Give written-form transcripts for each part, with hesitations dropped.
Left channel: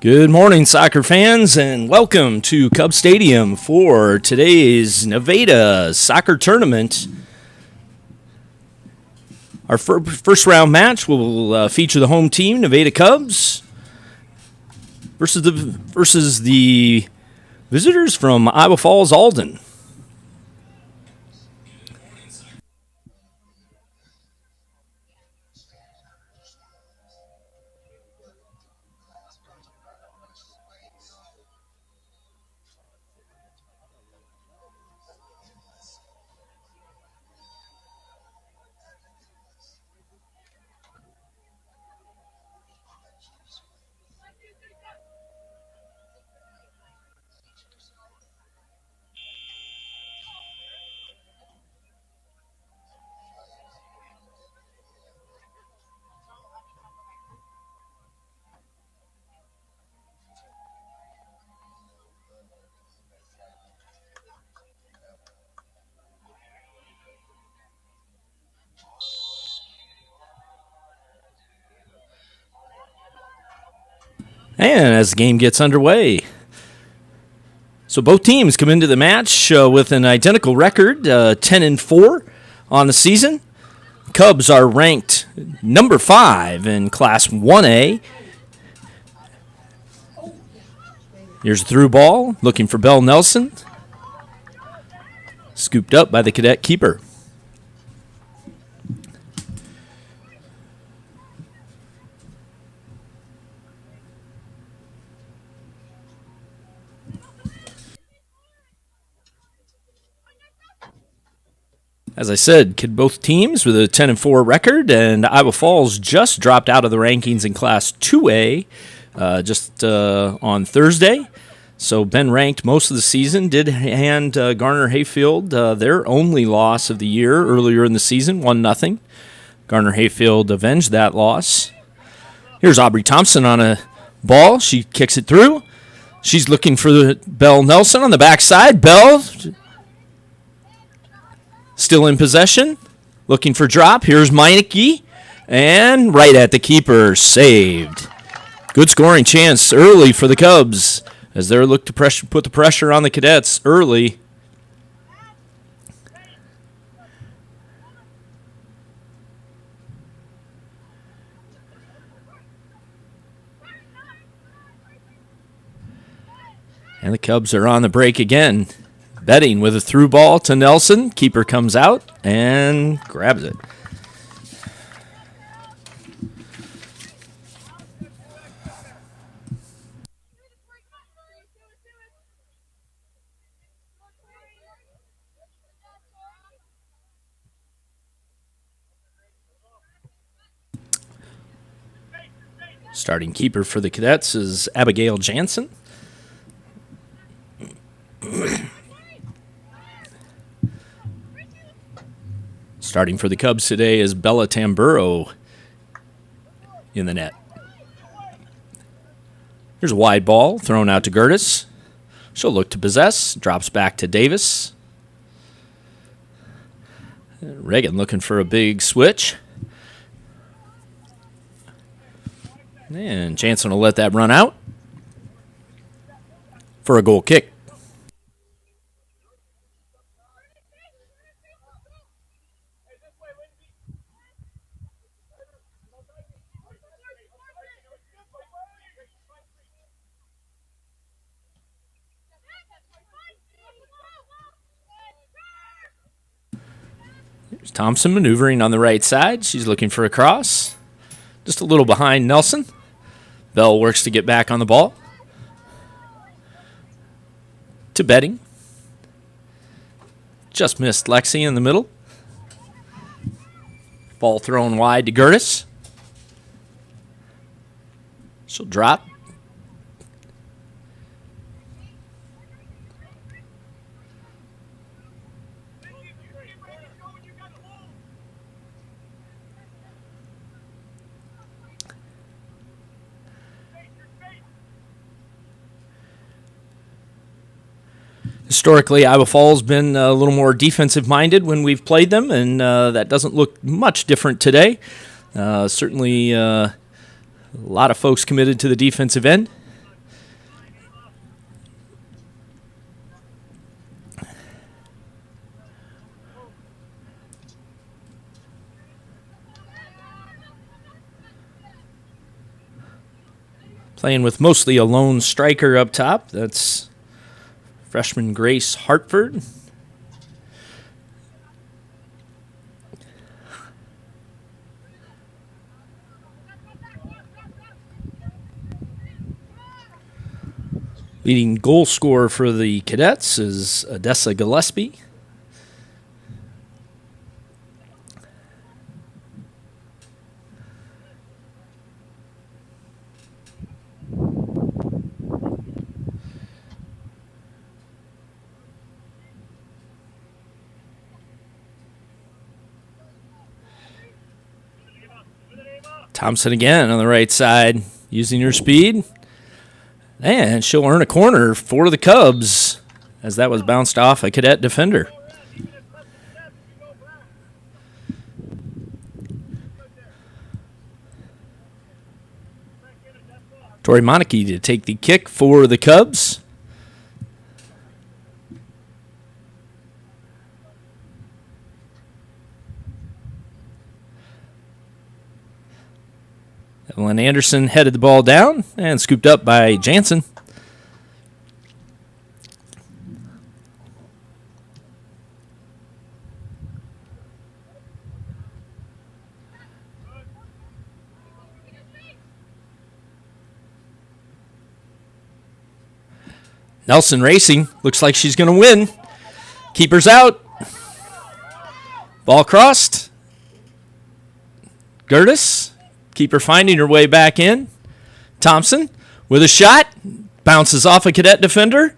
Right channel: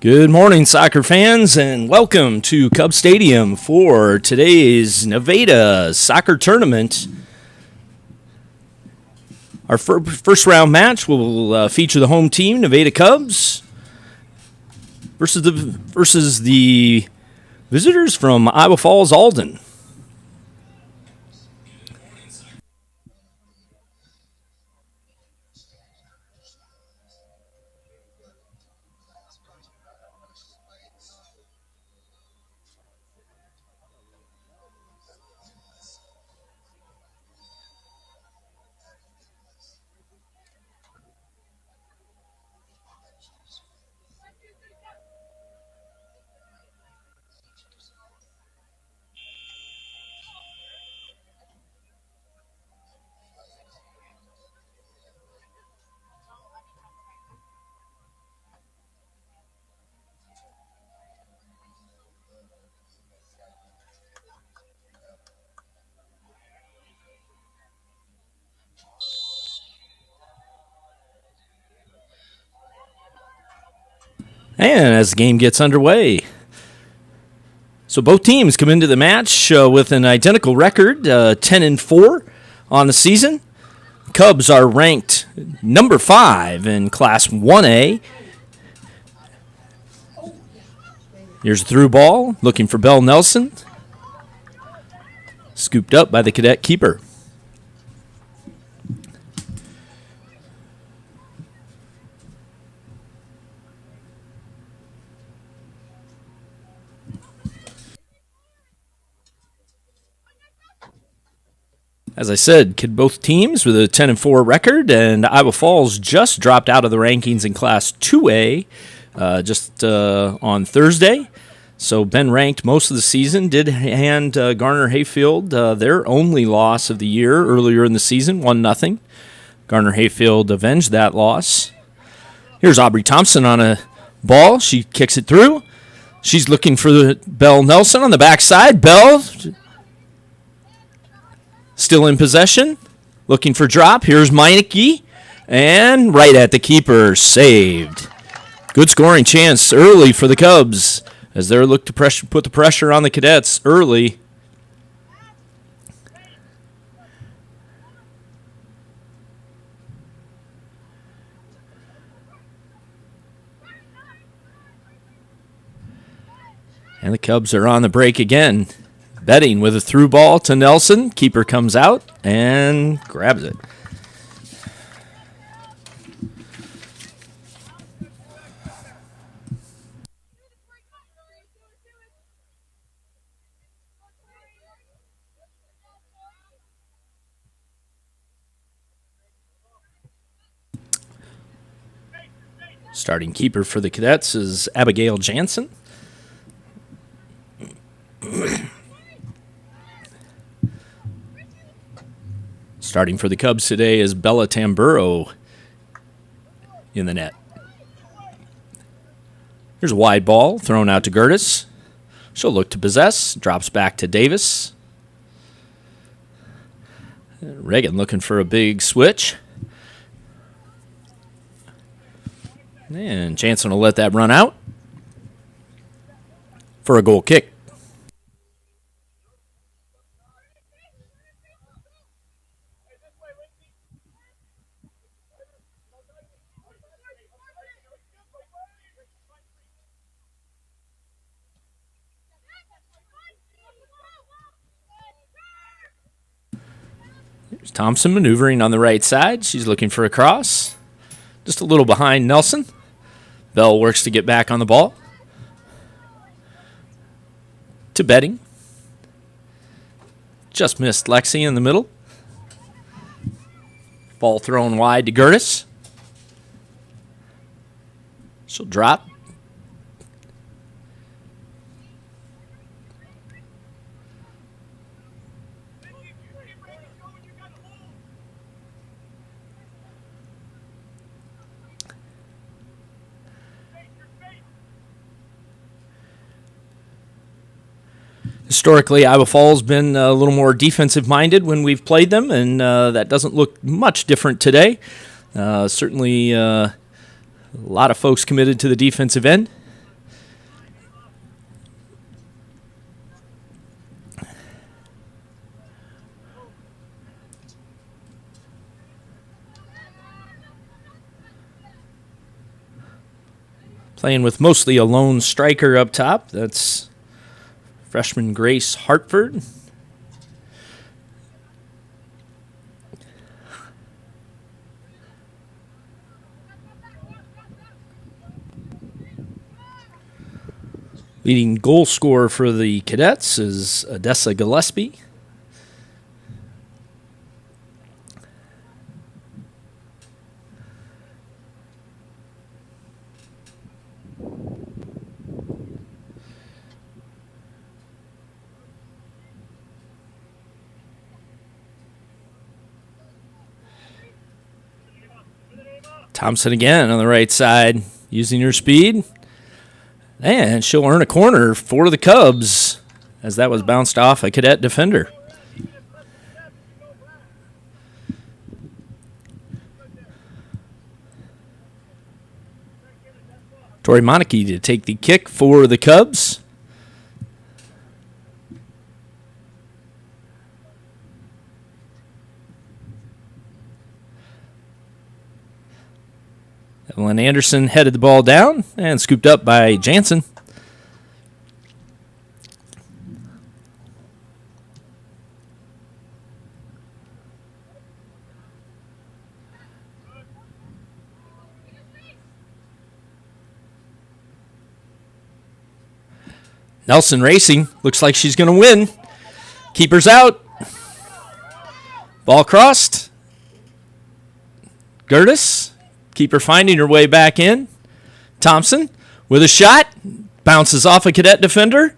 Good morning, soccer fans, and welcome to Cub Stadium for today's Nevada soccer tournament. Our first round match will feature the home team, Nevada Cubs, versus the visitors from Iowa Falls, Alden. And as the game gets underway, so both teams come into the match with an identical record, 10-4 on the season. Cubs are ranked number 5 in Class 1A. Here's a through ball, looking for Bell Nelson. Scooped up by the cadet keeper. As I said, both teams with a 10-4 record, and Iowa Falls just dropped out of the rankings in Class 2A just on Thursday. So been ranked most of the season. Did hand Garner Hayfield their only loss of the year earlier in the season, 1-0. Garner Hayfield avenged that loss. Here's Aubrey Thompson on a ball. She kicks it through. She's looking for Belle Nelson on the backside. Belle still in possession, looking for drop. Here's Meineke, and right at the keeper, saved. Good scoring chance early for the Cubs as they look to put the pressure on the Cadets early. And the Cubs are on the break again. Betting with a through ball to Nelson. Keeper comes out and grabs it. Starting keeper for the Cadets is Abigail Jansen. Starting for the Cubs today is Bella Tamburo in the net. Here's a wide ball thrown out to Gertis. She'll look to possess. Drops back to Davis. Reagan looking for a big switch. And Jansen will let that run out for a goal kick. Here's Thompson maneuvering on the right side. She's looking for a cross. Just a little behind Nelson. Bell works to get back on the ball. To Betting. Just missed Lexi in the middle. Ball thrown wide to Gertis. She'll drop. Historically, Iowa Falls been a little more defensive-minded when we've played them, and that doesn't look much different today. Certainly a lot of folks committed to the defensive end. Playing with mostly a lone striker up top. That's freshman Grace Hartford. Leading goal scorer for the Cadets is Odessa Gillespie. Thompson again on the right side, using her speed. And she'll earn a corner for the Cubs, as that was bounced off a Cadet defender. Tori Monarchy to take the kick for the Cubs. Evelyn Anderson headed the ball down and scooped up by Jansen. Nelson racing. Looks like she's going to win. Keeper's out. Ball crossed. Gertis. Keeper finding her way back in. Thompson with a shot. Bounces off a Cadet defender.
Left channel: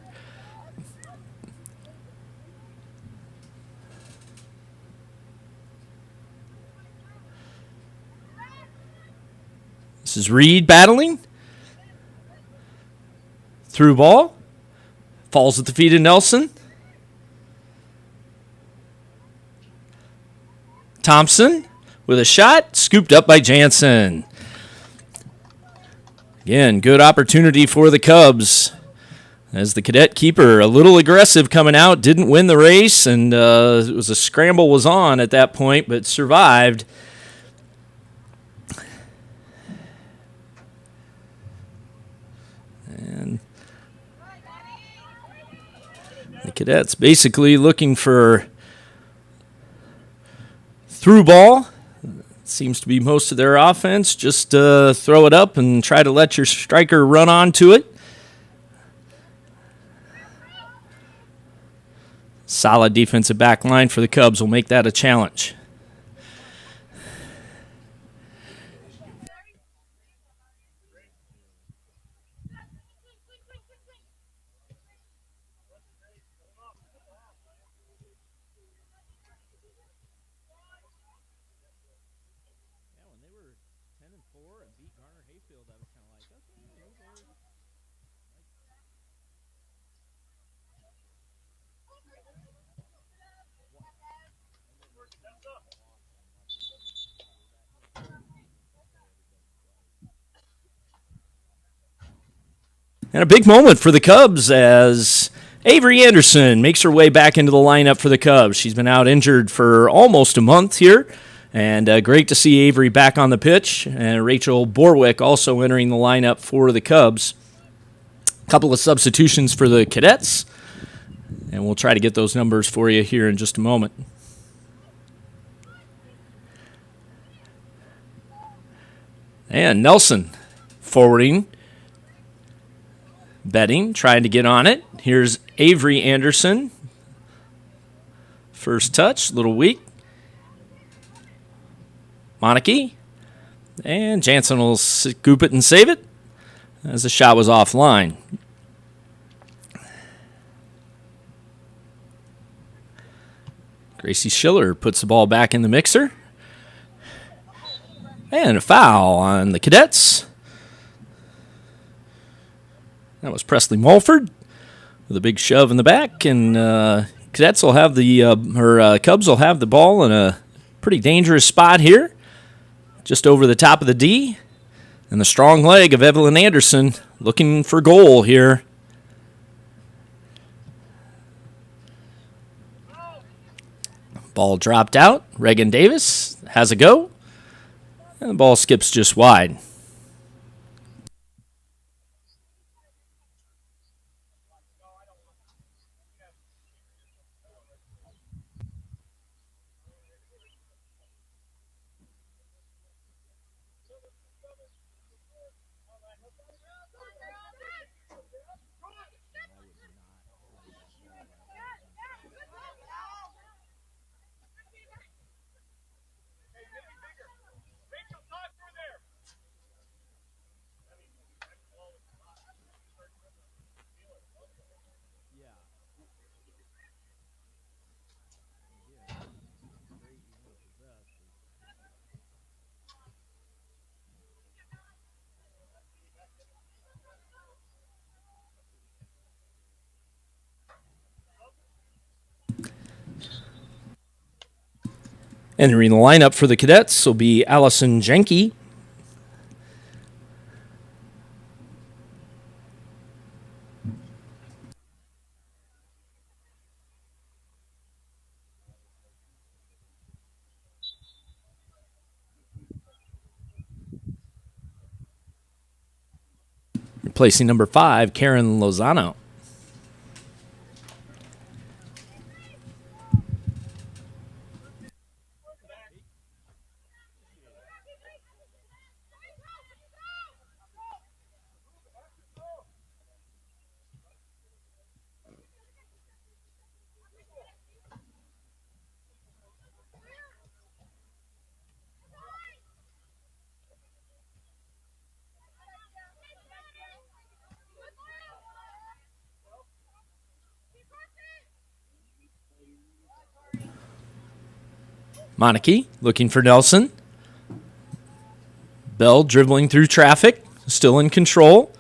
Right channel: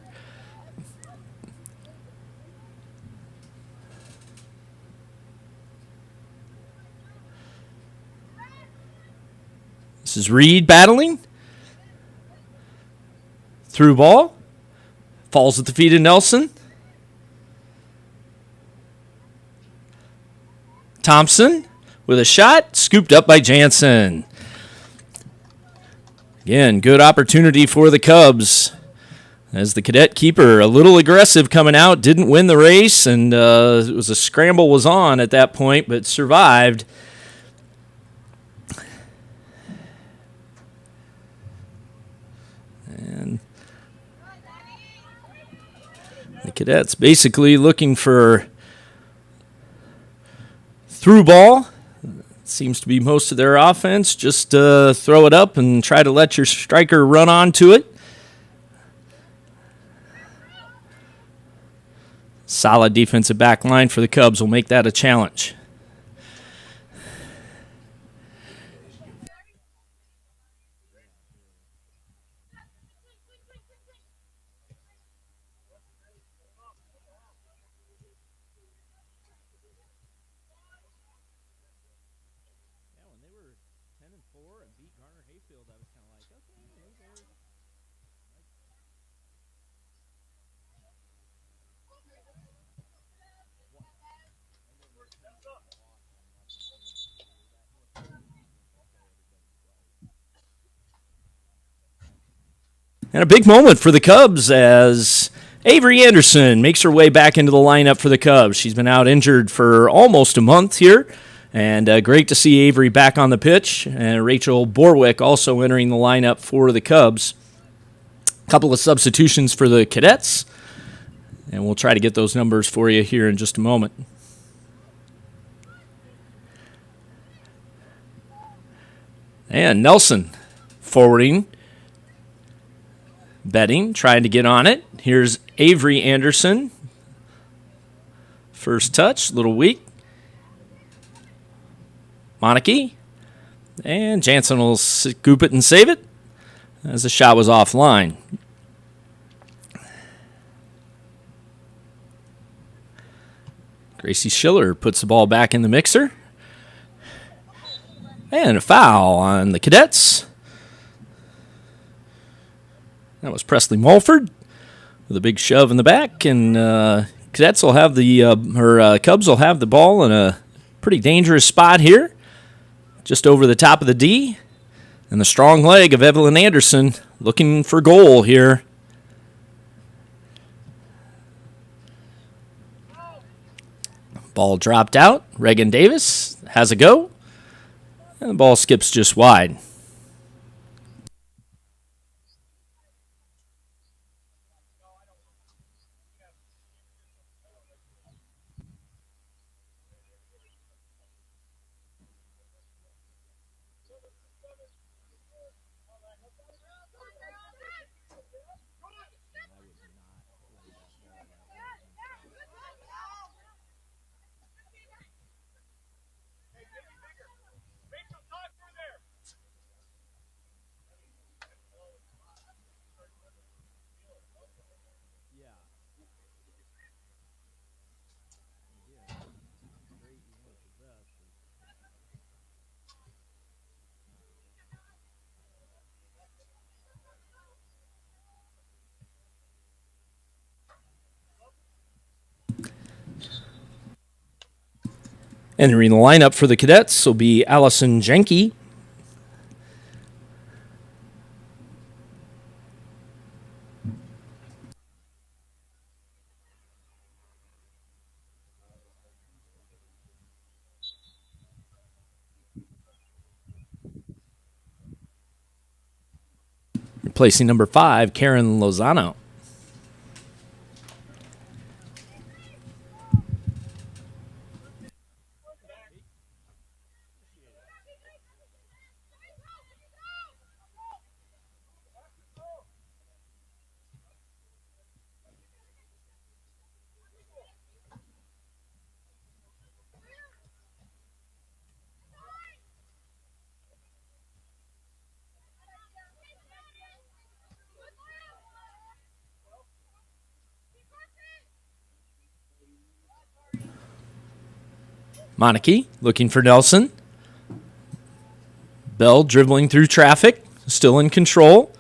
This is Reed battling. Through ball. Falls at the feet of Nelson. Thompson with a shot, scooped up by Jansen. Again, good opportunity for the Cubs. As the Cadet keeper, a little aggressive coming out, didn't win the race, and it was a scramble was on at that point, but survived. And the Cadets basically looking for through ball. Seems to be most of their offense. Just throw it up and try to let your striker run onto it. Solid defensive back line for the Cubs will make that a challenge. And a big moment for the Cubs as Avery Anderson makes her way back into the lineup for the Cubs. She's been out injured for almost a month here, and great to see Avery back on the pitch. And Rachel Borwick also entering the lineup for the Cubs. A couple of substitutions for the Cadets, and we'll try to get those numbers for you here in just a moment. And Nelson forwarding. Betting, trying to get on it. Here's Avery Anderson. First touch, a little weak. Monarchy. And Jansen will scoop it and save it as the shot was offline. Gracie Schiller puts the ball back in the mixer. And a foul on the Cadets. That was Presley Mulford with a big shove in the back, and Cadets will have Cubs will have the ball in a pretty dangerous spot here, just over the top of the D, and the strong leg of Evelyn Anderson looking for goal here. Ball dropped out. Reagan Davis has a go, and the ball skips just wide. Entering the lineup for the Cadets will be Allison Jenke. Replacing number 5, Karen Lozano. Monarchy looking for Nelson. Bell dribbling through traffic, still in control.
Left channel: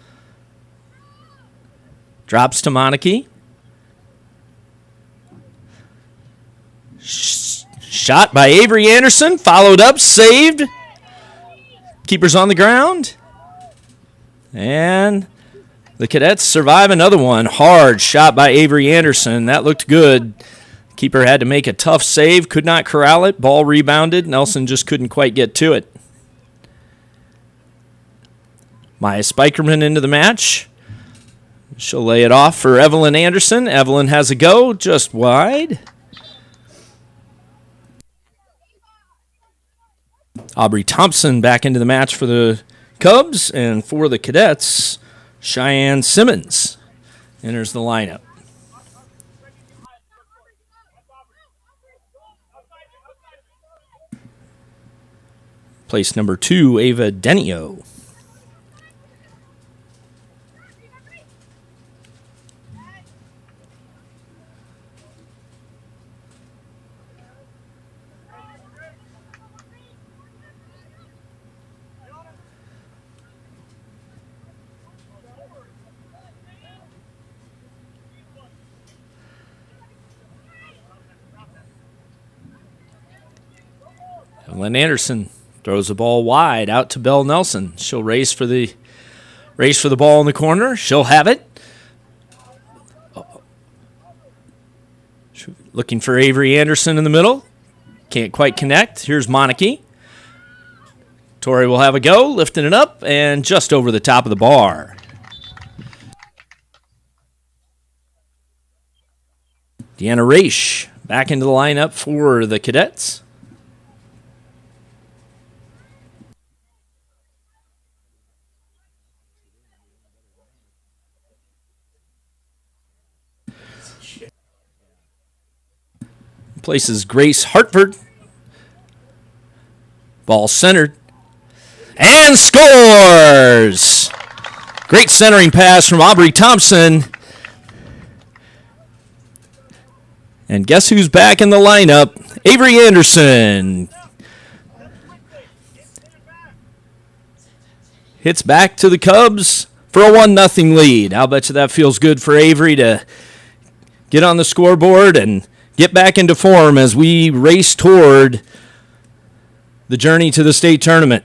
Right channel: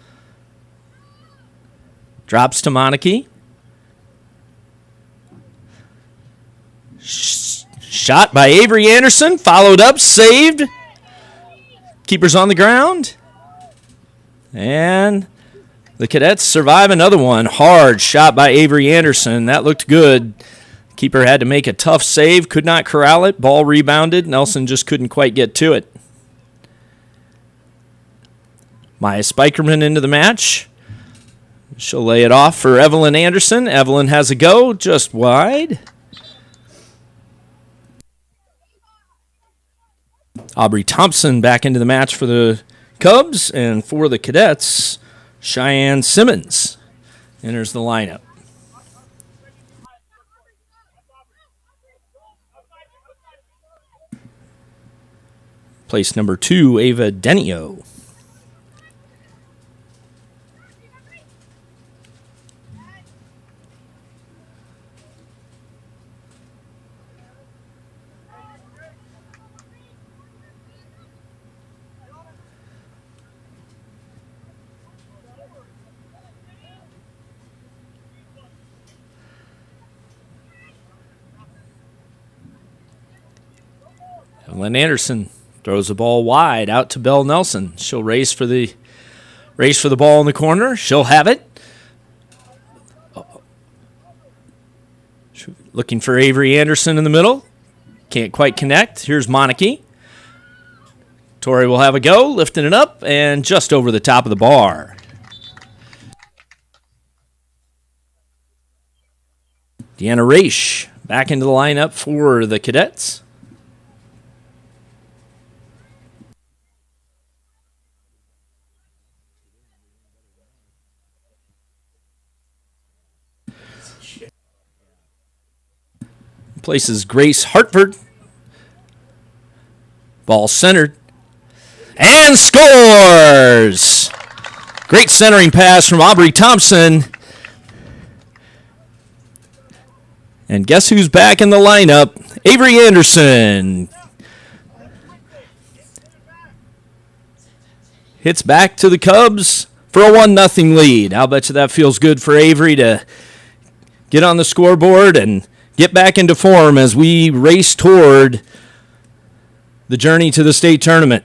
Drops to Monarchy. Shot by Avery Anderson, followed up, saved. Keeper's on the ground. And the Cadets survive another one. Hard shot by Avery Anderson. That looked good. Keeper had to make a tough save, could not corral it. Ball rebounded. Nelson just couldn't quite get to it. Maya Spikerman into the match. She'll lay it off for Evelyn Anderson. Evelyn has a go, just wide. Aubrey Thompson back into the match for the Cubs, and for the Cadets, Cheyenne Simmons enters the lineup. Place number 2, Ava Denio. Evelyn Anderson throws the ball wide out to Belle Nelson. She'll race for the ball in the corner. She'll have it. Looking for Avery Anderson in the middle. Can't quite connect. Here's Monarchy. Tori will have a go, lifting it up and just over the top of the bar. Deanna Raish back into the lineup for the Cadets. Places Grace Hartford. Ball centered. And scores! Great centering pass from Aubrey Thompson. And guess who's back in the lineup? Avery Anderson. Hits back to the Cubs for a 1-0 lead. I'll bet you that feels good for Avery to get on the scoreboard and get back into form as we race toward the journey to the state tournament.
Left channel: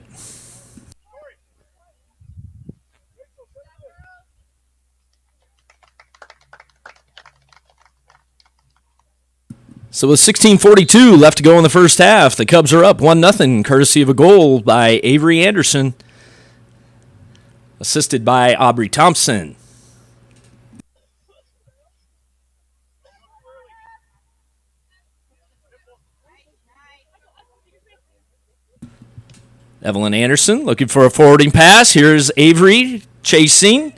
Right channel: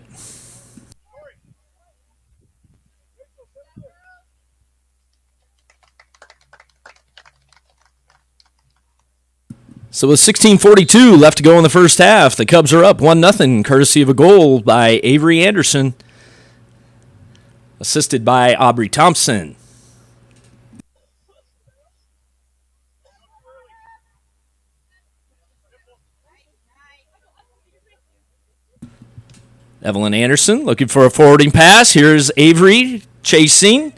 So with 16:42 left to go in the first half, the Cubs are up 1-0, courtesy of a goal by Avery Anderson, assisted by Aubrey Thompson. Evelyn Anderson looking for a forwarding pass. Here's Avery chasing.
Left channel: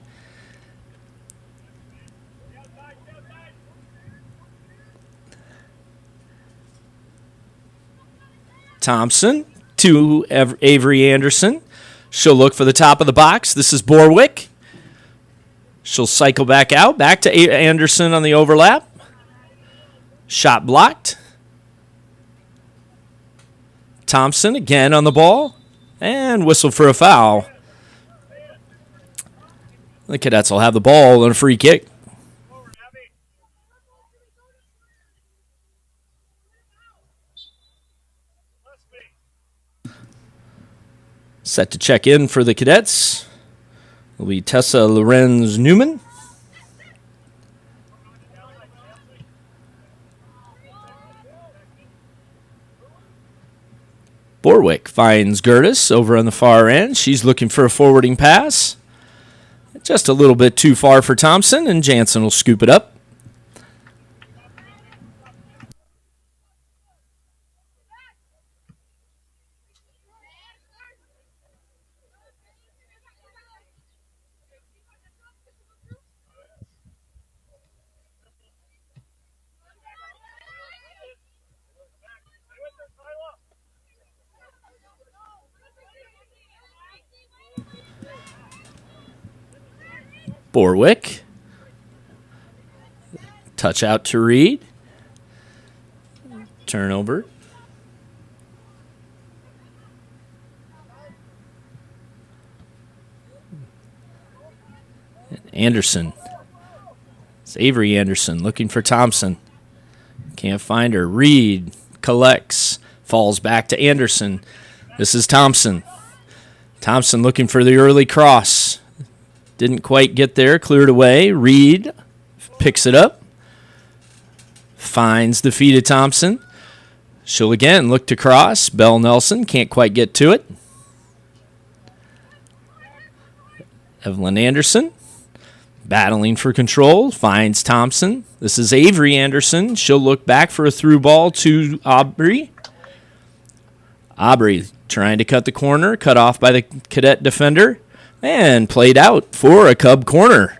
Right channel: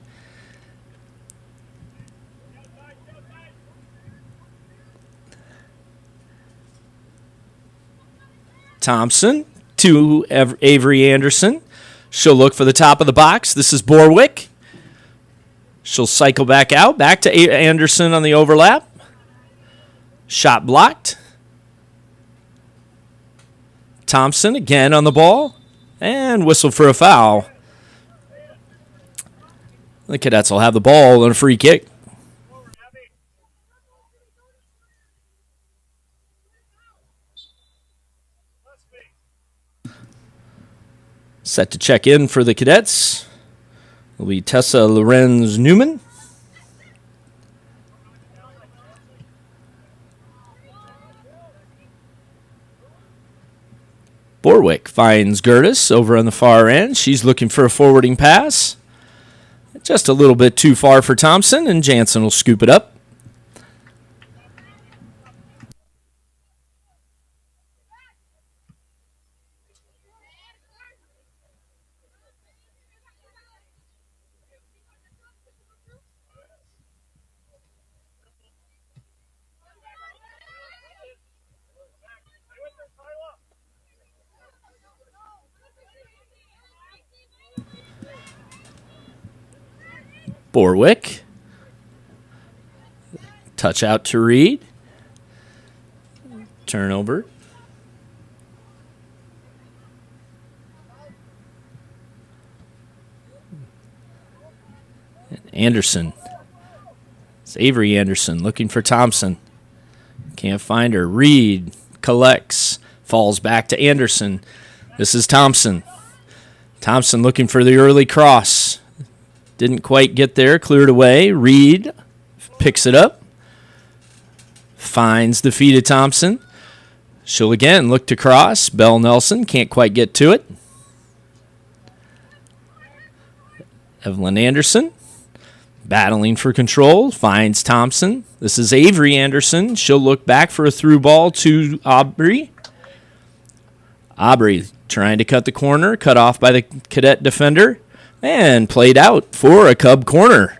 Thompson to Avery Anderson. She'll look for the top of the box. This is Borwick. She'll cycle back out. Back to Anderson on the overlap. Shot blocked. Thompson again on the ball. And whistle for a foul. The Cadets will have the ball on a free kick. Set to check in for the Cadets will be Tessa Lorenz Newman. Borwick finds Gertis over on the far end. She's looking for a forwarding pass. Just a little bit too far for Thompson, and Jansen will scoop it up. Borwick. Touch out to Reed. Turnover. Anderson. It's Avery Anderson looking for Thompson. Can't find her. Reed collects. Falls back to Anderson. This is Thompson. Thompson looking for the early cross. Didn't quite get there. Cleared away. Reed picks it up. Finds the feet of Thompson. She'll again look to cross. Bell Nelson can't quite get to it. Evelyn Anderson battling for control. Finds Thompson. This is Avery Anderson. She'll look back for a through ball to Aubrey. Aubrey trying to cut the corner. Cut off by the Cadet defender. And played out for a Cub corner.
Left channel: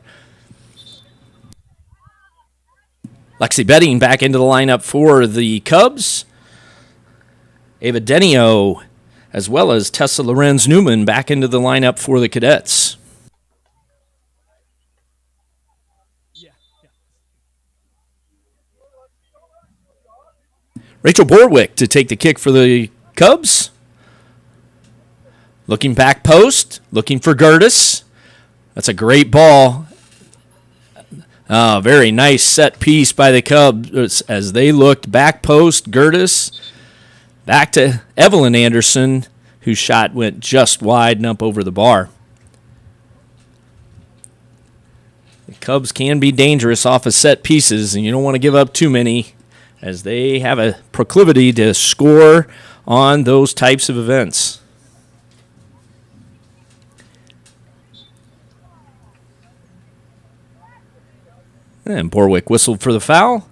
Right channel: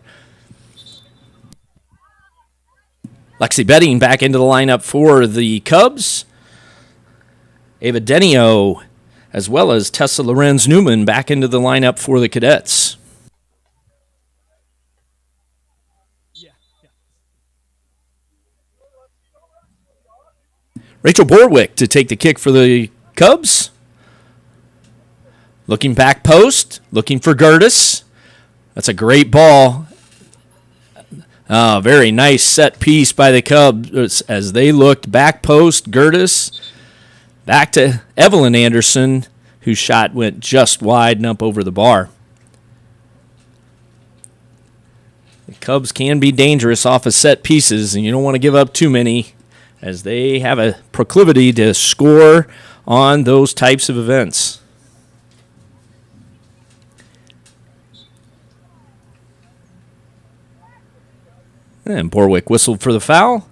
Lexi Betting back into the lineup for the Cubs. Ava Denio, as well as Tessa Lorenz Newman, back into the lineup for the Cadets. Rachel Borwick to take the kick for the Cubs. Looking back post, looking for Gertis. That's a great ball. Very nice set piece by the Cubs as they looked back post. Gertis back to Evelyn Anderson, whose shot went just wide and up over the bar. The Cubs can be dangerous off of set pieces, and you don't want to give up too many as they have a proclivity to score on those types of events. And Borwick whistled for the foul.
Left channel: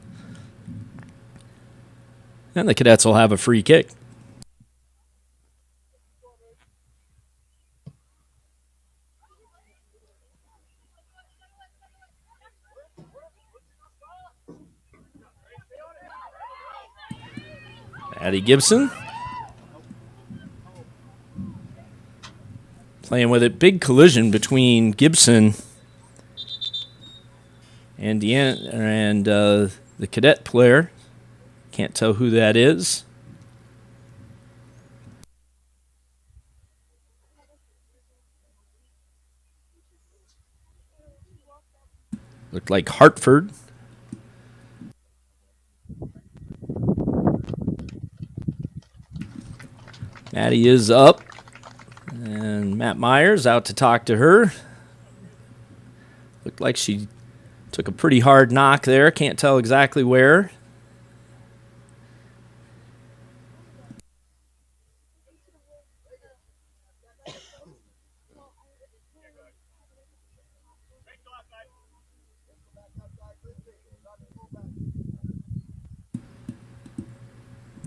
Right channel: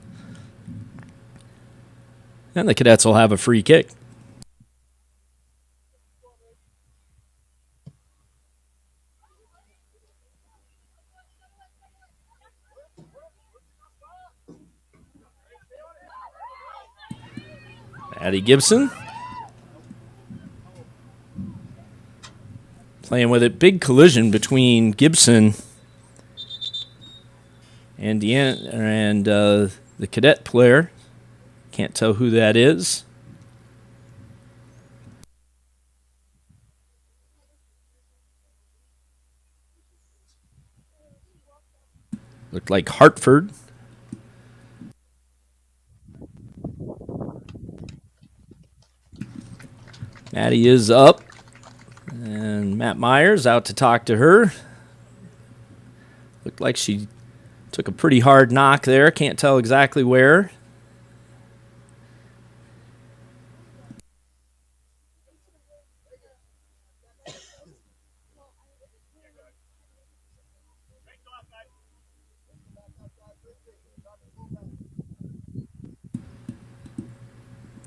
And the Cadets will have a free kick. Addie Gibson playing with it. Big collision between Gibson and the Cadet player. Can't tell who that is. Looked like Hartford. Maddie is up. And Matt Myers out to talk to her. Looked like she took a pretty hard knock there. Can't tell exactly where.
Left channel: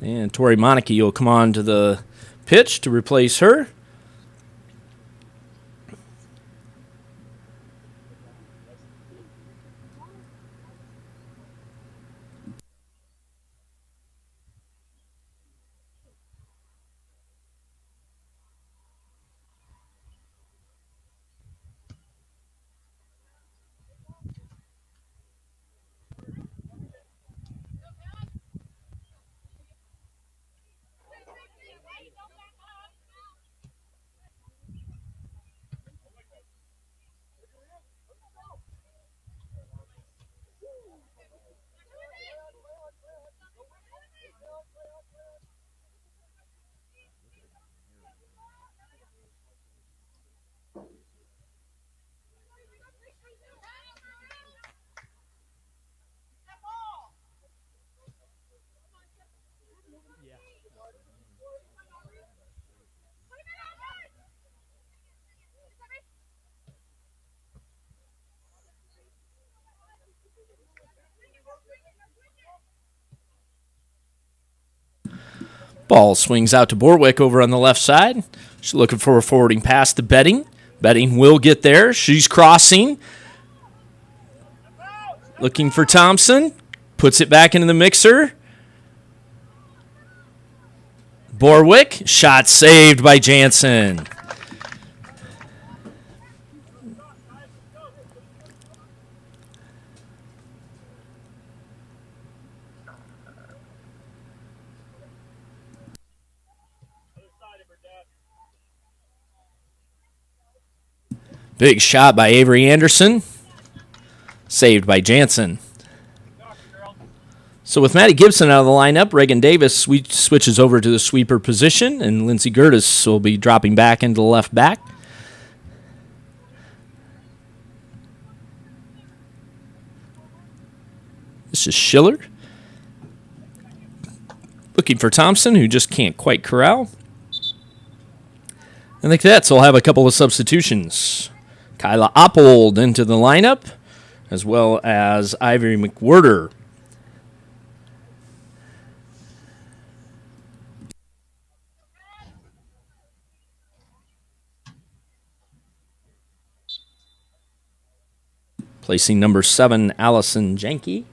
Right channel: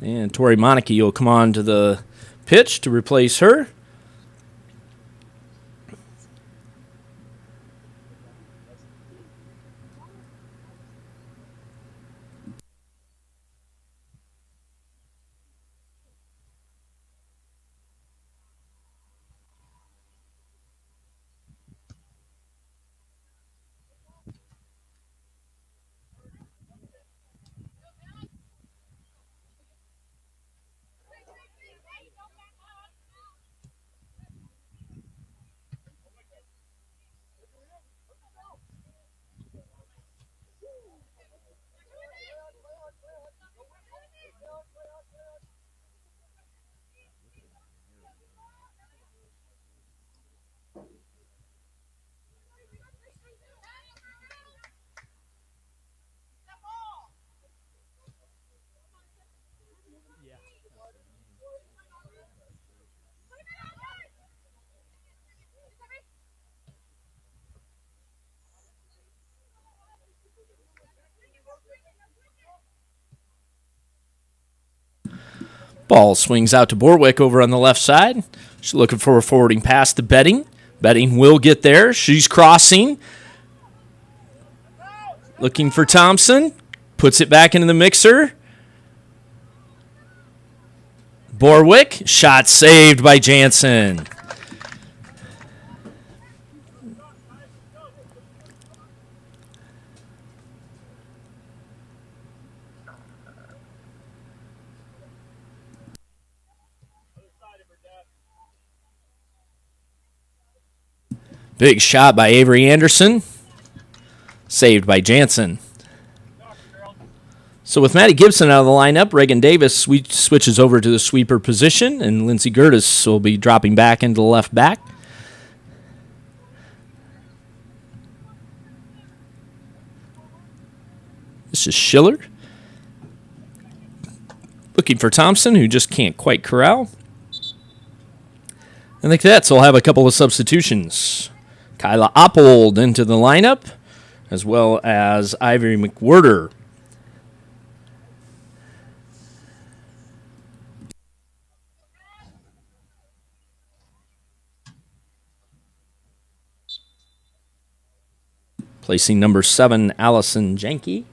And Tori Monarchy will come on to the pitch to replace her. Ball swings out to Borwick over on the left side. She's looking for a forwarding pass to Betting. Betting will get there. She's crossing. Looking for Thompson. Puts it back into the mixer. Borwick. Shot saved by Jansen. Big shot by Avery Anderson. Saved by Jansen. So with Maddie Gibson out of the lineup, Reagan Davis switches over to the sweeper position, and Lindsey Gertis will be dropping back into the left back. This is Schiller. Looking for Thompson, who just can't quite corral. And the Cadets will have a couple of substitutions. Kyla Oppold into the lineup, as well as Ivory McWhirter. Placing number 7, Allison Janke.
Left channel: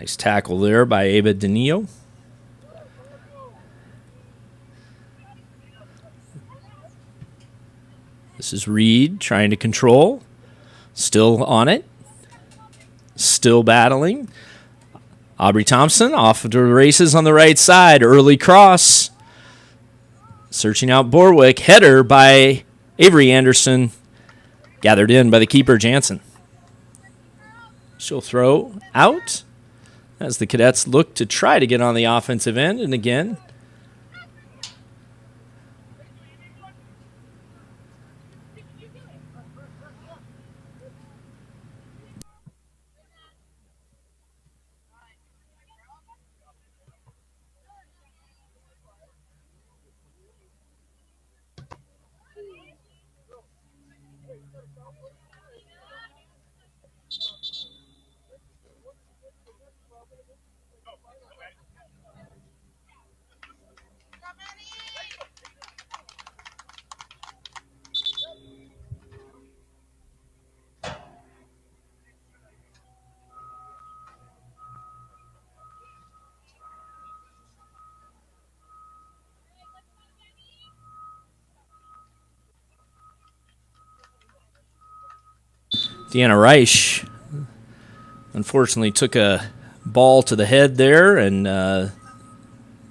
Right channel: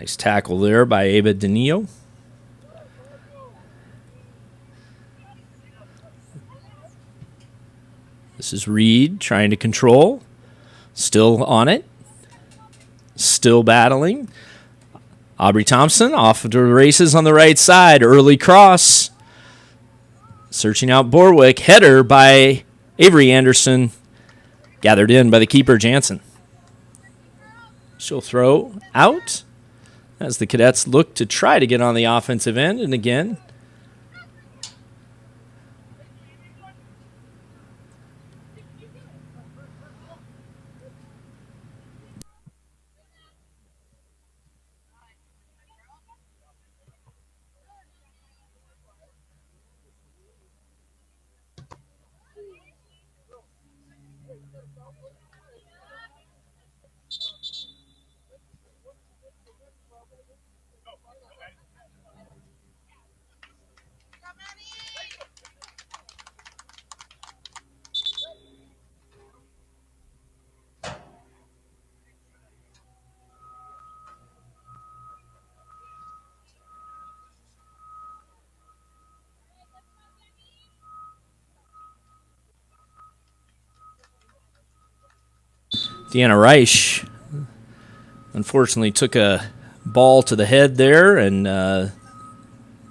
Nice tackle there by Ava Danillo. This is Reed trying to control. Still on it. Still battling. Aubrey Thompson off to the races on the right side. Early cross. Searching out Borwick. Header by Avery Anderson. Gathered in by the keeper, Jansen. She'll throw out as the Cadets look to try to get on the offensive end. And again, Deanna Reich unfortunately took a ball to the head there and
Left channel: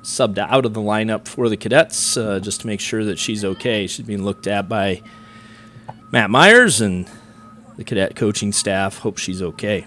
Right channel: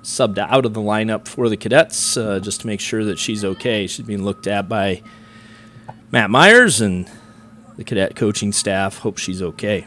subbed out of the lineup for the Cadets just to make sure that she's okay. She's being looked at by Matt Myers, and the Cadet coaching staff hope she's okay.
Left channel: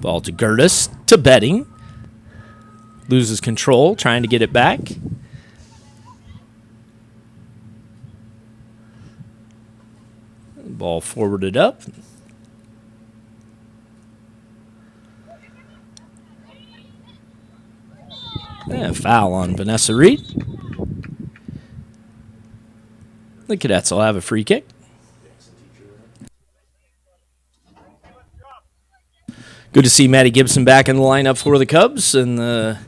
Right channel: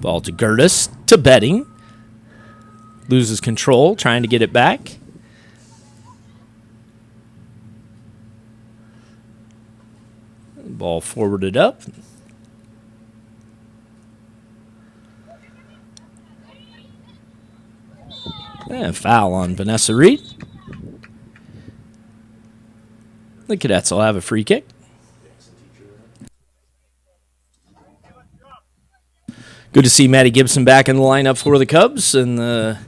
Ball to Gertis, to Betting. Loses control, trying to get it back. Ball forwarded up. And foul on Vanessa Reed. The Cadets will have a free kick. Good to see Maddie Gibson back in the lineup for the Cubs, and the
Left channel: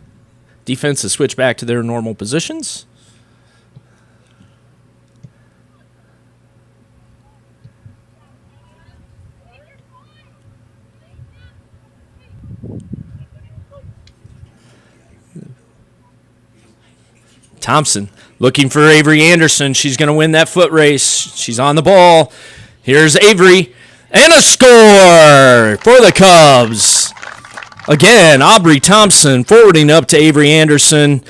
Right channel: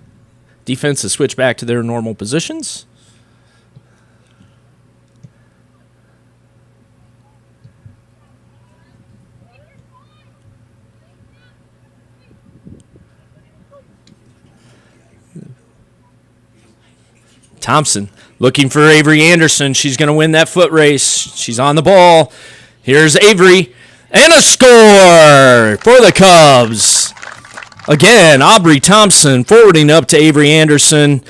defense has switched back to their normal positions. Thompson looking for Avery Anderson. She's going to win that foot race. She's on the ball. Here's Avery. And a score for the Cubs. Again, Aubrey Thompson forwarding up to Avery Anderson,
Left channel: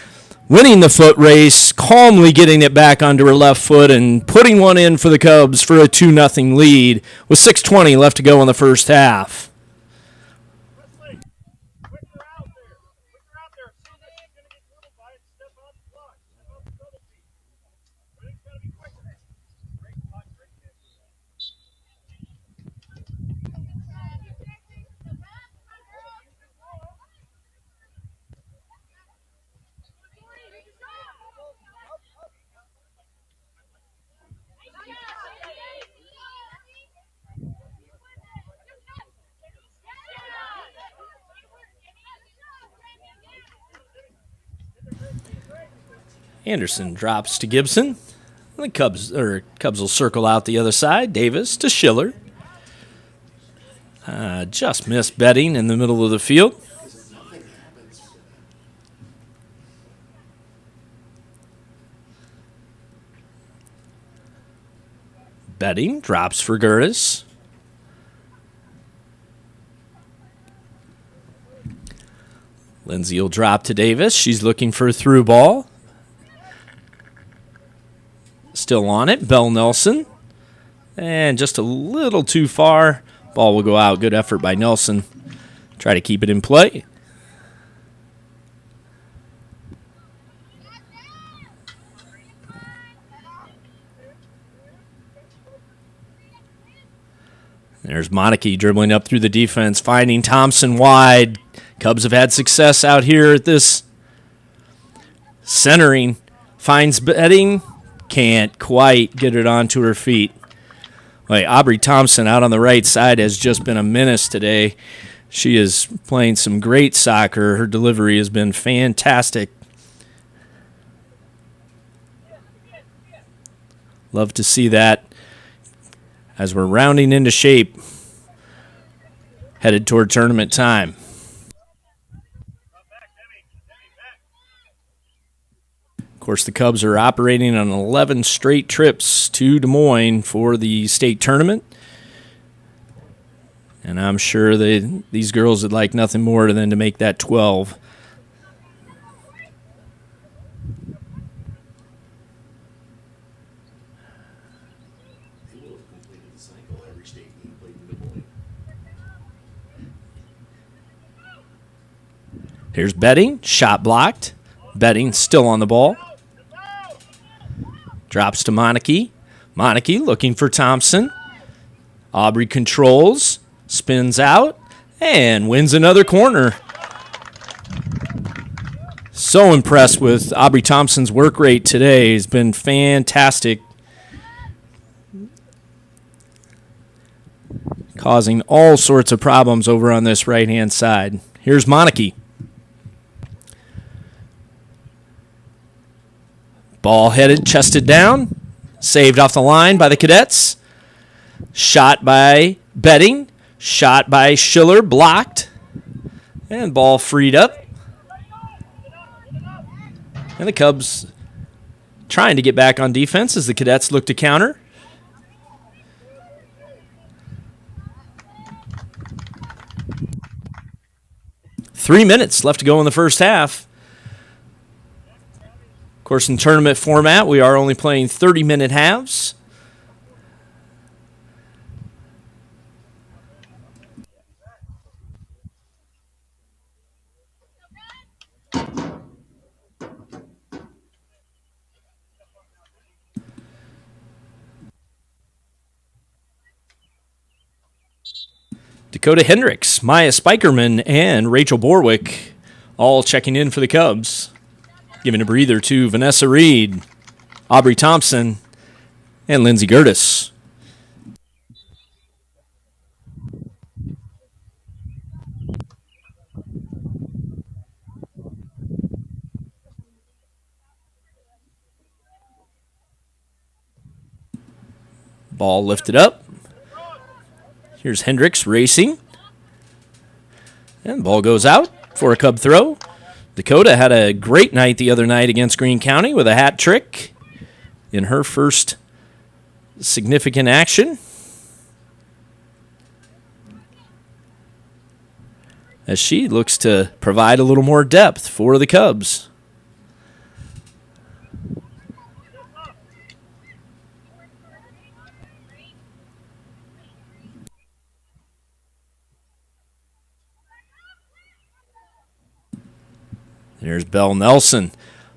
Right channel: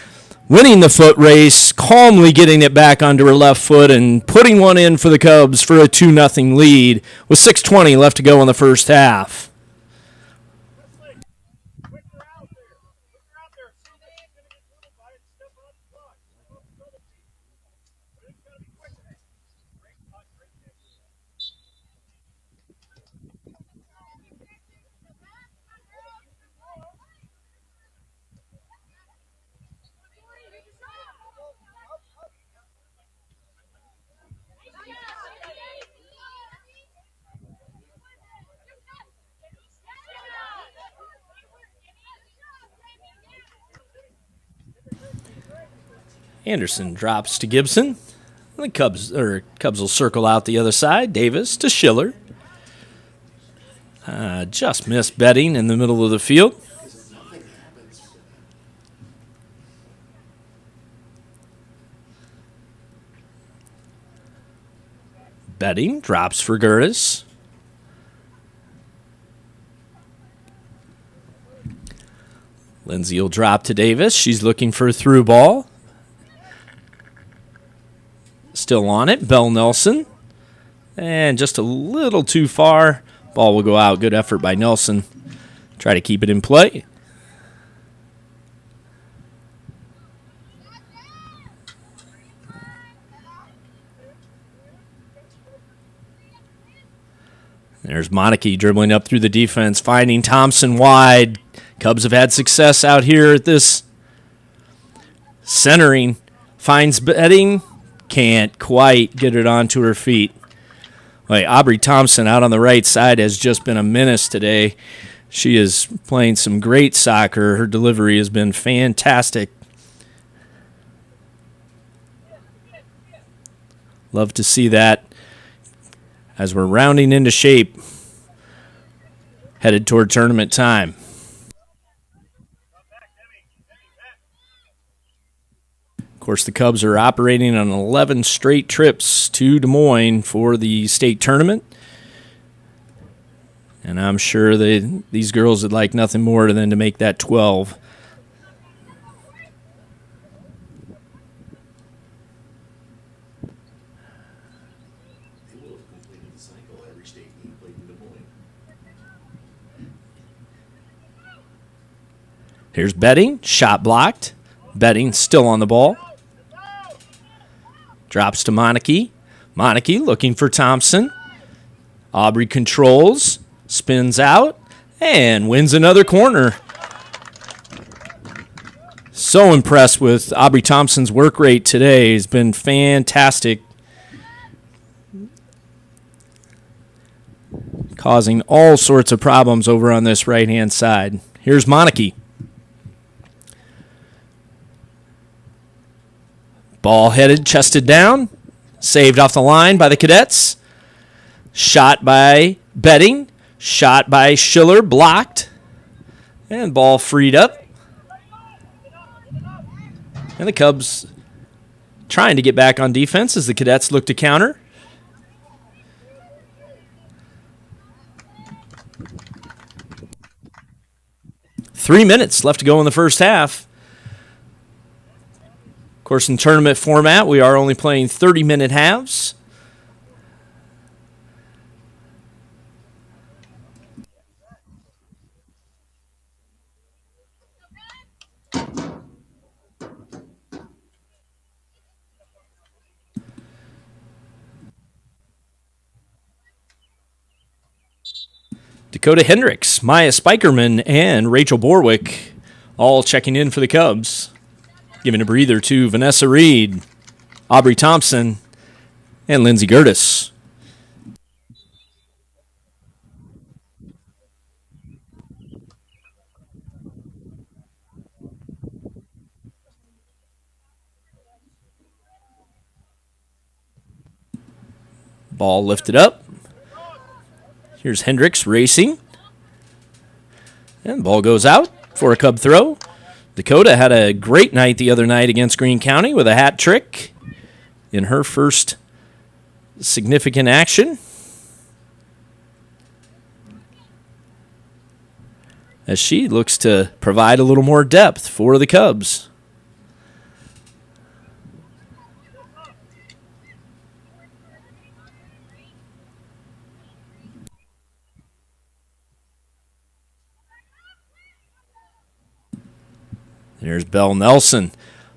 winning the foot race, calmly getting it back onto her left foot and putting one in for the Cubs for a 2-0 lead with 6:20 left to go in the first half. Anderson drops to Gibson. The Cubs will circle out the other side. Davis to Schiller. Just missed Betting in the middle of the field. Betting drops for Gertis. Lindsay will drop to Davis. She's looking for a through ball. Still on it, Bell Nelson. And just a little too far. Ball will go out. Good effort by Nelson. Try to keep it in play. There's Monarchy dribbling up through the defense, finding Thompson wide. Cubs have had success out here at this. Centering, finds Betting. Can't quite get it onto her feet. Wait, Aubrey Thompson out on the right side has just been a menace today. She is playing some great soccer. Her delivery has been fantastic. Love to see that as we're rounding into shape, headed toward tournament time. Of course, the Cubs are operating on 11 straight trips to Des Moines for the state tournament. And I'm sure these girls would like nothing more than to make that 12. Here's Betting, shot blocked. Betting still on the ball. Drops to Monarchy. Monarchy looking for Thompson. Aubrey controls, spins out, and wins another corner. So impressed with Aubrey Thompson's work rate today. He's been fantastic. Causing all sorts of problems over on this right-hand side. Here's Monarchy. Ball headed, chested down. Saved off the line by the Cadets. Shot by Betting. Shot by Schiller, blocked. And ball freed up. And the Cubs trying to get back on defense as the Cadets look to counter. Three minutes left to go in the first half. Of course, in tournament format, we are only playing 30-minute halves. Dakota Hendricks, Maya Spikerman, and Rachel Borwick all checking in for the Cubs. Giving a breather to Vanessa Reed, Aubrey Thompson, and Lindsay Gertis. Ball lifted up. Here's Hendricks racing. And the ball goes out for a Cub throw. Dakota had a great night the other night against Greene County with a hat trick in her first significant action. As she looks to provide a little more depth for the Cubs. There's Belle Nelson.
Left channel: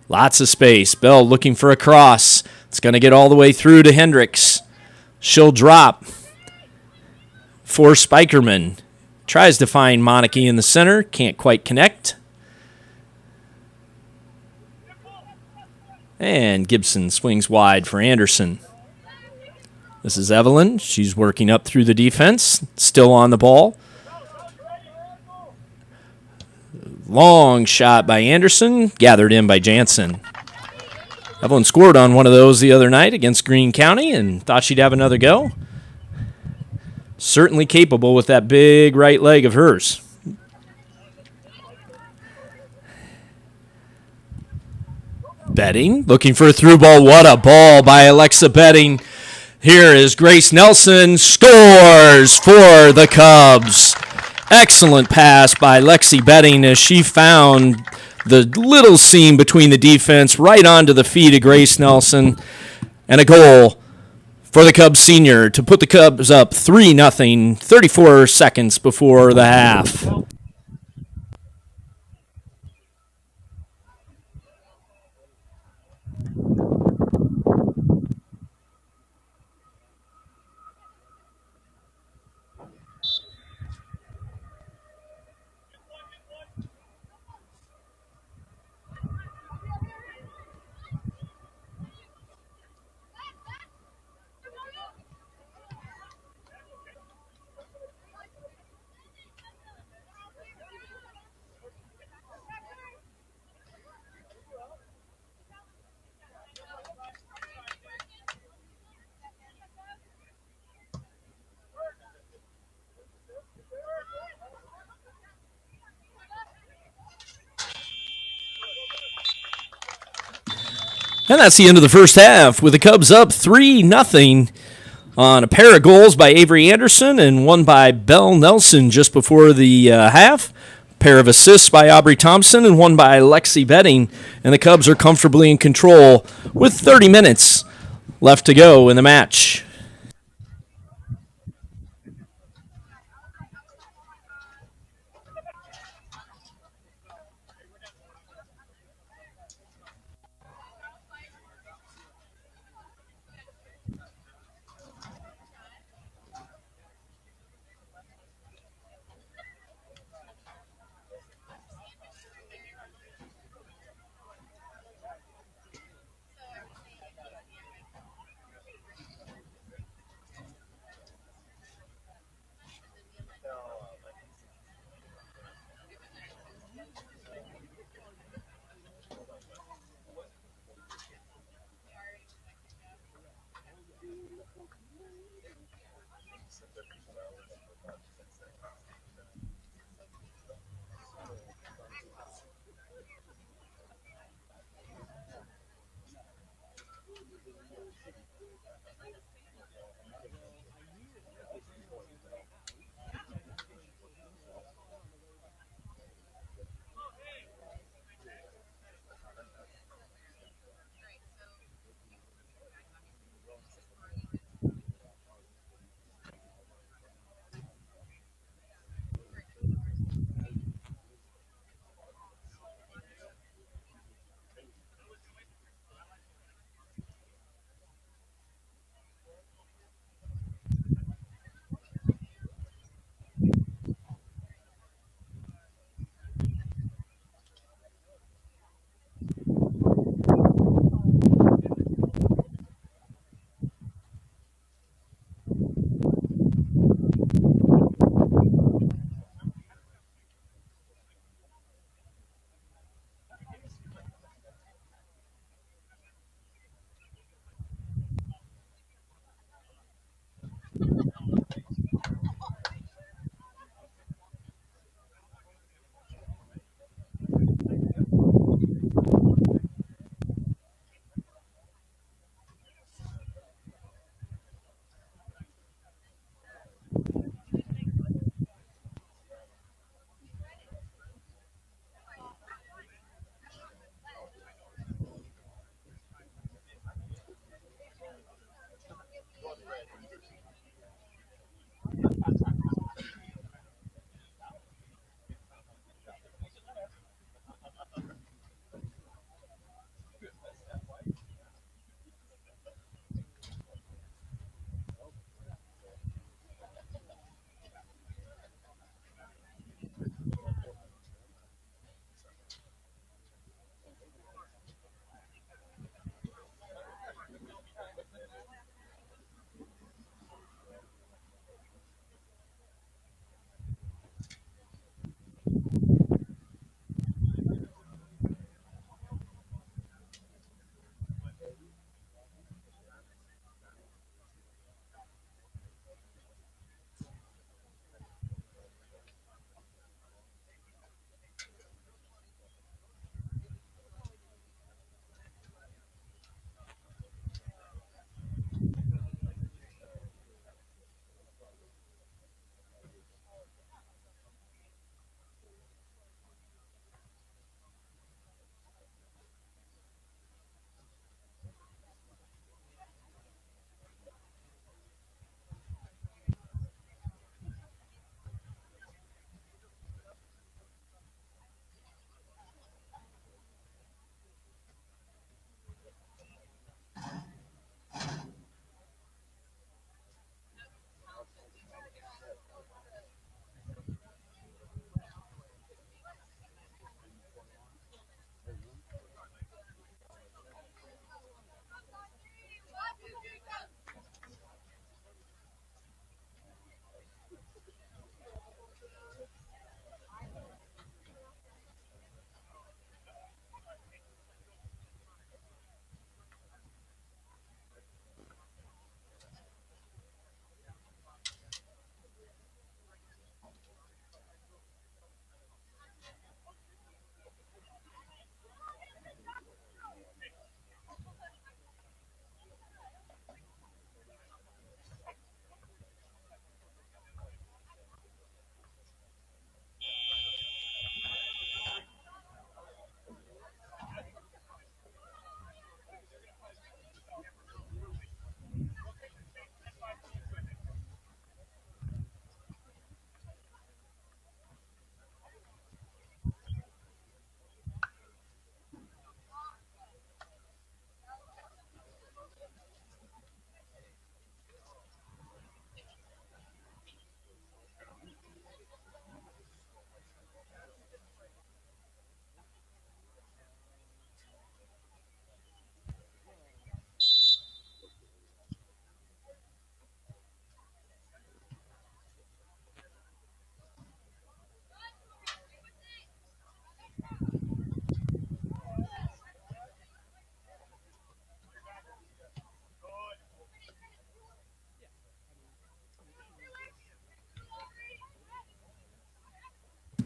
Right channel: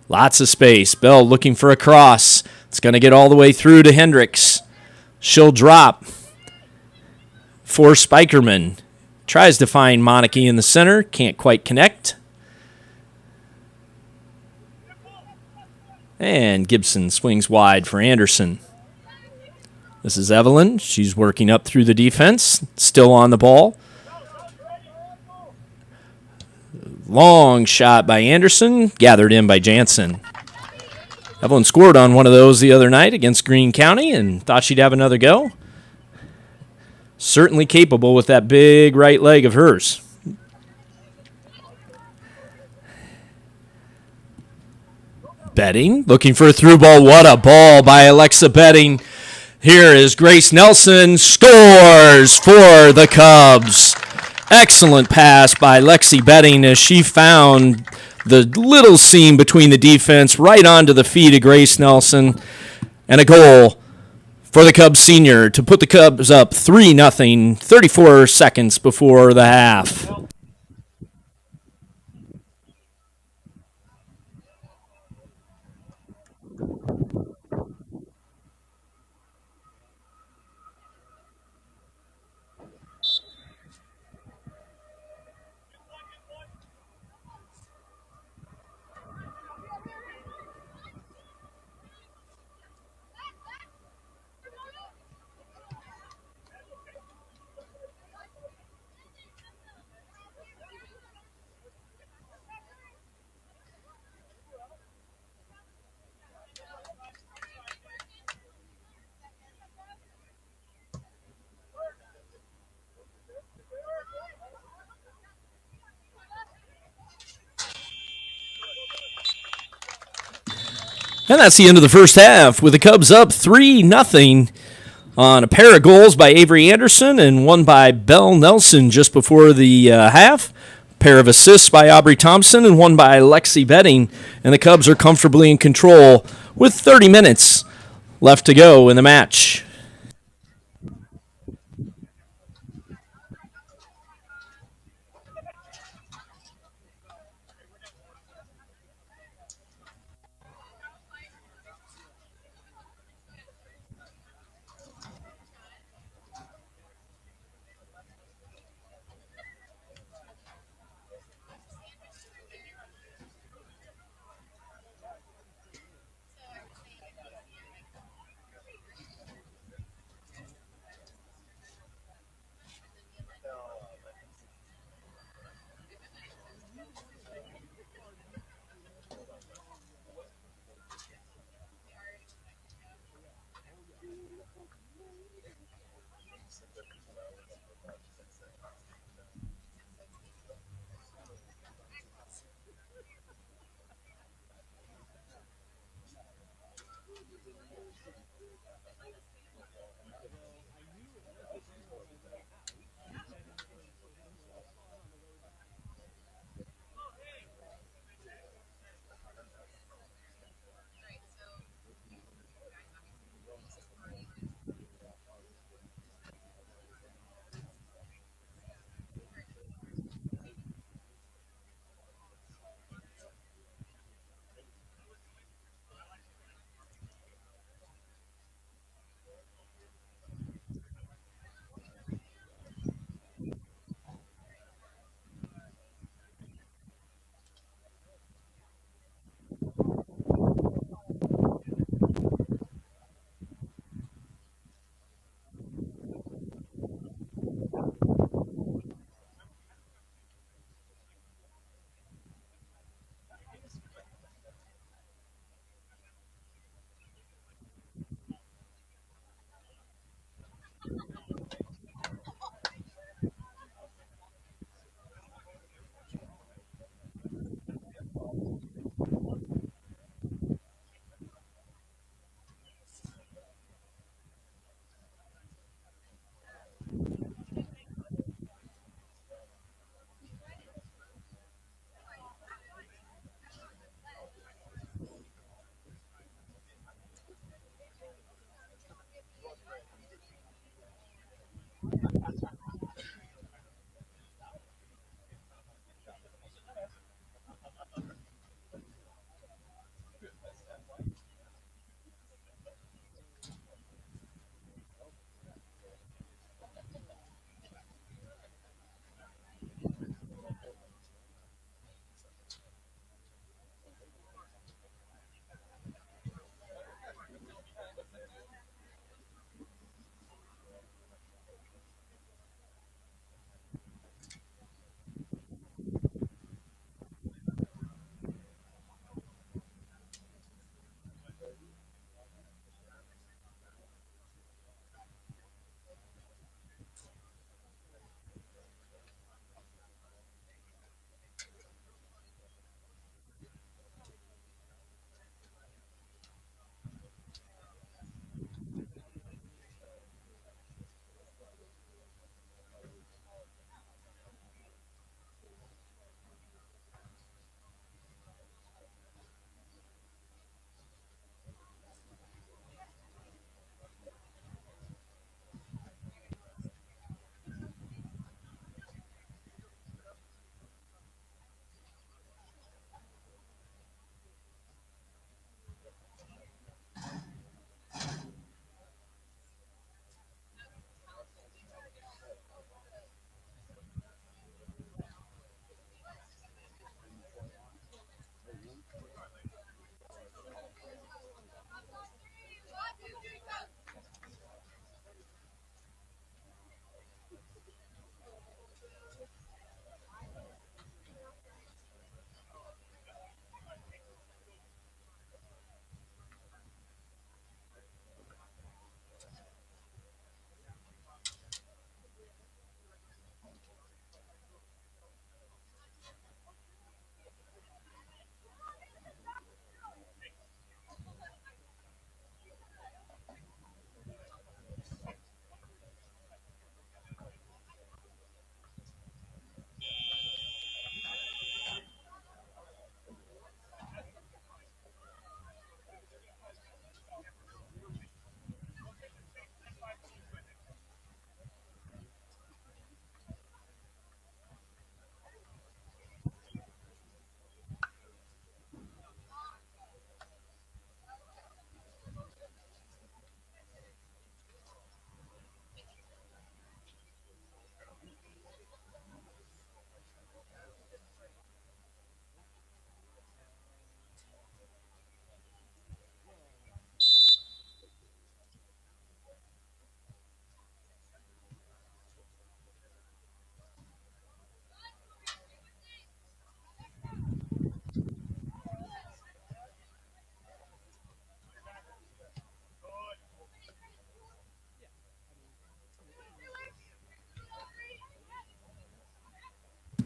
Lots of space. Belle looking for a cross. It's going to get all the way through to Hendricks. She'll drop for Spikerman. Tries to find Monarchy in the center. Can't quite connect. And Gibson swings wide for Anderson. This is Evelyn. She's working up through the defense. Still on the ball. Long shot by Anderson, gathered in by Jansen. Evelyn scored on one of those the other night against Greene County and thought she'd have another go. Certainly capable with that big right leg of hers. Betting, looking for a through ball. What a ball by Alexa Betting. Here is Grace Nelson, scores for the Cubs. Excellent pass by Lexi Betting as she found the little seam between the defense right onto the feet of Grace Nelson. And a goal for the Cubs senior to put the Cubs up 3-0, 34 seconds before the half. And that's the end of the first half with the Cubs up 3-0 on a pair of goals by Avery Anderson and one by Belle Nelson just before the half. Pair of assists by Aubrey Thompson and one by Lexi Betting. And the Cubs are comfortably in control with 30 minutes left to go in the match.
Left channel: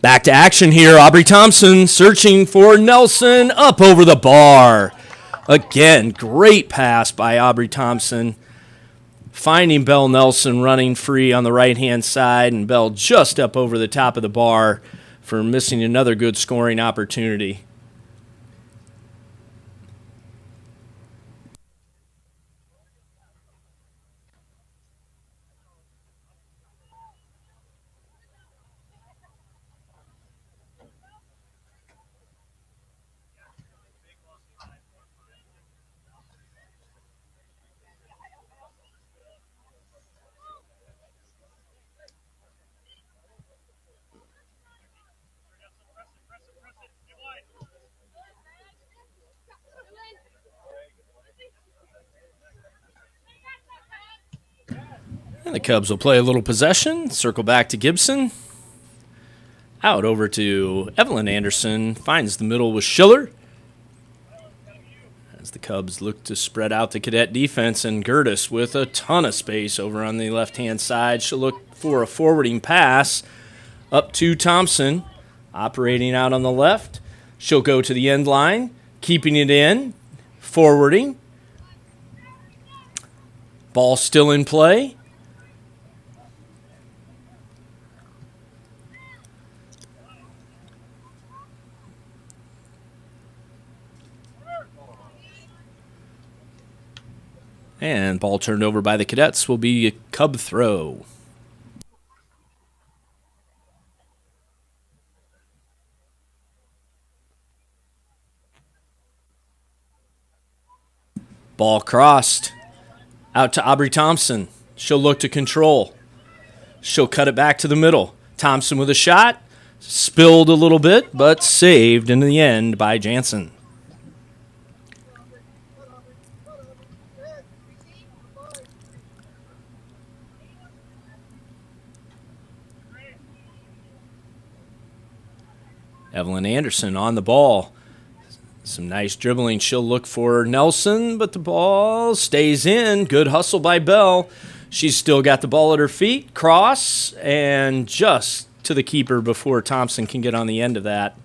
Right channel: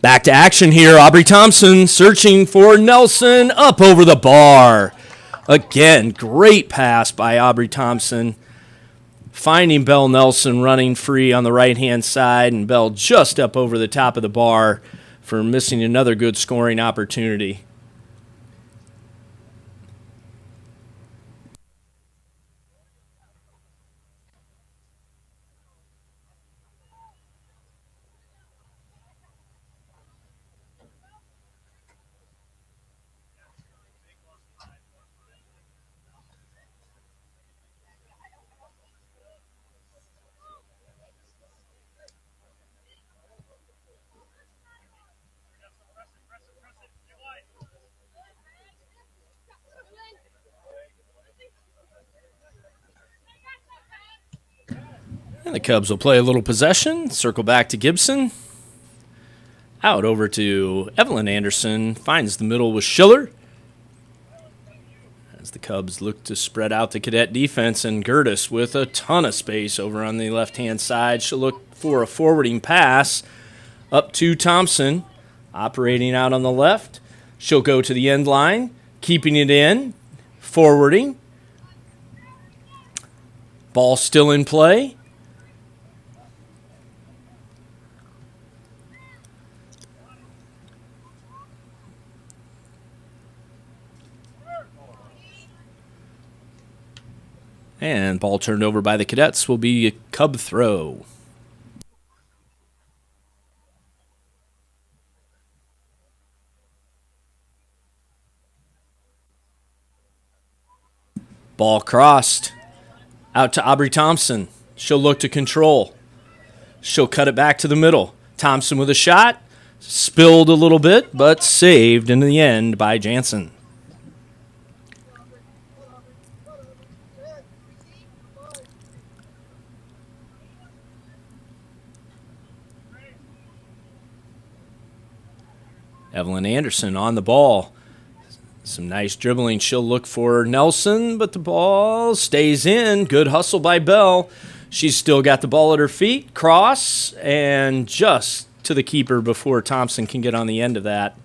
Back to action here. Aubrey Thompson searching for Nelson up over the bar. Again, great pass by Aubrey Thompson. Finding Belle Nelson running free on the right-hand side, and Belle just up over the top of the bar for missing another good scoring opportunity. And the Cubs will play a little possession, circle back to Gibson. Out over to Evelyn Anderson, finds the middle with Schiller. As the Cubs look to spread out the Cadet defense, and Gertis with a ton of space over on the left-hand side. She'll look for a forwarding pass up to Thompson, operating out on the left. She'll go to the end line, keeping it in, forwarding. Ball still in play. And ball turned over by the Cadets will be a Cub throw. Ball crossed. Out to Aubrey Thompson. She'll look to control. She'll cut it back to the middle. Thompson with a shot. Spilled a little bit, but saved in the end by Jansen. Evelyn Anderson on the ball. Some nice dribbling. She'll look for Nelson, but the ball stays in. Good hustle by Belle. She's still got the ball at her feet. Cross, and just to the keeper before Thompson can get on the end of that.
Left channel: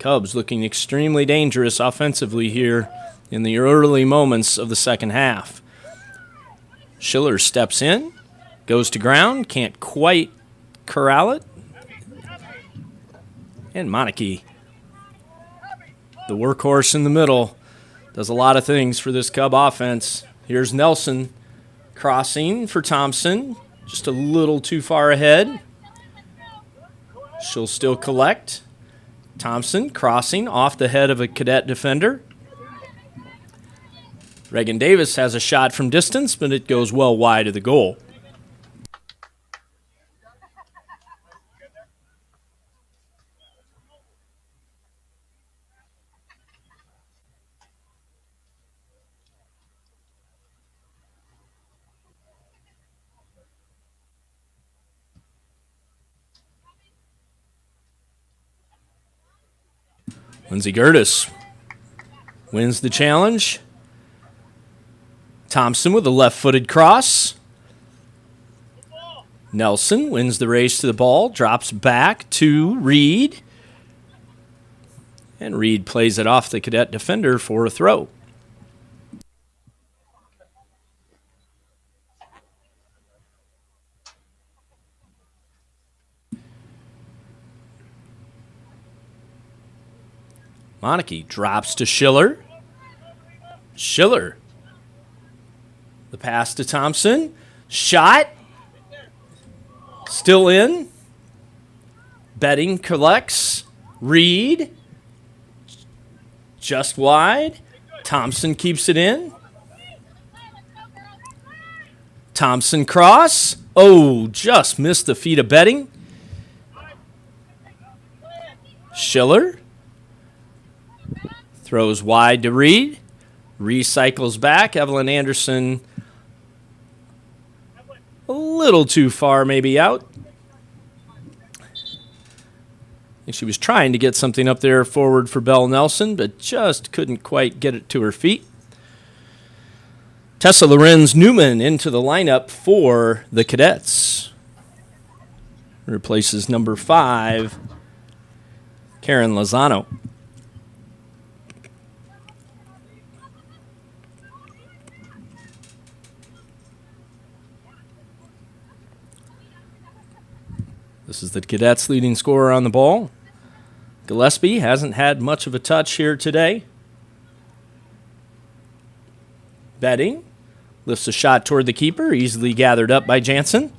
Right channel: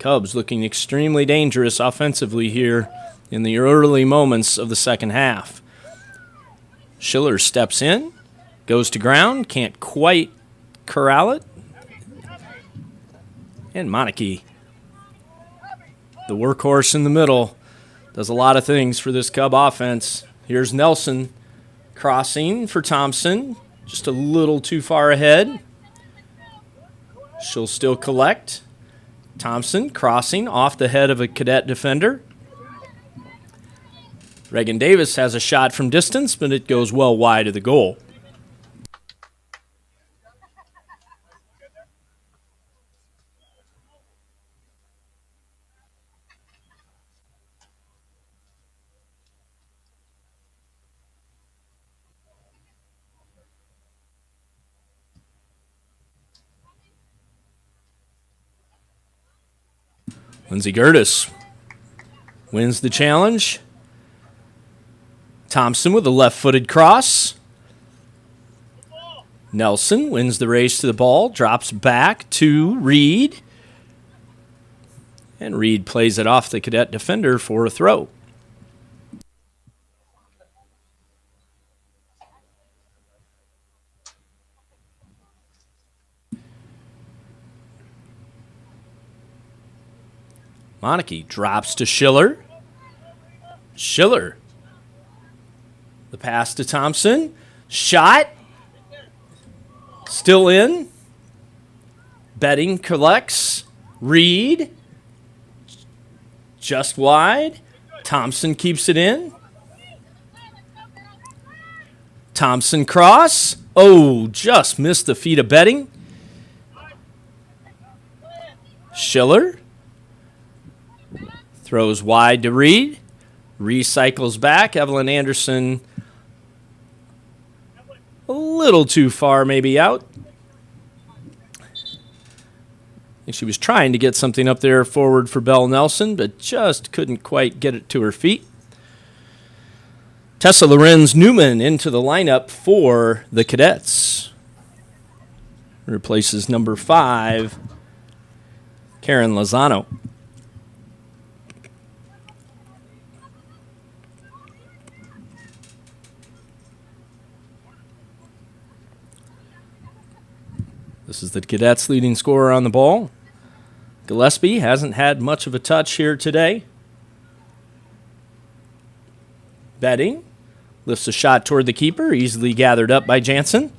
Cubs looking extremely dangerous offensively here in the early moments of the second half. Schiller steps in, goes to ground, can't quite corral it. And Monarchy, the workhorse in the middle, does a lot of things for this Cub offense. Here's Nelson crossing for Thompson, just a little too far ahead. She'll still collect. Thompson crossing off the head of a Cadet defender. Reagan Davis has a shot from distance, but it goes well wide of the goal. Lindsey Gertis wins the challenge. Thompson with a left-footed cross. Nelson wins the race to the ball, drops back to Reed. And Reed plays it off the Cadet defender for a throw. Monarchy drops to Schiller. Schiller. The pass to Thompson. Shot. Still in. Betting collects. Reed. Just wide. Thompson keeps it in. Thompson cross. Oh, just missed the feet of Betting. Schiller. Throws wide to Reed. Recycles back. Evelyn Anderson a little too far maybe out. I think she was trying to get something up there forward for Belle Nelson, but just couldn't quite get it to her feet. Tessa Lorenz Newman into the lineup for the Cadets. Replaces number 5, Karen Lozano. This is the Cadets' leading scorer on the ball. Gillespie hasn't had much of a touch here today. Betting lifts a shot toward the keeper, easily gathered up by Jansen.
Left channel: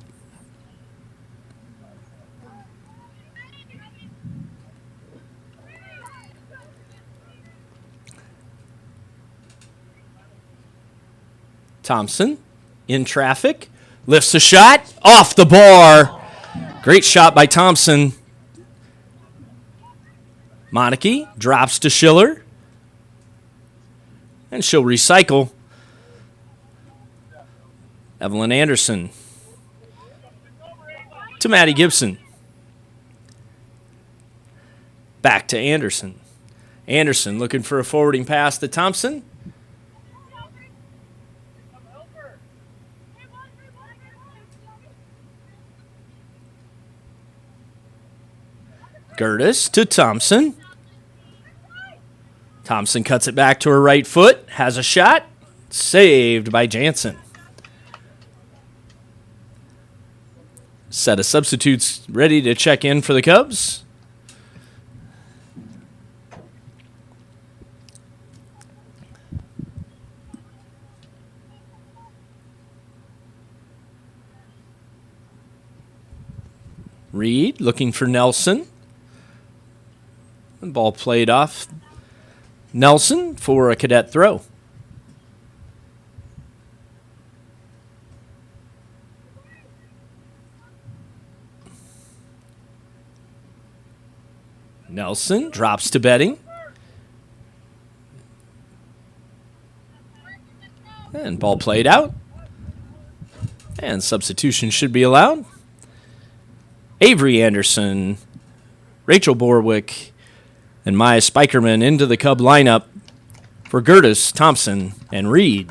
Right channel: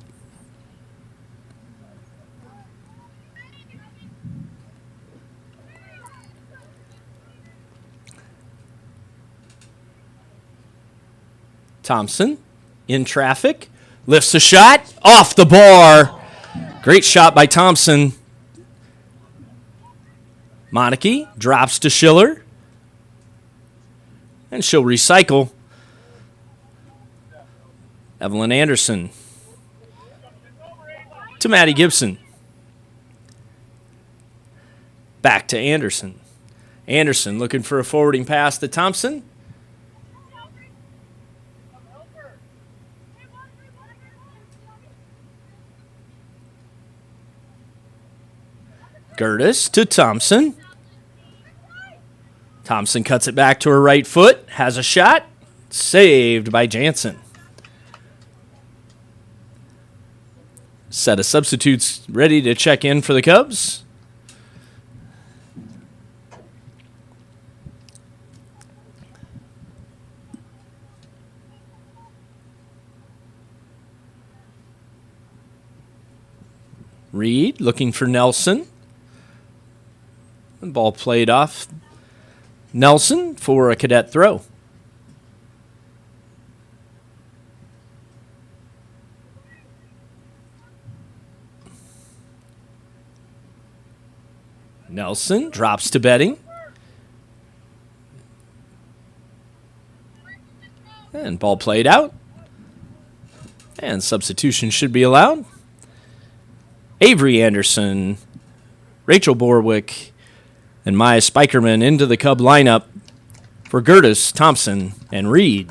Thompson in traffic, lifts a shot, off the bar. Great shot by Thompson. Monarchy drops to Schiller, and she'll recycle. Evelyn Anderson to Maddie Gibson. Back to Anderson. Anderson looking for a forwarding pass to Thompson. Gertis to Thompson. Thompson cuts it back to her right foot, has a shot, saved by Jansen. Set of substitutes ready to check in for the Cubs. Reed looking for Nelson. The ball played off Nelson for a Cadet throw. Nelson drops to Betting. And ball played out. And substitution should be allowed. Avery Anderson, Rachel Borwick, and Maya Spikerman into the Cub lineup for Gertis, Thompson, and Reed.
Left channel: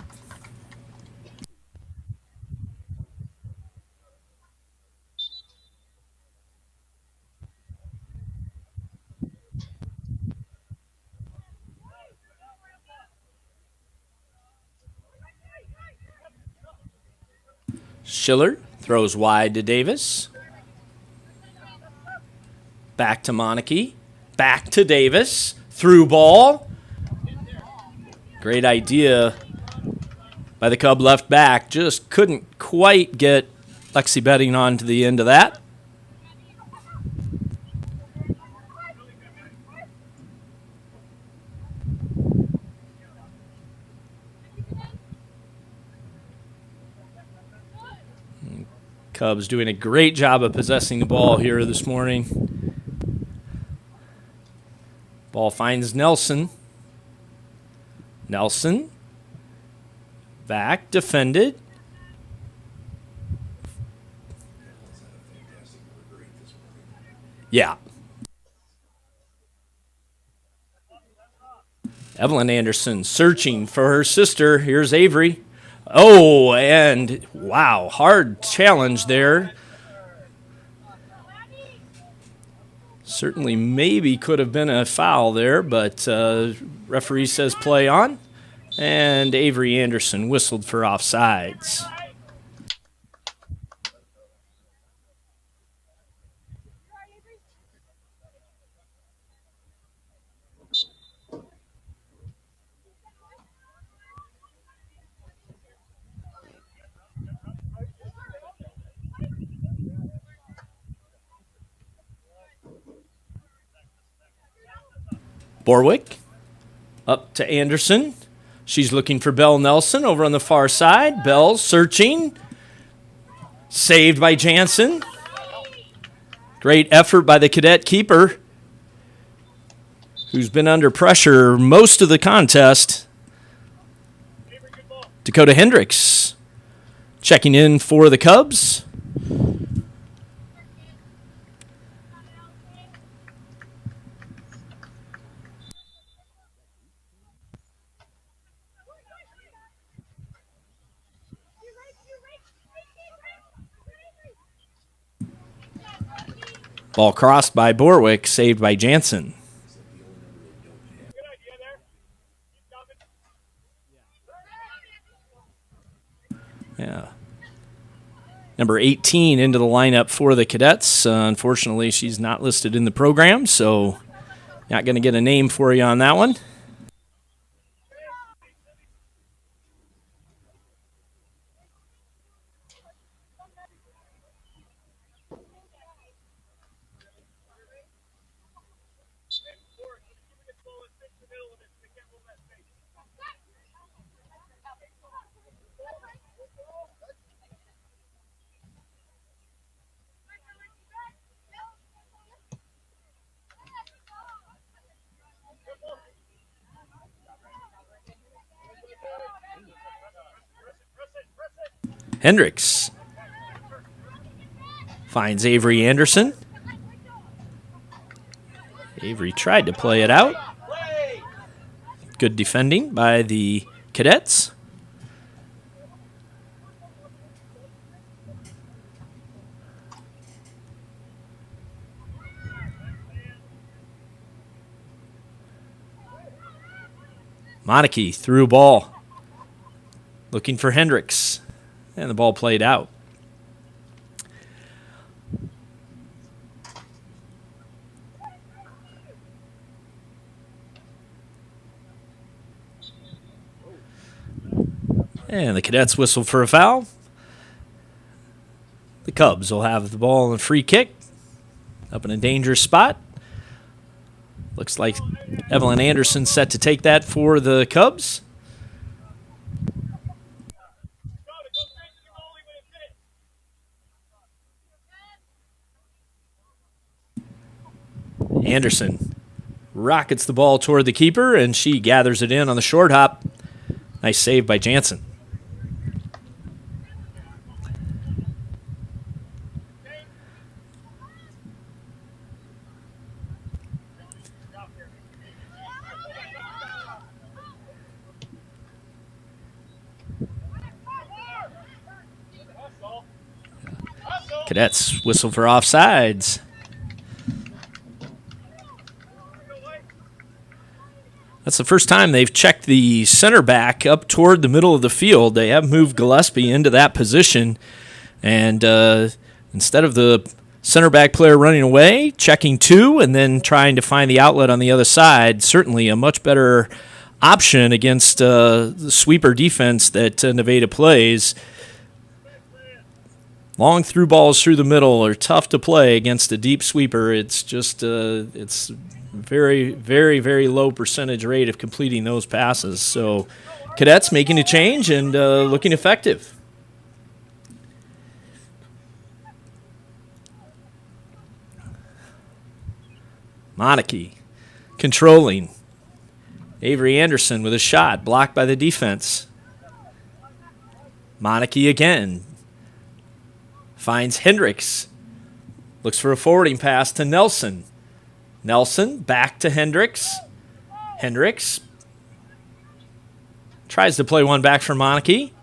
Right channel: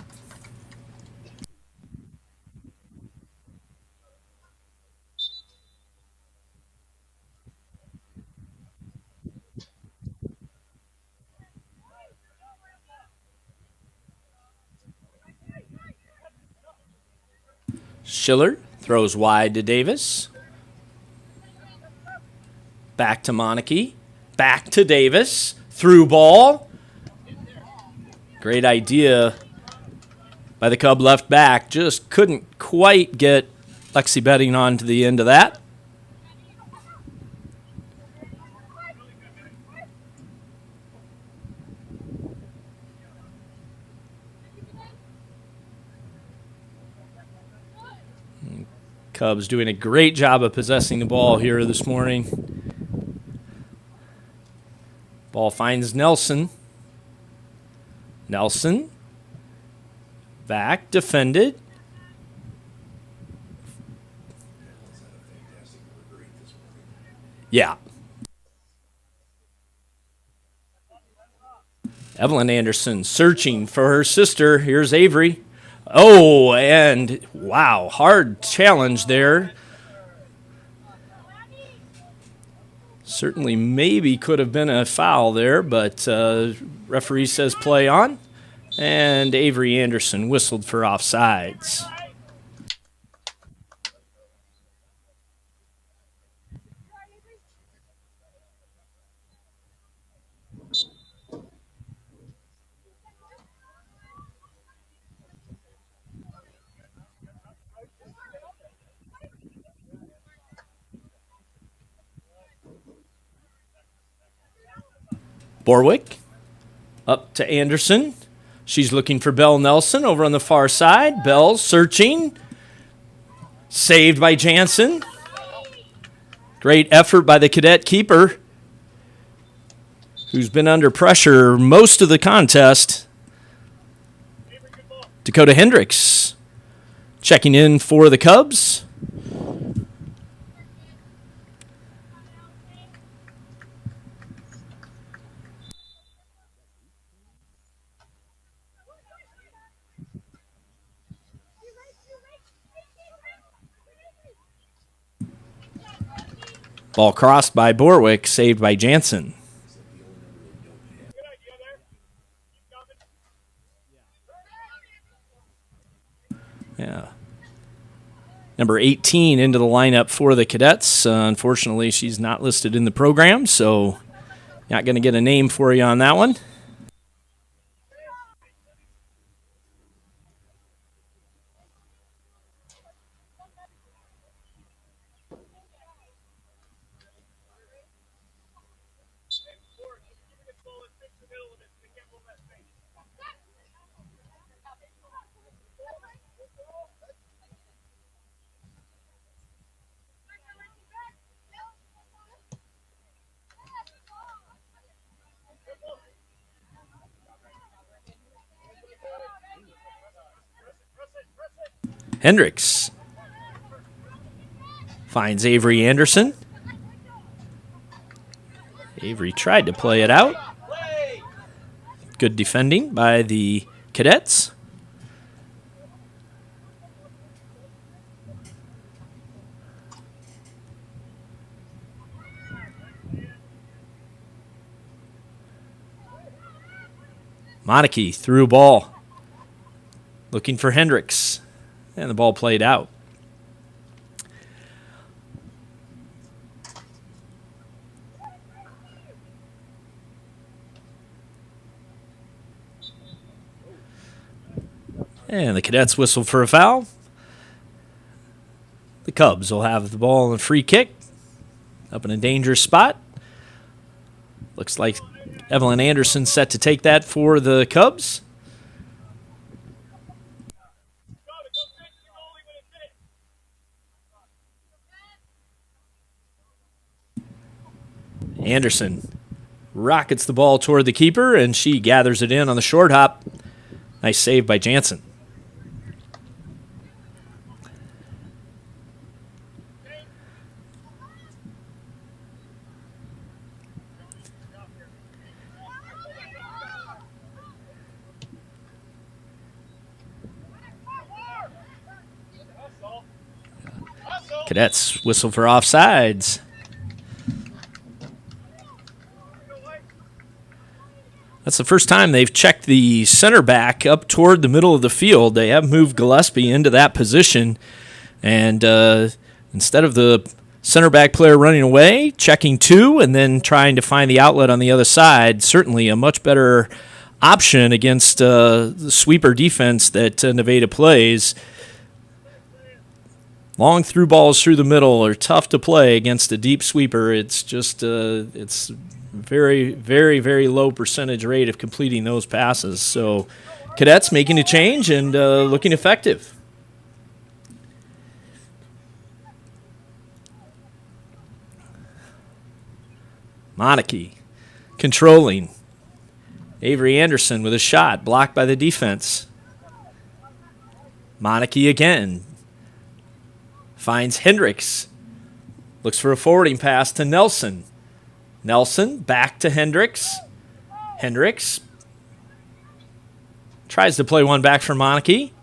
Schiller throws wide to Davis. Back to Monarchy. Back to Davis. Through ball. Great idea by the Cub left back. Just couldn't quite get Lexi Betting onto the end of that. Cubs doing a great job of possessing the ball here this morning. Ball finds Nelson. Nelson. Back, defended. Yeah. Evelyn Anderson searching for her sister. Here's Avery. Oh, and wow, hard challenge there. Certainly maybe could have been a foul there, but referee says play on. And Avery Anderson whistled for offsides. Borwick up to Anderson. She's looking for Belle Nelson over on the far side. Bell searching. Saved by Jansen. Great effort by the Cadet keeper, who's been under pressure most of the contest. Dakota Hendricks checking in for the Cubs. Ball crossed by Borwick, saved by Jansen. Yeah. Number 18 into the lineup for the Cadets. Unfortunately, she's not listed in the program, so not going to get a name for you on that one. Hendricks finds Avery Anderson. Avery tried to play it out. Good defending by the Cadets. Monarchy threw a ball. Looking for Hendricks. And the ball played out. And the Cadets whistle for a foul. The Cubs will have the ball and free kick. Up in a dangerous spot. Looks like Evelyn Anderson set to take that for the Cubs. Anderson rockets the ball toward the keeper, and she gathers it in on the short hop. Nice save by Jansen. Cadets whistle for offsides. That's the first time they've checked the center back up toward the middle of the field. They have moved Gillespie into that position. And instead of the center back player running away, checking two, and then trying to find the outlet on the other side, certainly a much better option against the sweeper defense that Nevada plays. Long through balls through the middle are tough to play against a deep sweeper. It's just it's very, very, very low percentage rate of completing those passes. So Cadets making a change and looking effective. Monarchy controlling. Avery Anderson with a shot blocked by the defense. Monarchy again. Finds Hendricks. Looks for a forwarding pass to Nelson. Nelson back to Hendricks. Hendricks tries to play one back for Monarchy.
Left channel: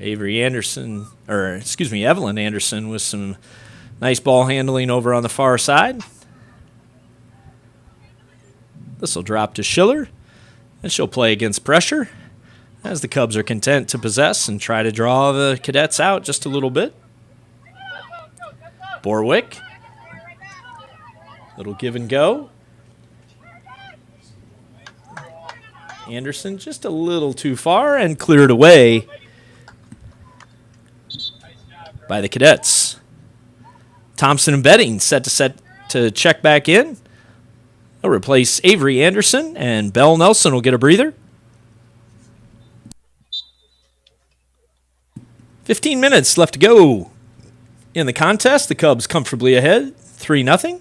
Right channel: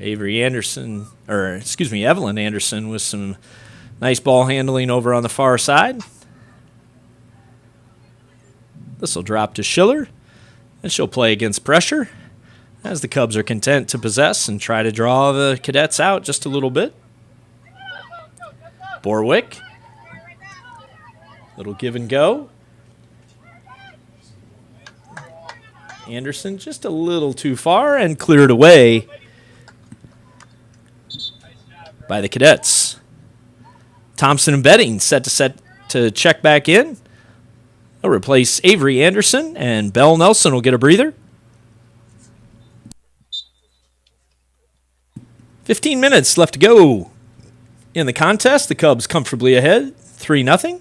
Evelyn Anderson with some nice ball handling over on the far side. This will drop to Schiller, and she'll play against pressure, as the Cubs are content to possess and try to draw the Cadets out just a little bit. Borwick. Little give and go. Anderson just a little too far and cleared away by the Cadets. Thompson and Betting set to check back in. They'll replace Avery Anderson, and Belle Nelson will get a breather. 15 minutes left to go in the contest. The Cubs comfortably ahead, 3-0.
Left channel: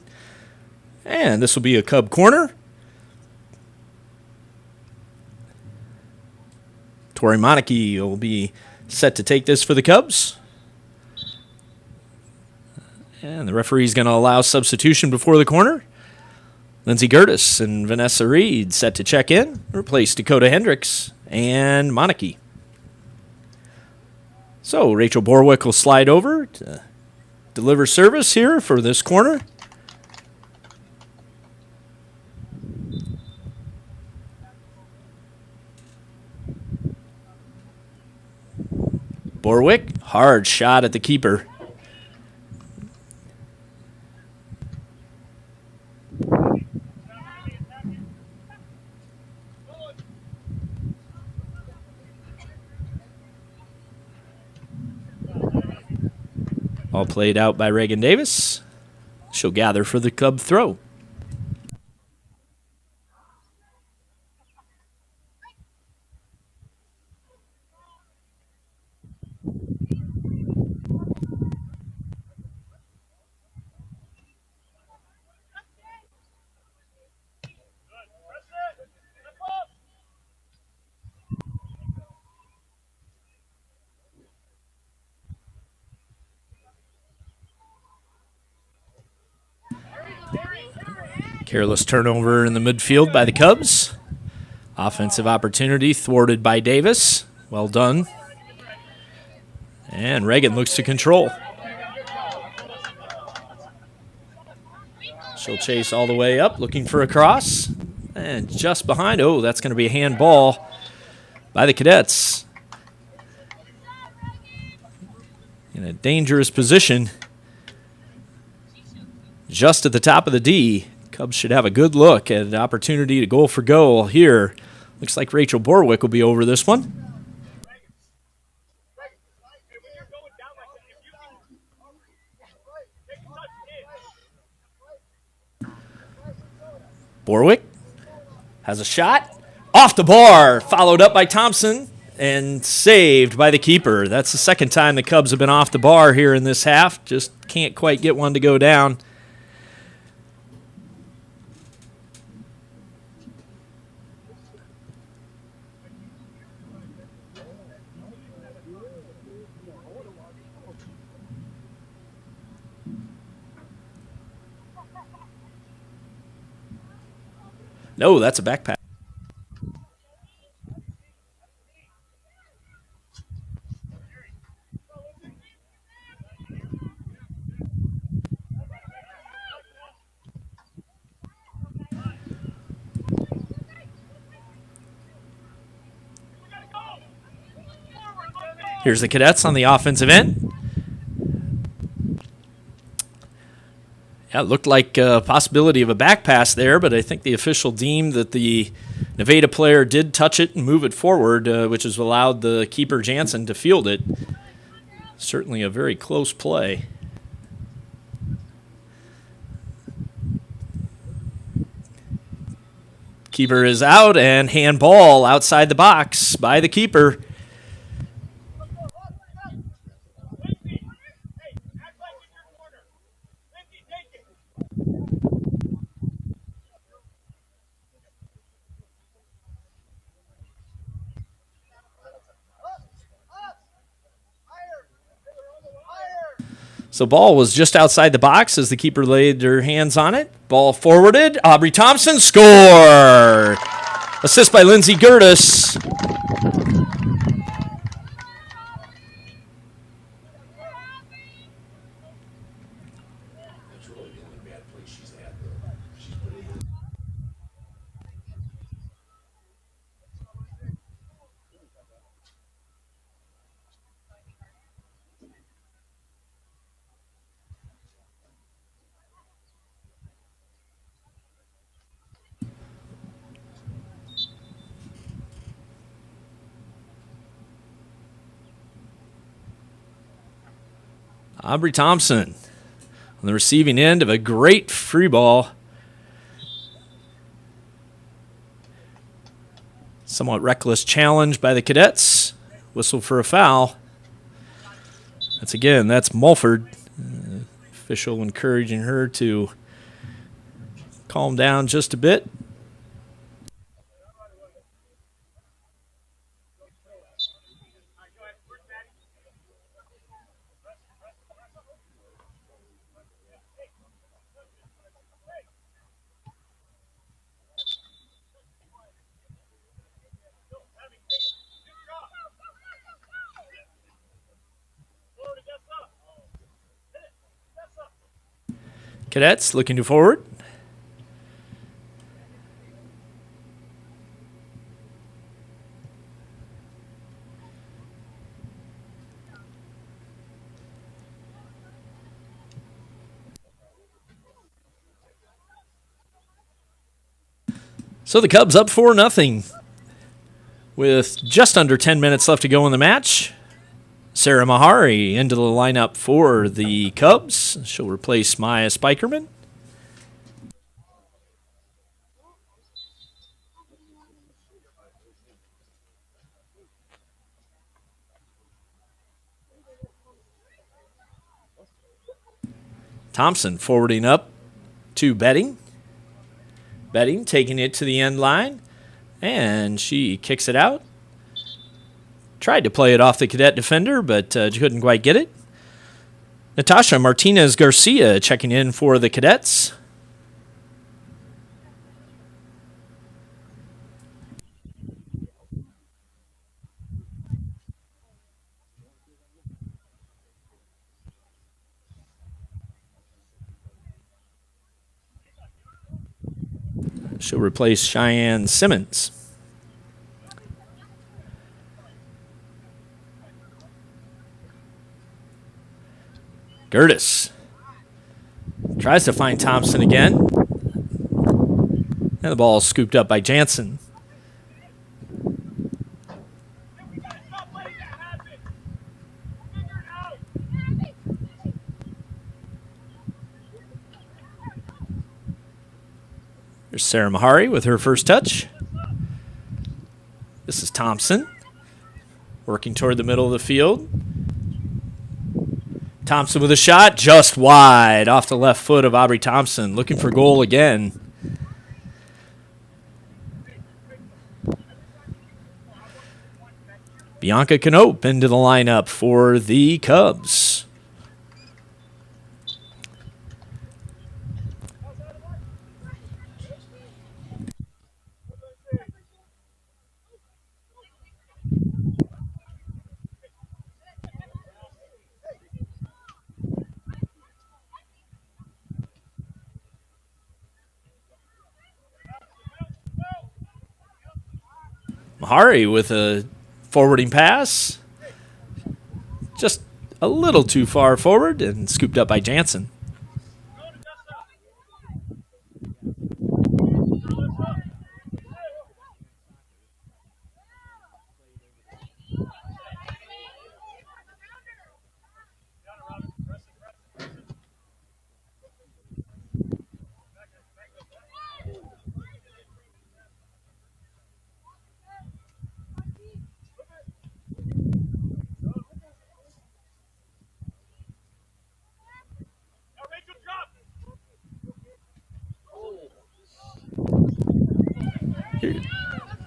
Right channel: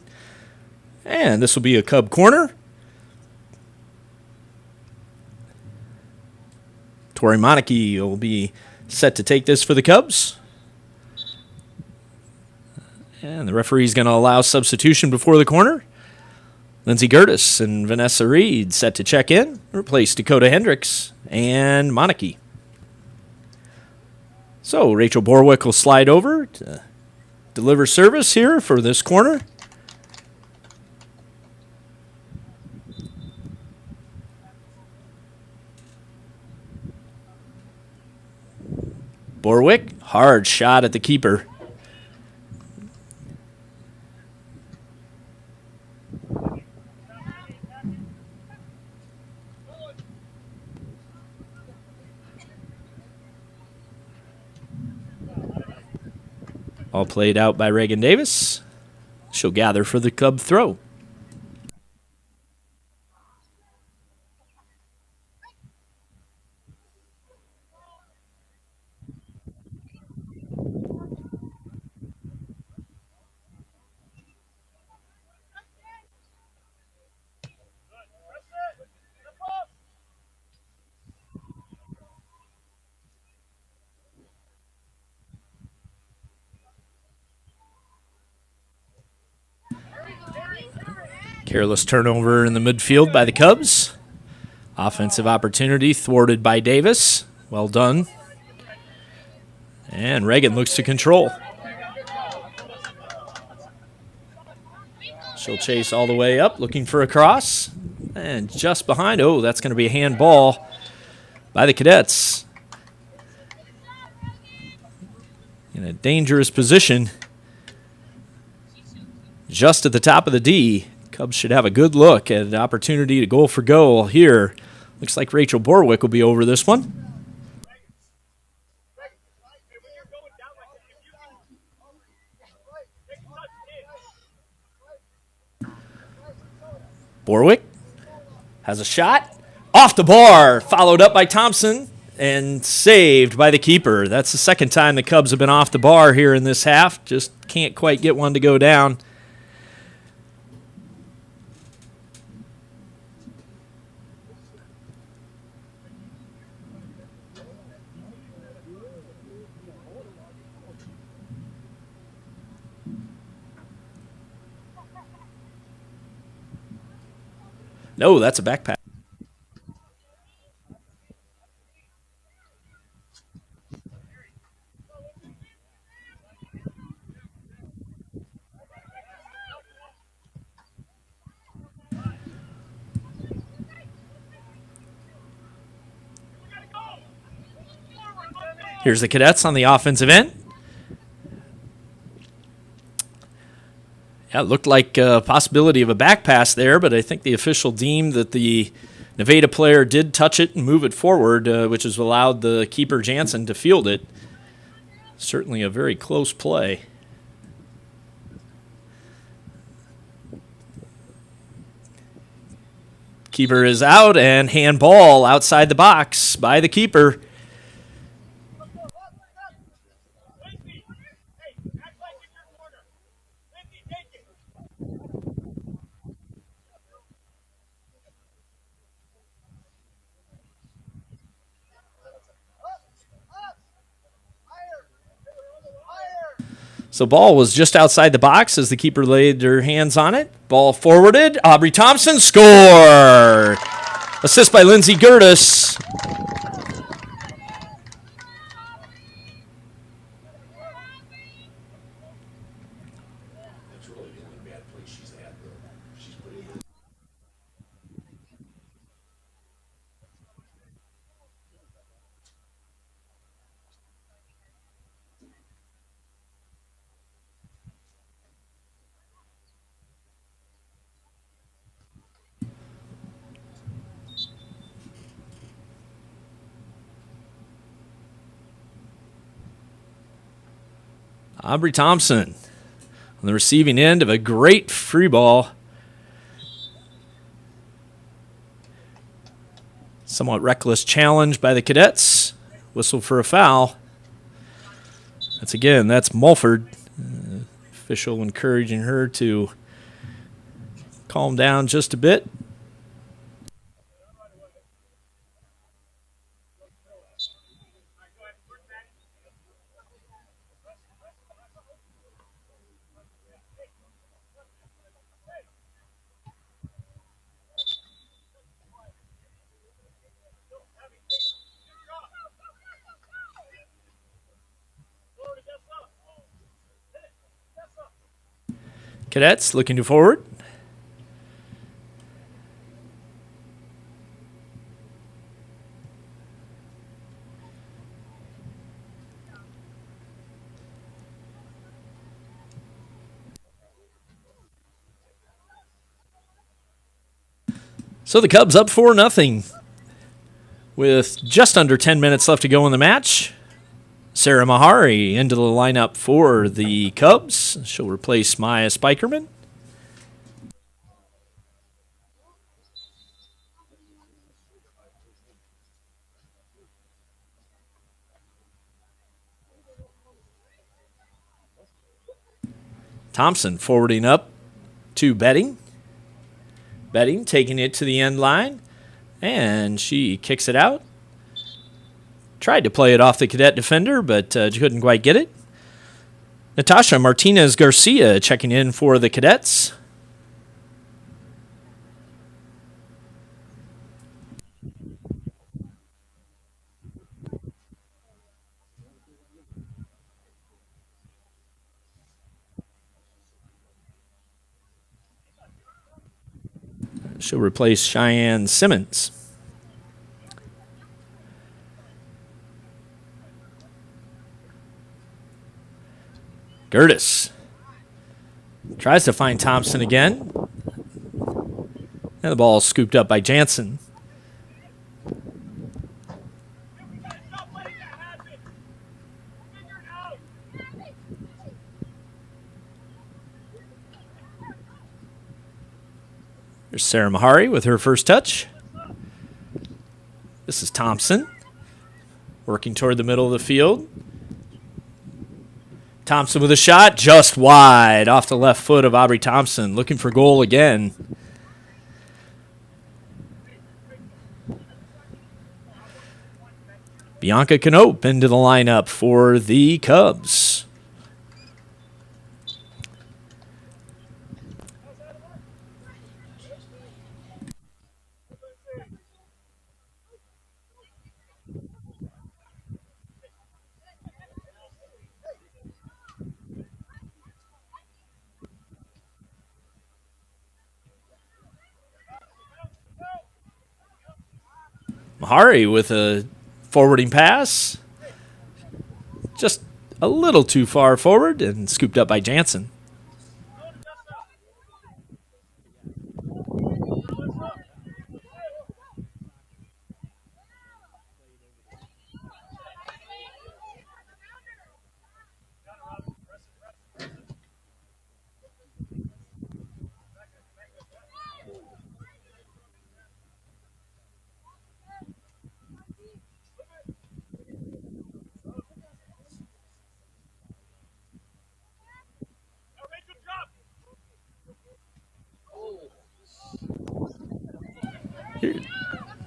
And this will be a Cub corner. Tori Monarchy will be set to take this for the Cubs. And the referee's going to allow substitution before the corner. Lindsey Gertis and Vanessa Reed set to check in, replace Dakota Hendricks and Monarchy. So Rachel Borwick will slide over to deliver service here for this corner. Borwick, hard shot at the keeper. All played out by Reagan Davis. She'll gather for the Cub throw. Careless turnover in the midfield by the Cubs. Offensive opportunity thwarted by Davis. Well done. And Reagan looks to control. She'll chase all the way up, looking for a cross. And just behind, oh, that's going to be a handball by the Cadets. In a dangerous position. Just at the top of the D. Cubs should have a good look at an opportunity to goal for goal here. Looks like Rachel Borwick will be over this one. Borwick has a shot. Off the bar, followed up by Thompson and saved by the keeper. That's the second time the Cubs have been off the bar here in this half. Just can't quite get one to go down. No, that's a back pass. Here's the Cadets on the offensive end. Yeah, it looked like a possibility of a back pass there, but I think the official deemed that the Nevada player did touch it and move it forward, which has allowed the keeper Jansen to field it. Certainly a very close play. Keeper is out, and handball outside the box by the keeper. So ball was just outside the box as the keeper laid her hands on it. Ball forwarded. Aubrey Thompson, score! Assist by Lindsay Gertis. Aubrey Thompson on the receiving end of a great free ball. Somewhat reckless challenge by the Cadets. Whistle for a foul. That's Mulford. Official encouraging her to calm down just a bit. Cadets looking to forward. So the Cubs up 4-0 with just under 10 minutes left to go in the match. Sarah Mahari into the lineup for the Cubs. She'll replace Maya Spikerman. Thompson forwarding up to Betting. Betting taking it to the end line, and she kicks it out. Tried to play it off the cadet defender, but couldn't quite get it. Natasha Martinez Garcia checking in for the cadets. She'll replace Cheyenne Simmons. Gertis tries to find Thompson again. And the ball is scooped up by Jansen. There's Sarah Mahari with her first touch. This is Thompson working toward the middle of the field. Thompson with a shot just wide off the left foot of Aubrey Thompson, looking for goal again. Bianca Knope into the lineup for the Cubs. Mahari with a forwarding pass. Just a little too far forward and scooped up by Jansen.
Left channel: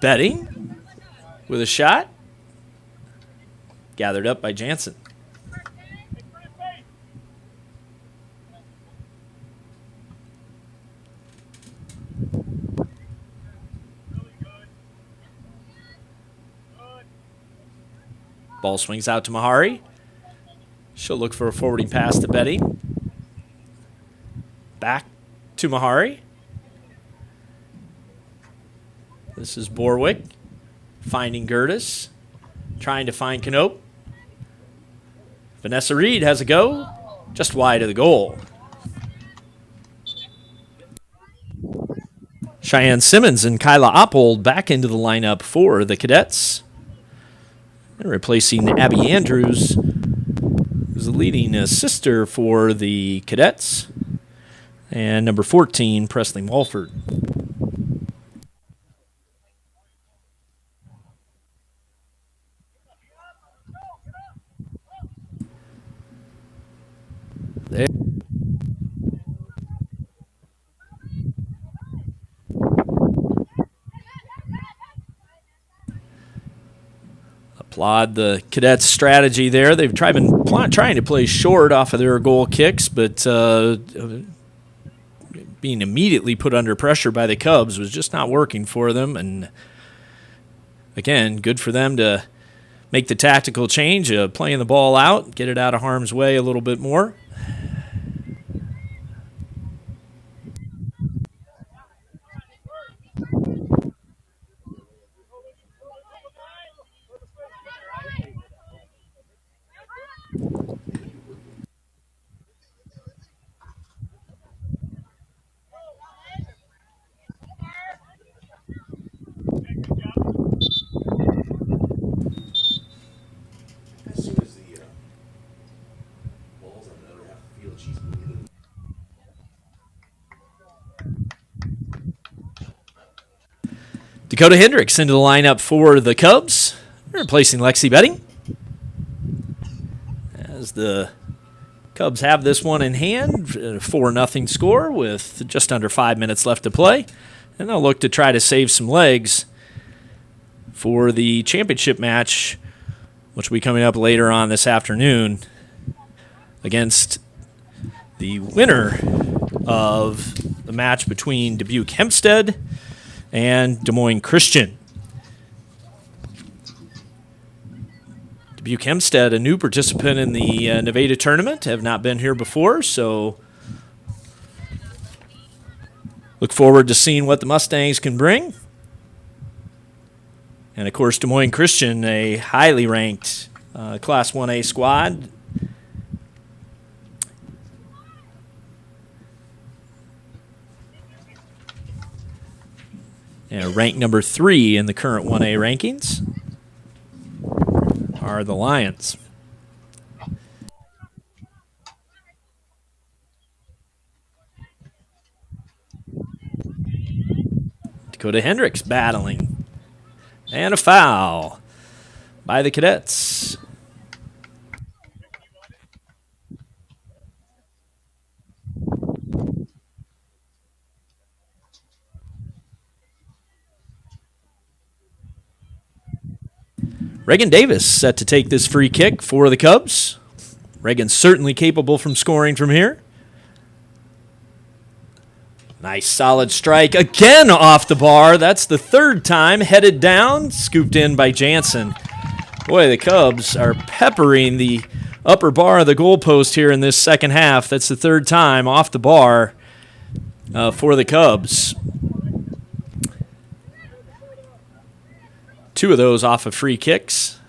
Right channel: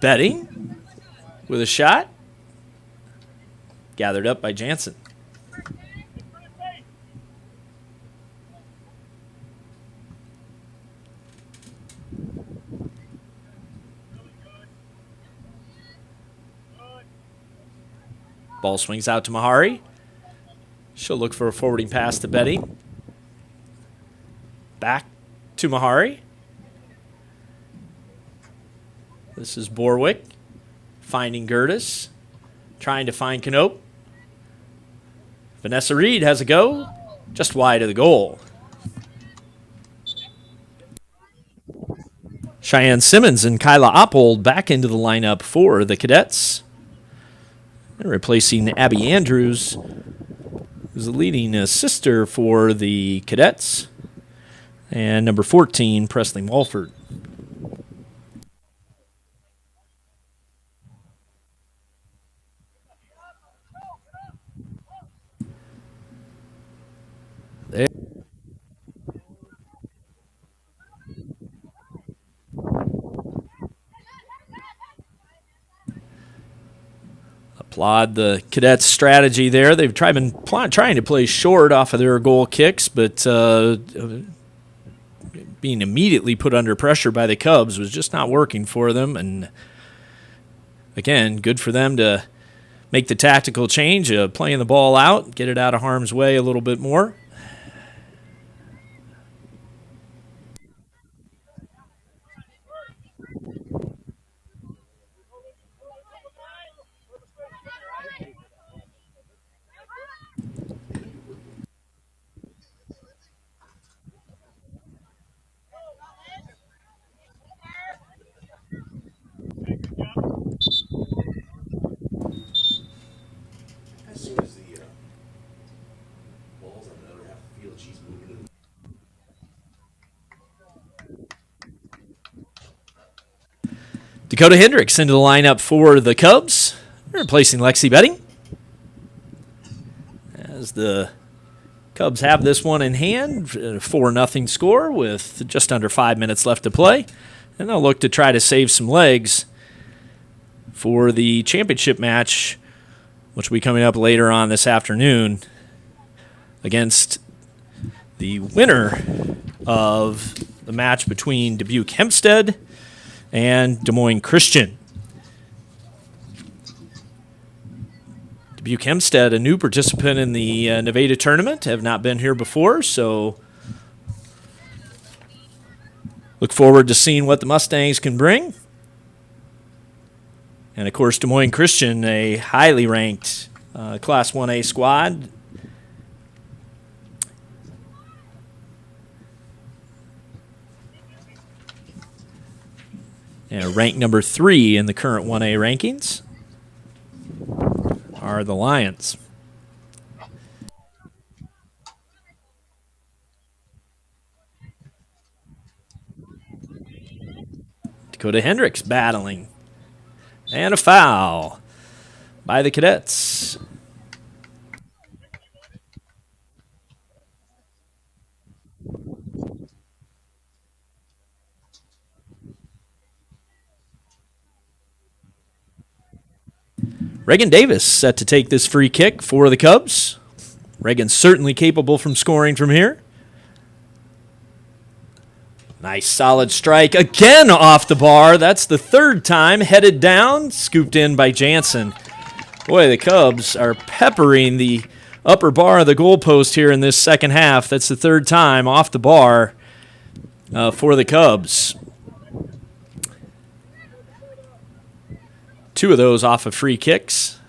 Betting with a shot. Gathered up by Jansen. Ball swings out to Mahari. She'll look for a forwarding pass to Betting. Back to Mahari. This is Borwick finding Gertis, trying to find Knope. Vanessa Reed has a go, just wide of the goal. Cheyenne Simmons and Kyla Oppold back into the lineup for the cadets. And replacing Abby Andrews, who's the leading assister for the cadets. And number 14, Presley Walford. There. Applaud the cadets' strategy there. They've been trying to play short off of their goal kicks, but being immediately put under pressure by the Cubs was just not working for them. And again, good for them to make the tactical change of playing the ball out, get it out of harm's way a little bit more. Dakota Hendricks into the lineup for the Cubs, replacing Lexi Betting. As the Cubs have this one in hand, 4-0 score with just under 5 minutes left to play. And they'll look to try to save some legs for the championship match, which will be coming up later on this afternoon against the winner of the match between Dubuque Hempstead and Des Moines Christian. Dubuque Hempstead, a new participant in the Nevada tournament, have not been here before, so look forward to seeing what the Mustangs can bring. And, of course, Des Moines Christian, a highly ranked Class 1A squad. And ranked number 3 in the current 1A rankings are the Lions. Dakota Hendricks battling. And a foul by the Cadets. Reagan Davis set to take this free kick for the Cubs. Reagan's certainly capable from scoring from here. Nice solid strike again off the bar. That's the third time. Headed down, scooped in by Jansen. Boy, the Cubs are peppering the upper bar of the goalpost here in this second half. That's the third time off the bar for the Cubs. 2 of those off of free kicks.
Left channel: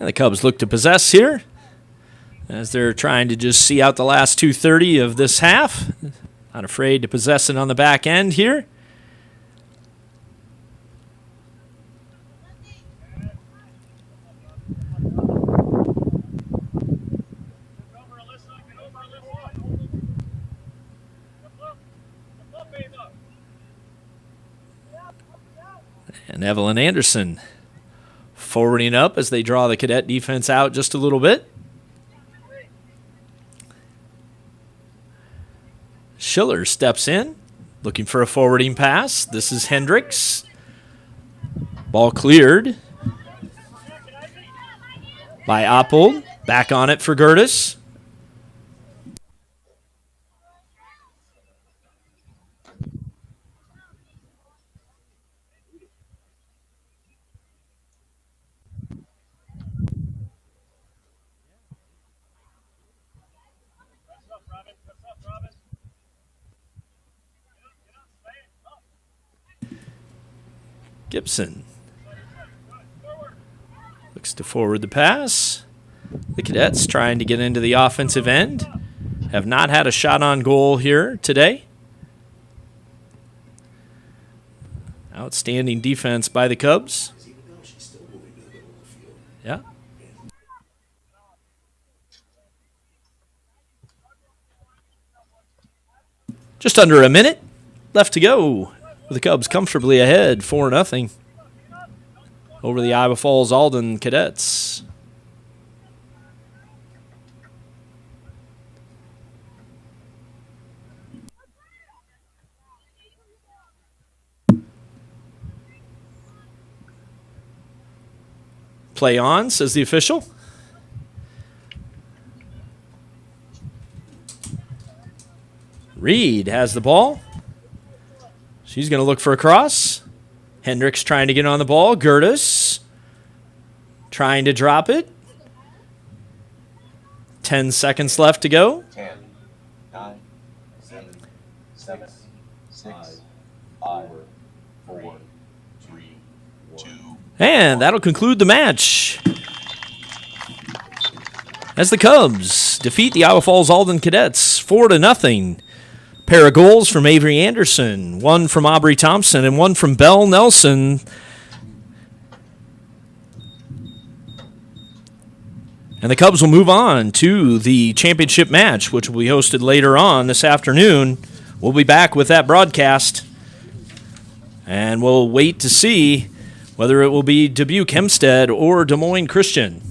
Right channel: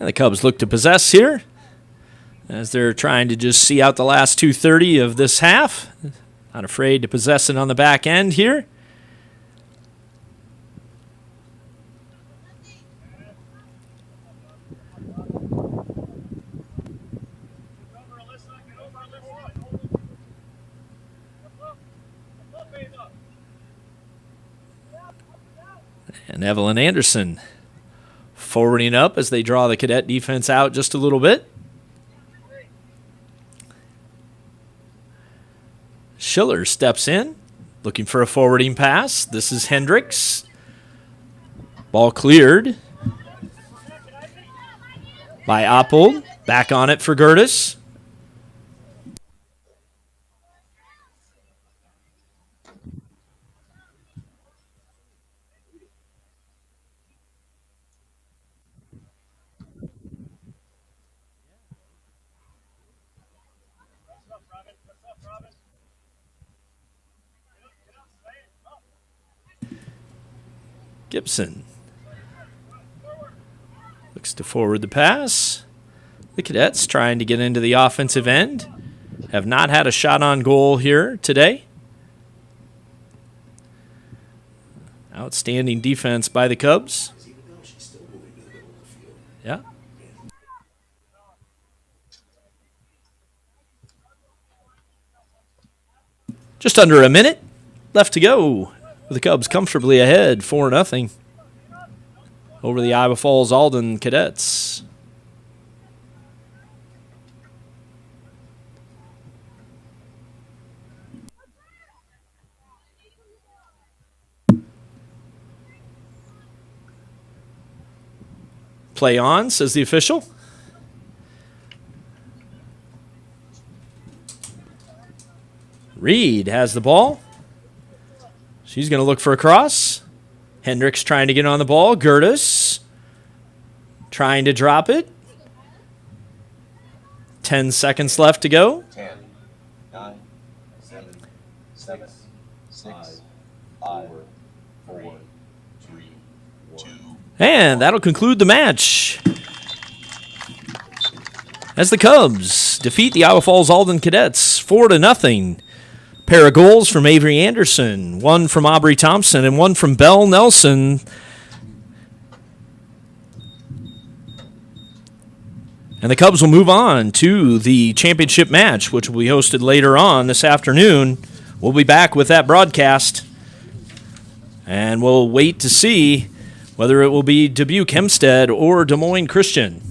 And the Cubs look to possess here as they're trying to just see out the last 2:30 of this half. Not afraid to possess it on the back end here. And Evelyn Anderson forwarding up as they draw the Cadet defense out just a little bit. Schiller steps in, looking for a forwarding pass. This is Hendricks. Ball cleared by Oppold. Back on it for Gertis. Gibson looks to forward the pass. The Cadets trying to get into the offensive end. Have not had a shot on goal here today. Outstanding defense by the Cubs. Yeah. Just under a minute left to go. The Cubs comfortably ahead, 4-0 over the Iowa Falls Alden Cadets. Play on, says the official. Reed has the ball. She's going to look for a cross. Hendricks trying to get on the ball. Gertis trying to drop it. 10 seconds left to go. 10, 9, 7, 6, 5, 4, 3, 2. And that'll conclude the match as the Cubs defeat the Iowa Falls Alden Cadets 4-0. Pair of goals from Avery Anderson, one from Aubrey Thompson, and one from Belle Nelson. And the Cubs will move on to the championship match, which will be hosted later on this afternoon. We'll be back with that broadcast, and we'll wait to see whether it will be Dubuque Hempstead or Des Moines Christian.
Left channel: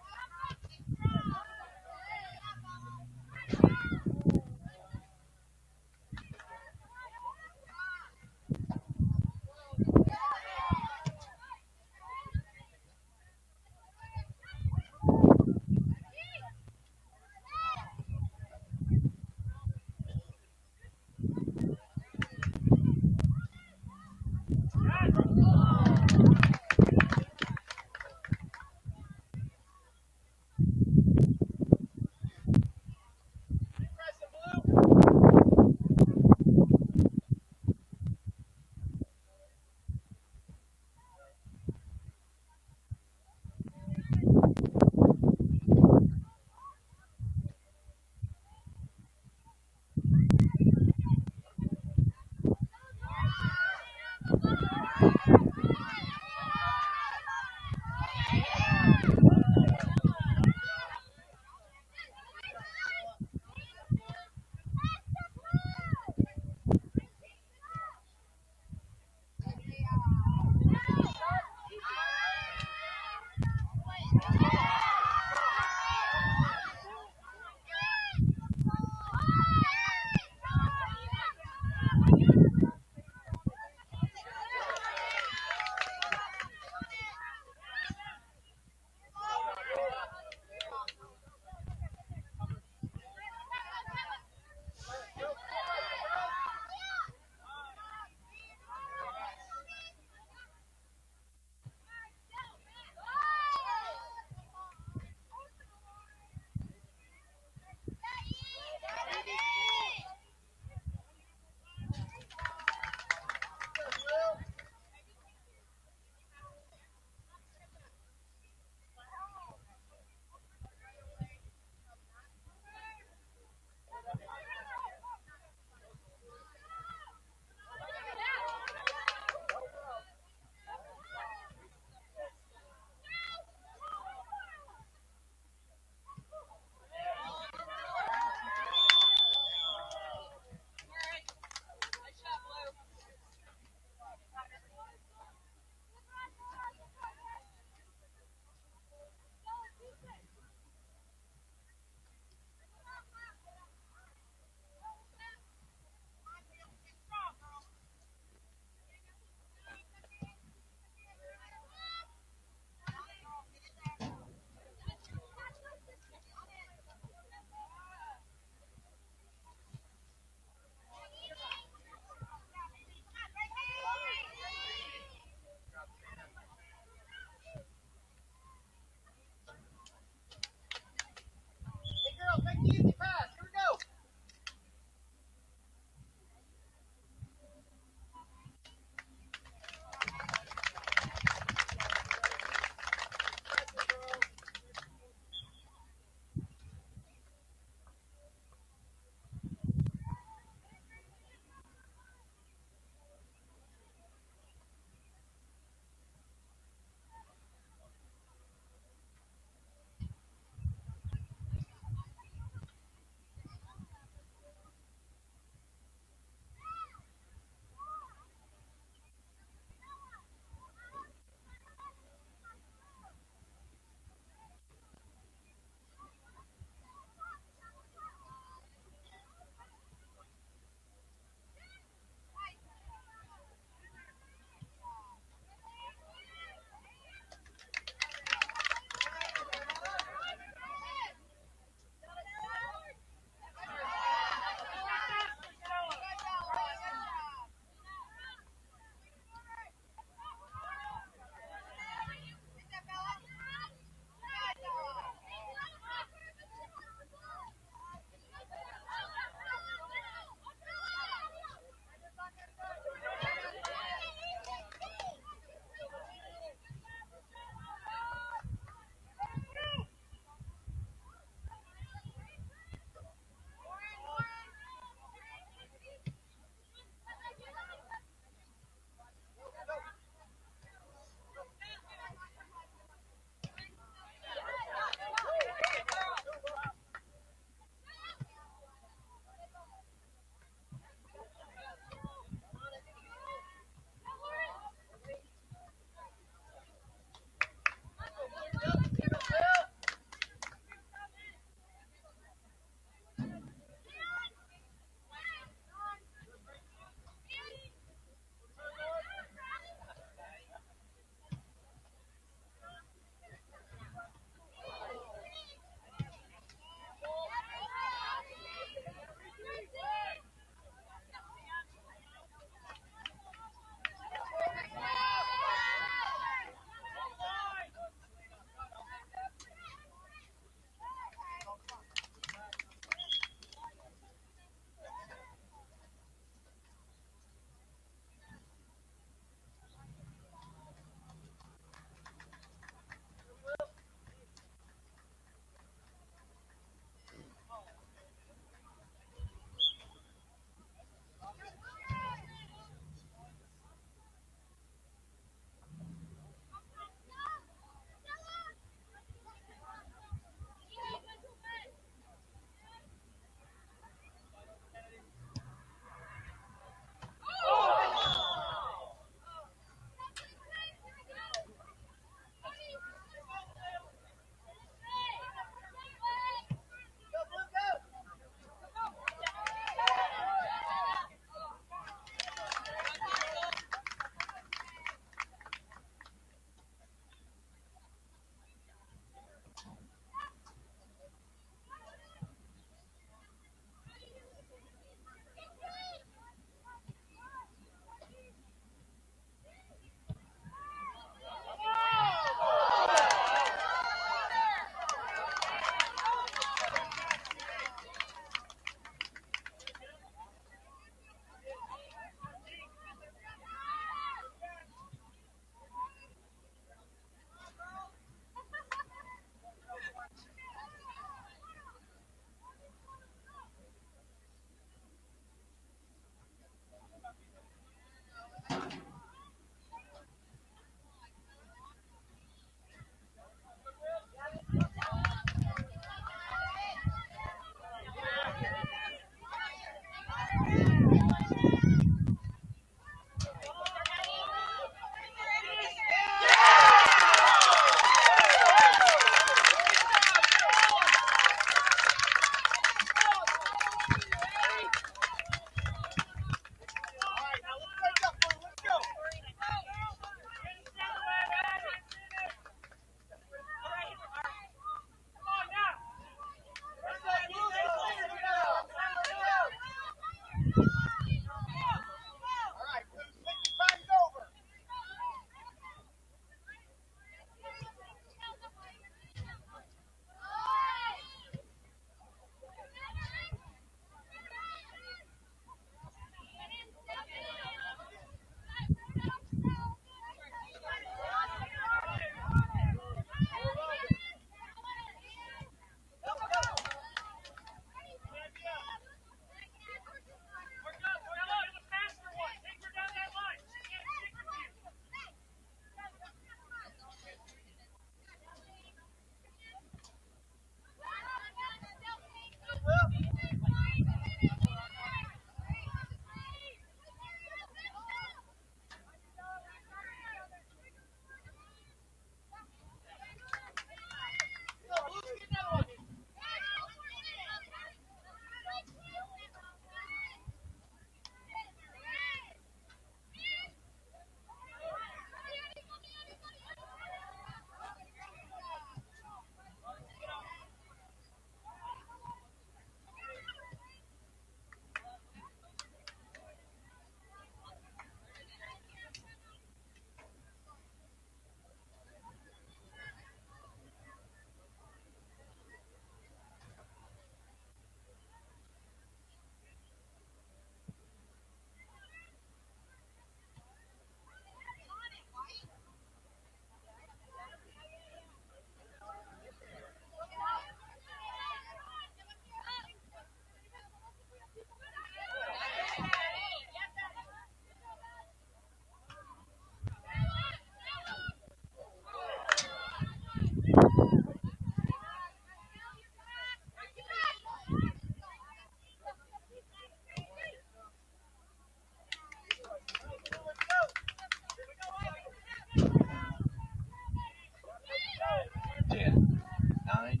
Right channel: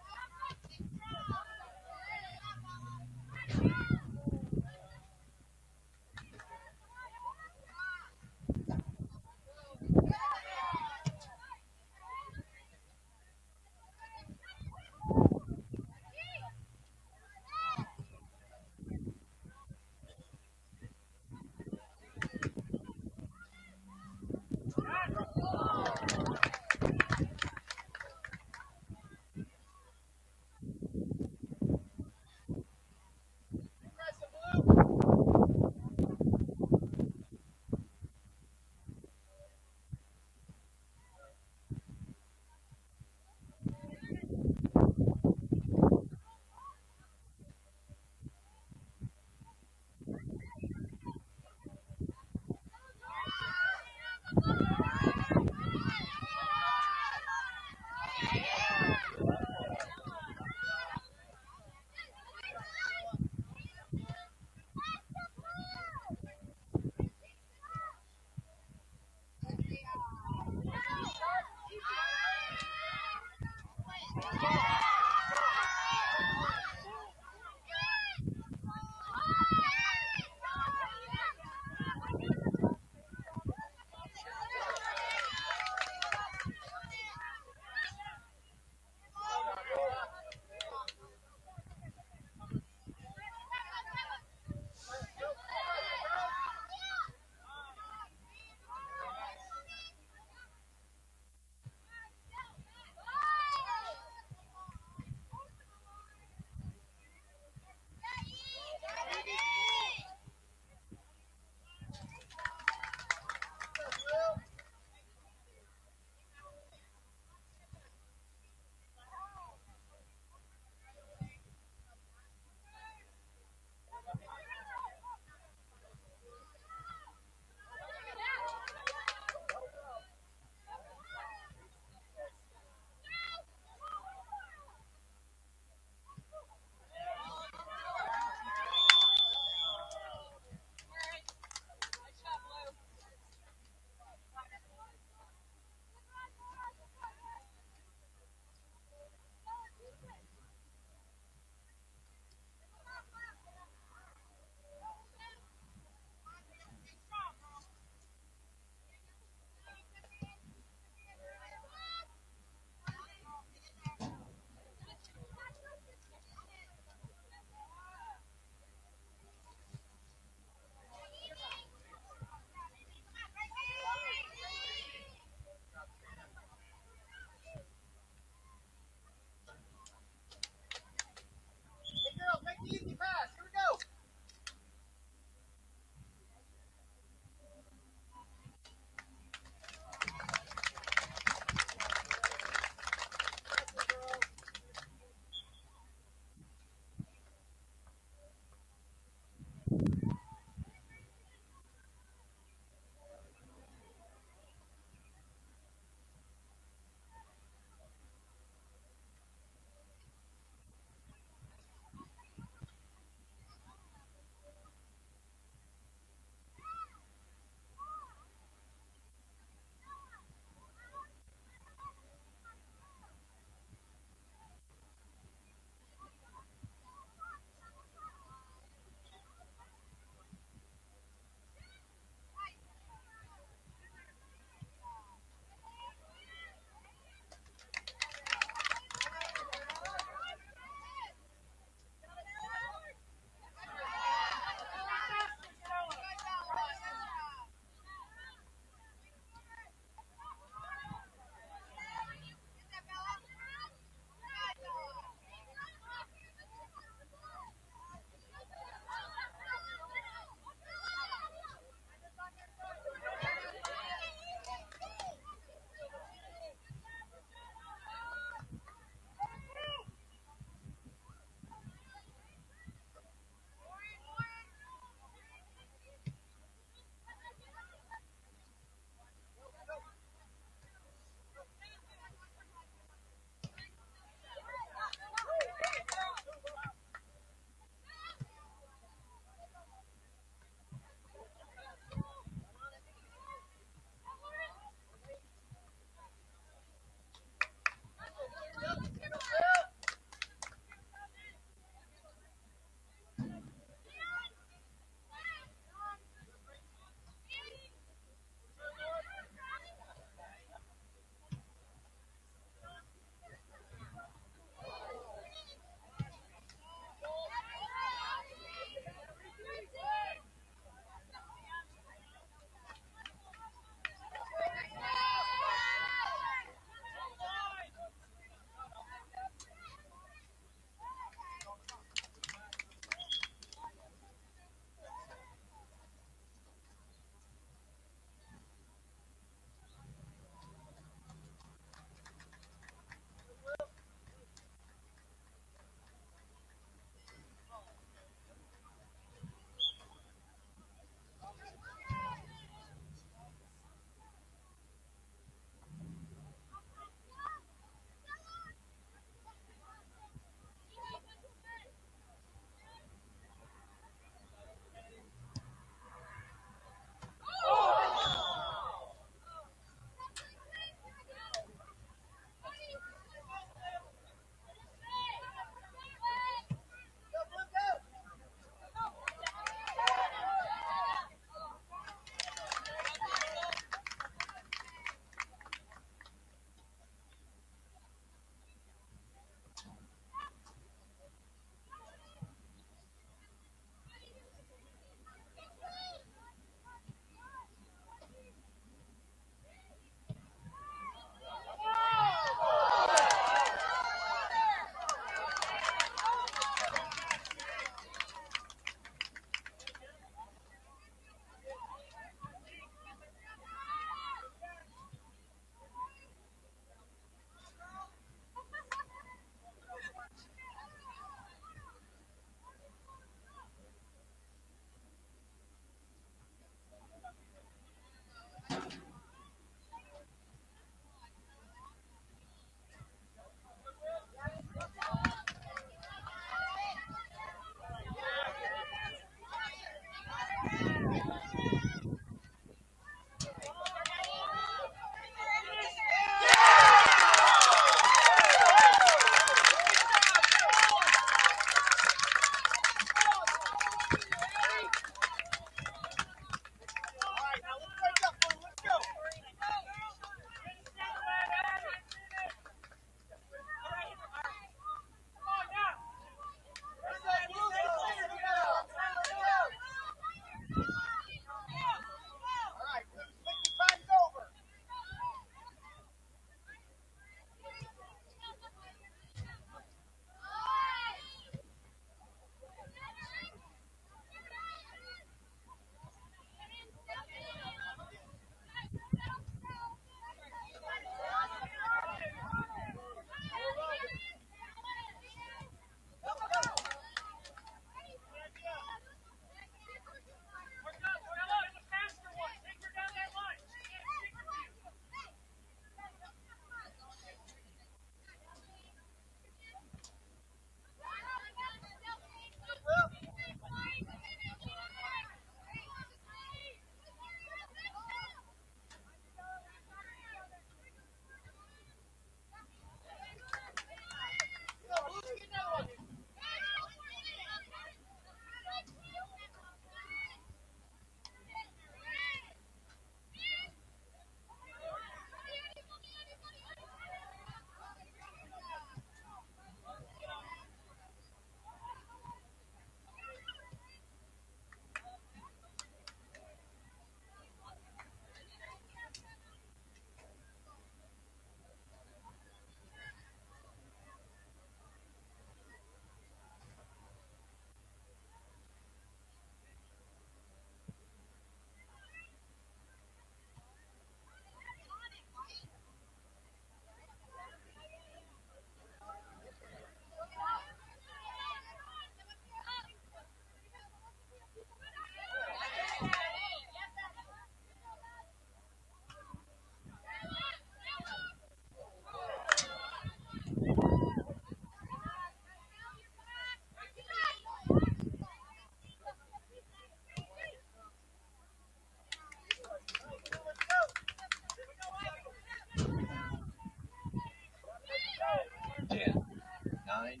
10, 9, 8,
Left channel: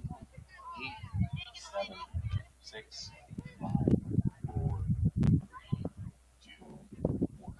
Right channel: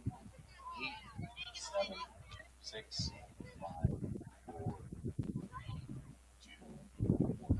7, 6, 5, 4, 2, 1.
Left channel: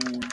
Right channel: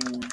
2, 1.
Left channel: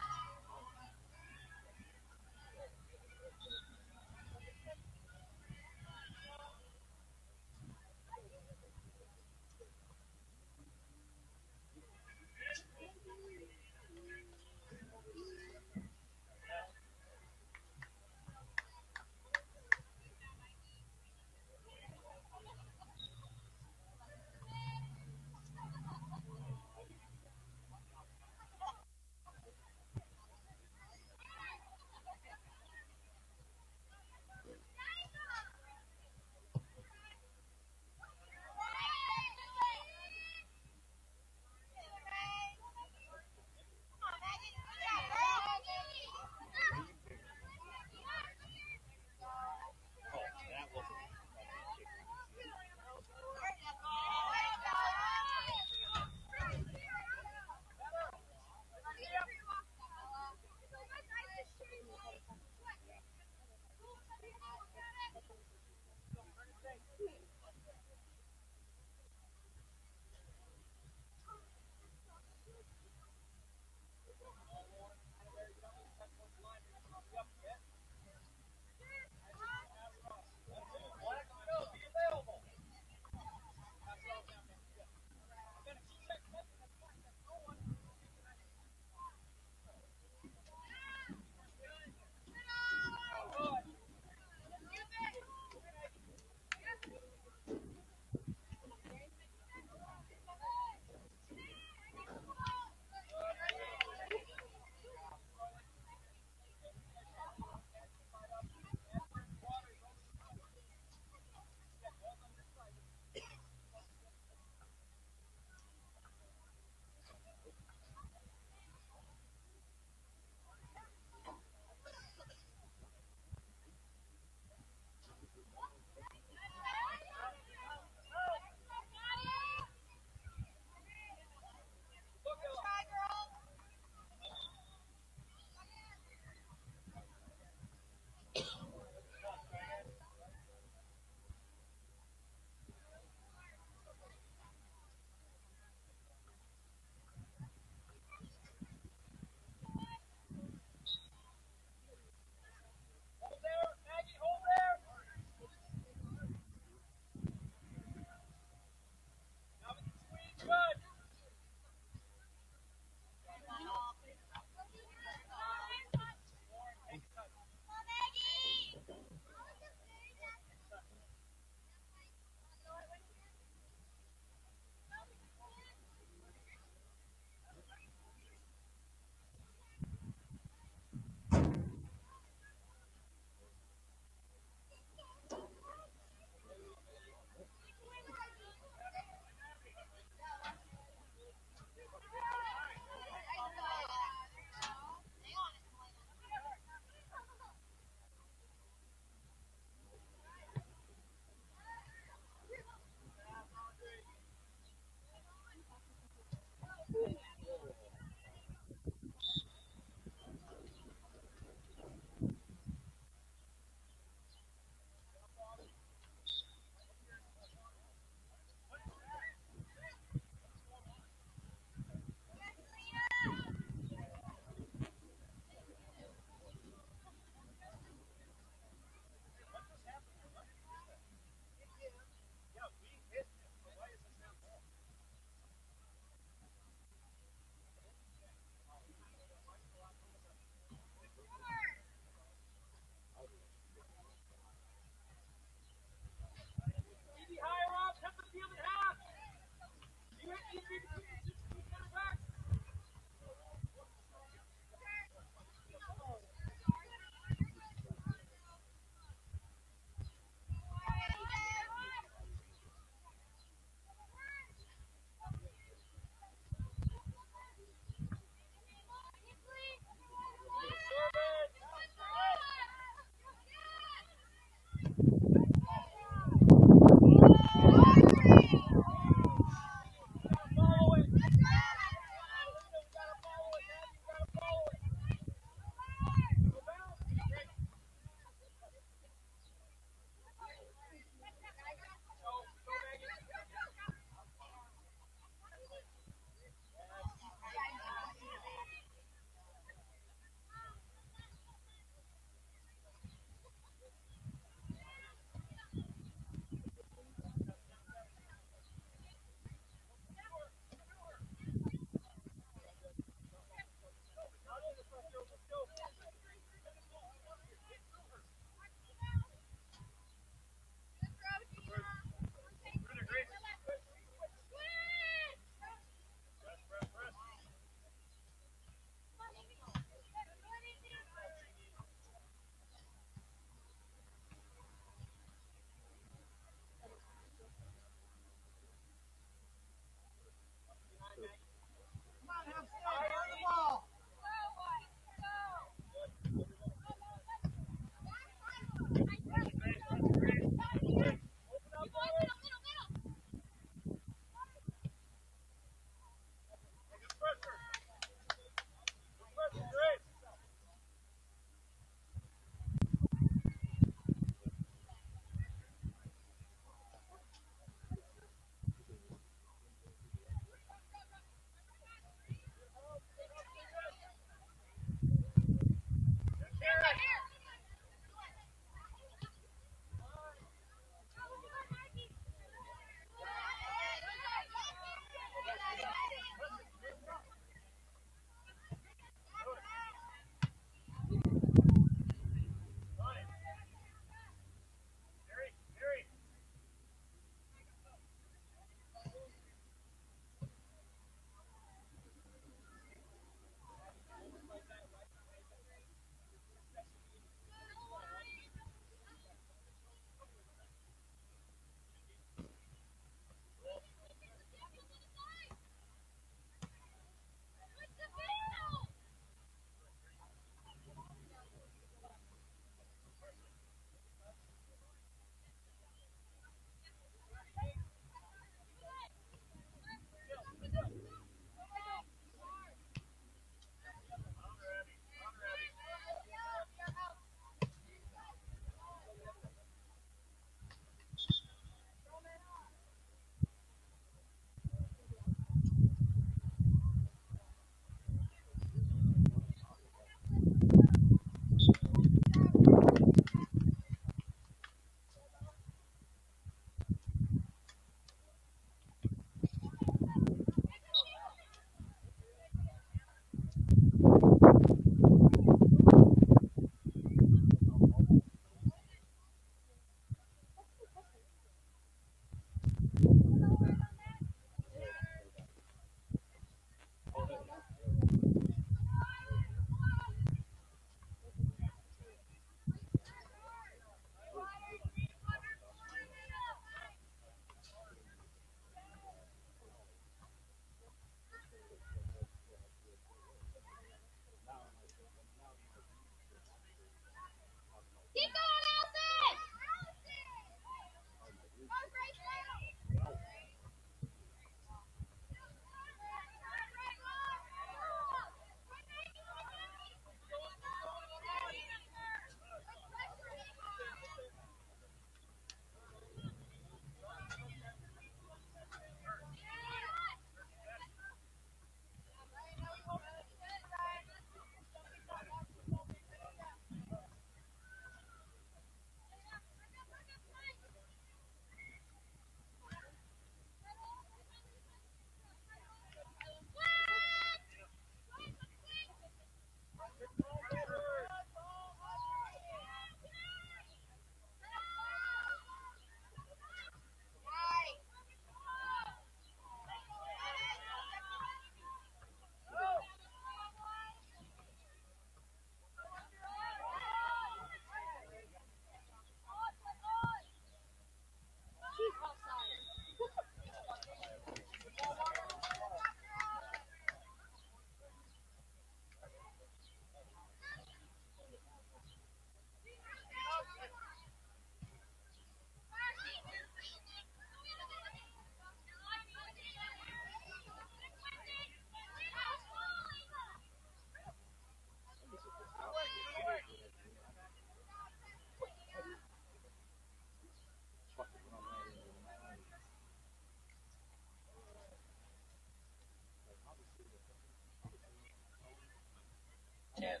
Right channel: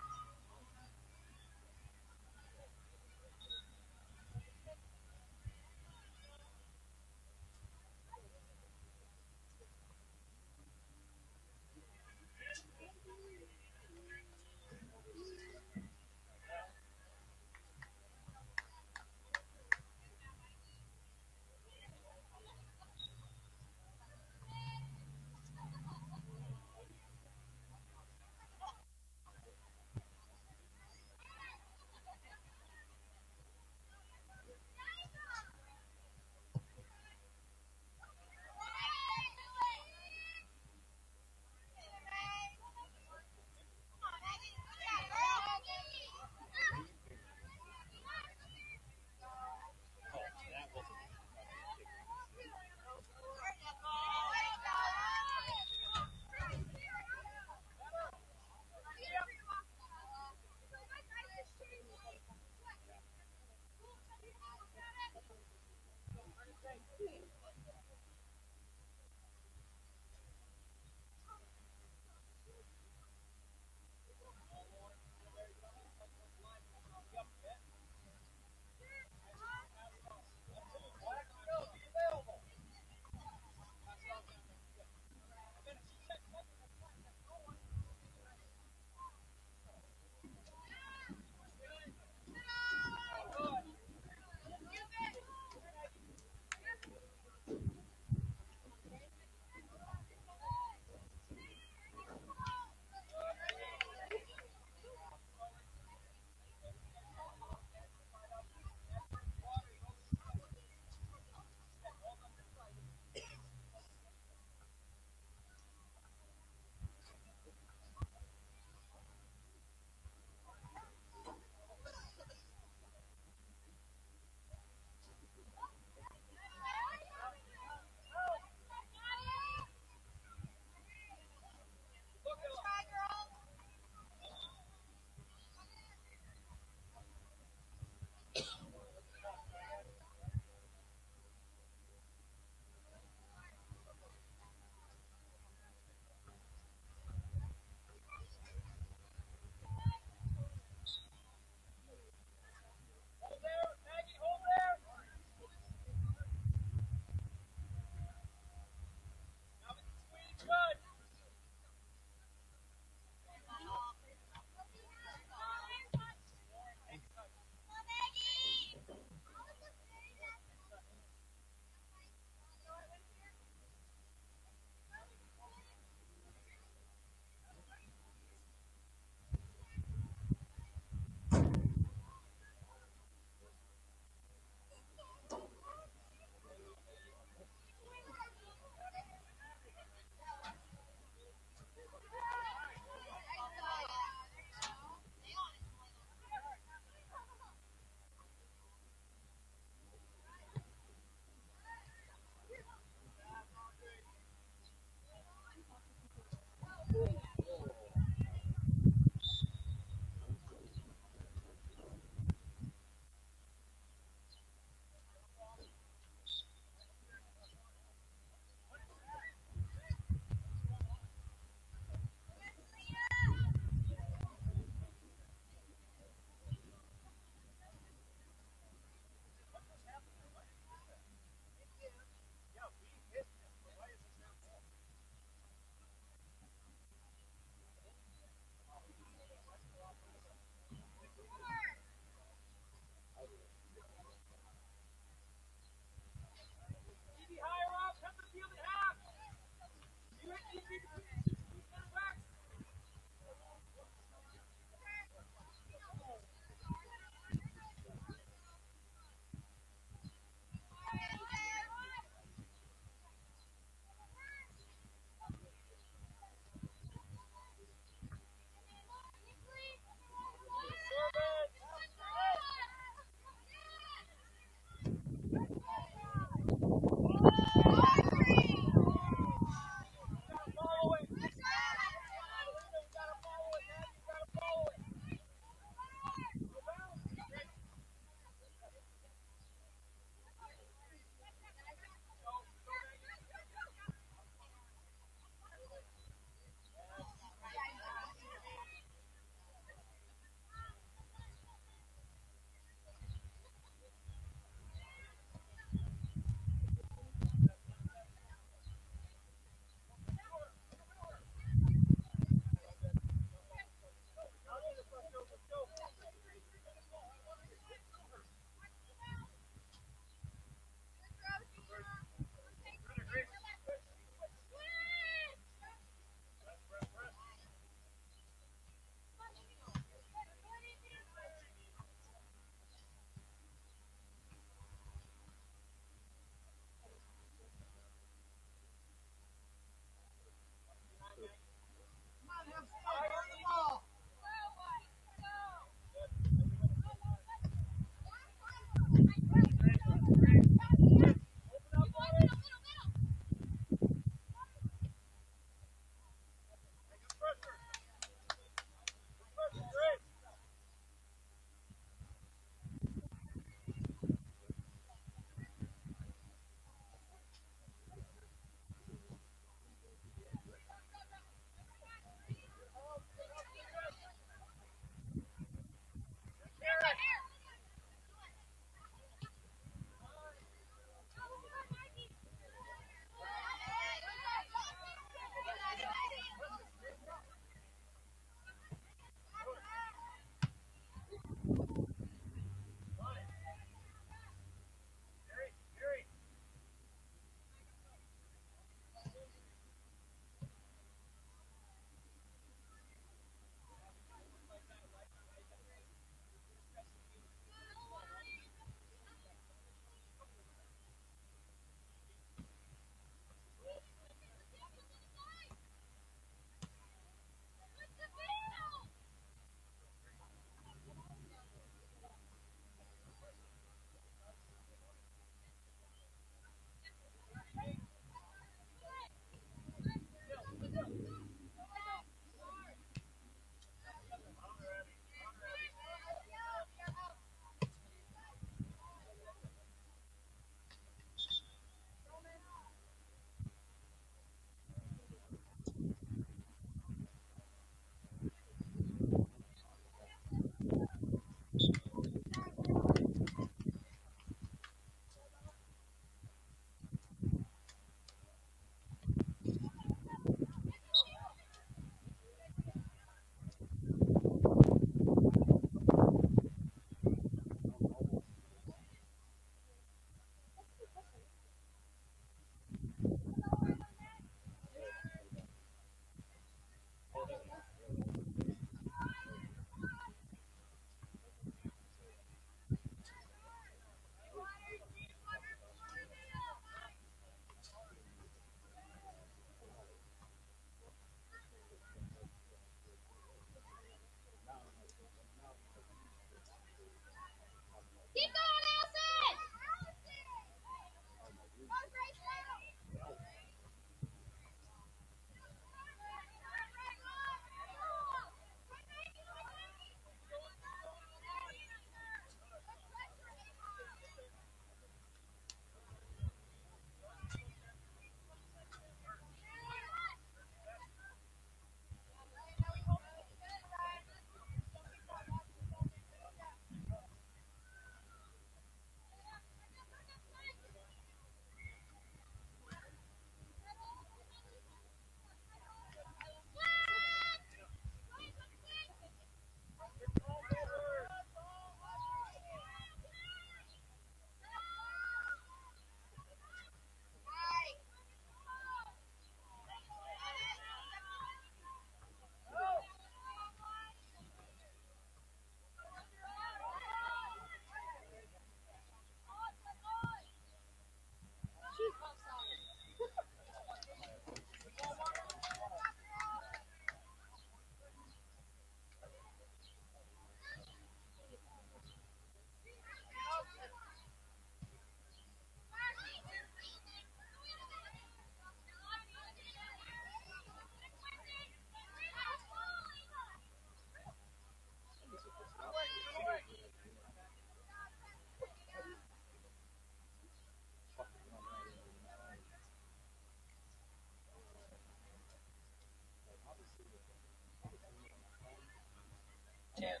10,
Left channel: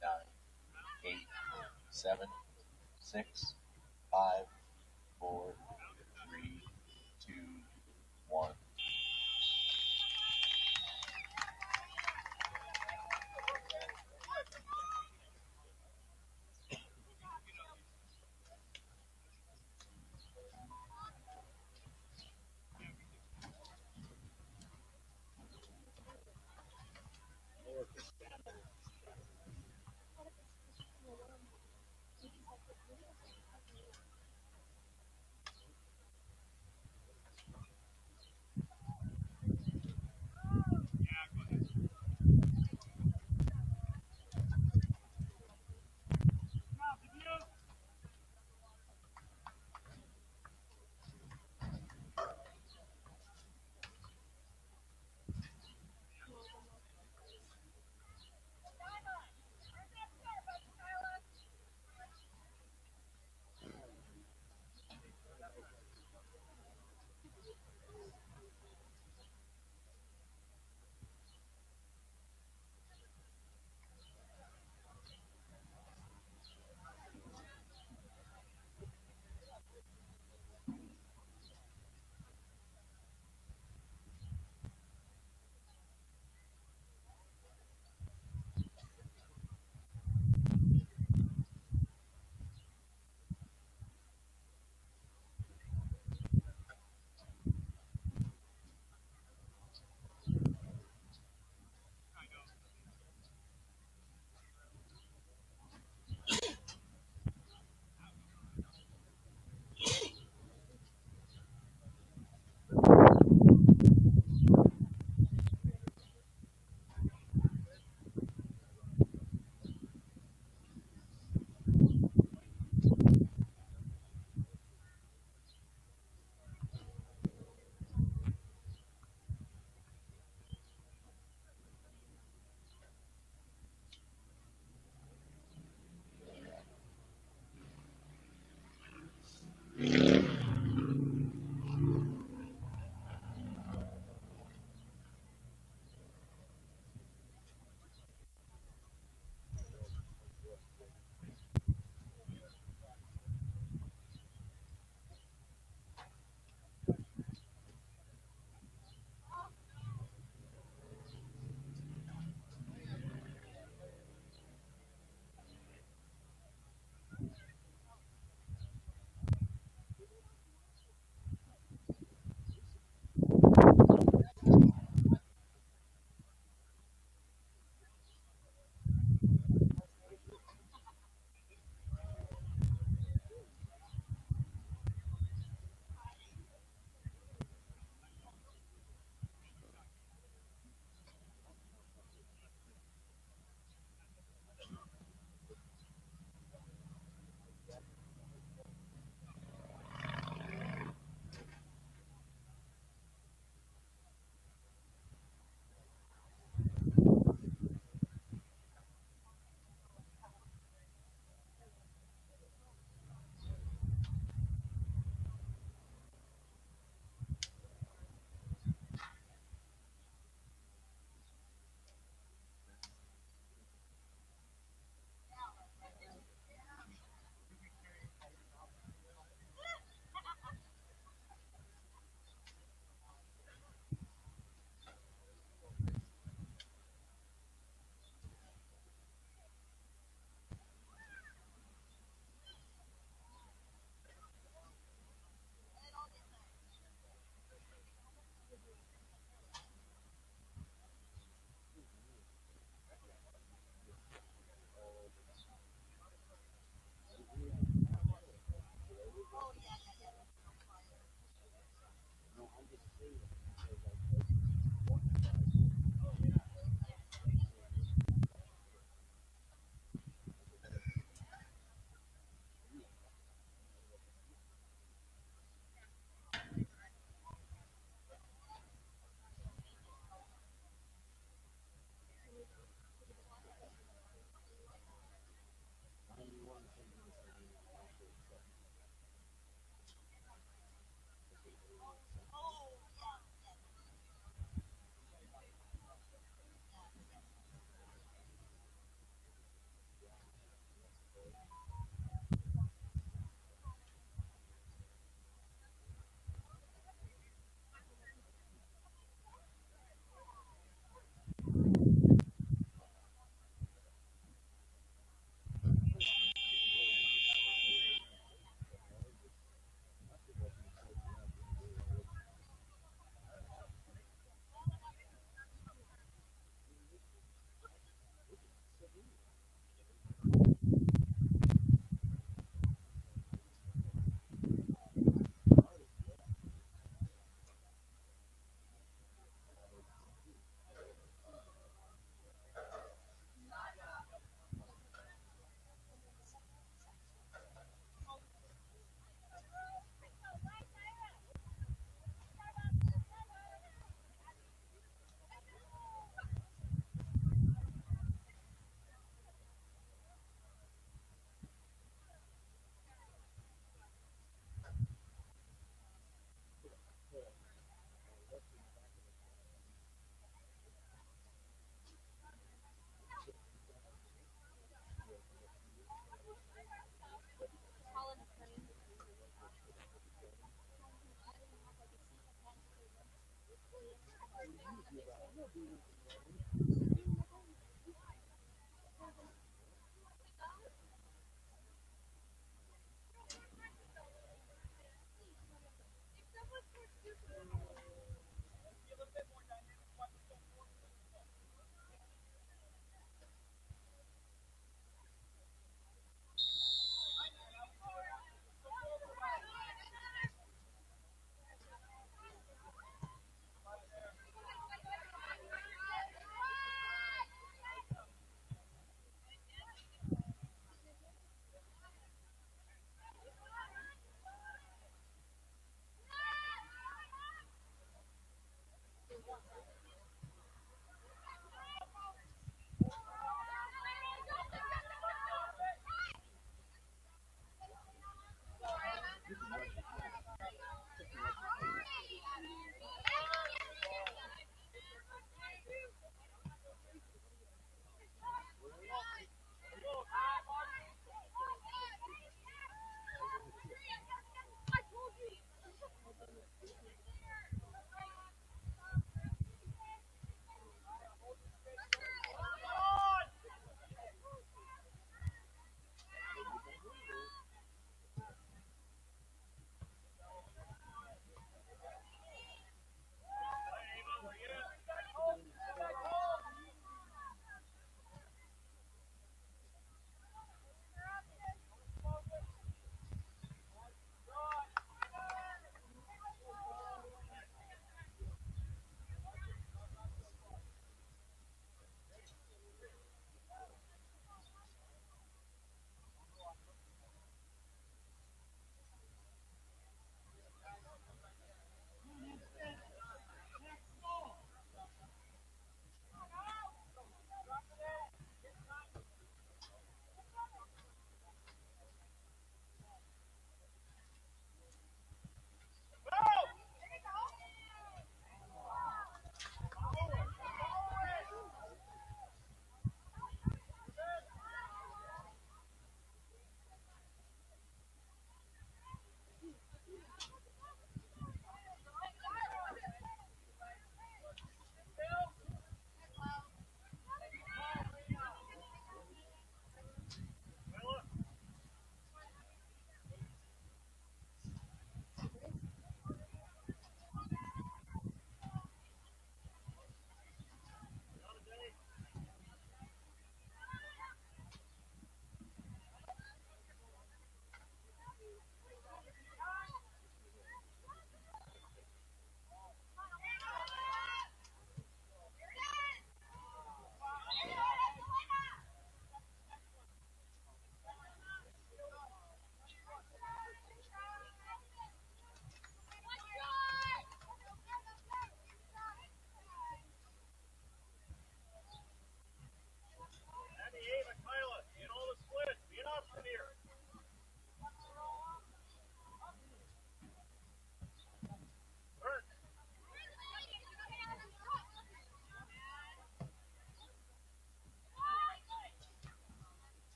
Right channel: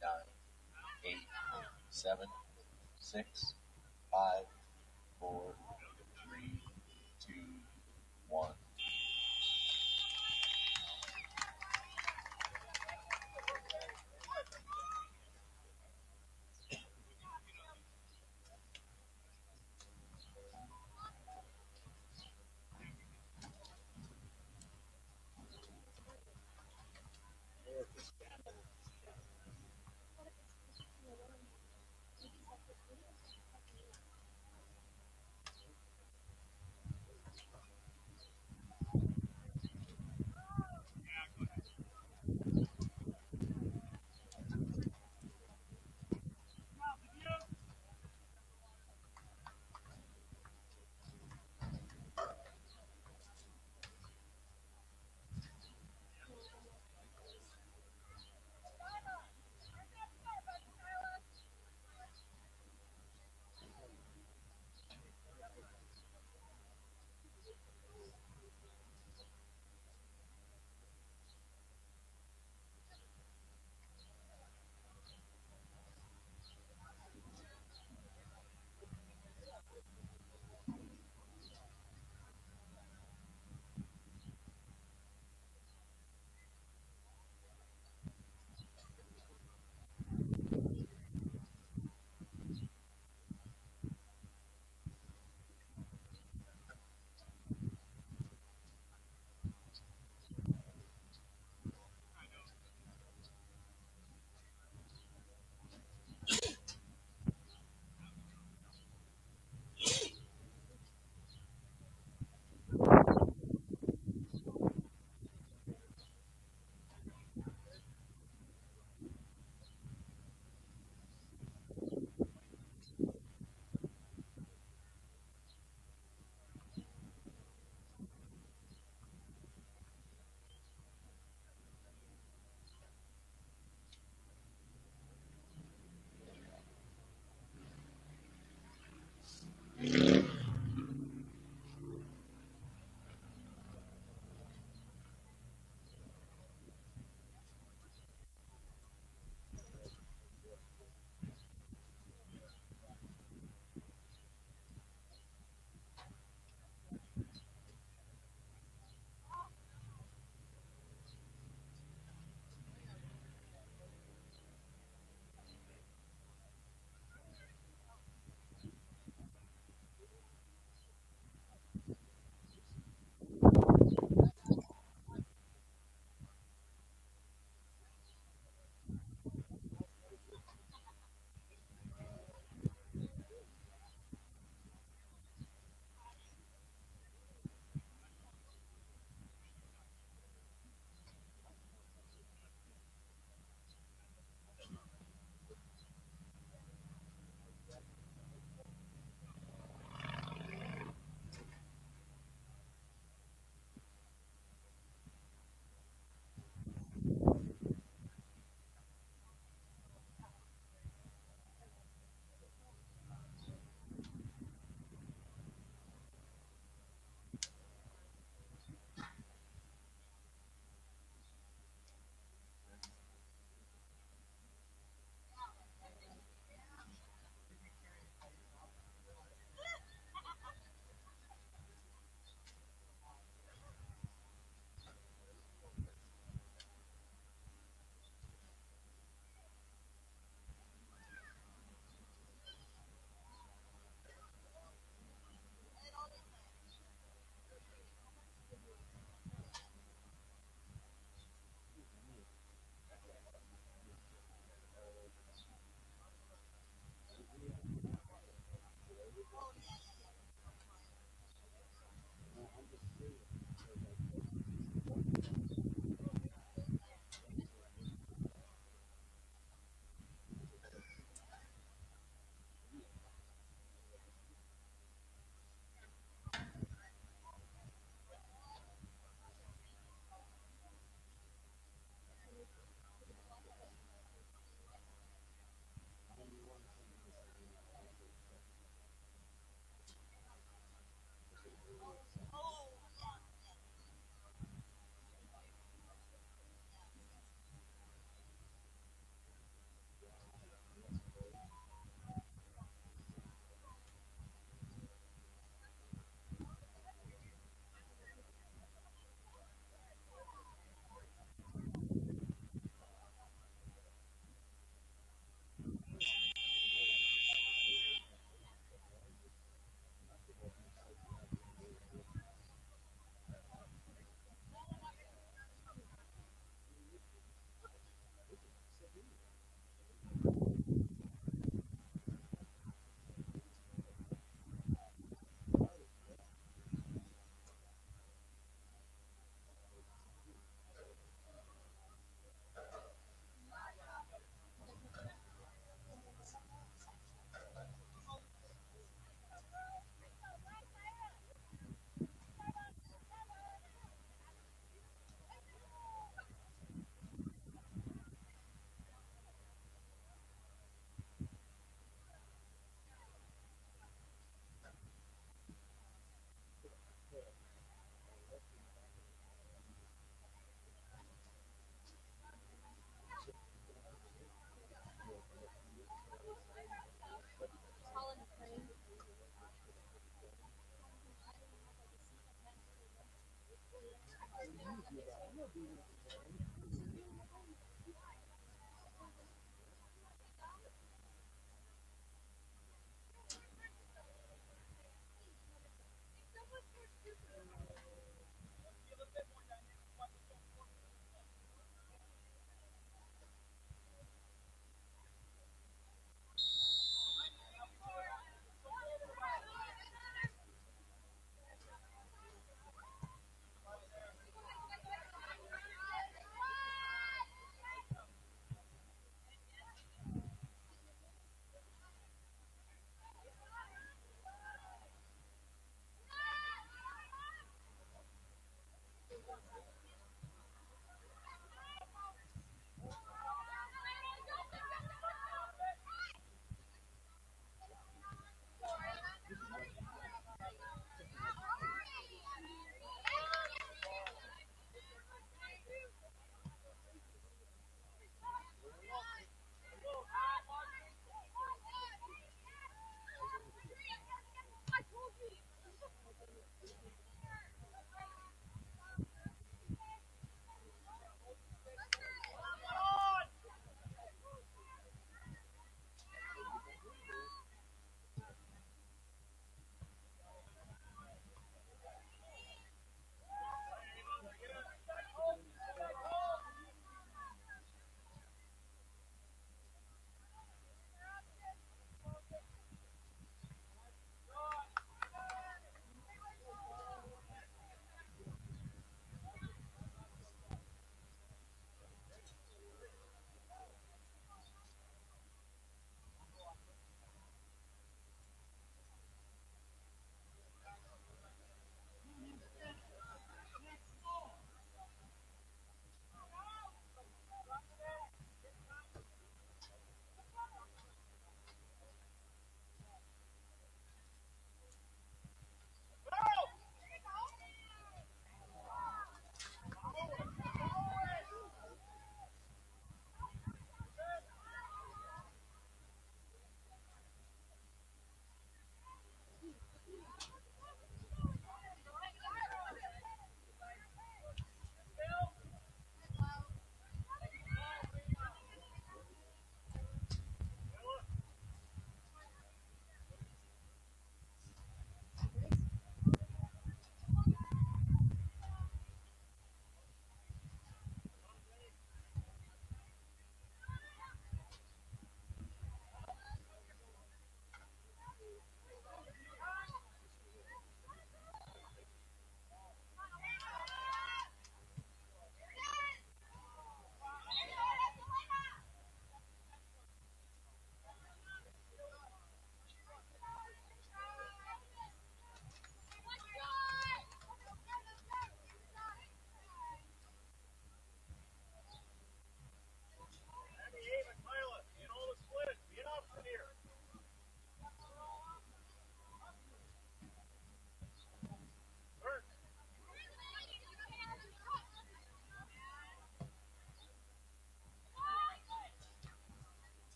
9, 8, 7, 6, 5, 4, 3, 2, 1.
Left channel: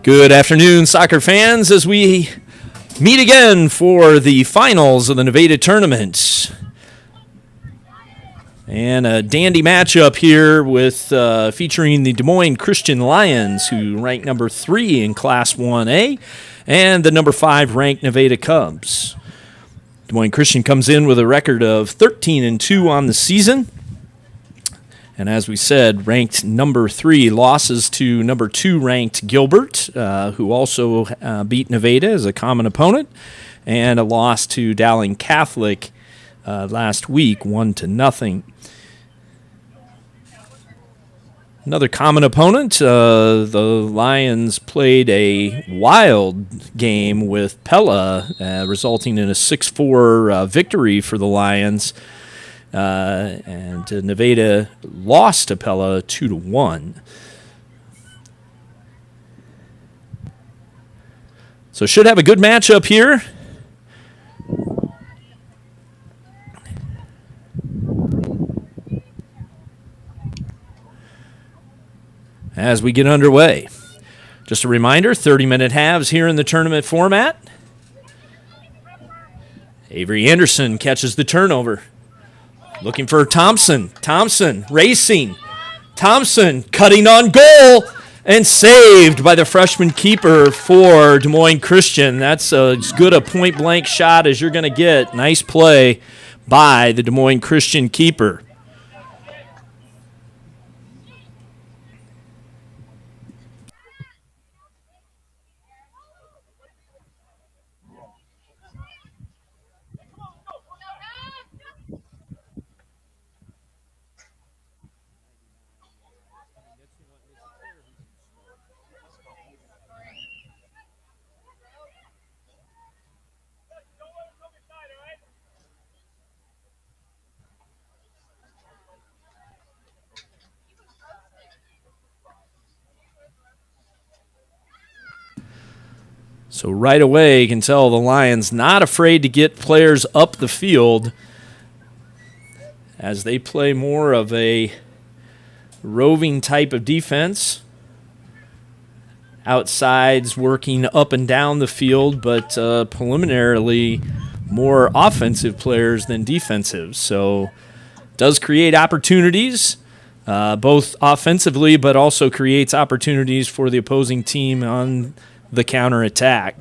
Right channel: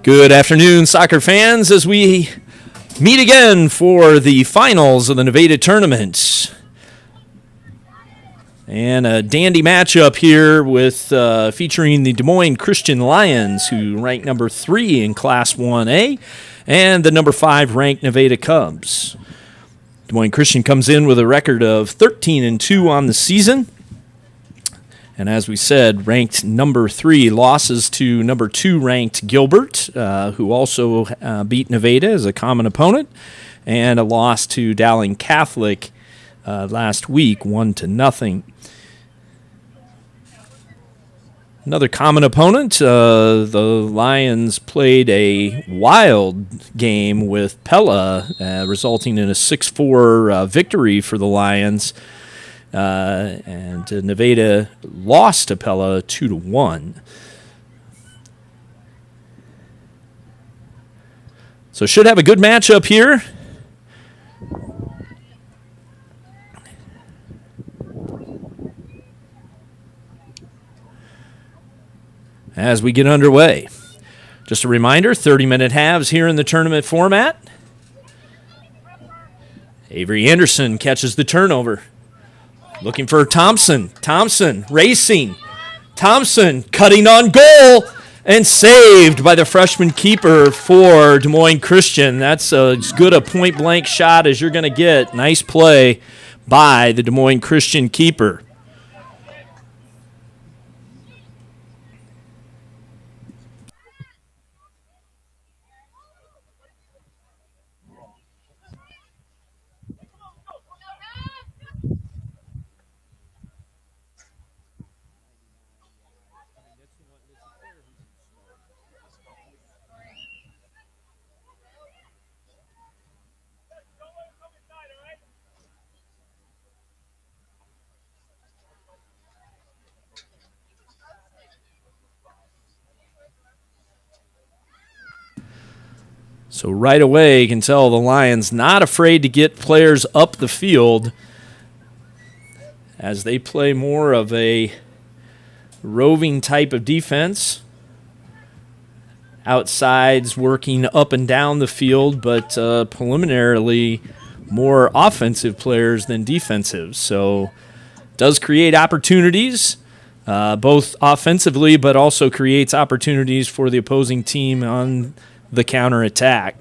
Good afternoon, soccer fans, as we meet again for the finals of the Nevada tournament. And a dandy matchup here with featuring the Des Moines Christian Lions, who rank number 3 in Class 1A, and the number 5 ranked Nevada Cubs. Des Moines Christian comes in with a record of 13-2 on the season. And as we said, ranked number 3, losses to number 2 ranked Gilbert, who also beat Nevada as a common opponent, and a loss to Dowling Catholic last week, 1-0. Another common opponent, the Lions played a wild game with Pella, resulting in a 6-4 victory for the Lions. And Nevada lost to Pella 2-1. So should have a good matchup here. As we get underway. Just a reminder, 30-minute halves here in the tournament format. Avery Anderson catches the turnover. Looking for Thompson. Thompson racing. Thompson cutting on goal and saved by the freshman keeper for Des Moines Christian. That's as good a point-blank shot as you're going to get. Nice play by the Des Moines Christian keeper. So right away, you can tell the Lions not afraid to get players up the field as they play more of a roving type of defense. Outsides working up and down the field, but preliminarily more offensive players than defensive. So does create opportunities, both offensively, but also creates opportunities for the opposing team on the counterattack.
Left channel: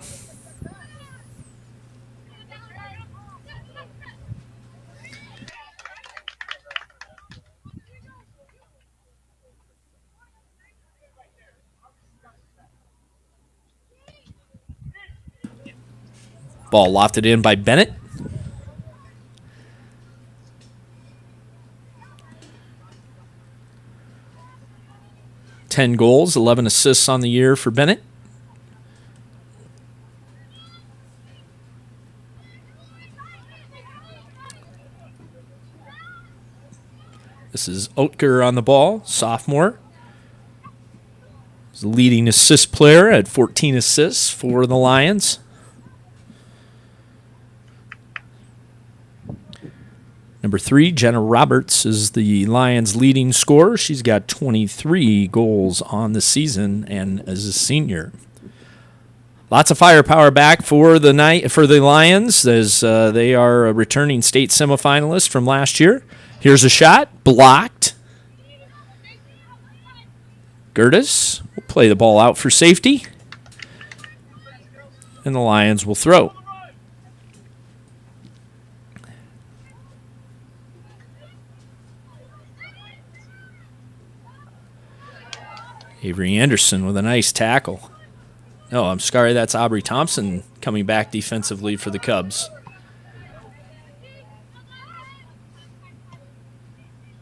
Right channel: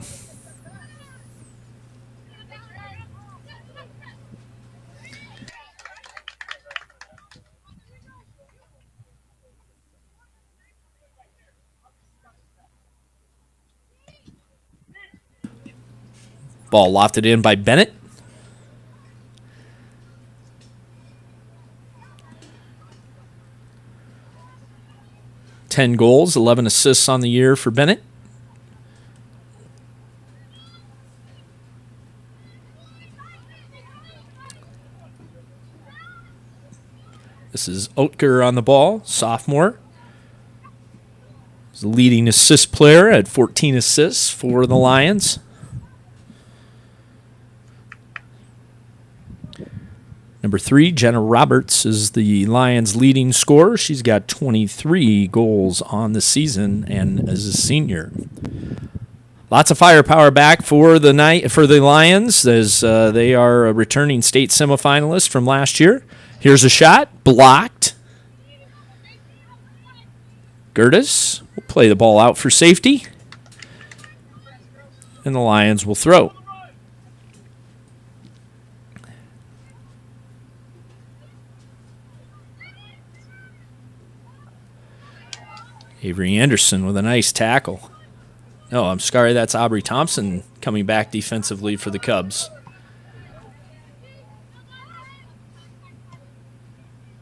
Ball lofted in by Bennett. Ten goals, 11 assists on the year for Bennett. This is Oetker on the ball, sophomore. He's the leading assist player at 14 assists for the Lions. Number 3, Jenna Roberts, is the Lions' leading scorer. She's got 23 goals on the season and is a senior. Lots of firepower back for the Lions, as they are a returning state semifinalist from last year. Here's a shot, blocked. Gertis will play the ball out for safety, and the Lions will throw. Avery Anderson with a nice tackle. No, I'm sorry, that's Aubrey Thompson coming back defensively for the Cubs.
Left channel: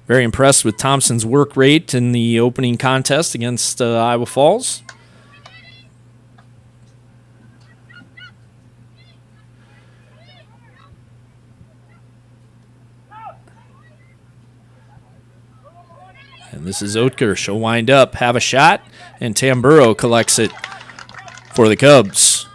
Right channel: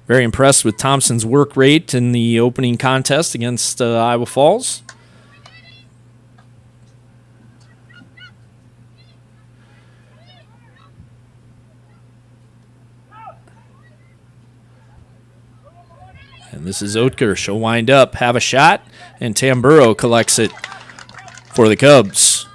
Very impressed with Thompson's work rate in the opening contest against Iowa Falls. And this is Oetker. She'll wind up, have a shot, and Tamburo collects it for the Cubs.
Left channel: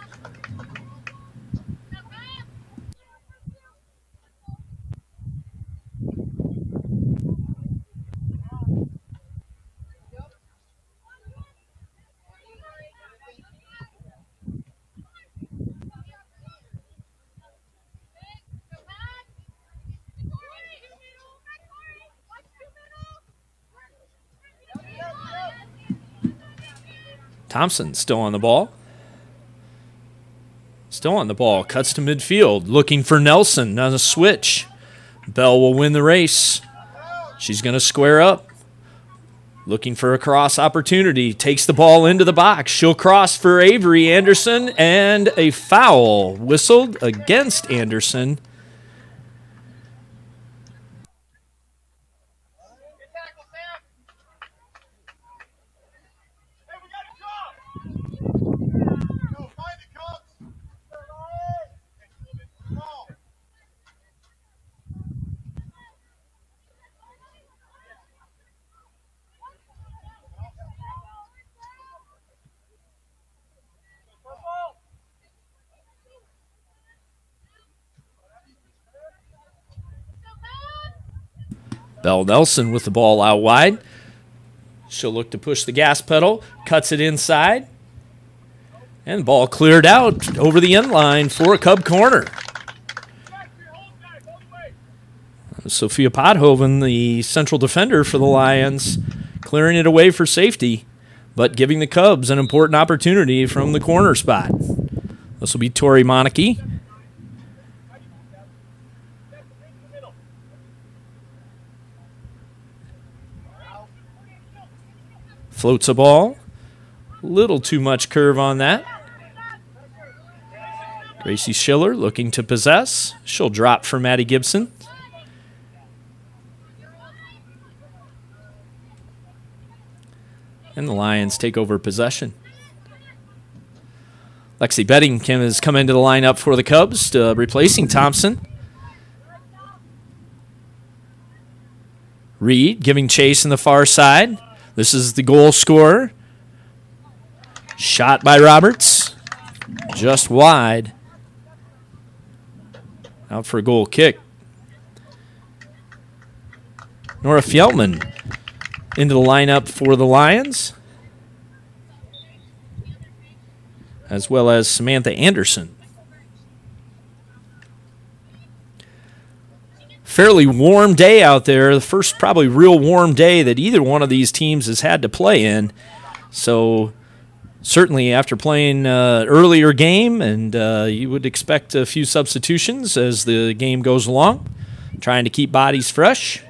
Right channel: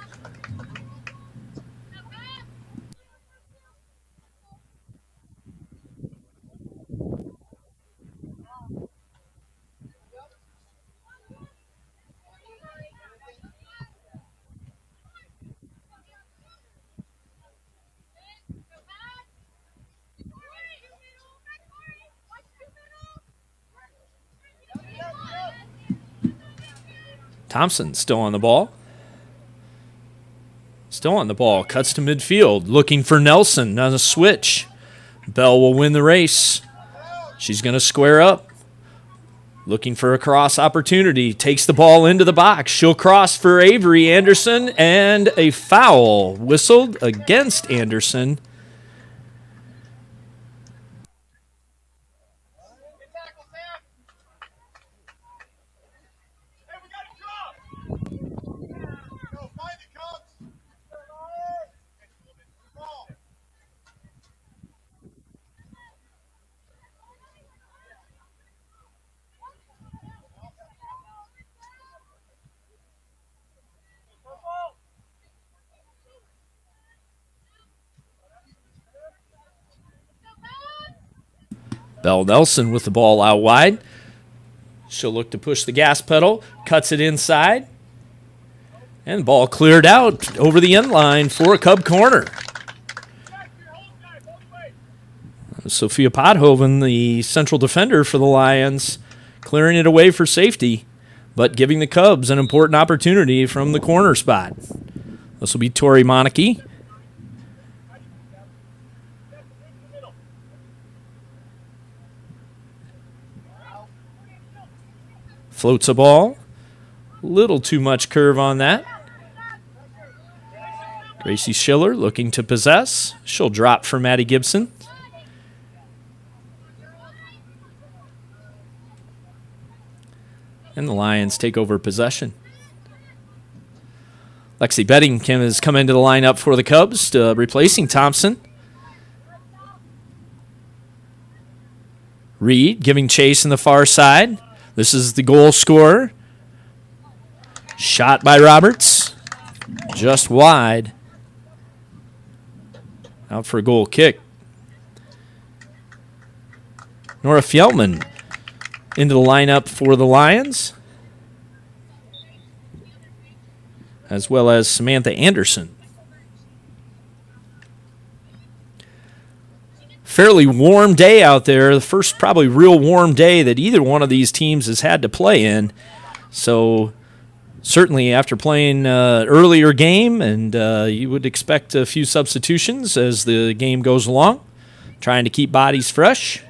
Thompson still on the ball. Still on the ball. Cuts to midfield. Looking for Nelson on a switch. Bell will win the race. She's going to square up. Looking for a cross opportunity. Takes the ball into the box. She'll cross for Avery Anderson. And a foul whistled against Anderson. Bell Nelson with the ball out wide. She'll look to push the gas pedal. Cuts it inside. And the ball cleared out over the end line for a Cub corner. Sophia Podhoven, the central defender for the Lions, clearing it away for safety, but giving the Cubs an important opportunity from the corner spot. This will be Tori Monarchy. Floats a ball. Little too much curve on that. Gracie Schiller looking to possess. She'll drop for Maddie Gibson. And the Lions take over possession. Lexi Beddingham has come into the lineup for the Cubs, replacing Thompson. Reed giving chase in the far side. This is the goal scorer. Shot by Roberts. Just wide. Out for a goal kick. Nora Fjellman into the lineup for the Lions, as well as Samantha Anderson. Fairly warm day out there. The first probably real warm day that either one of these teams has had to play in. So certainly after playing earlier game, and you would expect a few substitutions as the game goes along, trying to keep bodies fresh.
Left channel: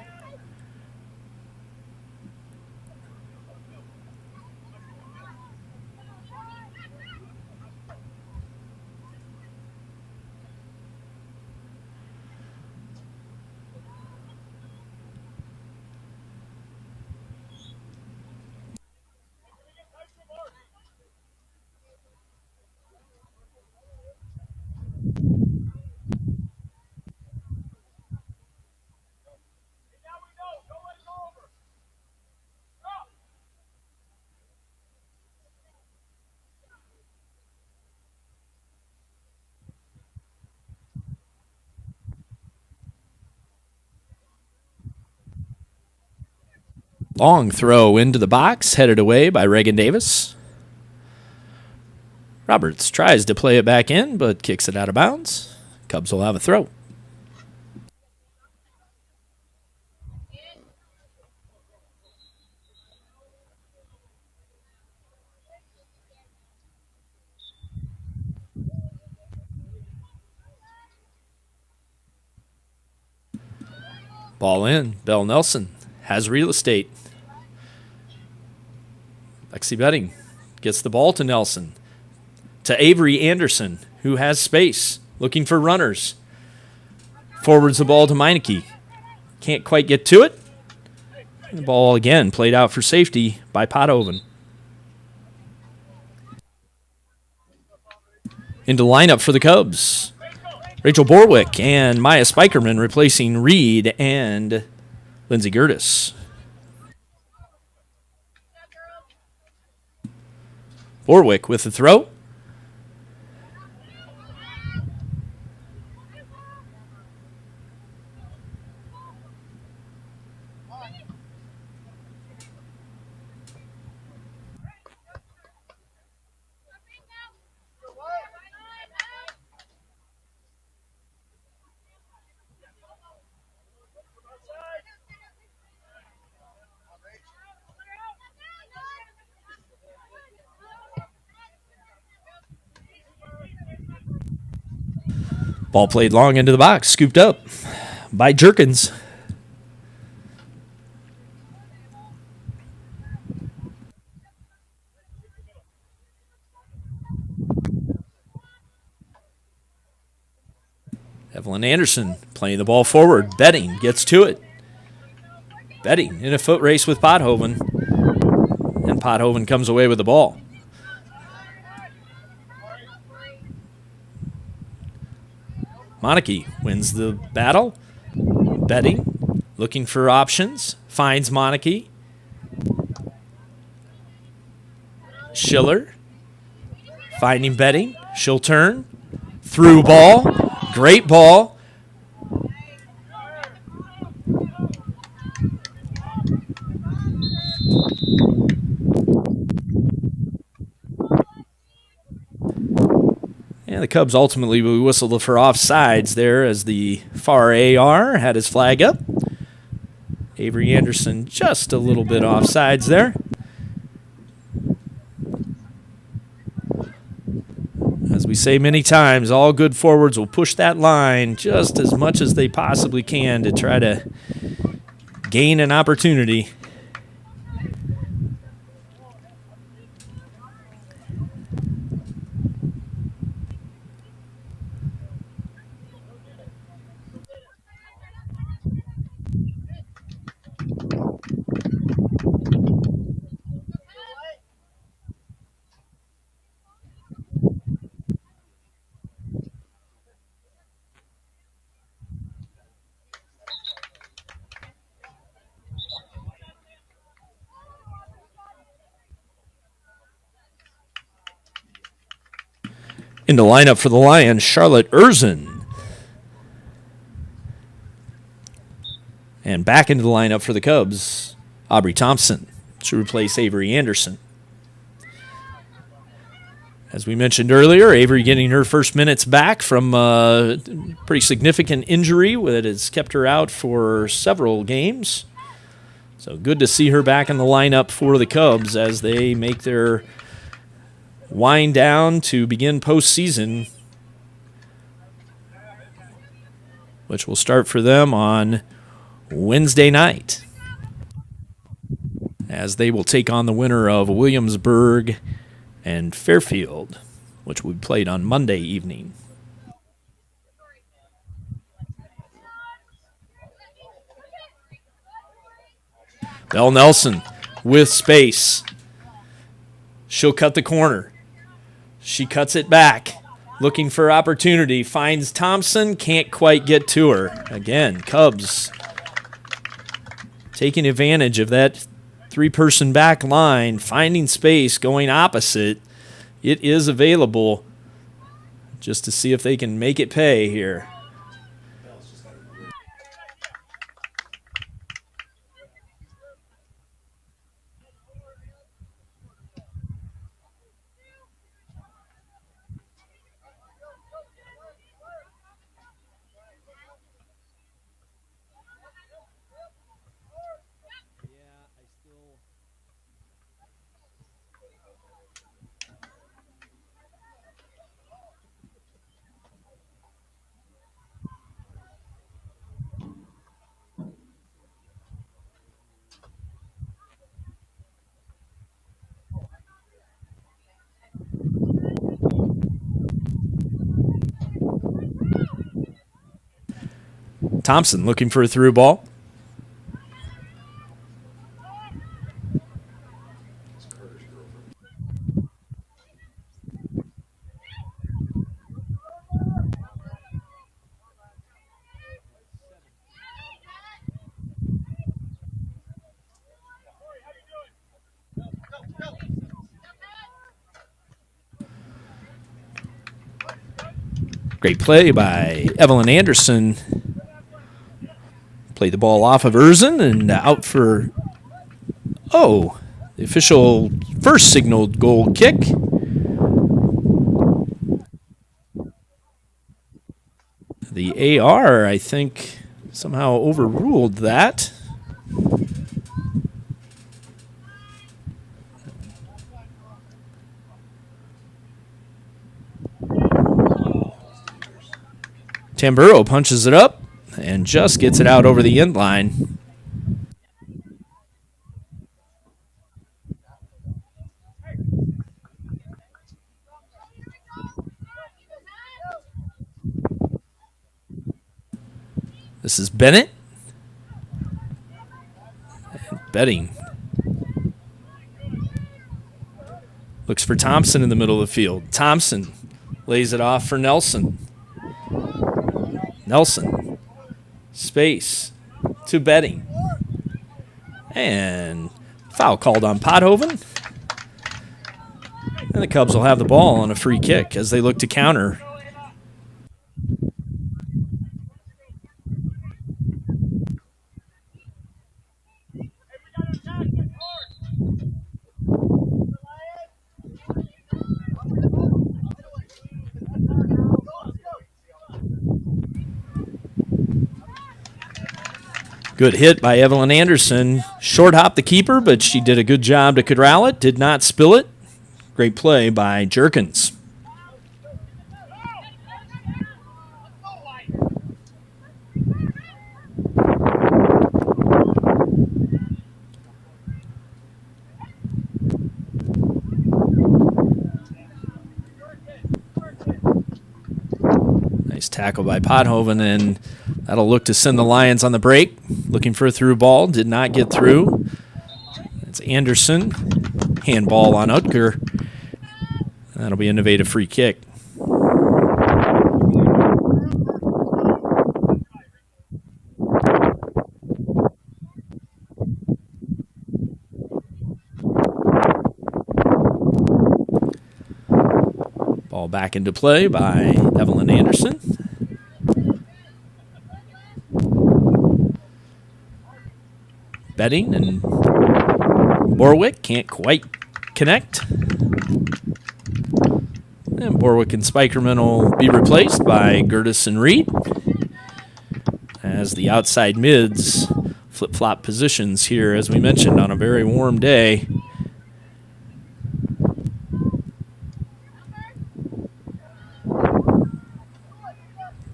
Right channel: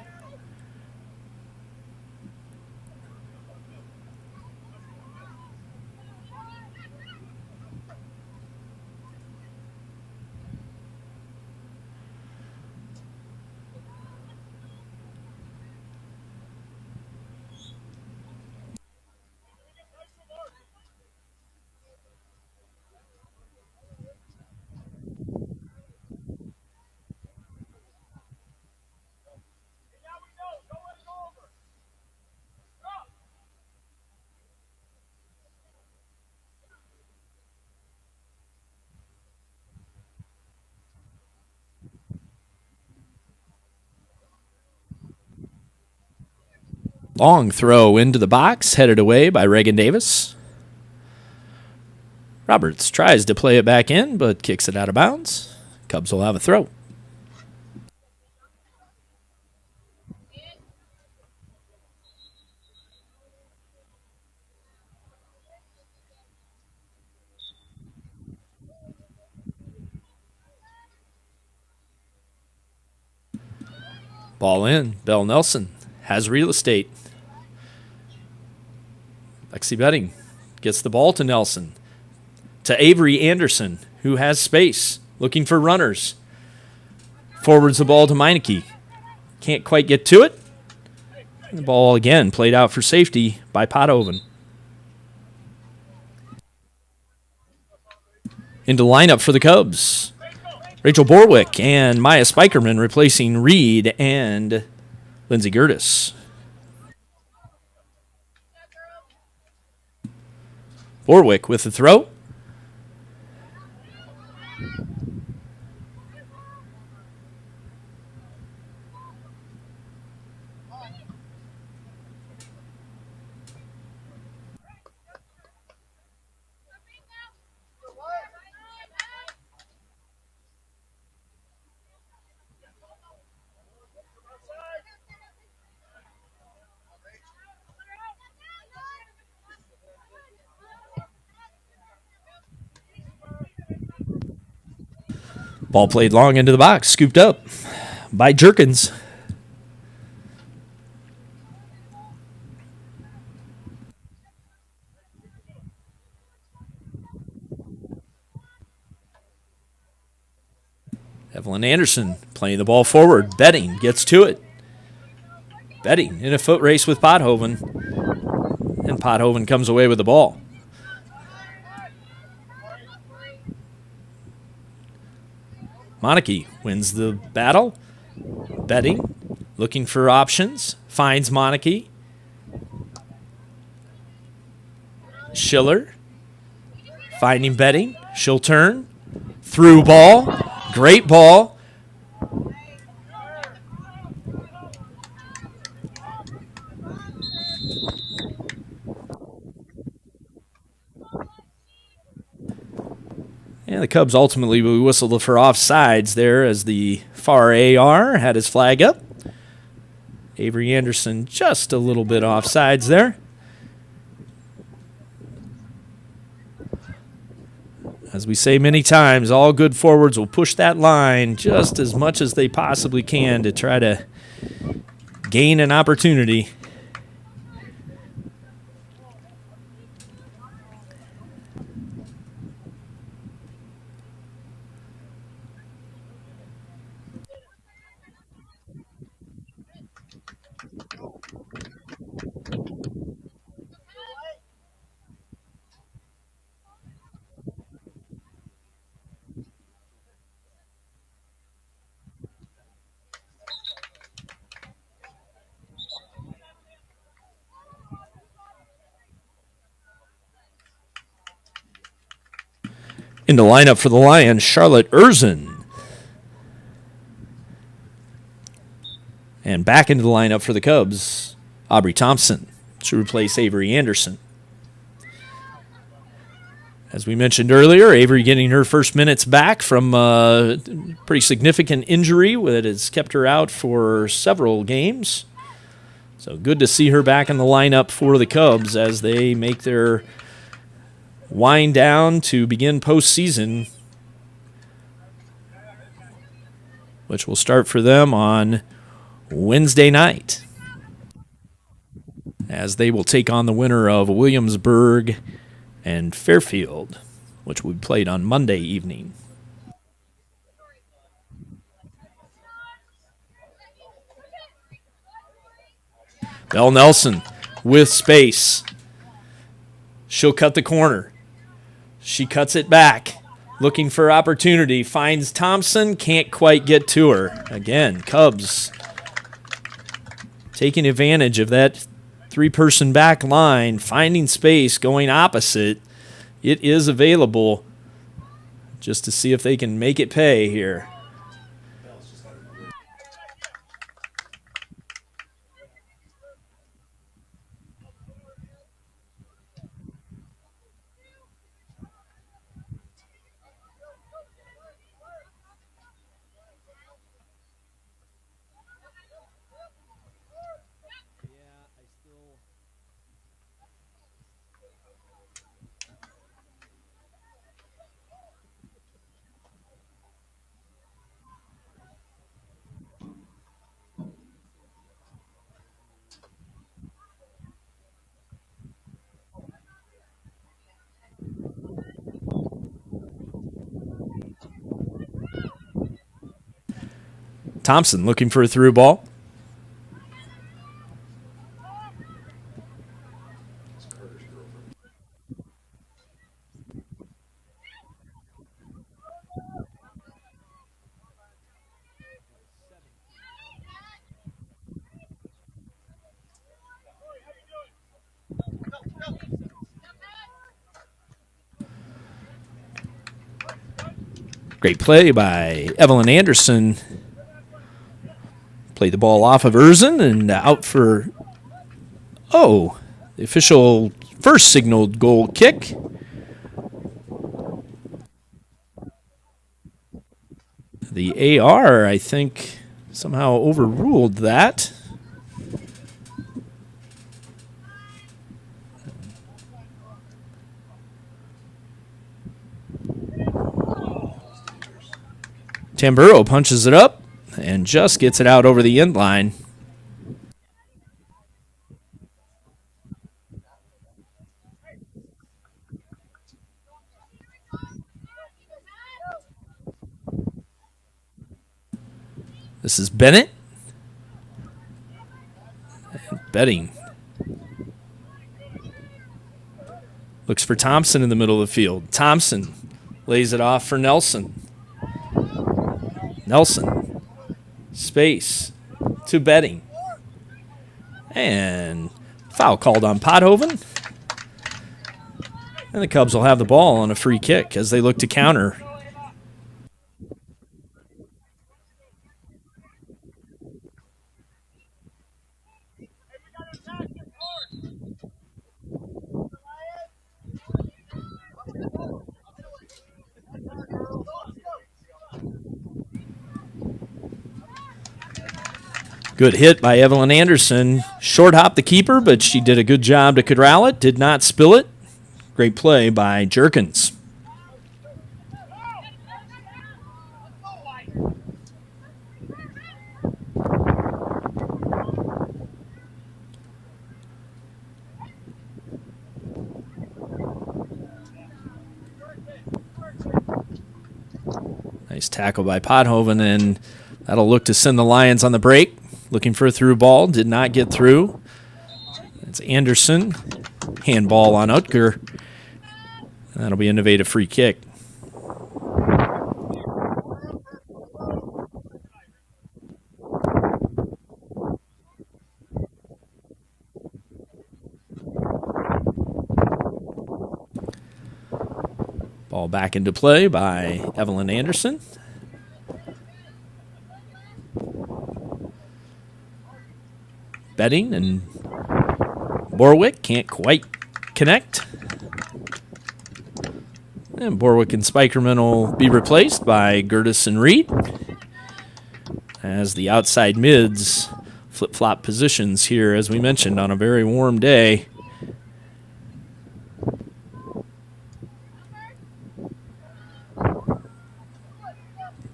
Long throw into the box, headed away by Reagan Davis. Roberts tries to play it back in, but kicks it out of bounds. Cubs will have a throw. Ball in. Bell Nelson has real estate. Lexi Bedding gets the ball to Nelson. To Avery Anderson, who has space, looking for runners. Forwards the ball to Meineke. Can't quite get to it. And the ball again played out for safety by Podhoven. Into lineup for the Cubs. Rachel Borwick and Maya Spikerman replacing Reed and Lindsay Gertis. Borwick with the throw. Ball played long into the box, scooped up by Jerkins. Evelyn Anderson playing the ball forward. Betting gets to it. Betting in a foot race with Pothoven. And Pothoven comes away with the ball. Monarchy wins the battle. Betting, looking for options, finds Monarchy. Schiller, finding Betting. She'll turn. Through ball. Great ball. And the Cubs ultimately whistled for offsides there as the far AR had his flag up. Avery Anderson just a little bit offsides there. As we say many times, all good forwards will push that line just as much as they possibly can to try to gain an opportunity. In the lineup for the Lions, Charlotte Erzin. And back into the lineup for the Cubs, Aubrey Thompson to replace Avery Anderson. As we mentioned earlier, Avery getting her first minutes back from a pretty significant injury that has kept her out for several games. So good to see her back in the lineup for the Cubs as they make their wind down to begin postseason, which will start for them on Wednesday night, as they will take on the winner of Williamsburg and Fairfield, which we played on Monday evening. Belle Nelson with space. She'll cut the corner. She cuts it back, looking for opportunity, finds Thompson, can't quite get to her. Again, Cubs taking advantage of that three-person back line, finding space, going opposite. It is available just to see if they can make it pay here. Thompson looking for a through ball. Great play by Evelyn Anderson. Played the ball off of Erzin and out for, the official first signaled goal kick. The AR, I think, somehow overruled that. Tamburo punches it up and just gets it out over the end line. This is Bennett. And Betting looks for Thompson in the middle of the field. Thompson lays it off for Nelson. Nelson. Space to Betting. And foul called on Pothoven. And the Cubs will have the ball on a free kick as they look to counter. Good hit by Evelyn Anderson. Short hop the keeper, but she did a good job to corral it. Did not spill it. Great play by Jerkins. Nice tackle by Pothoven, and that'll look to send the Lions on the break. Looking for a through ball. Did not get through. It's Anderson. Handball on Utker. That'll be an innovative free kick. Ball back into play by Evelyn Anderson. Betting and Borwick can't quite connect. And Borwick and Spikerman will be replaced by Gertis and Reed as the outside mids flip-flop positions here, as we mentioned, on a very warm day.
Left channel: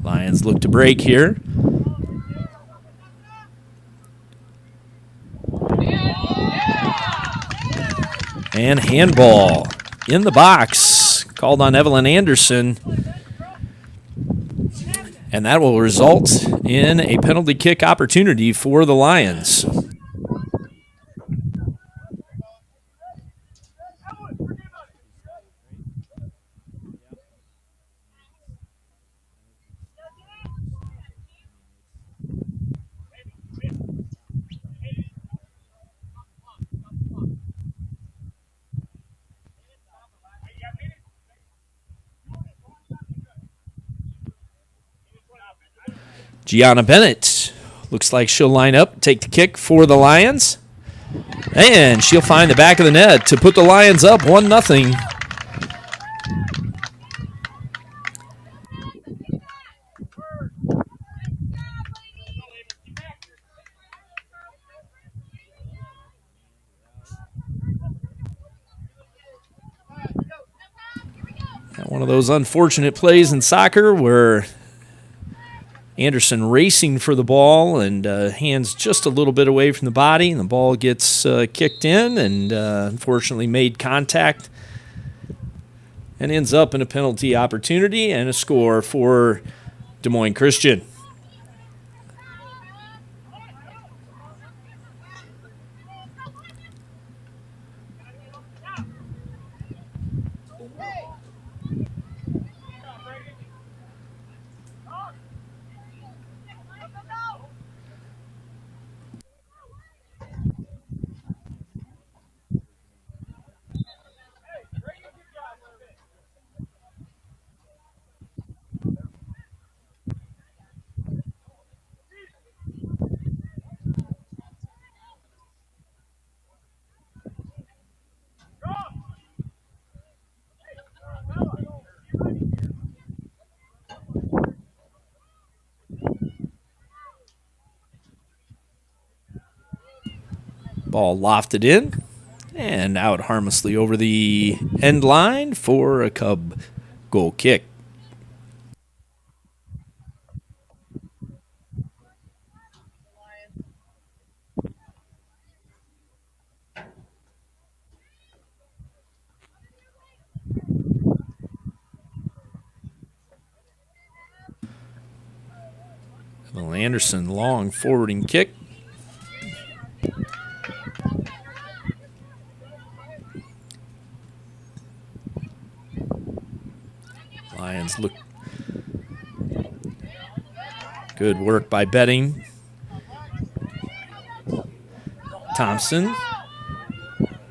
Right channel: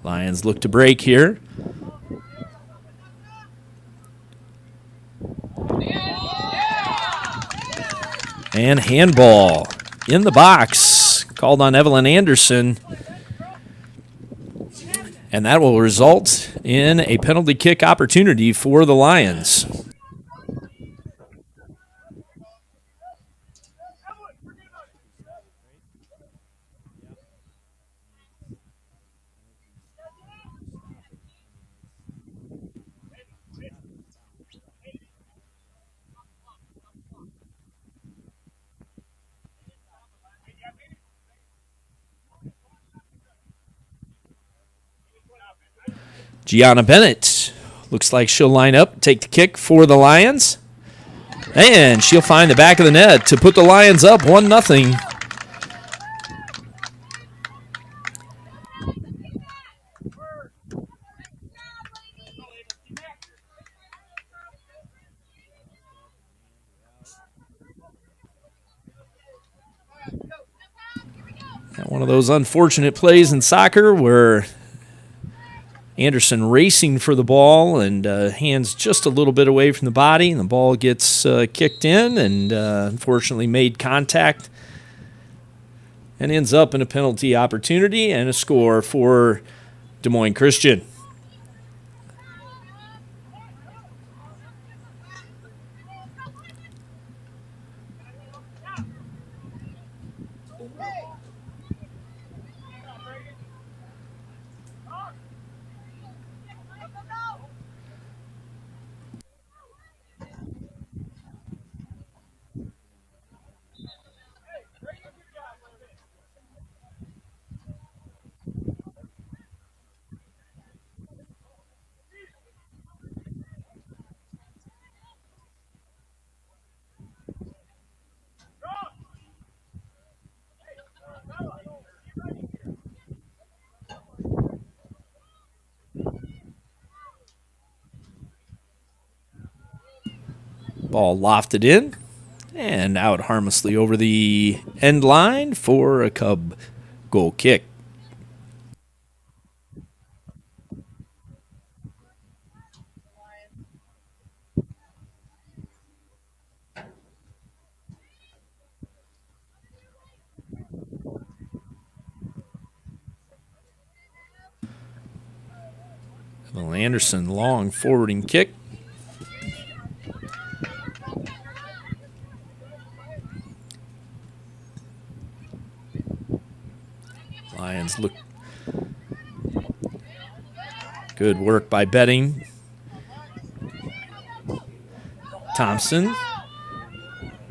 Lions look to break here. And handball in the box, called on Evelyn Anderson. And that will result in a penalty kick opportunity for the Lions. Gianna Bennett looks like she'll line up, take the kick for the Lions. And she'll find the back of the net to put the Lions up 1-0. One of those unfortunate plays in soccer where Anderson racing for the ball and hands just a little bit away from the body, and the ball gets kicked in and unfortunately made contact and ends up in a penalty opportunity and a score for Des Moines Christian. Ball lofted in and out harmlessly over the end line for a Cub goal kick. Anderson, long forwarding kick. Lions look. Good work by Betting. Thompson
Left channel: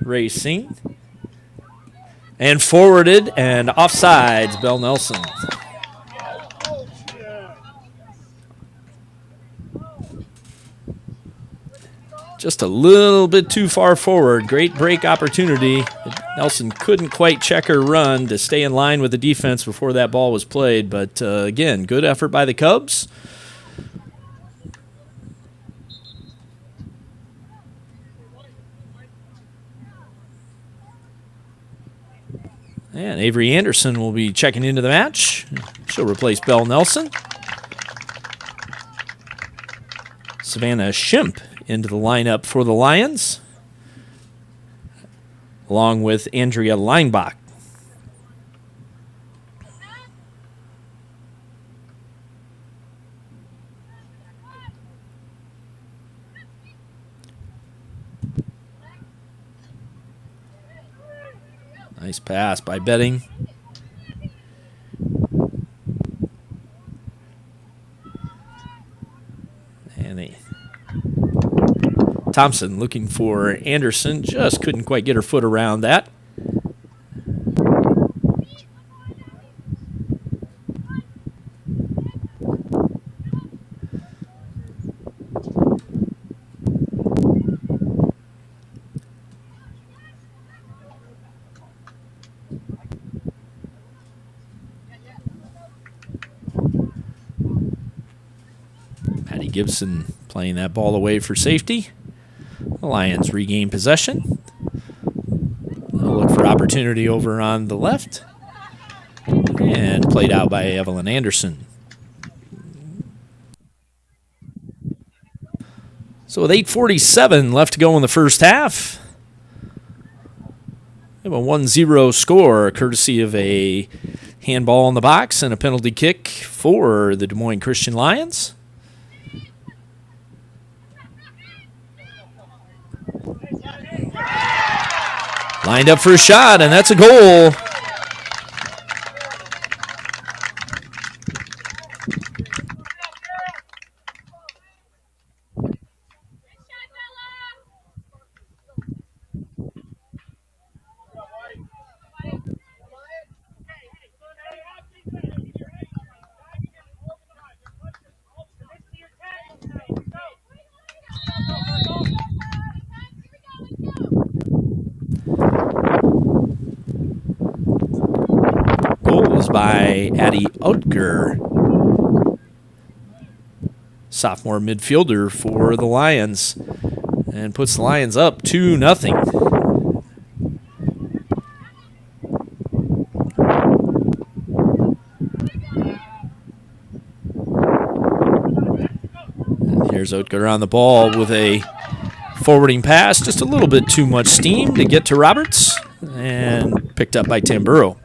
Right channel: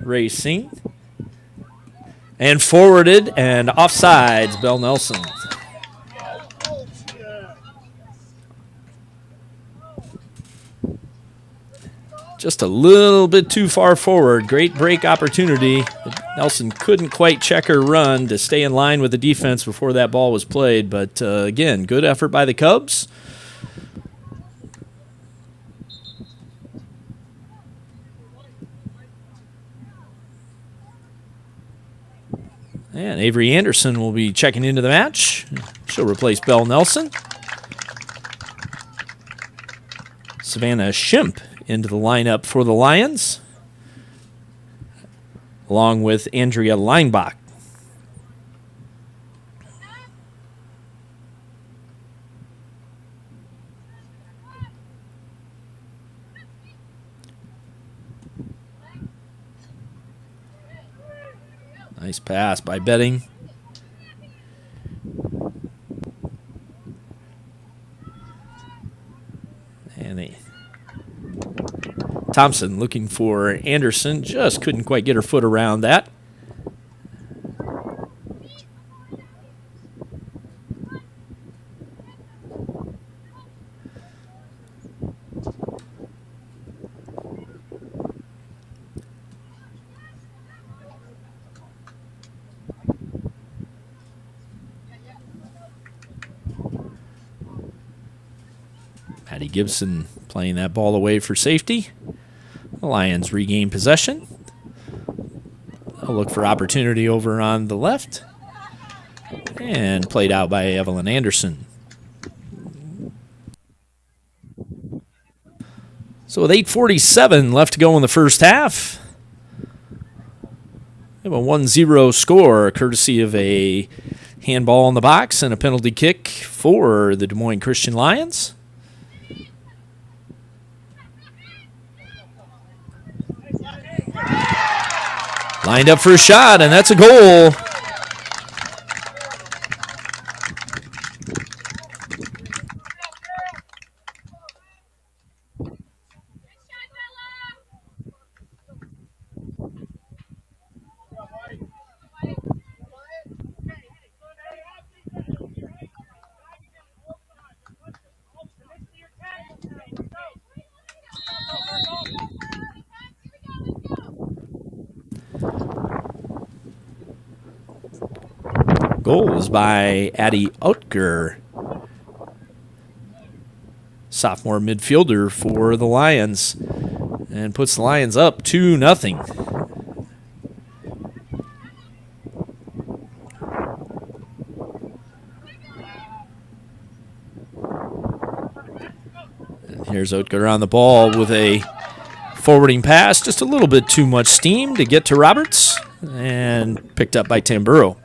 racing. And forwarded and offsides, Bell Nelson. Just a little bit too far forward. Great break opportunity. Nelson couldn't quite check her run to stay in line with the defense before that ball was played. But again, good effort by the Cubs. And Avery Anderson will be checking into the match. She'll replace Bell Nelson. Savannah Shimp into the lineup for the Lions, along with Andrea Leinbach. Nice pass by Betting. And Thompson looking for Anderson. Just couldn't quite get her foot around that. Patty Gibson playing that ball away for safety. The Lions regain possession. They'll look for opportunity over on the left. And played out by Evelyn Anderson. So with 8:47 left to go in the first half, we have a 1-0 score, courtesy of a handball in the box and a penalty kick for the Des Moines Christian Lions. Lined up for a shot, and that's a goal. Goal is by Addie Utger, sophomore midfielder for the Lions, and puts the Lions up 2-0. And here's Utger on the ball with a forwarding pass, just a little bit too much steam to get to Roberts, and picked up by Tamburo.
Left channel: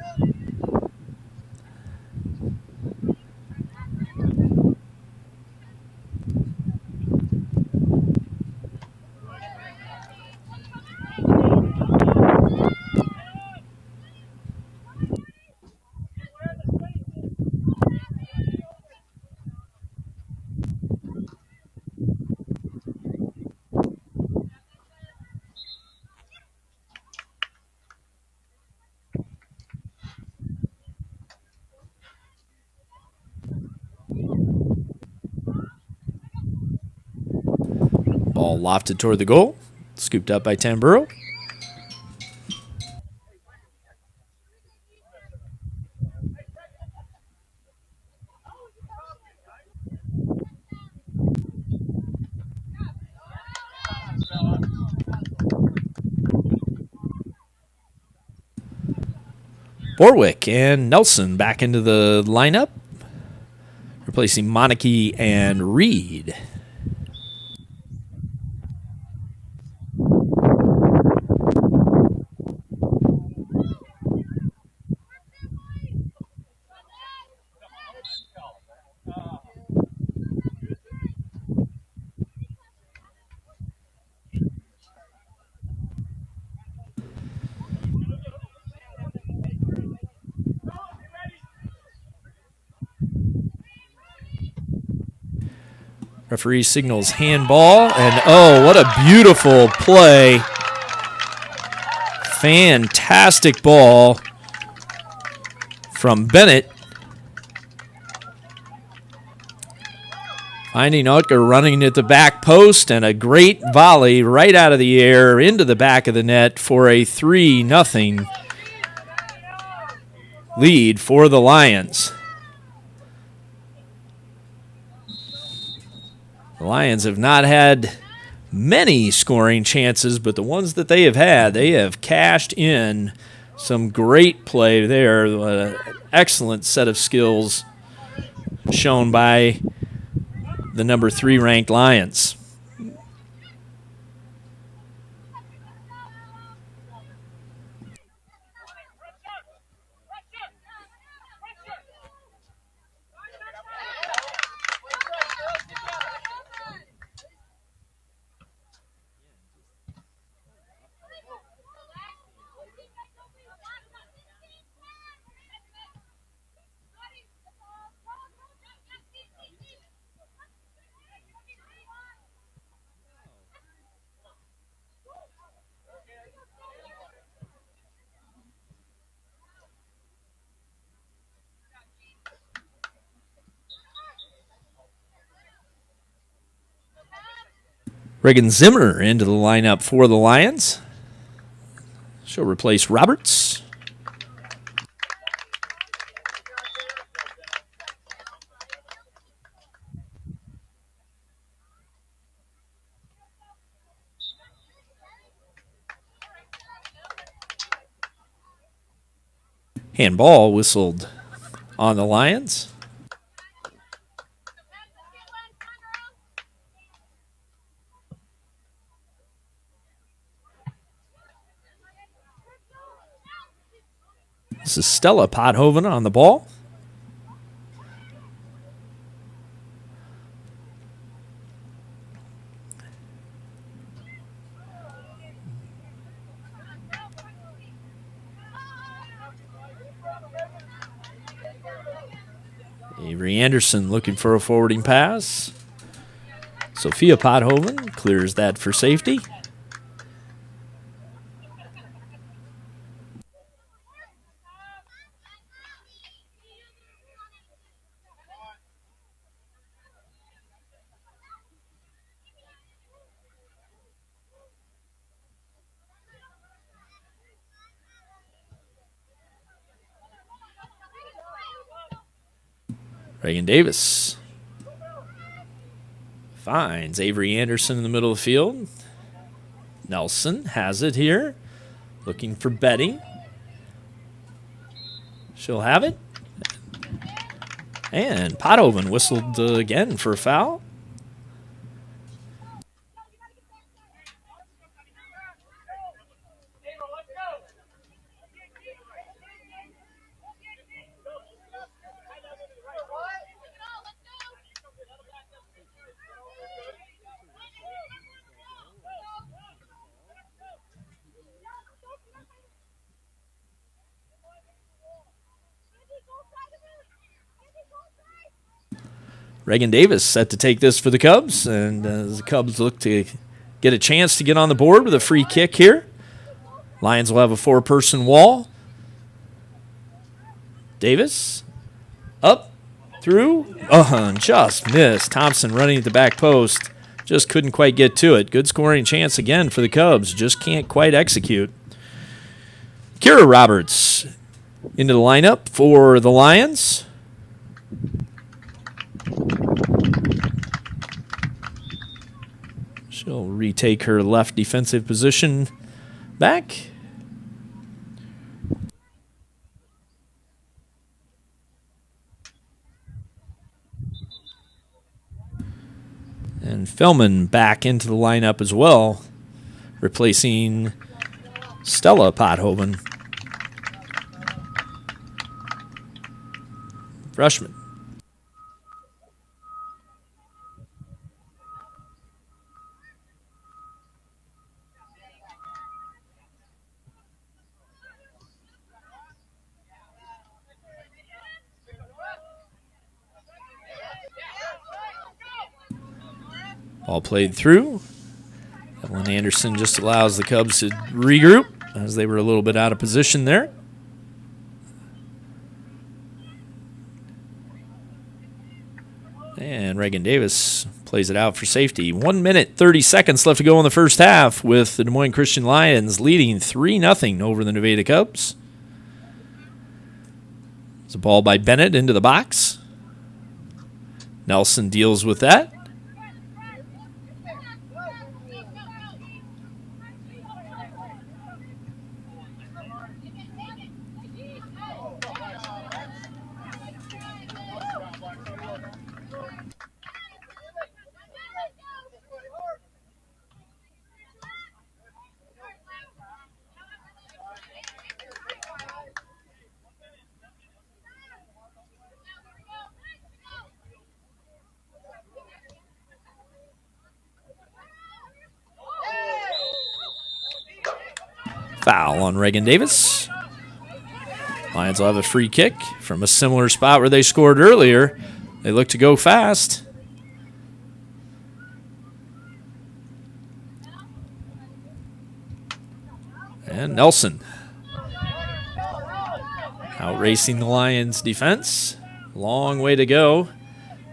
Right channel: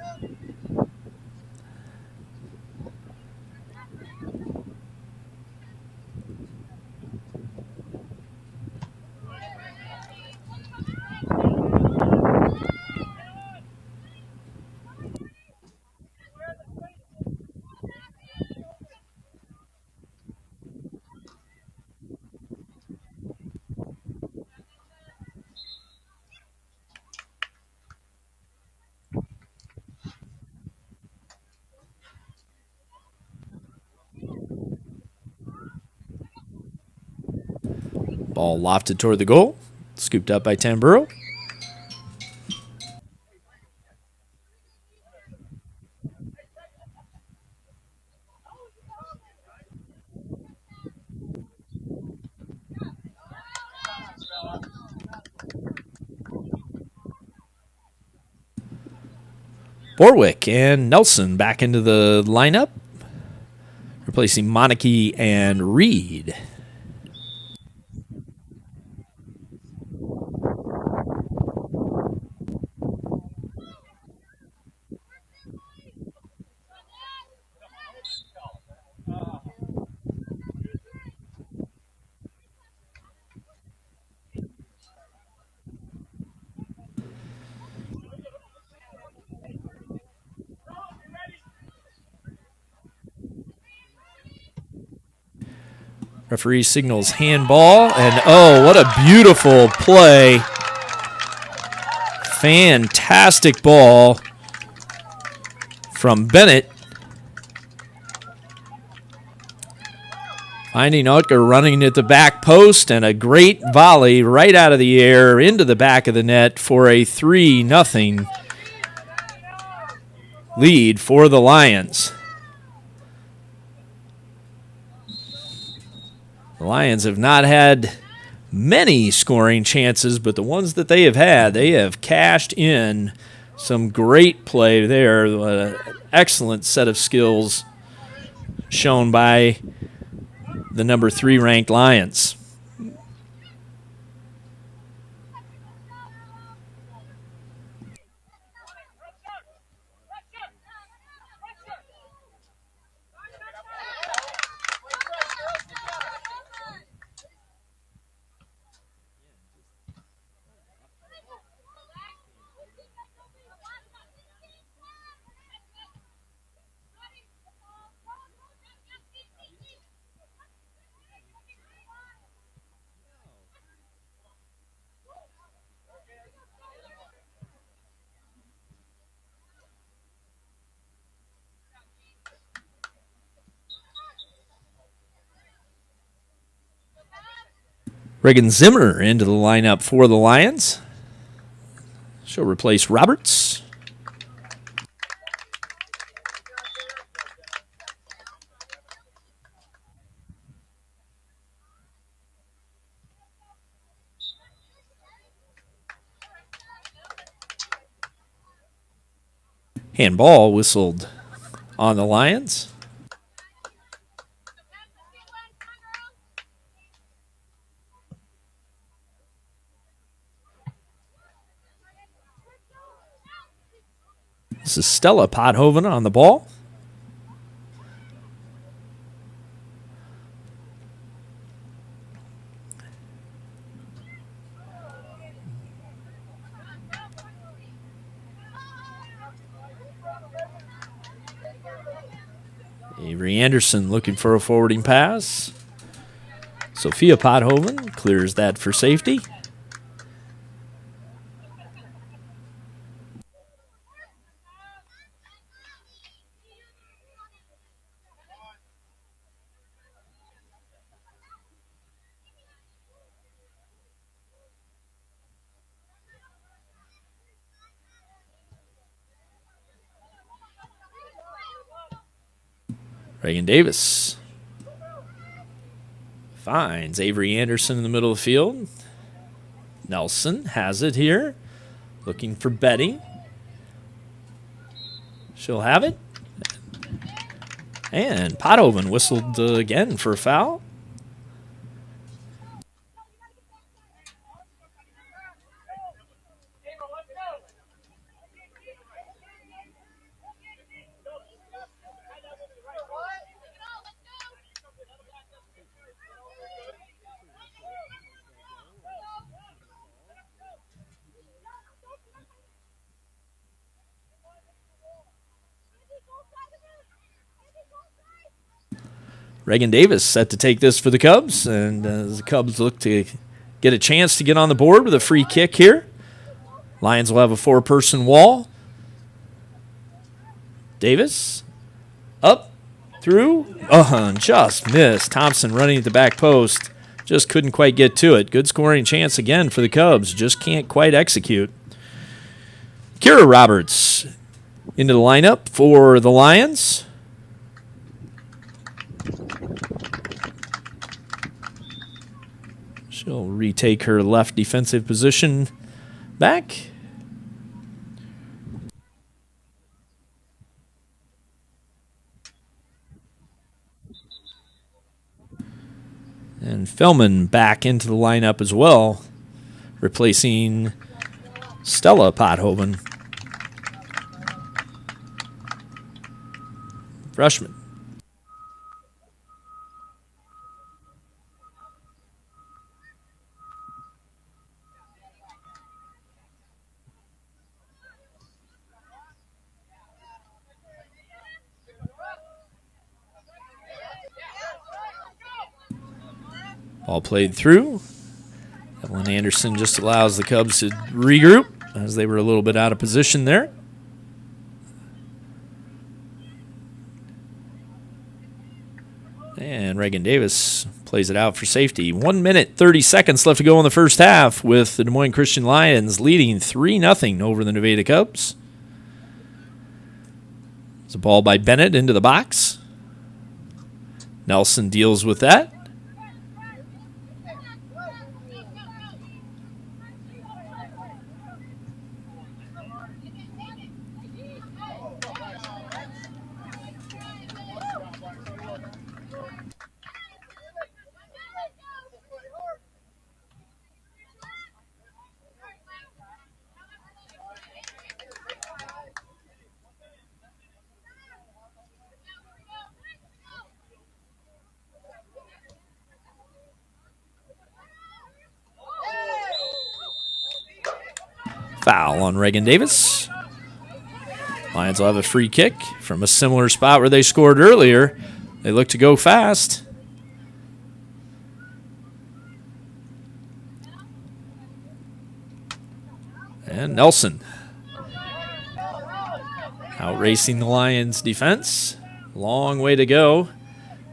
Ball lofted toward the goal, scooped up by Tamburo. Borwick and Nelson back into the lineup, replacing Monarchy and Reed. Referee signals handball, and oh, what a beautiful play. Fantastic ball from Bennett. Finding Utker running at the back post, and a great volley right out of the air into the back of the net for a 3-0 lead for the Lions. The Lions have not had many scoring chances, but the ones that they have cashed in. Some great play there. An excellent set of skills shown by the number 3 ranked Lions. Reagan Zimmer into the lineup for the Lions. She'll replace Roberts. Handball whistled on the Lions. This is Stella Pothoven on the ball. Avery Anderson looking for a forwarding pass. Sophia Pothoven clears that for safety. Reagan Davis finds Avery Anderson in the middle of the field. Nelson has it here, looking for Betty. She'll have it. And Pothoven whistled again for a foul. Reagan Davis set to take this for the Cubs, and as the Cubs look to get a chance to get on the board with a free kick here. Lions will have a 4-person wall. Davis, up, through, just missed. Thompson running at the back post, just couldn't quite get to it. Good scoring chance again for the Cubs, just can't quite execute. Kira Roberts into the lineup for the Lions. She'll retake her left defensive position back. And Fellman back into the lineup as well, replacing Stella Pothoven. Freshman. Ball played through. Evelyn Anderson just allows the Cubs to regroup as they were a little bit out of position there. And Reagan Davis plays it out for safety. 1 minute, 30 seconds left to go in the first half with the Des Moines Christian Lions leading 3-0 over the Nevada Cubs. It's a ball by Bennett into the box. Nelson deals with that. Foul on Reagan Davis. Lions will have a free kick from a similar spot where they scored earlier. They look to go fast. And Nelson out racing the Lions defense. Long way to go.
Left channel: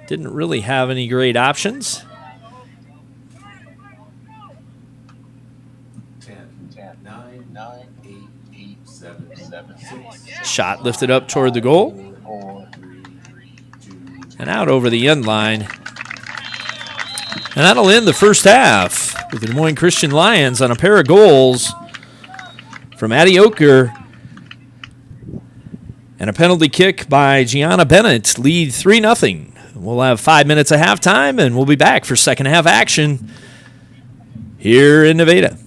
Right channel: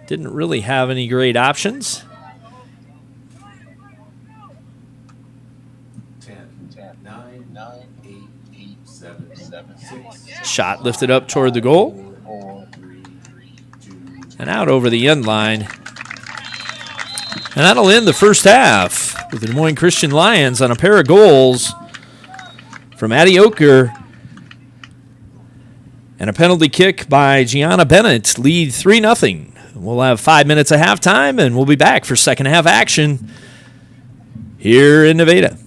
Didn't really have any great options. 7, 6. Shot lifted up toward the goal. 4, 3, 2. And out over the end line. And that'll end the first half with the Des Moines Christian Lions on a pair of goals from Addie Oker and a penalty kick by Gianna Bennett lead 3-0. We'll have 5 minutes of halftime, and we'll be back for second half action here in Nevada.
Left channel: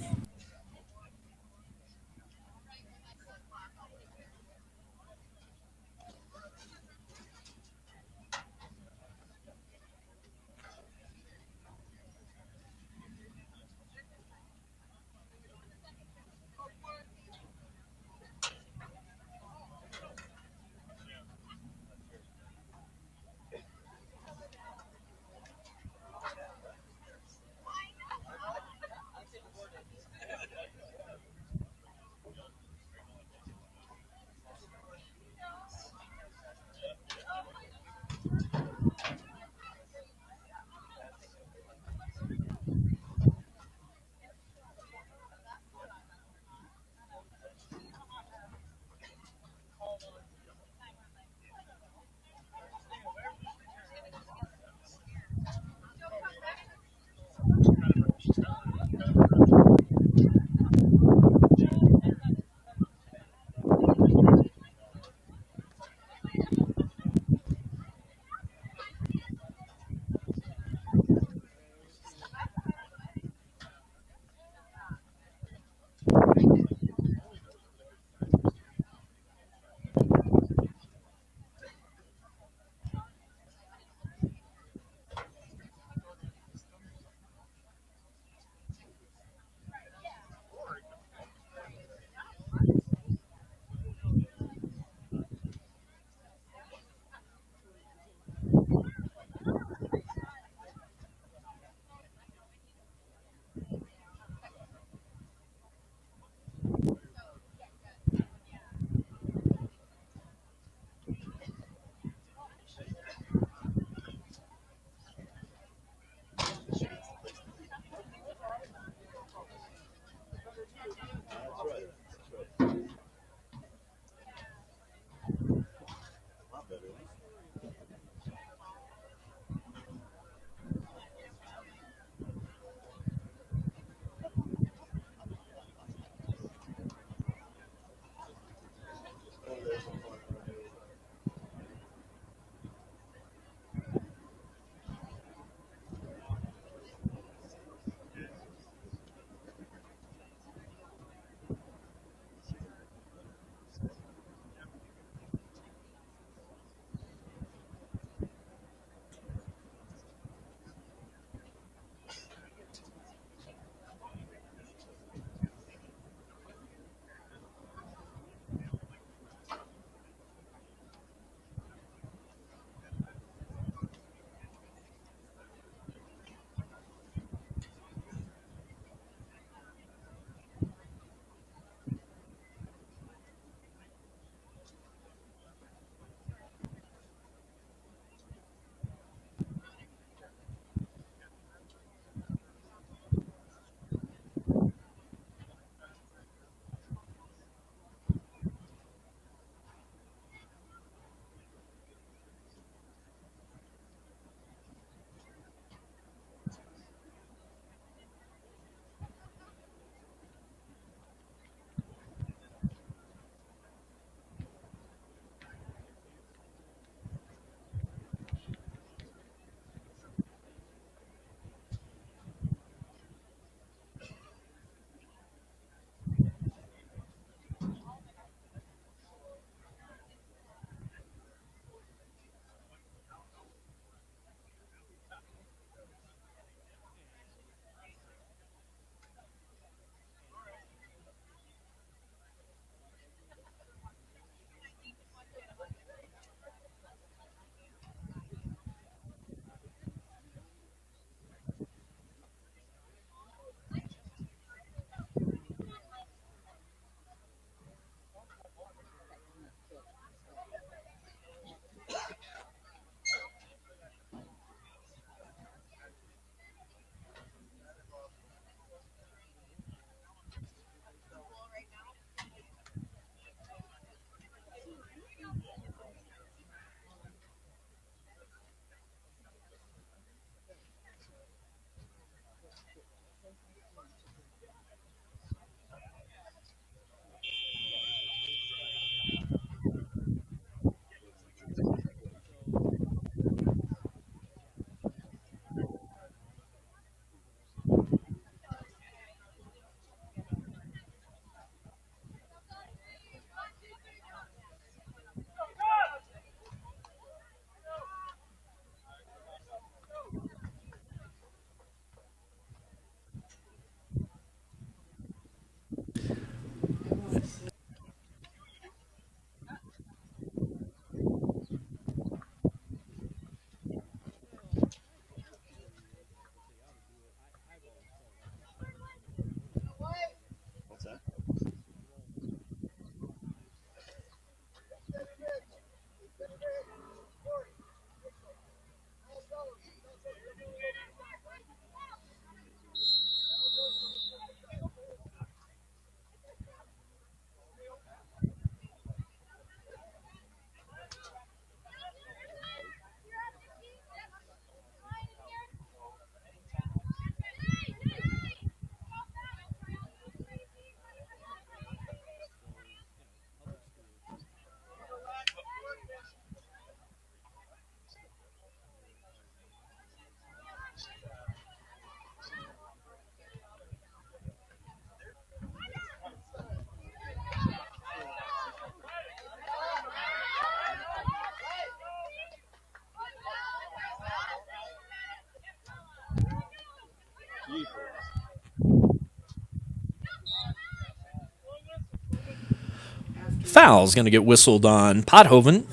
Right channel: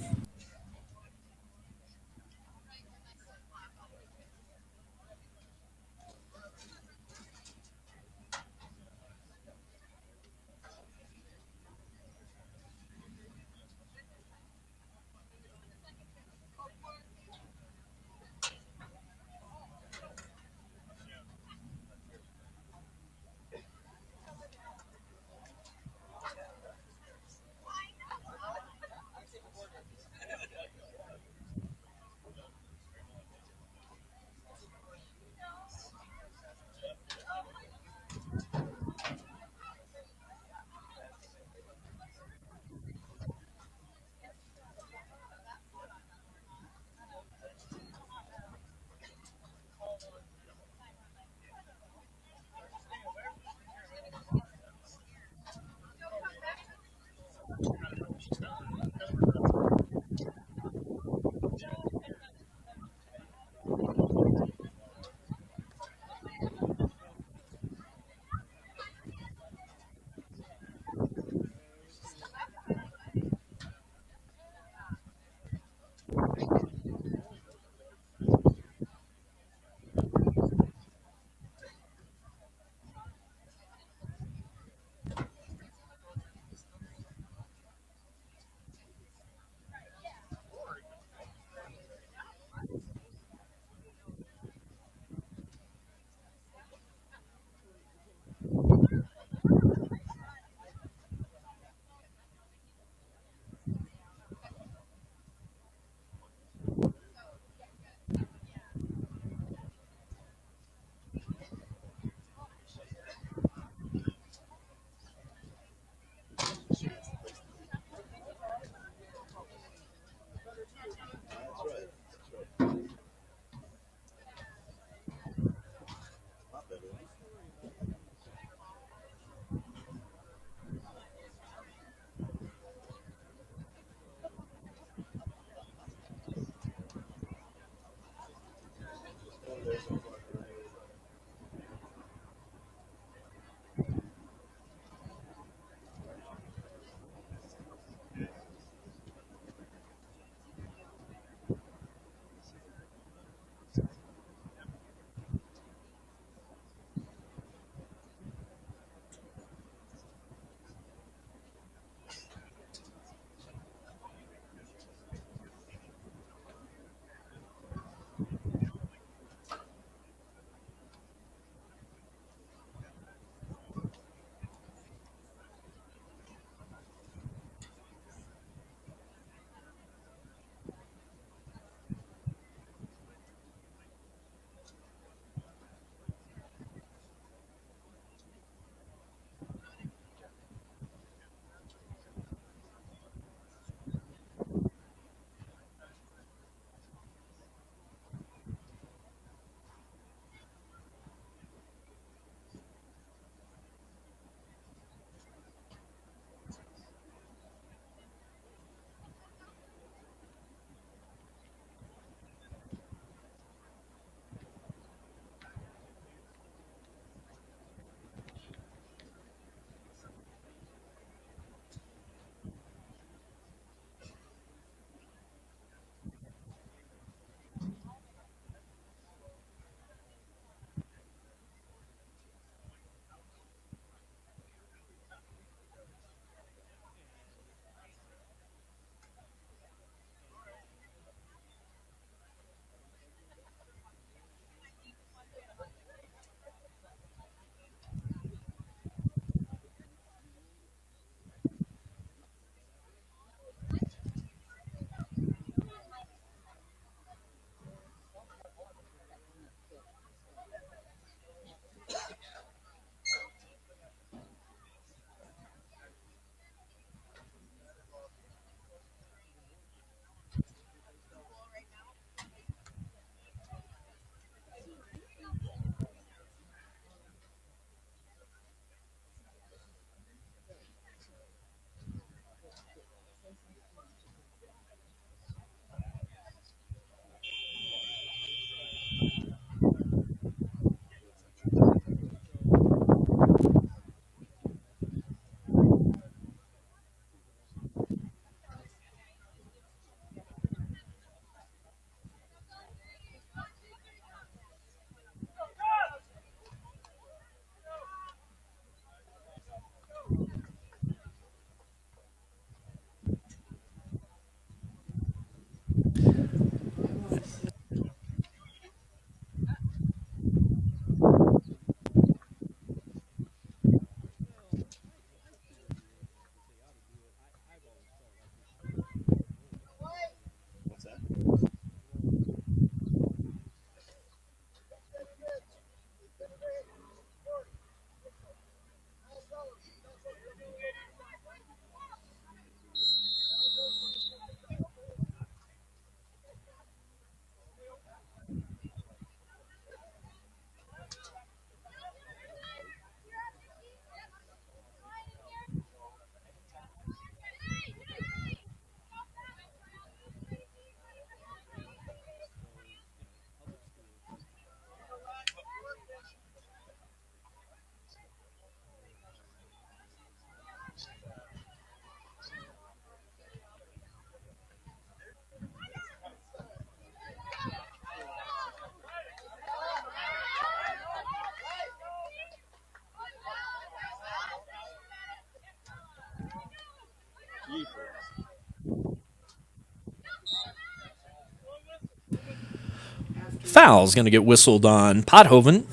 Foul's going to get whistled on Pothoven.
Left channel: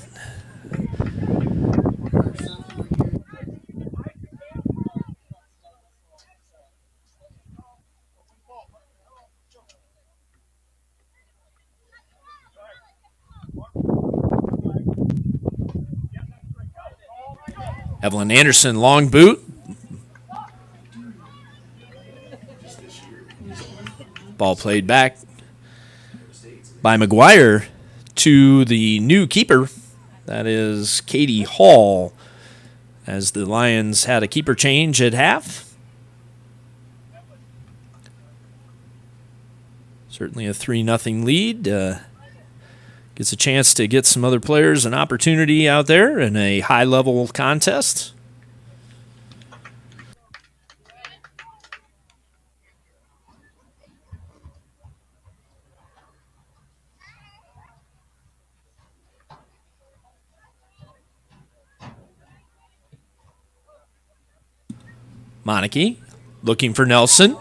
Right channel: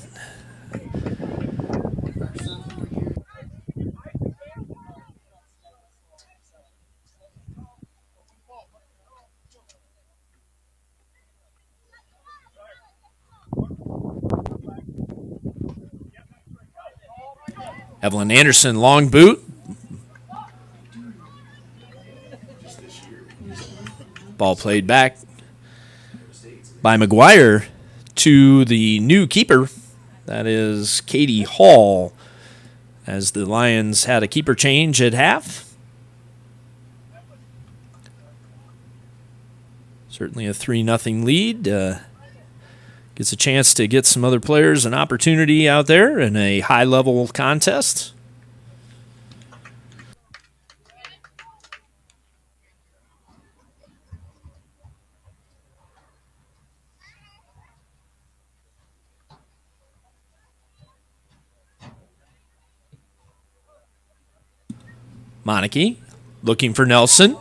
Evelyn Anderson, long boot. Ball played back by McGuire to the new keeper. That is Katie Hall, as the Lions had a keeper change at half. Certainly a 3-0 lead. Gets a chance to get some other players an opportunity out there in a high-level contest. Monarchy looking for Nelson.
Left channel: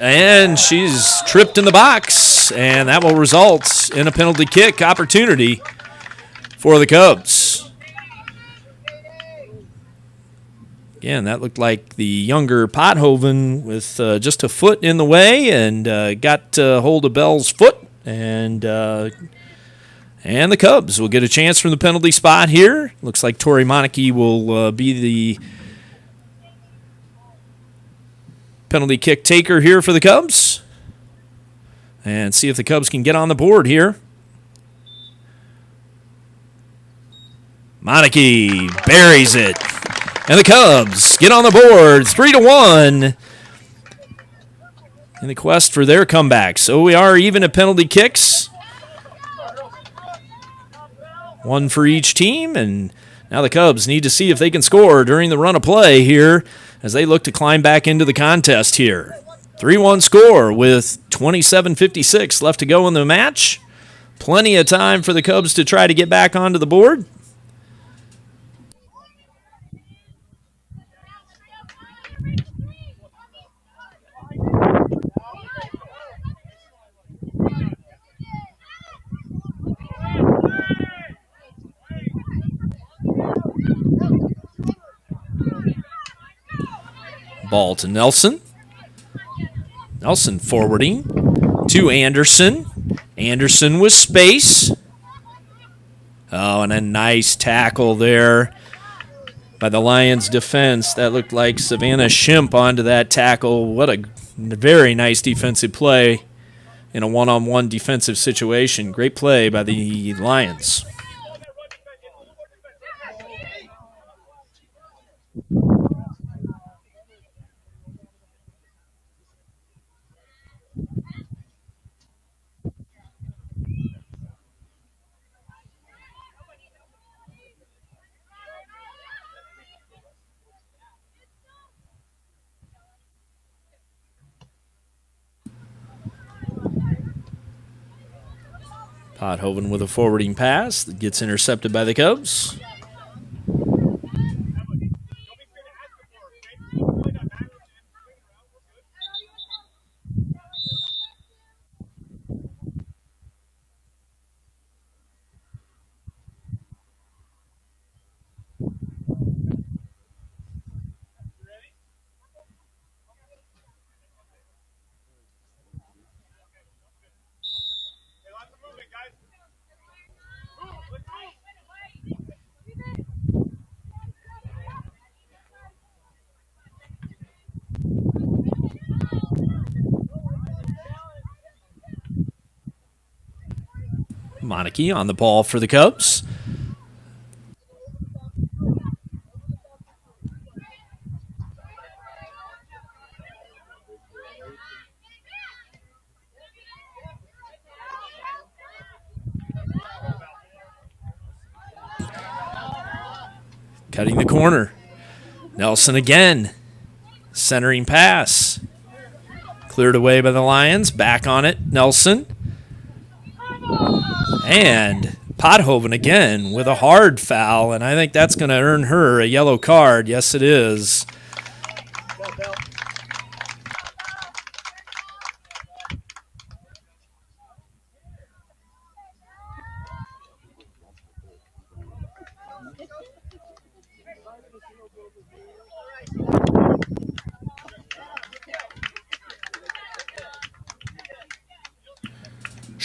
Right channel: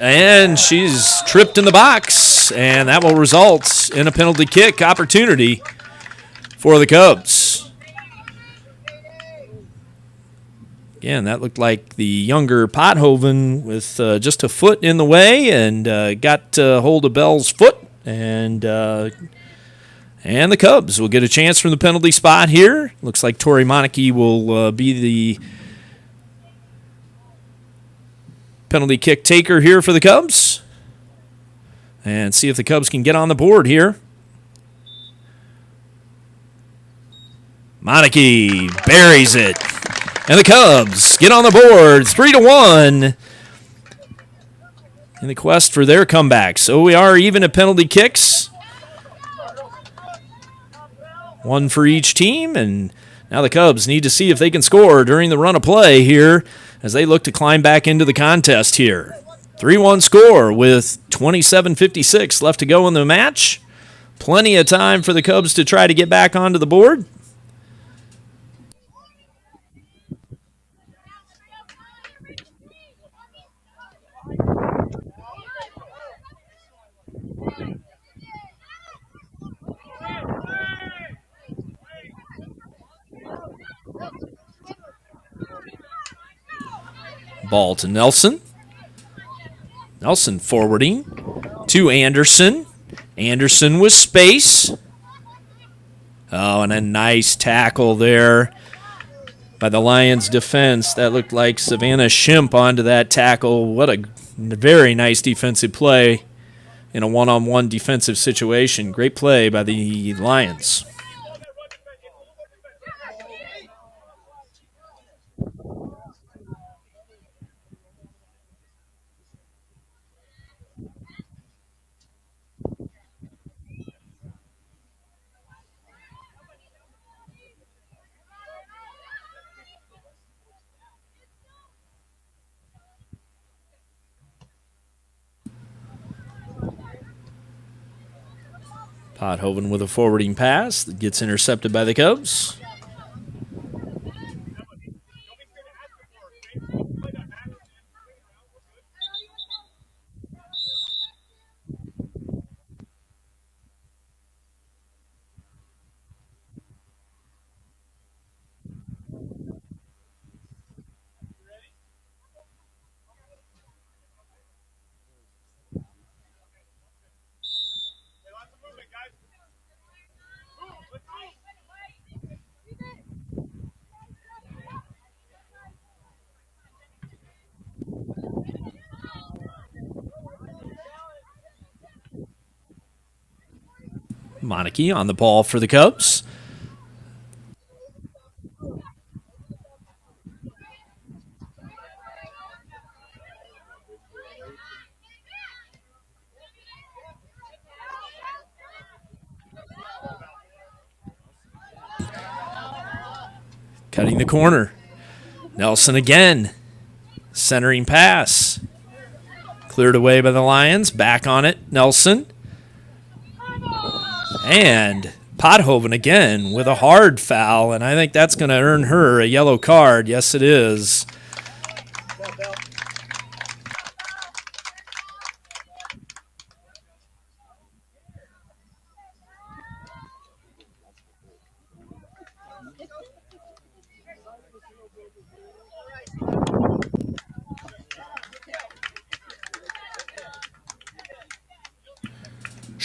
And she's tripped in the box, and that will result in a penalty kick opportunity for the Cubs. Again, that looked like the younger Pothoven with just a foot in the way, and got hold of Bell's foot, and the Cubs will get a chance from the penalty spot here. Looks like Tori Monarchy will be the penalty kick taker here for the Cubs. And see if the Cubs can get on the board here. Monarchy buries it. And the Cubs get on the board 3-1 in the quest for their comeback. So we are even at penalty kicks. One for each team, and now the Cubs need to see if they can score during the run of play here as they look to climb back into the contest here. 3-1 score with 27:56 left to go in the match. Plenty of time for the Cubs to try to get back onto the board. Ball to Nelson. Nelson forwarding to Anderson. Anderson with space. Oh, and a nice tackle there by the Lions defense. That looked like Savannah Shimp onto that tackle. What a very nice defensive play in a one-on-one defensive situation. Great play by the Lions. Pothoven with a forwarding pass that gets intercepted by the Cubs. Monarchy on the ball for the Cubs. Cutting the corner. Nelson again. Centering pass. Cleared away by the Lions. Back on it, Nelson. And Pothoven again with a hard foul, and I think that's going to earn her a yellow card. Yes, it is.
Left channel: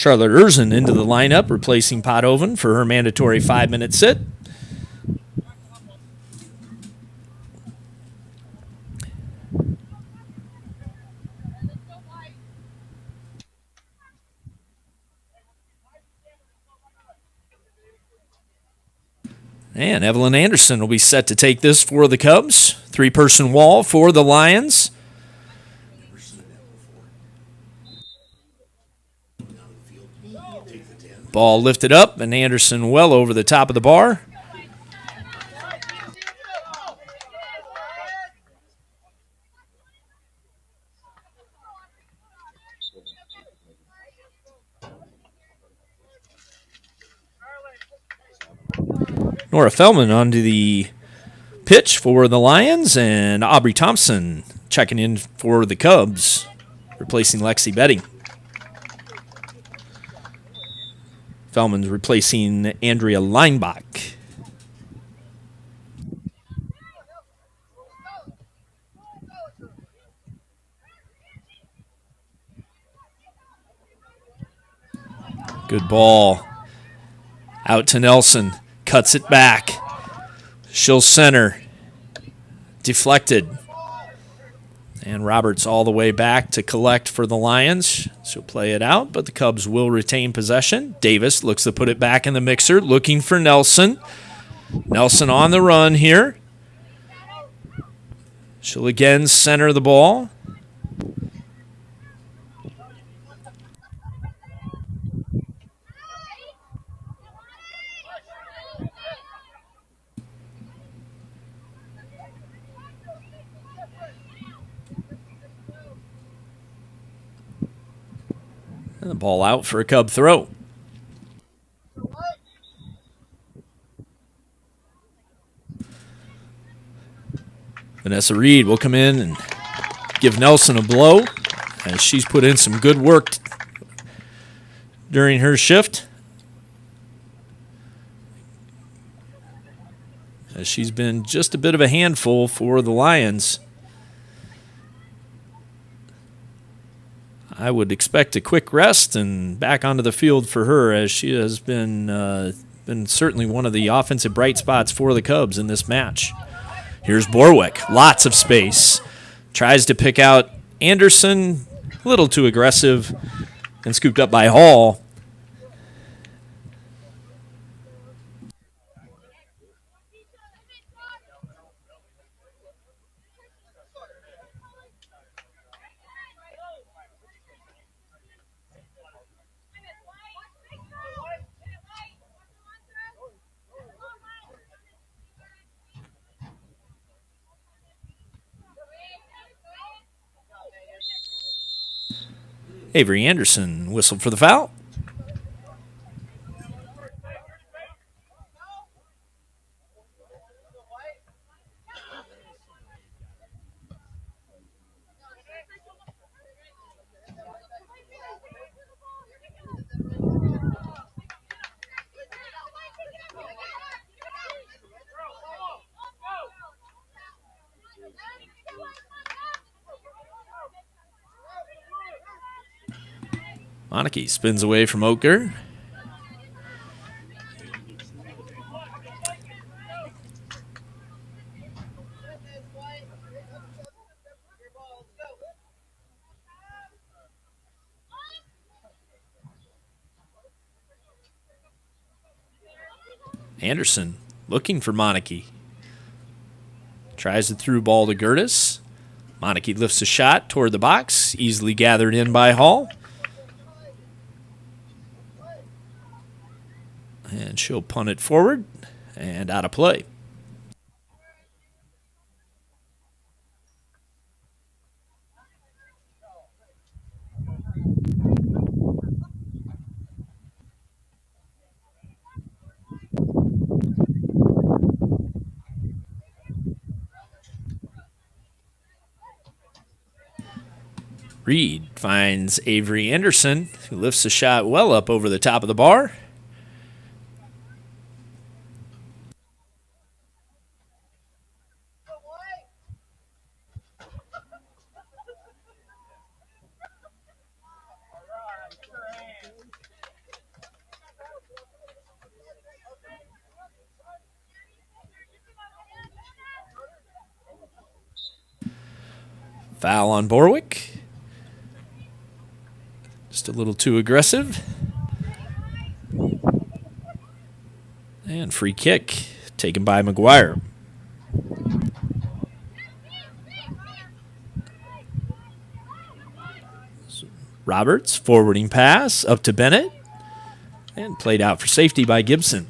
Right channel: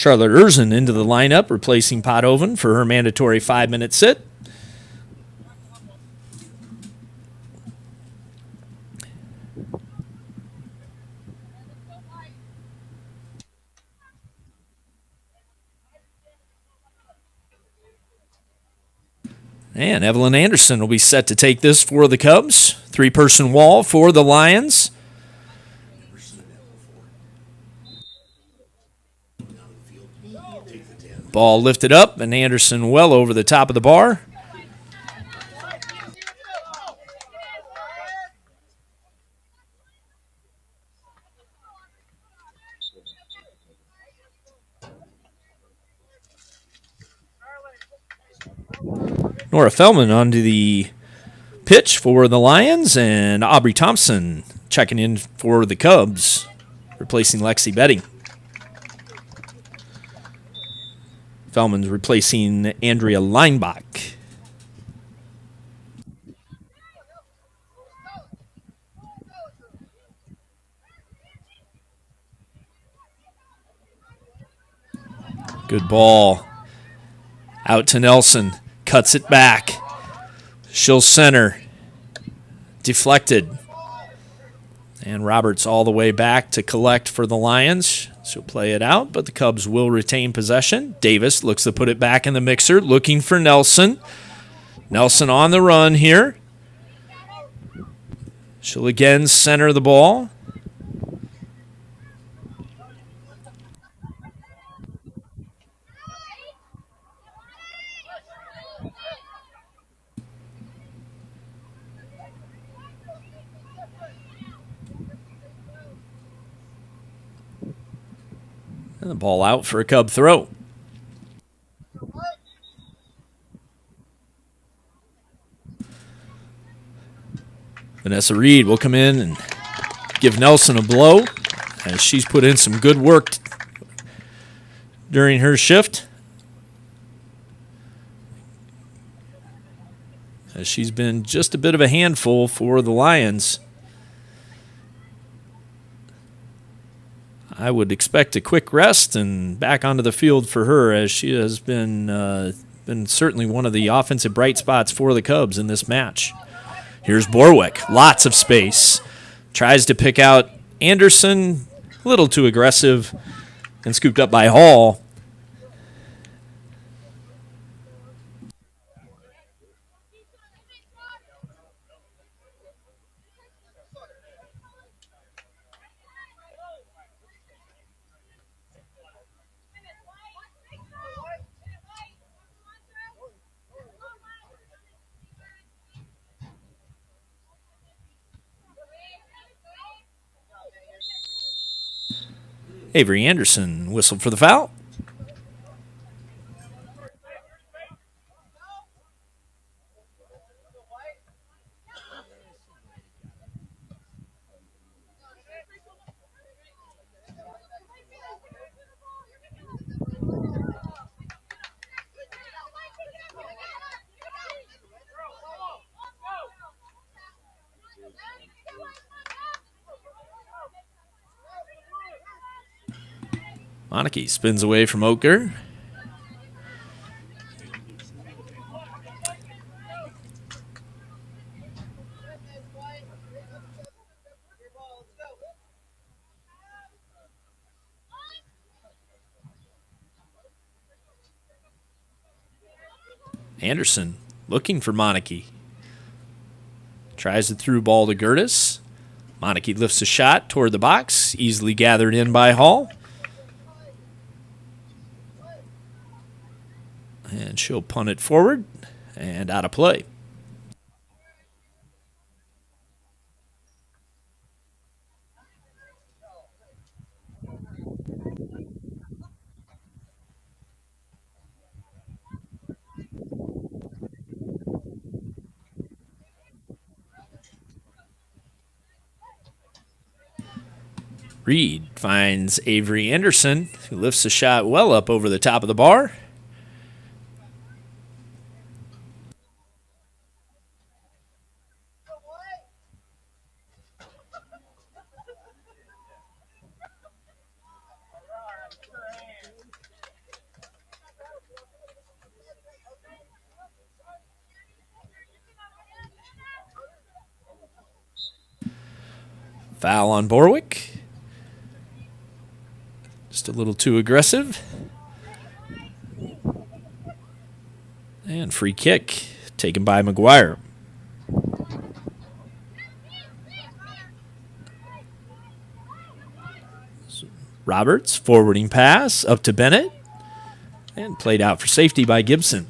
Charlotte Erzen into the lineup, replacing Pothoven for her mandatory 5-minute sit. And Evelyn Anderson will be set to take this for the Cubs. 3-person wall for the Lions. Ball lifted up, and Anderson well over the top of the bar. Nora Feldman onto the pitch for the Lions, and Aubrey Thompson checking in for the Cubs, replacing Lexi Betty. Feldman's replacing Andrea Leinbach. Good ball. Out to Nelson. Cuts it back. She'll center. Deflected. And Roberts all the way back to collect for the Lions. She'll play it out, but the Cubs will retain possession. Davis looks to put it back in the mixer, looking for Nelson. Nelson on the run here. She'll again center the ball. And the ball out for a Cub throw. Vanessa Reed will come in and give Nelson a blow, as she's put in some good work during her shift, as she's been just a bit of a handful for the Lions. I would expect a quick rest and back onto the field for her, as she has been certainly one of the offensive bright spots for the Cubs in this match. Here's Borwick, lots of space. Tries to pick out Anderson, a little too aggressive, and scooped up by Hall. Avery Anderson whistled for the foul. Monarchy spins away from Oker. Anderson looking for Monarchy. Tries the through ball to Gertis. Monarchy lifts a shot toward the box, easily gathered in by Hall. And she'll punt it forward and out of play. Reed finds Avery Anderson, who lifts a shot well up over the top of the bar. Foul on Borwick. Just a little too aggressive. And free kick taken by McGuire. Roberts, forwarding pass up to Bennett. And played out for safety by Gibson.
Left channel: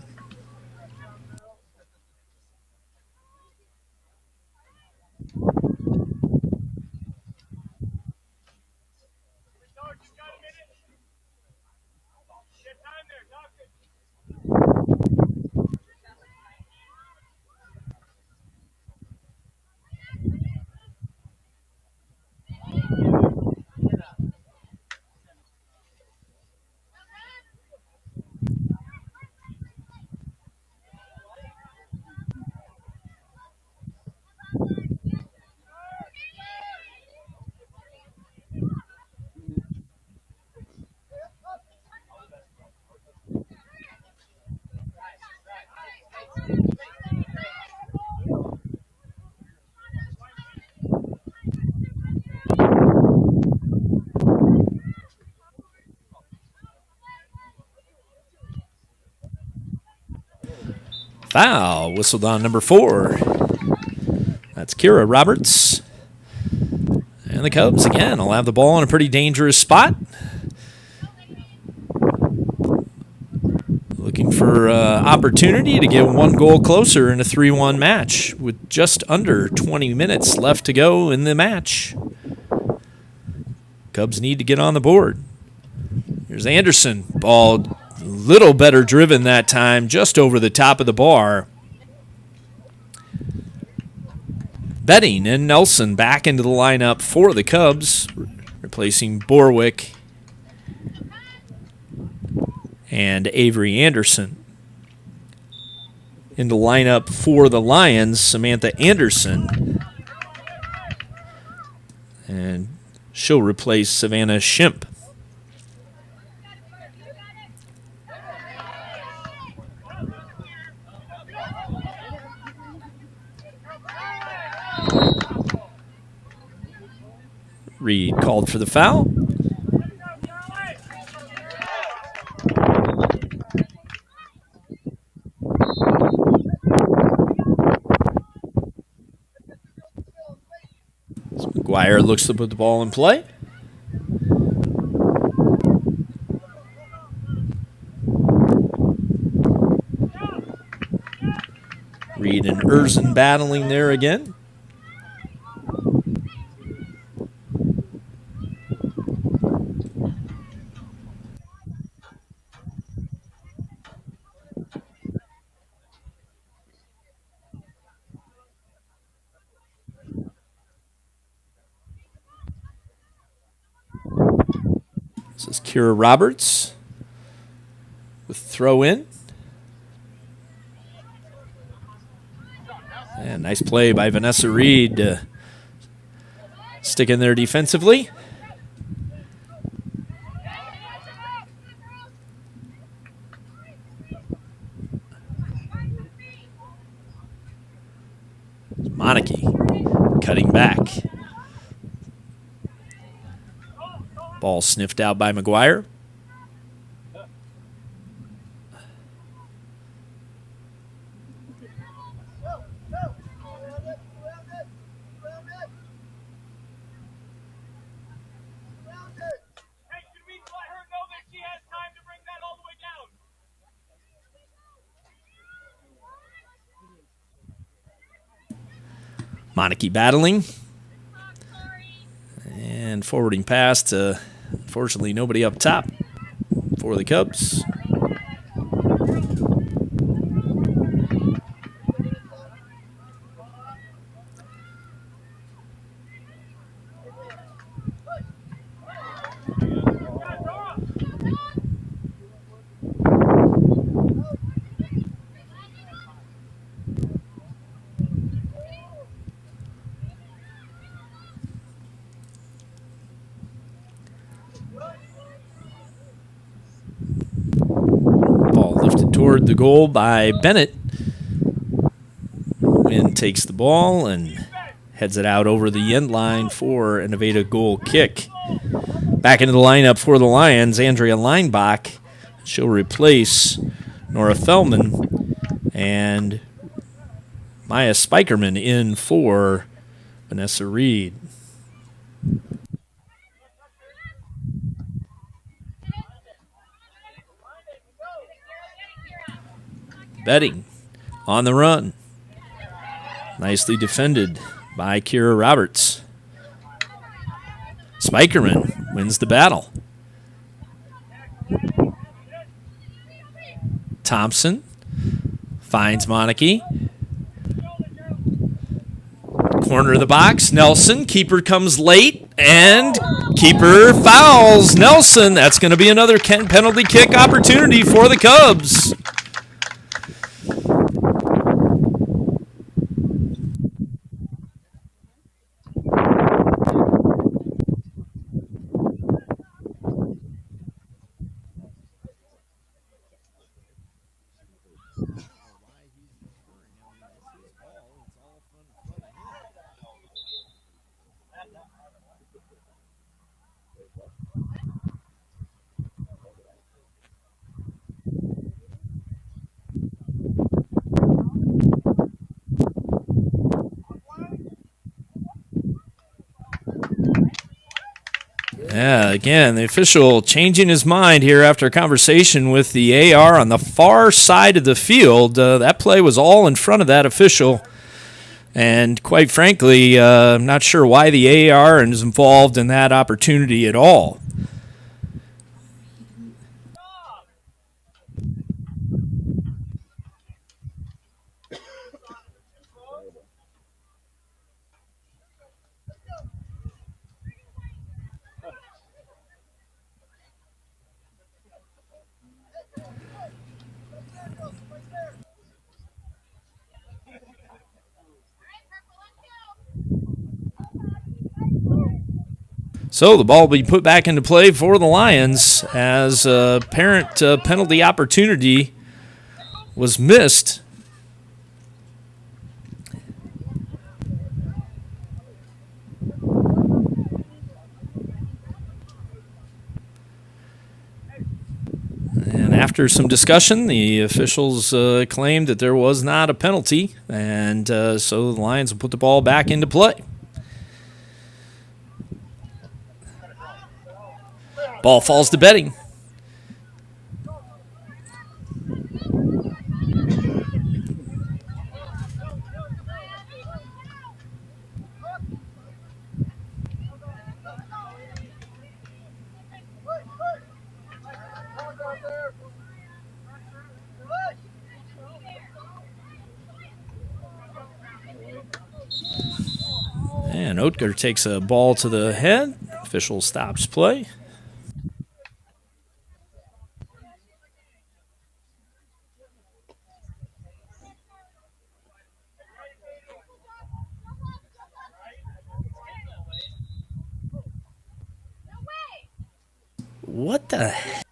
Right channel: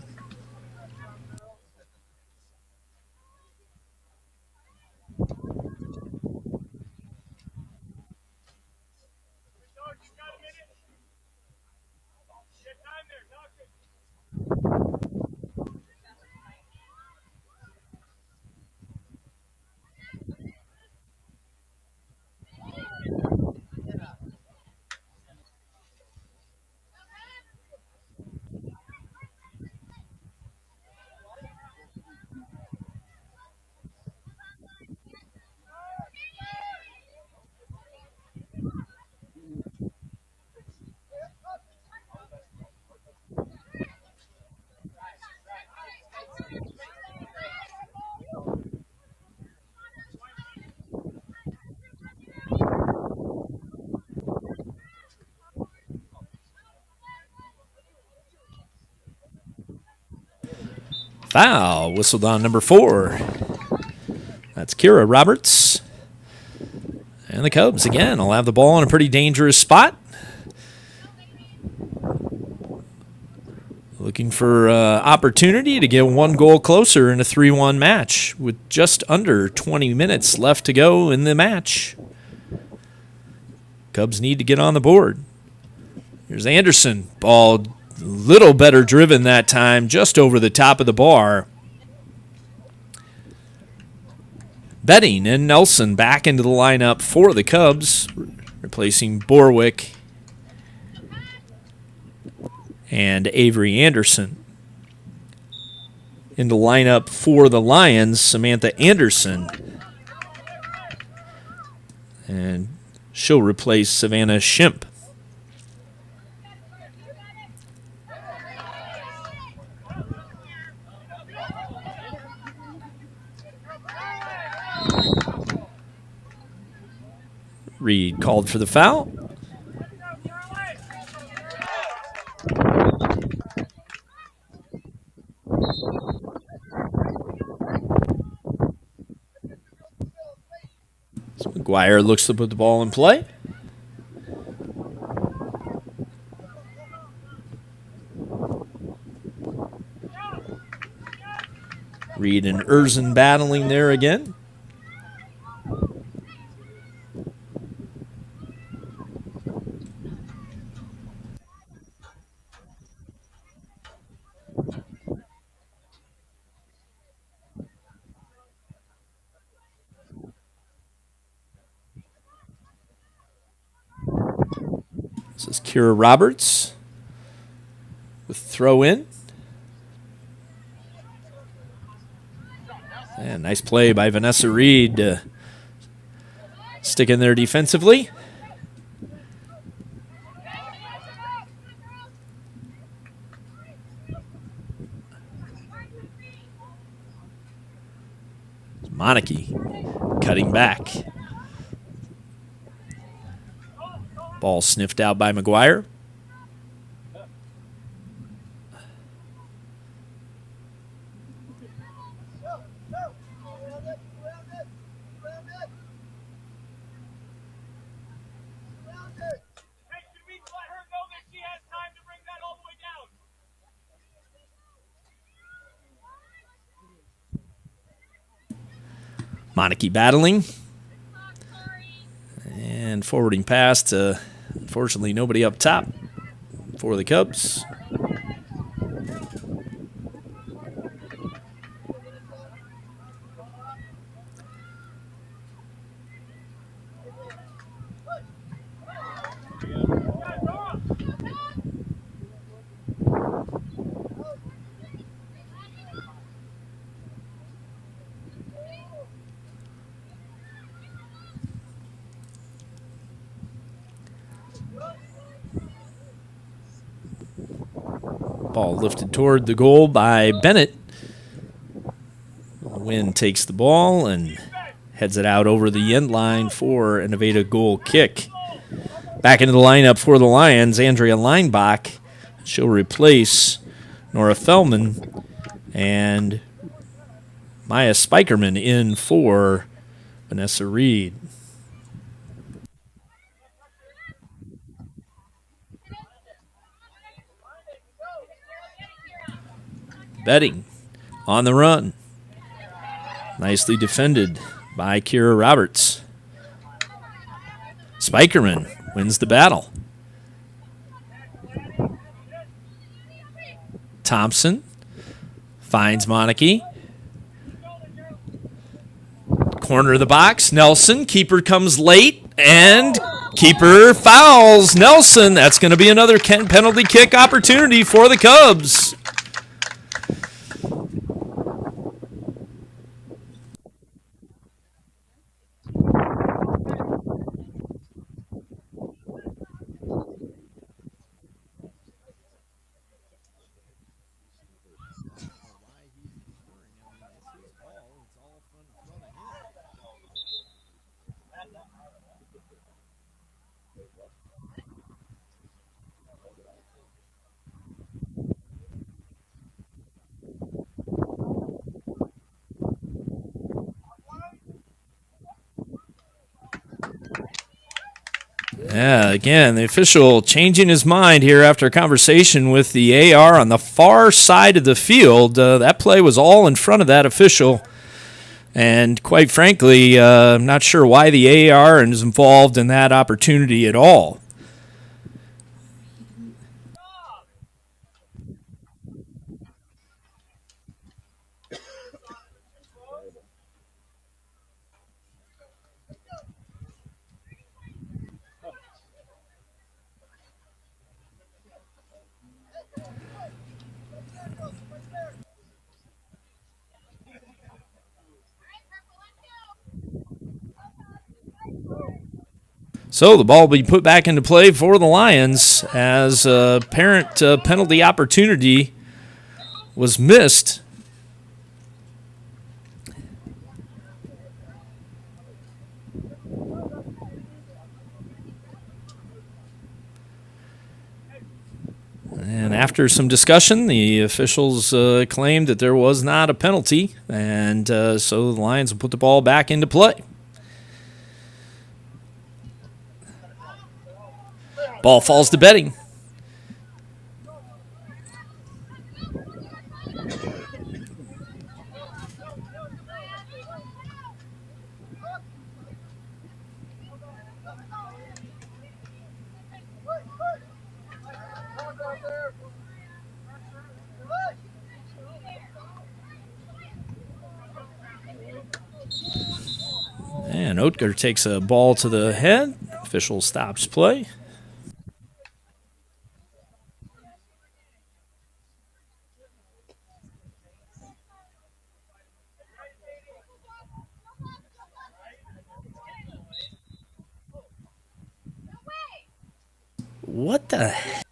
Foul whistled on number 4. That's Kira Roberts. And the Cubs, again, will have the ball in a pretty dangerous spot. Looking for opportunity to get one goal closer in a 3-1 match with just under 20 minutes left to go in the match. Cubs need to get on the board. Here's Anderson. Ball a little better driven that time, just over the top of the bar. Betting and Nelson back into the lineup for the Cubs, replacing Borwick and Avery Anderson. In the lineup for the Lions, Samantha Anderson. And she'll replace Savannah Shimp. Reed called for the foul. So McGuire looks to put the ball in play. Reed and Erzen battling there again. This is Kira Roberts with throw in. And nice play by Vanessa Reed to stick in there defensively. Monarchy cutting back. Ball sniffed out by McGuire. Monarchy battling. And forwarding pass to, unfortunately, nobody up top for the Cubs. Ball lifted toward the goal by Bennett. Wynn takes the ball and heads it out over the end line for an evaded goal kick. Back into the lineup for the Lions, Andrea Leinbach. She'll replace Nora Feldman, and Maya Spikerman in for Vanessa Reed. Betting on the run. Nicely defended by Kira Roberts. Spikerman wins the battle. Thompson finds Monarchy. Corner of the box. Nelson. Keeper comes late, and keeper fouls Nelson. That's going to be another penalty kick opportunity for the Cubs. Yeah, again, the official changing his mind here after a conversation with the AR on the far side of the field. That play was all in front of that official. And quite frankly, I'm not sure why the AR is involved in that opportunity at all. So the ball will be put back into play for the Lions as a apparent penalty opportunity was missed. And after some discussion, the officials claimed that there was not a penalty, and so the Lions will put the ball back into play. Ball falls to Betting. And Oetker takes a ball to the head. Official stops play. What the heck?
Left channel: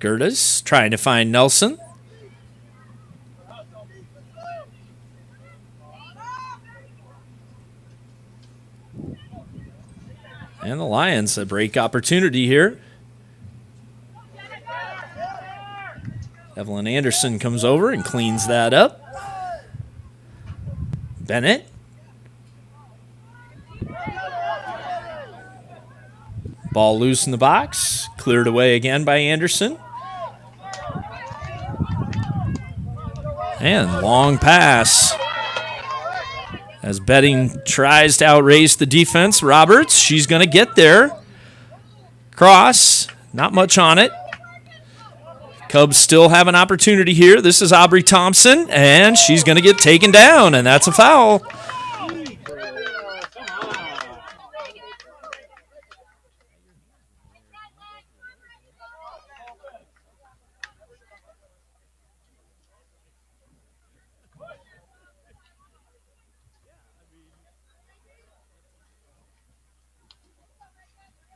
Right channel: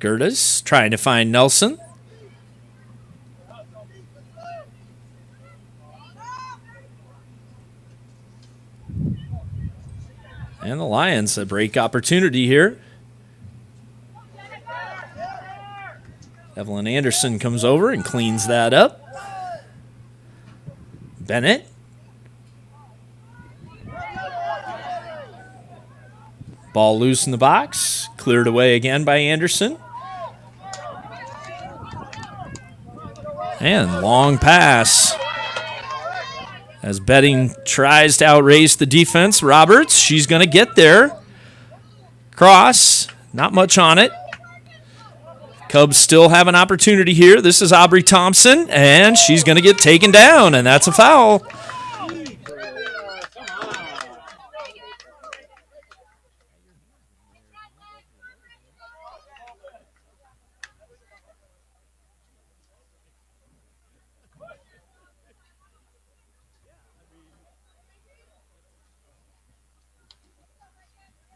Gerdes trying to find Nelson. And the Lions a break opportunity here. Evelyn Anderson comes over and cleans that up. Bennett. Ball loose in the box. Cleared away again by Anderson. And long pass. As Betting tries to outrace the defense. Roberts, she's going to get there. Cross, not much on it. Cubs still have an opportunity here. This is Aubrey Thompson, and she's going to get taken down, and that's a foul.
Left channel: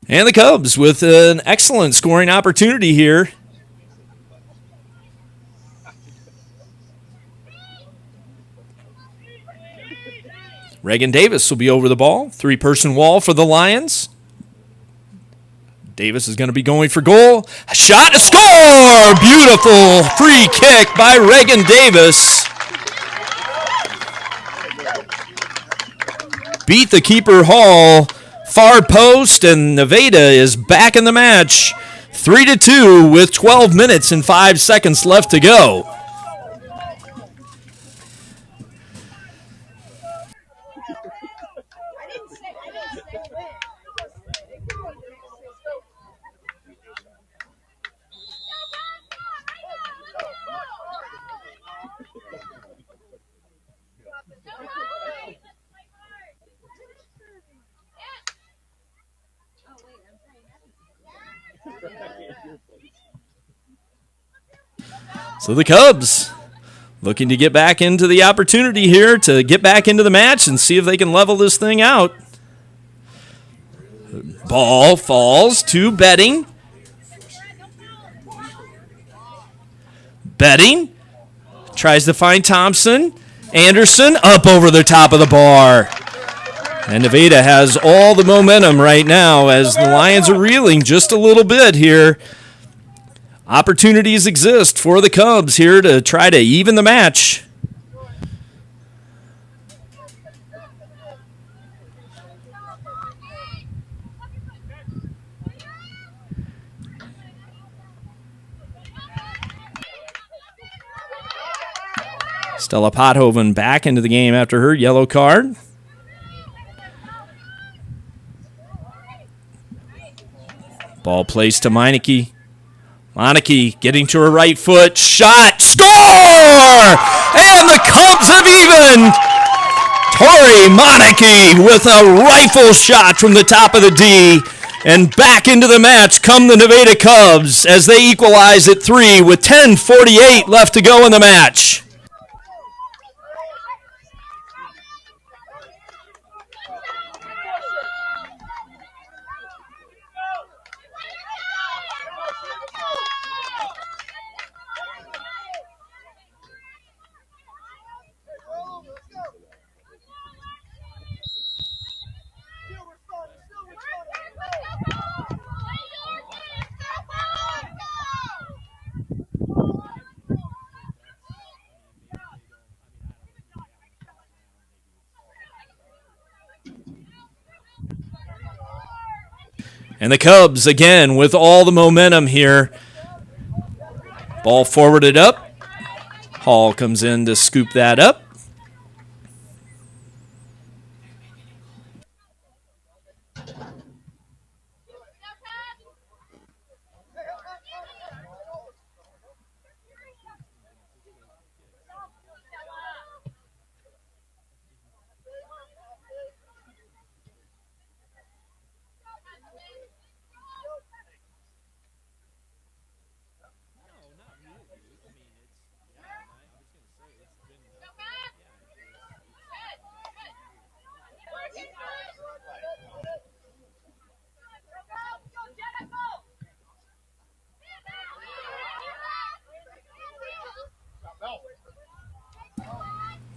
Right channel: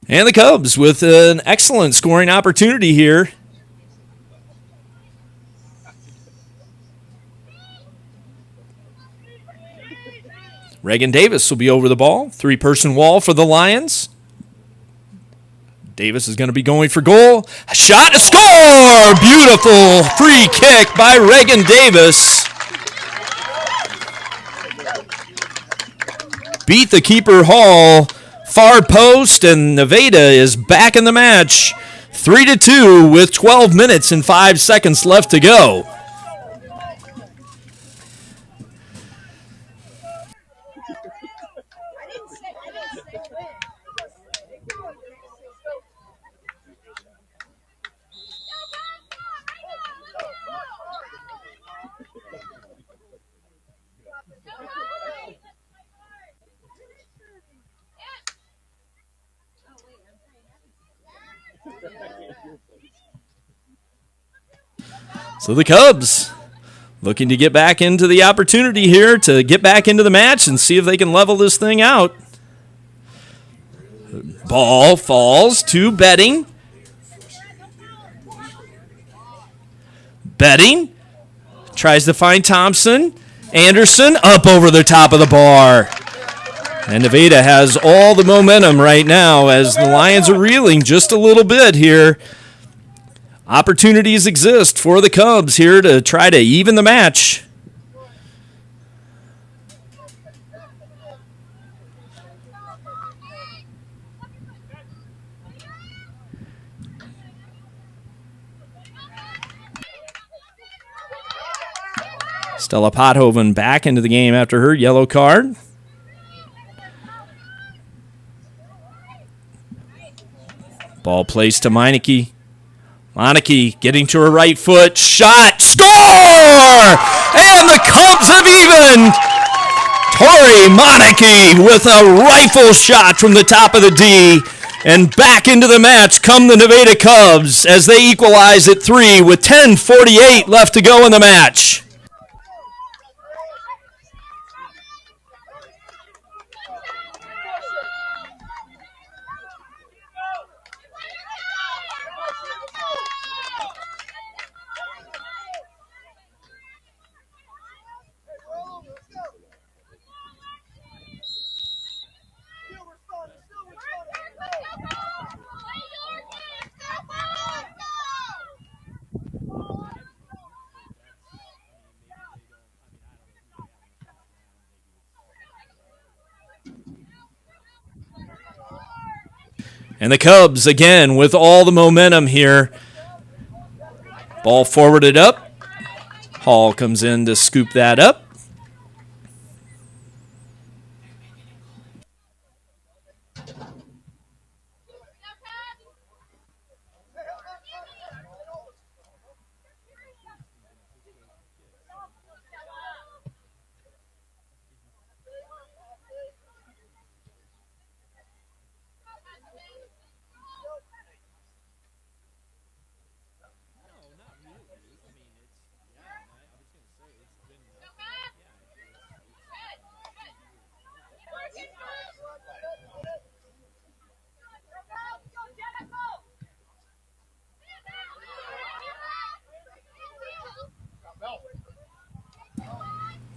And the Cubs with an excellent scoring opportunity here. Reagan Davis will be over the ball. 3-person wall for the Lions. Davis is going to be going for goal. A shot, a score! Beautiful free kick by Reagan Davis. Beat the keeper Hall. Far post, and Nevada is back in the match. 3-2 with 12 minutes and 5 seconds left to go. So the Cubs looking to get back into the opportunity here to get back into the match and see if they can level this thing out. Ball falls to Betting. Betting tries to find Thompson. Anderson up over the top of the bar. And Nevada has all the momentum right now as the Lions are reeling just a little bit here. Opportunities exist for the Cubs here to try to even the match. Stella Pothoven back into the game after her yellow card. Ball placed to Meineke. Meineke getting to her right foot. Shot. Score! And the Cubs have evened. Tori Meineke with a rifle shot from the top of the D. And back into the match come the Nevada Cubs as they equalize at 3 with 10:48 left to go in the match. And the Cubs, again, with all the momentum here. Ball forwarded up. Hall comes in to scoop that up.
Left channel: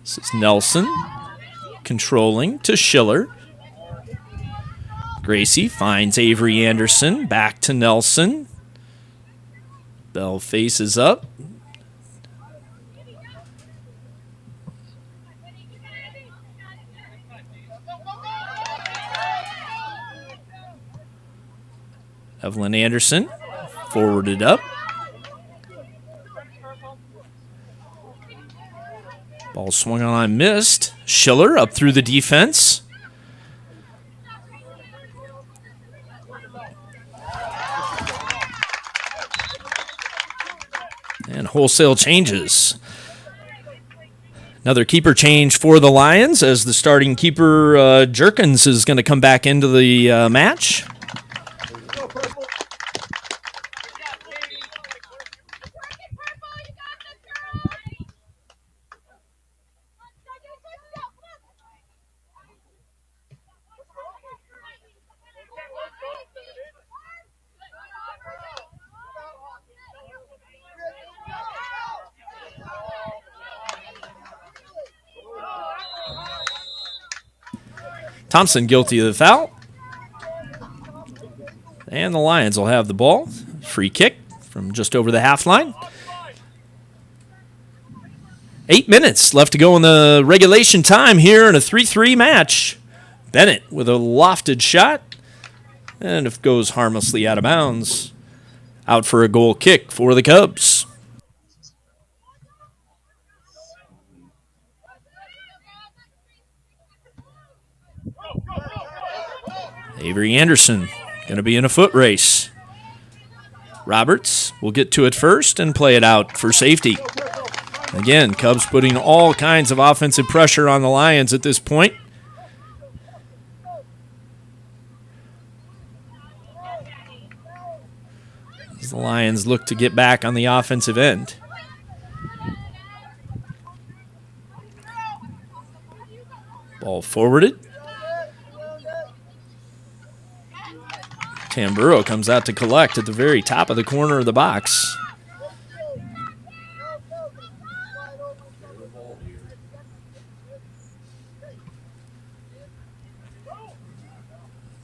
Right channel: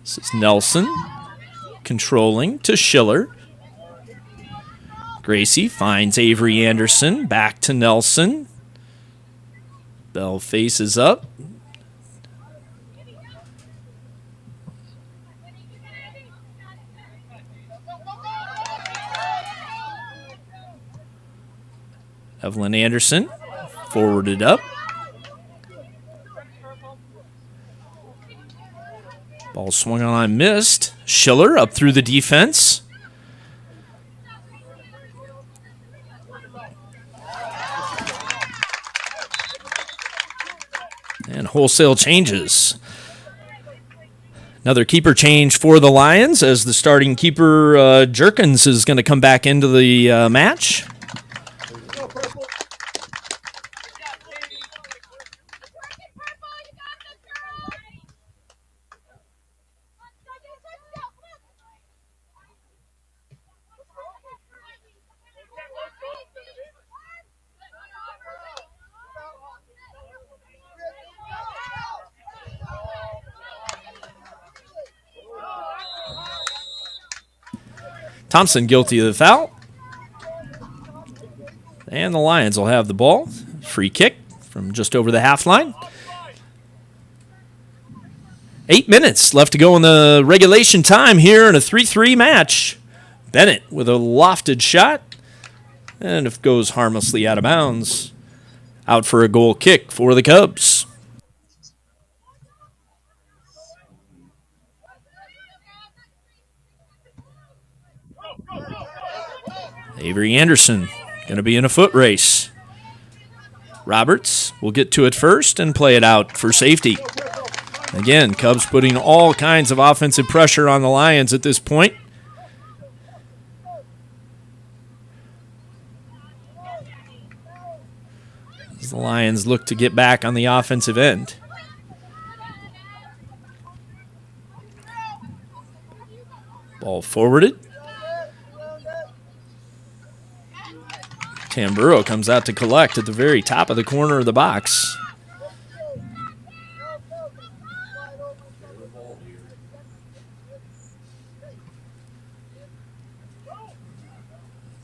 This is Nelson controlling to Schiller. Gracie finds Avery Anderson. Back to Nelson. Bell faces up. Evelyn Anderson forwarded up. Ball swung on, missed. Schiller up through the defense. wholesale changes. Another keeper change for the Lions as the starting keeper, Jerkins, is going to come back into the match. Thompson guilty of the foul. And the Lions will have the ball. Free kick from just over the half line. 8 minutes left to go in the regulation time here in a 3-3 match. Bennett with a lofted shot. And it goes harmlessly out of bounds. Out for a goal kick for the Cubs. Avery Anderson going to be in a foot race. Roberts will get to it first and play it out for safety. Again, Cubs putting all kinds of offensive pressure on the Lions at this point. As the Lions look to get back on the offensive end. Ball forwarded. Tamburo comes out to collect at the very top of the corner of the box.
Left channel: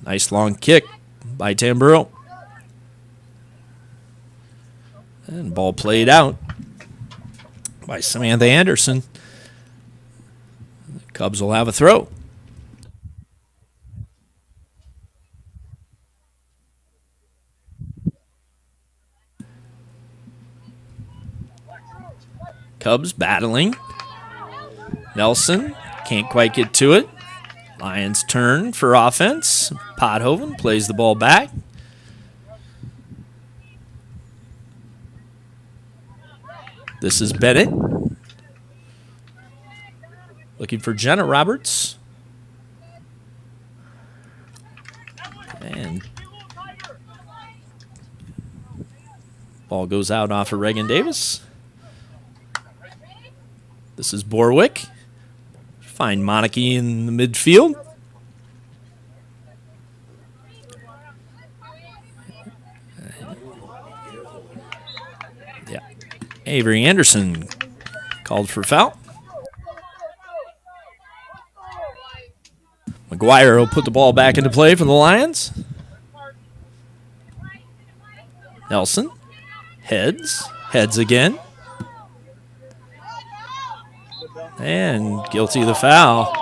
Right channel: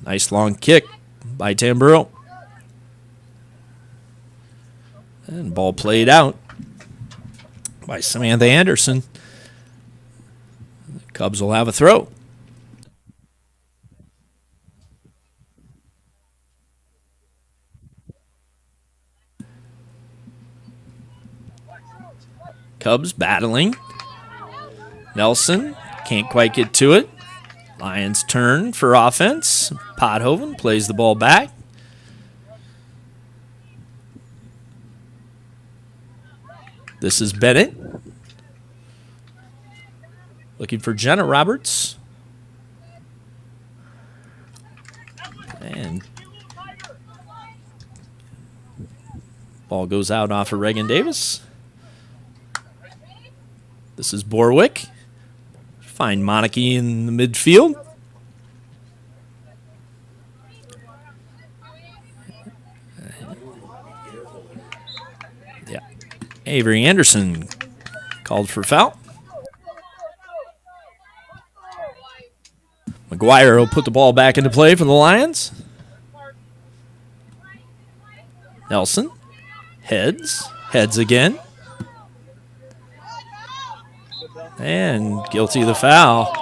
Nice long kick by Tamburo. And ball played out by Samantha Anderson. The Cubs will have a throw. Cubs battling. Nelson can't quite get to it. Lions turn for offense. Pothoven plays the ball back. This is Bennett. Looking for Jenna Roberts. And ball goes out off of Reagan Davis. This is Borwick. Find Monarchy in the midfield. Yeah. Avery Anderson called for foul. McGuire will put the ball back into play for the Lions. Nelson heads again. And guilty of the foul.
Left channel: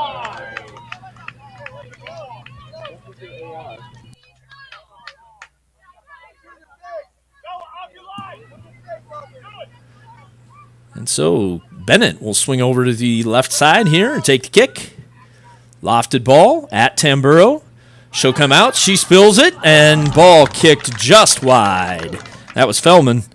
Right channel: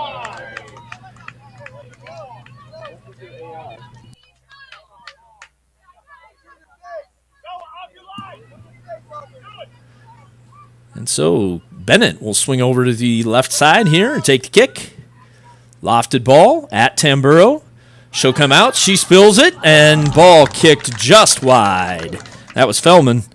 And so Bennett will swing over to the left side here and take the kick. Lofted ball at Tamburo. She'll come out. She spills it, and ball kicked just wide. That was Fellman.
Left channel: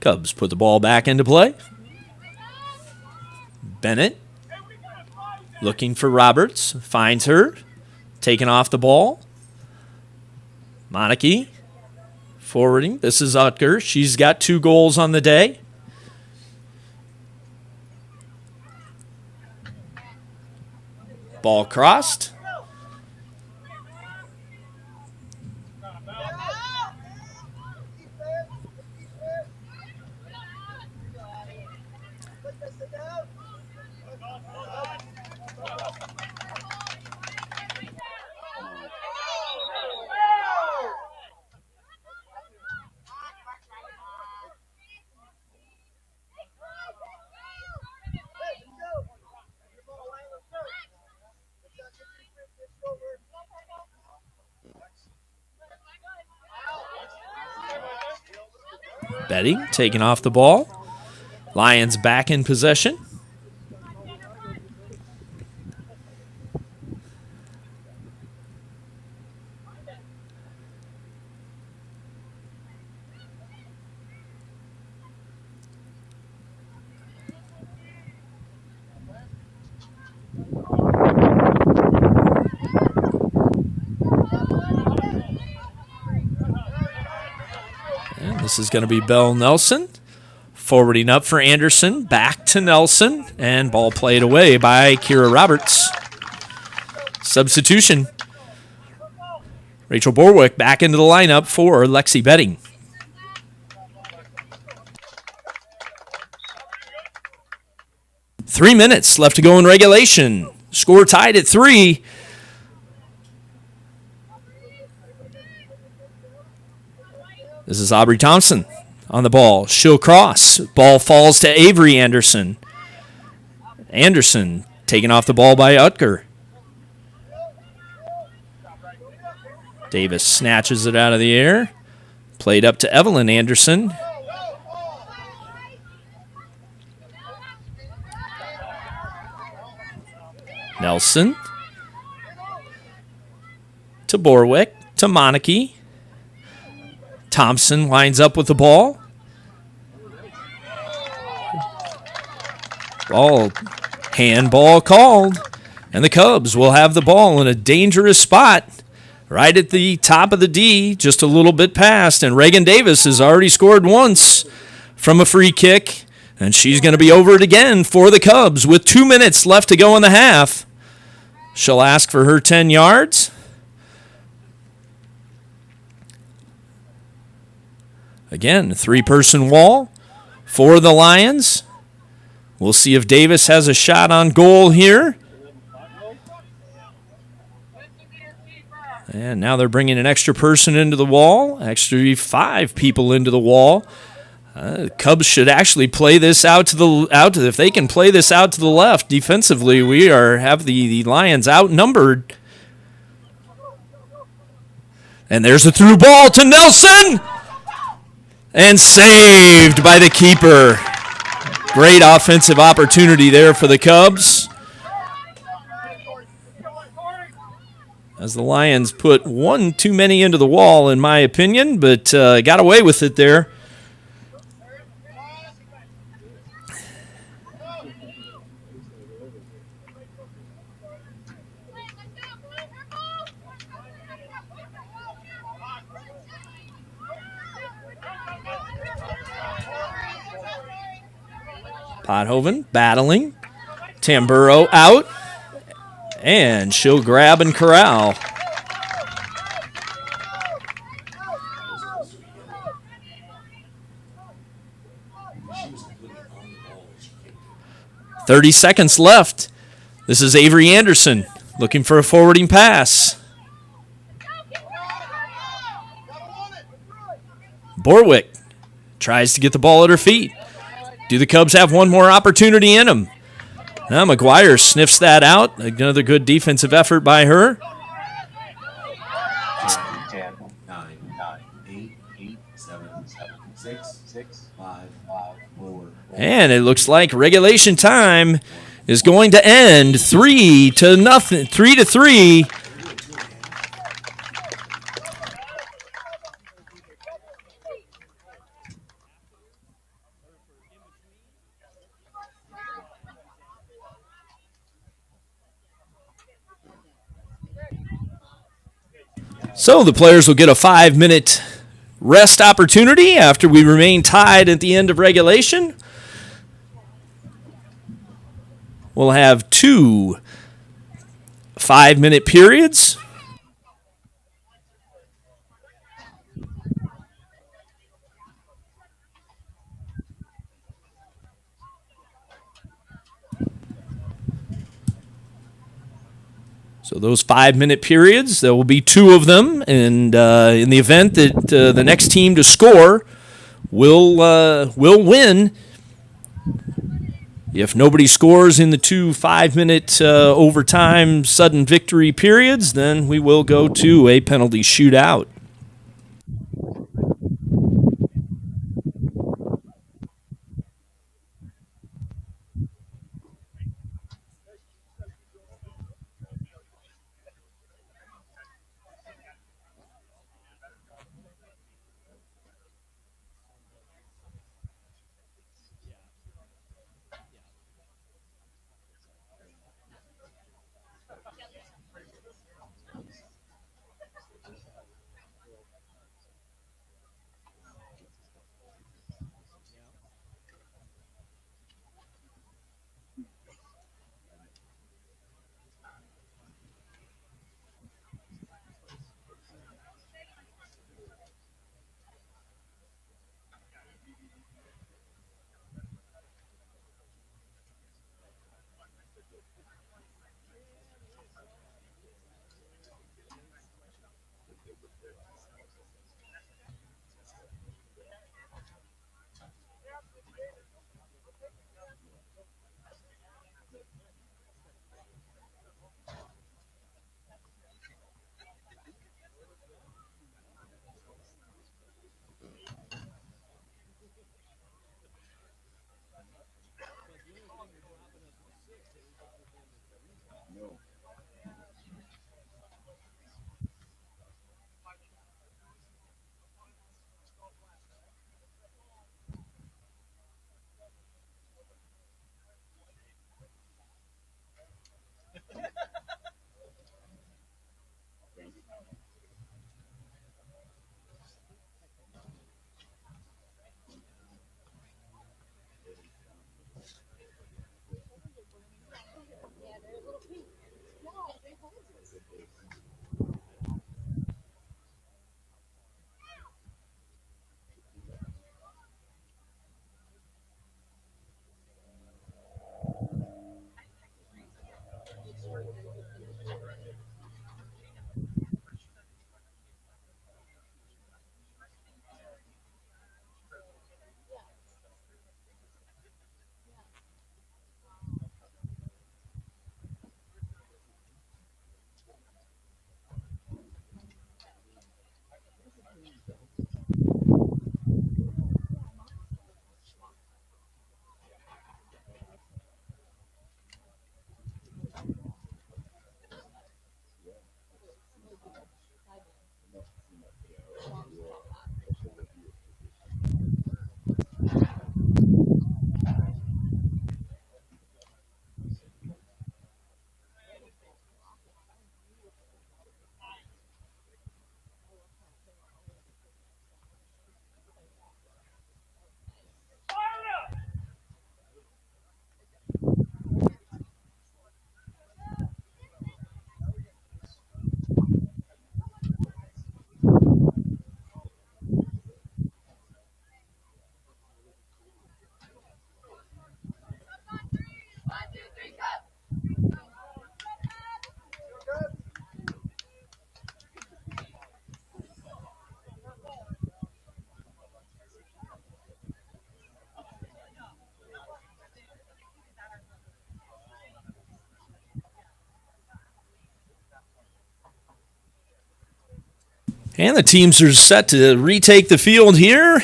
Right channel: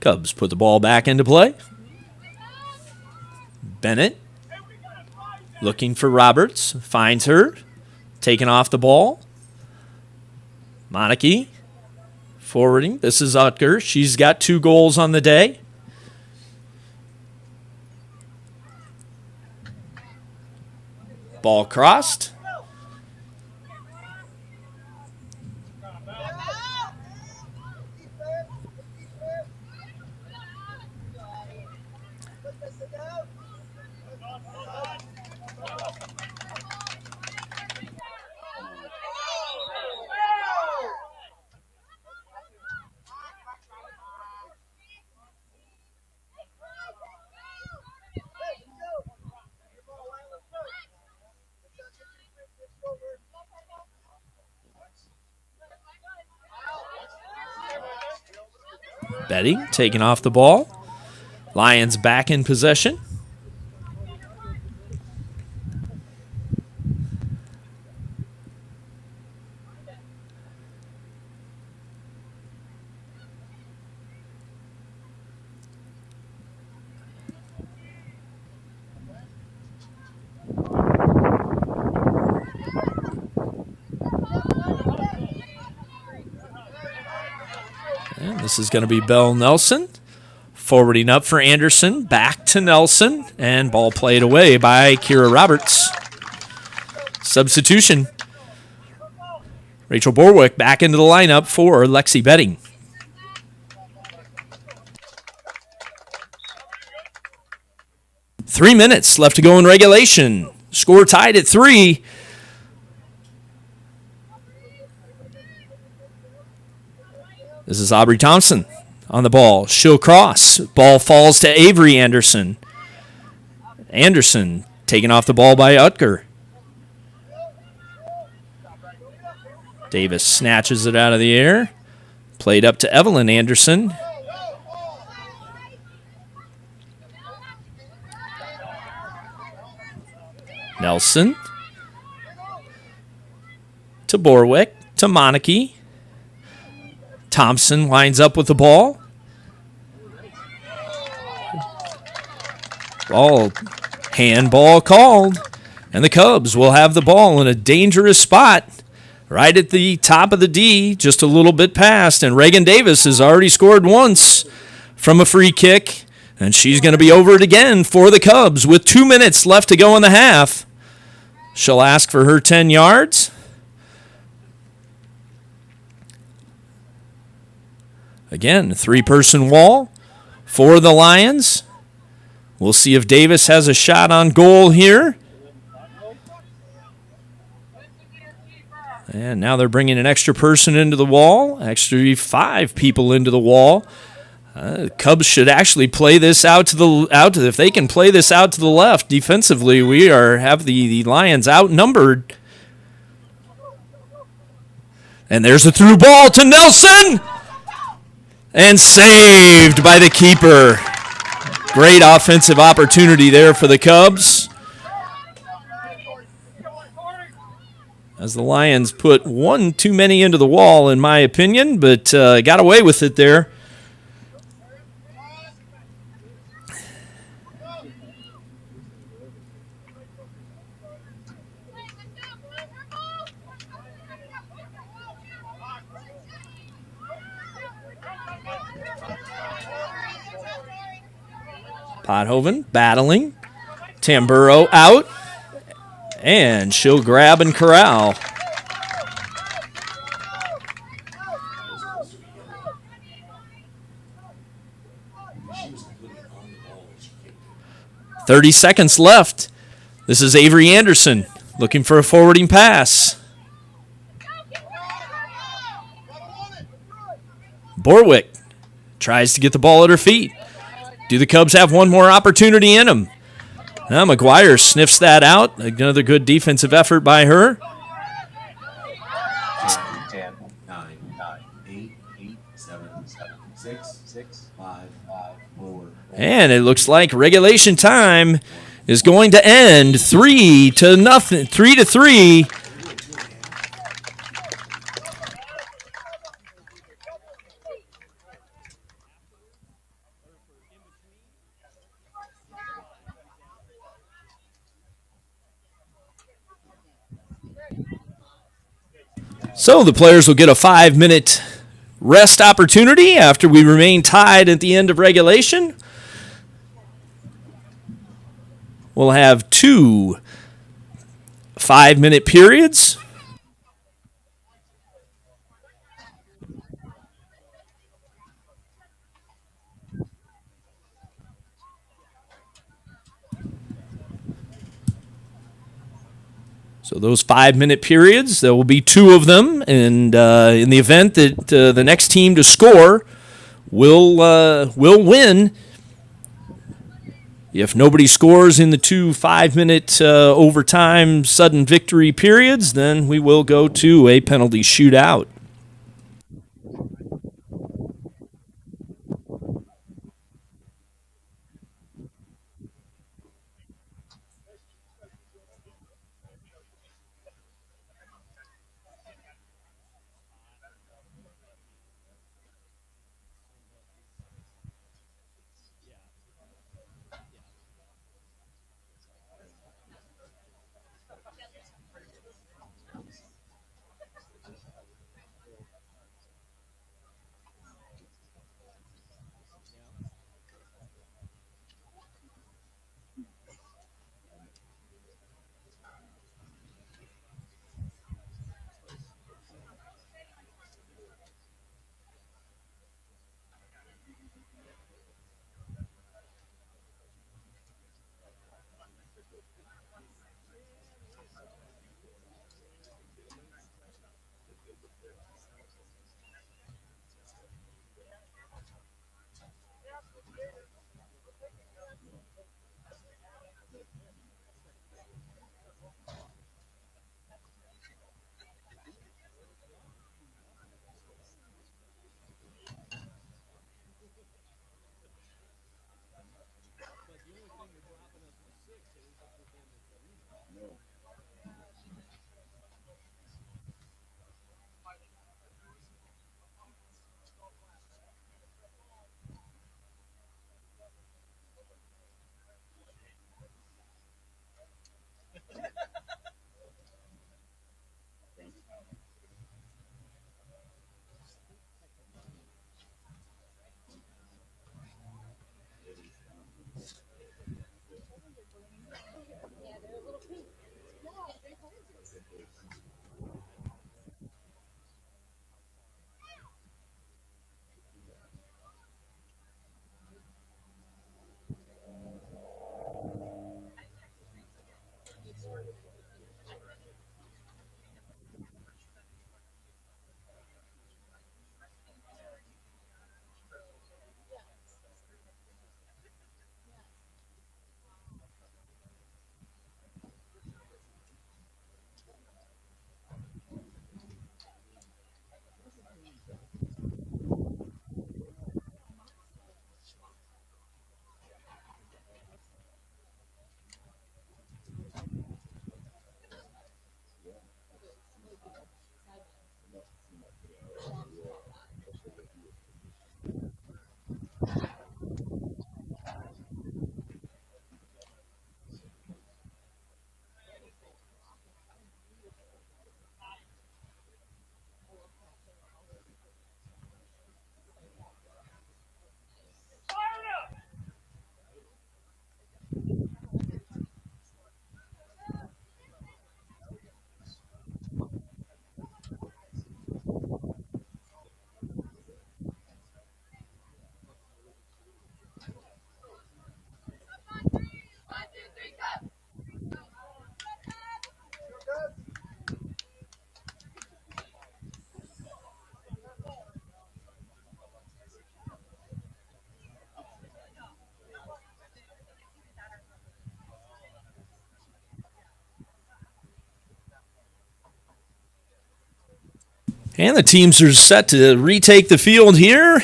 Cubs put the ball back into play. Bennett looking for Roberts. Finds her. Taking off the ball. Monarchy forwarding. This is Utker. She's got 2 goals on the day. Ball crossed. Betting taking off the ball. Lions back in possession. And this is going to be Bell Nelson. Forwarding up for Anderson. Back to Nelson. And ball played away by Kira Roberts. Substitution. Rachel Borwick back into the lineup for Lexi Betting. Three minutes left to go in regulation. Score tied at 3. This is Aubrey Thompson on the ball. She'll cross. Ball falls to Avery Anderson. Anderson taken off the ball by Utker. Davis snatches it out of the air. Played up to Evelyn Anderson. Nelson. To Borwick. To Monarchy. Thompson lines up with the ball. Handball called. And the Cubs will have the ball in a dangerous spot. Right at the top of the D, just a little bit past. And Reagan Davis has already scored once from a free kick. And she's going to be over it again for the Cubs with 2 minutes left to go in the half. She'll ask for her 10 yards. Again, 3-person wall for the Lions. We'll see if Davis has a shot on goal here. And now they're bringing an extra person into the wall. Extra 5 people into the wall. Cubs should actually play this if they can play this out to the left defensively. We have the Lions outnumbered. And there's a through ball to Nelson. And saved by the keeper. Great offensive opportunity there for the Cubs. As the Lions put one too many into the wall, in my opinion, but got away with it there. Pothoven battling. Tamburo out. And she'll grab and corral. "30 seconds left. This is Avery Anderson looking for a forwarding pass. Borwick tries to get the ball at her feet. Do the Cubs have one more opportunity in them? Now McGuire sniffs that out. Another good defensive effort by her. 10, 9, 8, 7, 6, 5, 4. And it looks like regulation time is going to end 3-0, 3-3. So the players will get a 5-minute rest opportunity after we remain tied at the end of regulation. We'll have 2 5-minute periods. So those 5-minute periods, there will be 2 of them, and in the event that the next team to score will win. If nobody scores in the 2 5-minute overtime sudden victory periods, then we will go to a penalty shootout. And the teams are set to retake the field here.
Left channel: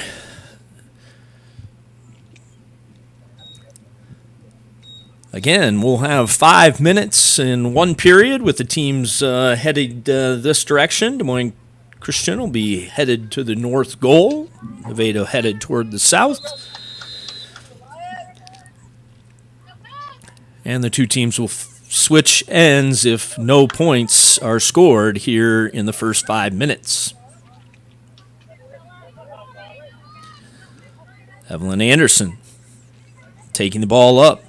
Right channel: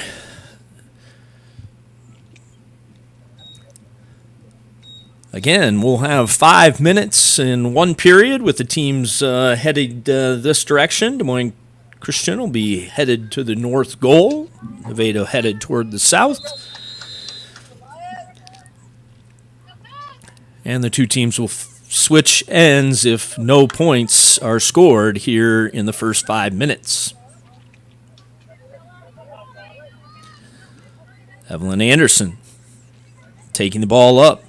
Again, we'll have 5 minutes in one period with the teams headed this direction. Des Moines Christian will be headed to the north goal. Nevada headed toward the south. And the two teams will switch ends if no points are scored here in the first 5 minutes. Evelyn Anderson taking the ball up,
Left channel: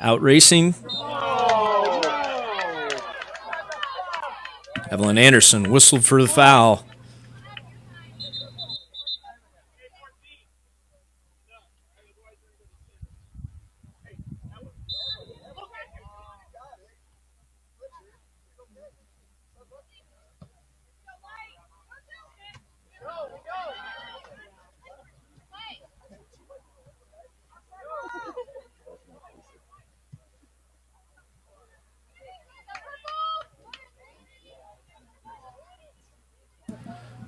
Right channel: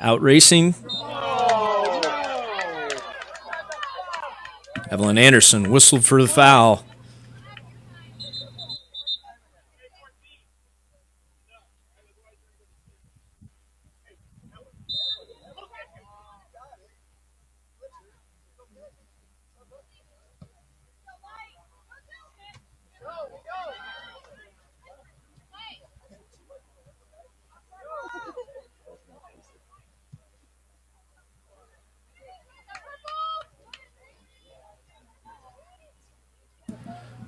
out racing. Evelyn Anderson whistled for the foul.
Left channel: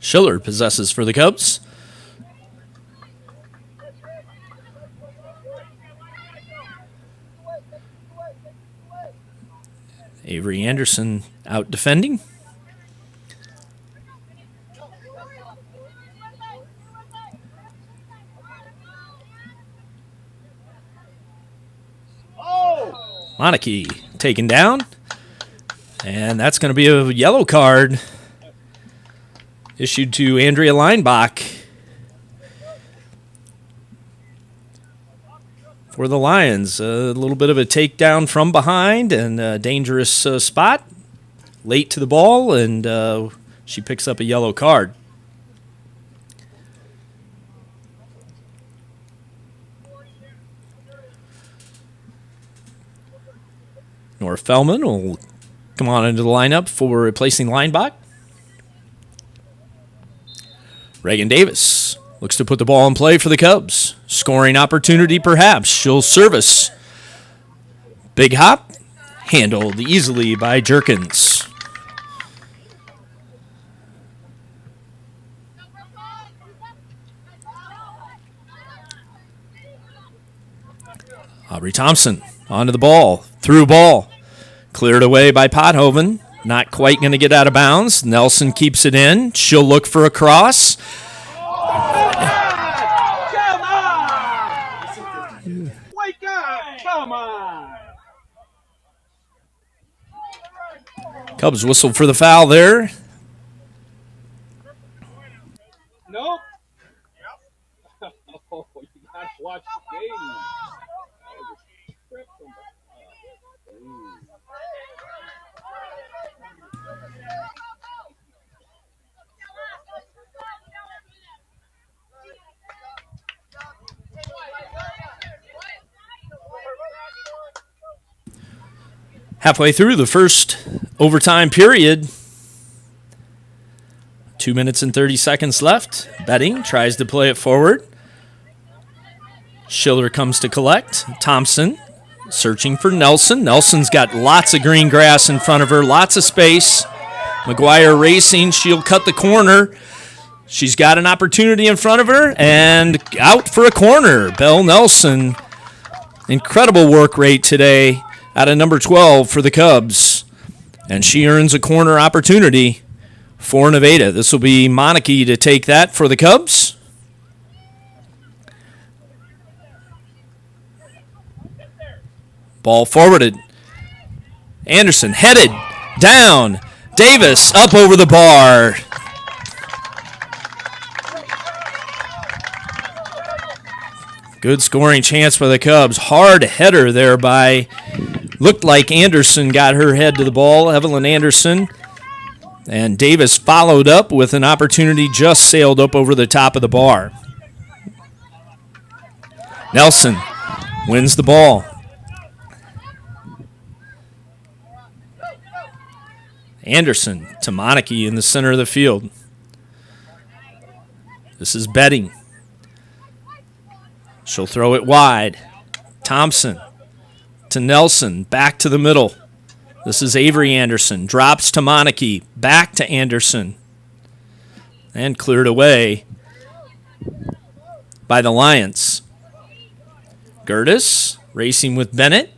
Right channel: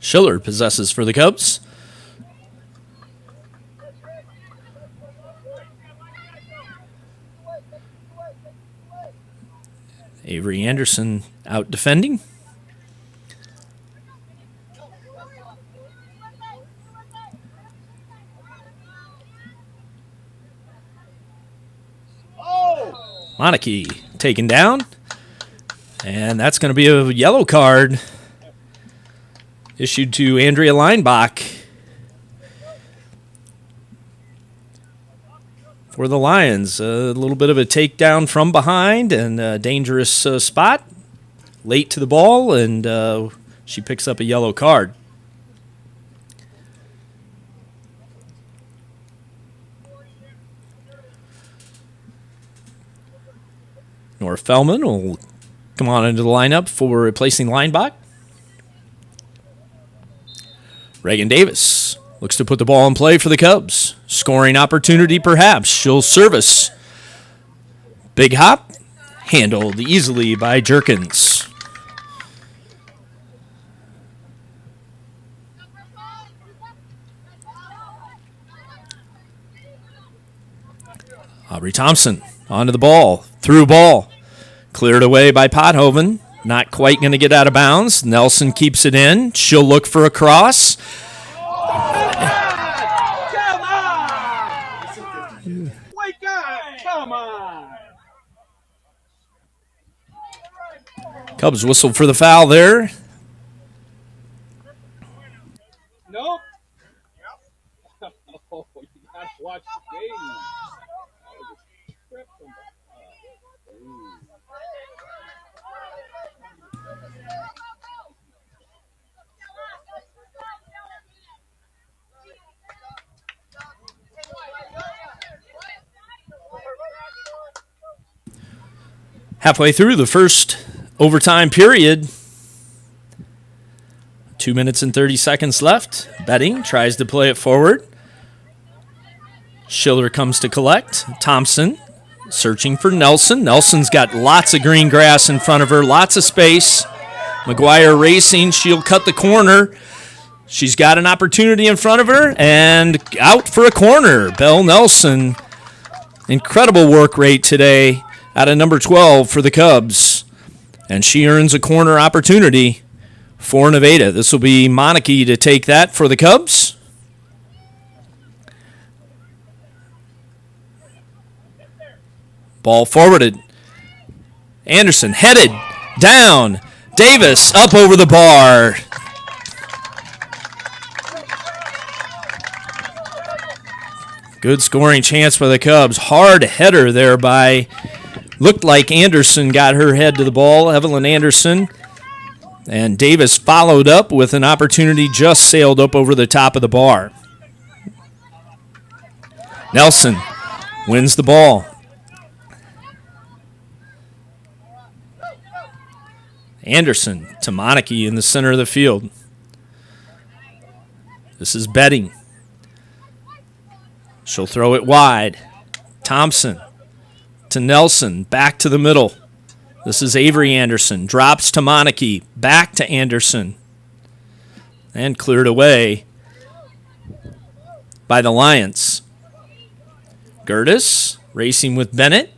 Schiller possesses for the Cubs. Avery Anderson out defending. Monarchy taken down. And that's going to be a yellow card issued to Andrea Leinbach for the Lions. A little bit of a takedown from behind and a dangerous spot. Late to the ball, and she picks up a yellow card. Nora Fellman will come on into the lineup for replacing Leinbach. Reagan Davis looks to put the ball in play for the Cubs. Scoring opportunity, perhaps. She'll service. Big hop. Handled easily by Jerkins. Aubrey Thompson onto the ball. Through ball. Cleared away by Pothoven. Not quite going to get out of bounds. Nelson keeps it in. She'll look for a cross. Come on! Wake up! Come on! Cubs whistled for the foul there. Nope. Oh, you gotta watch the game. That was a trip from Halfway through the first overtime period. 2 minutes and 30 seconds left. Betting tries to play it forward. Schiller comes to collect. Thompson searching for Nelson. Nelson's got lots of green grass in front of her, lots of space. McGuire racing. She'll cut the corner. She's got an opportunity in front of her and out for a corner. Belle Nelson. Incredible work rate today out of number 12 for the Cubs. And she earns a corner opportunity for Nevada. This will be Monarchy to take that for the Cubs. Ball forwarded. Anderson headed down. Davis up over the bar. Good scoring chance for the Cubs. Hard header there by, looked like Anderson got her head to the ball, Evelyn Anderson. And Davis followed up with an opportunity, just sailed up over the top of the bar. Nelson wins the ball. Anderson to Monarchy in the center of the field. This is Betting. She'll throw it wide. Thompson to Nelson, back to the middle. This is Avery Anderson. Drops to Monarchy, back to Anderson. And cleared away by the Lions. Gertis racing with Bennett.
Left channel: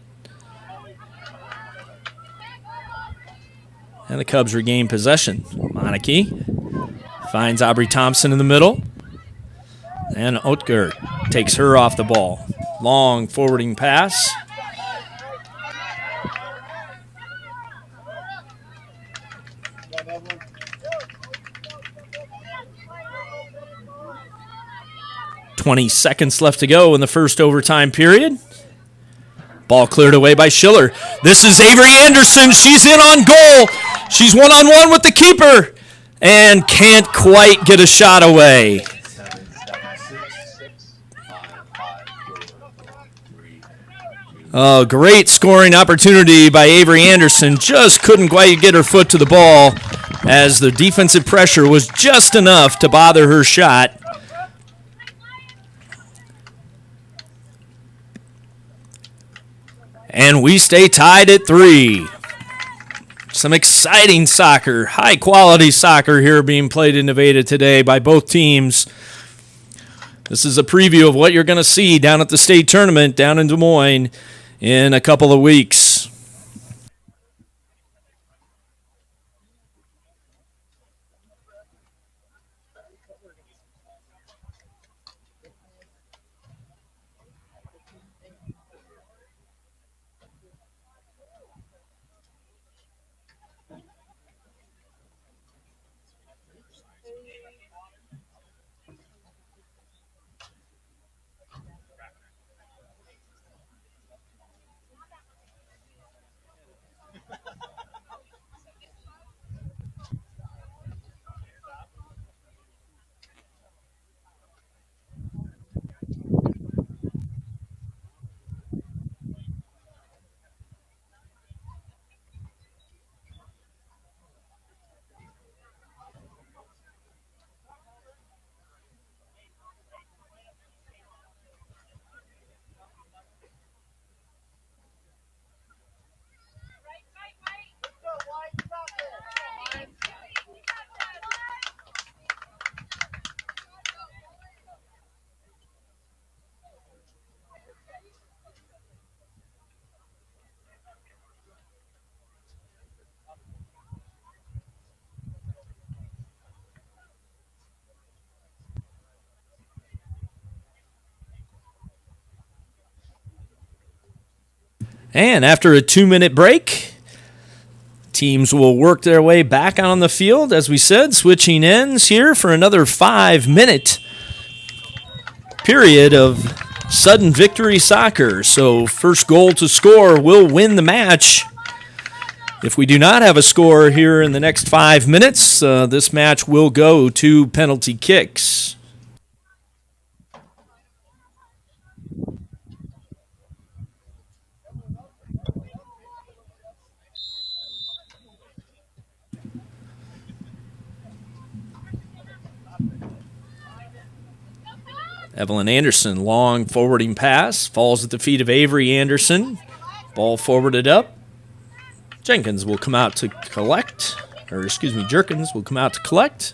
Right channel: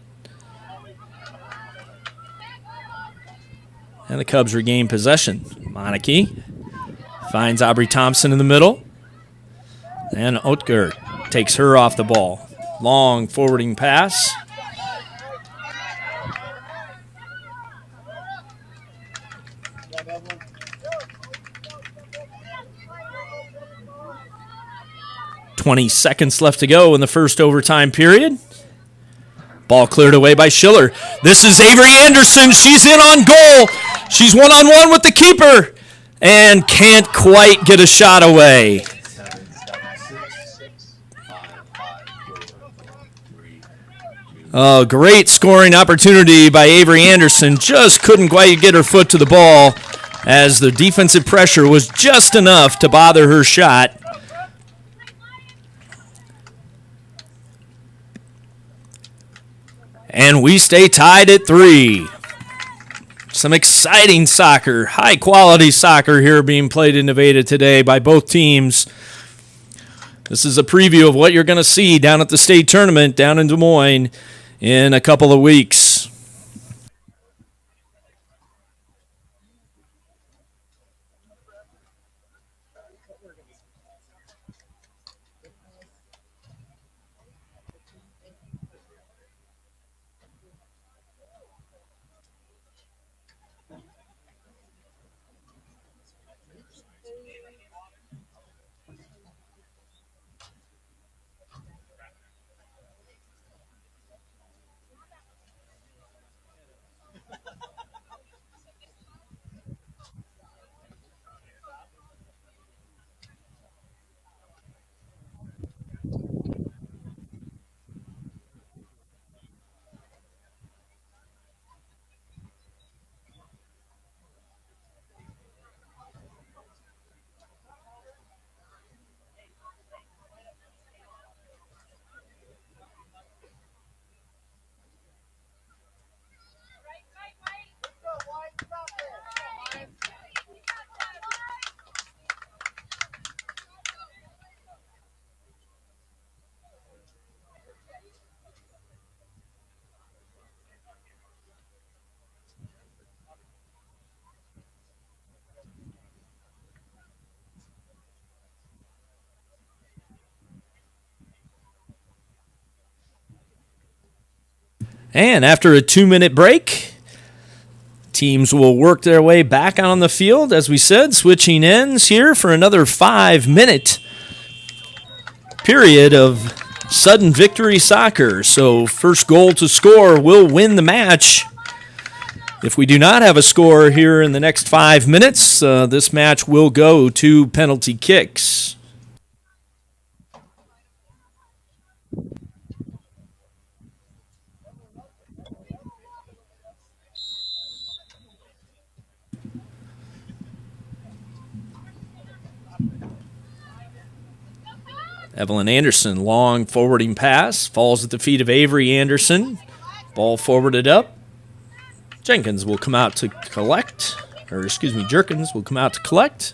And the Cubs regain possession. Monarchy finds Aubrey Thompson in the middle. And Oetker takes her off the ball. Long forwarding pass. .20 left to go in the first overtime period. Ball cleared away by Schiller. This is Avery Anderson. She's in on goal. She's one-on-one with the keeper and can't quite get a shot away. Great scoring opportunity by Avery Anderson. Just couldn't quite get her foot to the ball as the defensive pressure was just enough to bother her shot. And we stay tied at 3. Some exciting soccer, high-quality soccer here being played in Nevada today by both teams. This is a preview of what you're going to see down at the state tournament down in Des Moines in a couple of weeks. And after a 2-minute break, teams will work their way back on the field, as we said, switching ends here for another 5-minute period of sudden victory soccer. So first goal to score will win the match. If we do not have a score here in the next 5 minutes, this match will go to penalty kicks. Evelyn Anderson, long forwarding pass, falls at the feet of Avery Anderson. Ball forwarded up. Jenkins will come out to collect, Jerkins will come out to collect.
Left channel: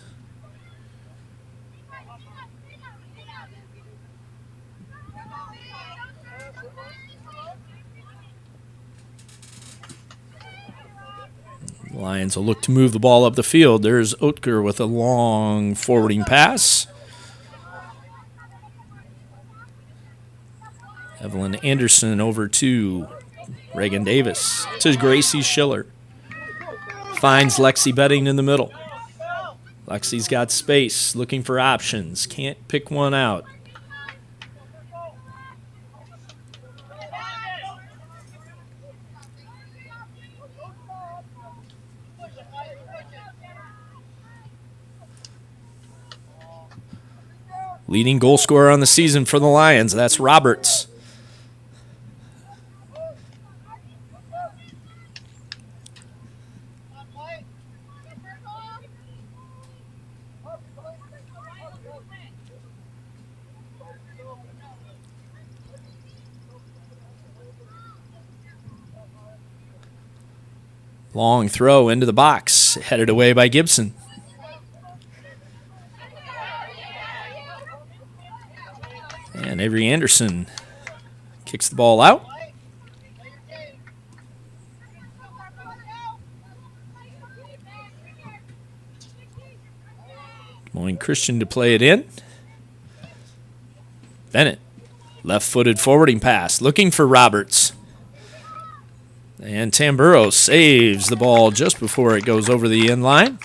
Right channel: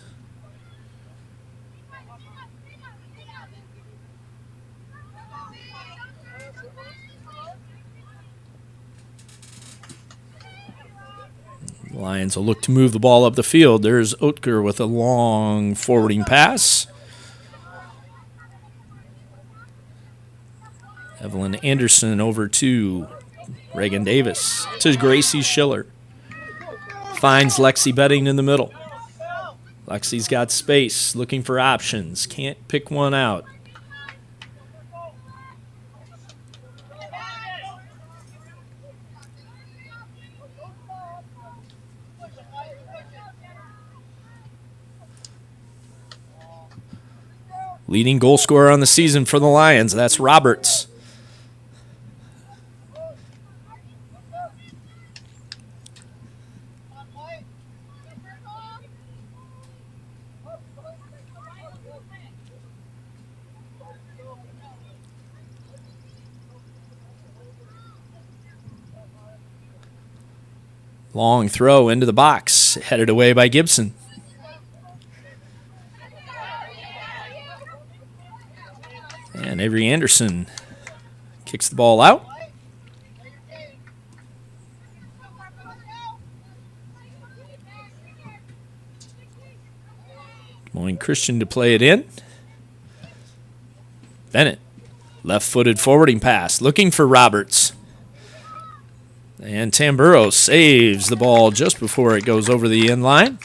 Lions will look to move the ball up the field. There's Oetker with a long forwarding pass. Evelyn Anderson over to Reagan Davis, to Gracie Schiller. Finds Lexi Betting in the middle. Lexi's got space, looking for options. Can't pick one out. Leading goal scorer on the season for the Lions, that's Roberts. Long throw into the box, headed away by Gibson. Avery Anderson kicks the ball out. Moyne Christian to play it in. Bennett, left-footed forwarding pass, looking for Roberts. And Tamburo saves the ball just before it goes over the end line.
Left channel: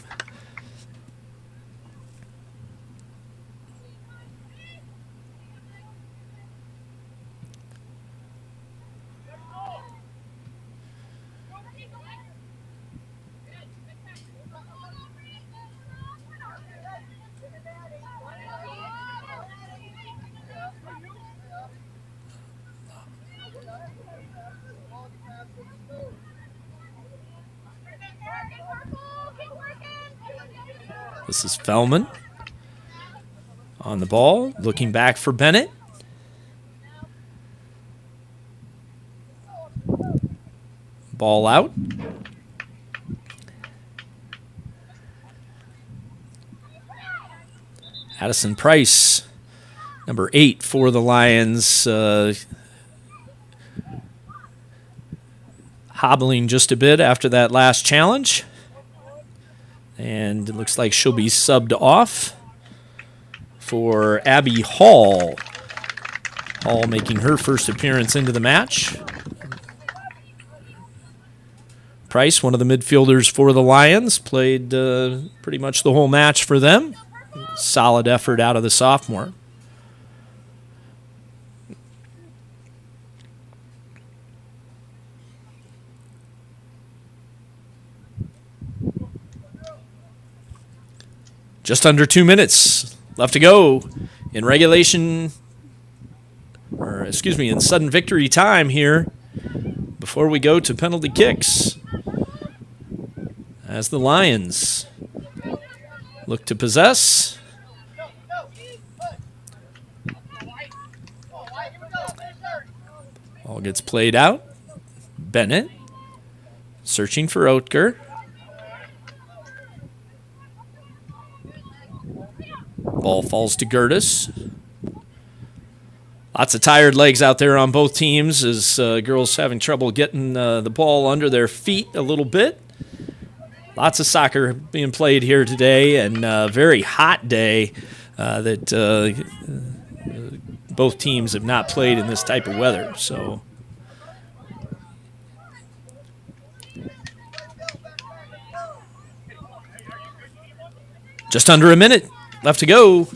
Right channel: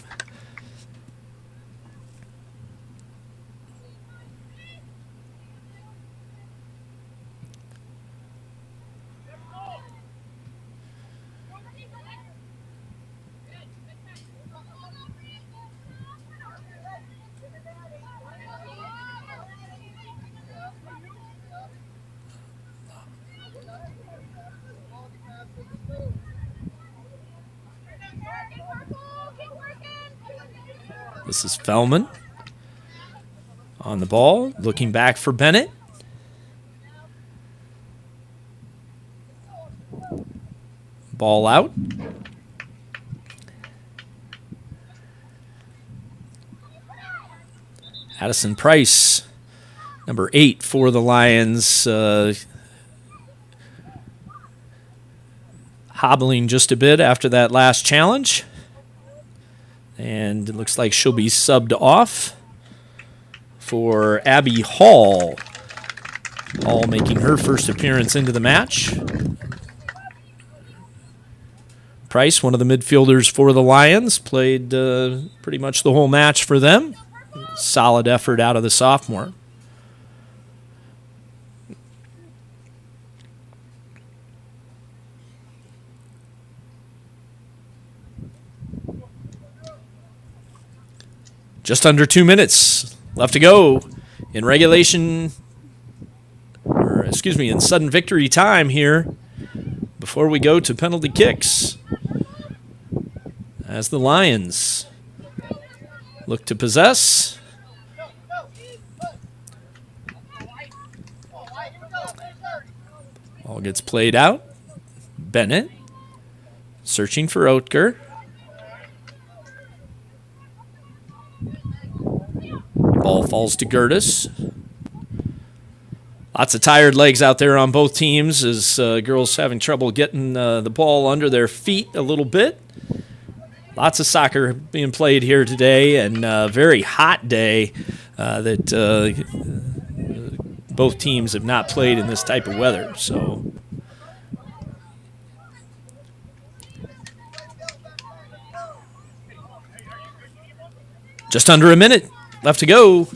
This is Fellman on the ball, looking back for Bennett. Ball out. Addison Price, number 8 for the Lions, hobbling just a bit after that last challenge. And it looks like she'll be subbed off for Abby Hall. Hall making her first appearance into the match. Price, one of the midfielders for the Lions, played pretty much the whole match for them. Solid effort out of the sophomore. Just under 2 minutes left to go in regulation, in sudden victory time here before we go to penalty kicks. As the Lions look to possess. Ball gets played out. Bennett searching for Oetker. Ball falls to Gertis. Lots of tired legs out there on both teams as girls having trouble getting the ball under their feet a little bit. Lots of soccer being played here today, and a very hot day that both teams have not played in this type of weather. So just under a minute left to go.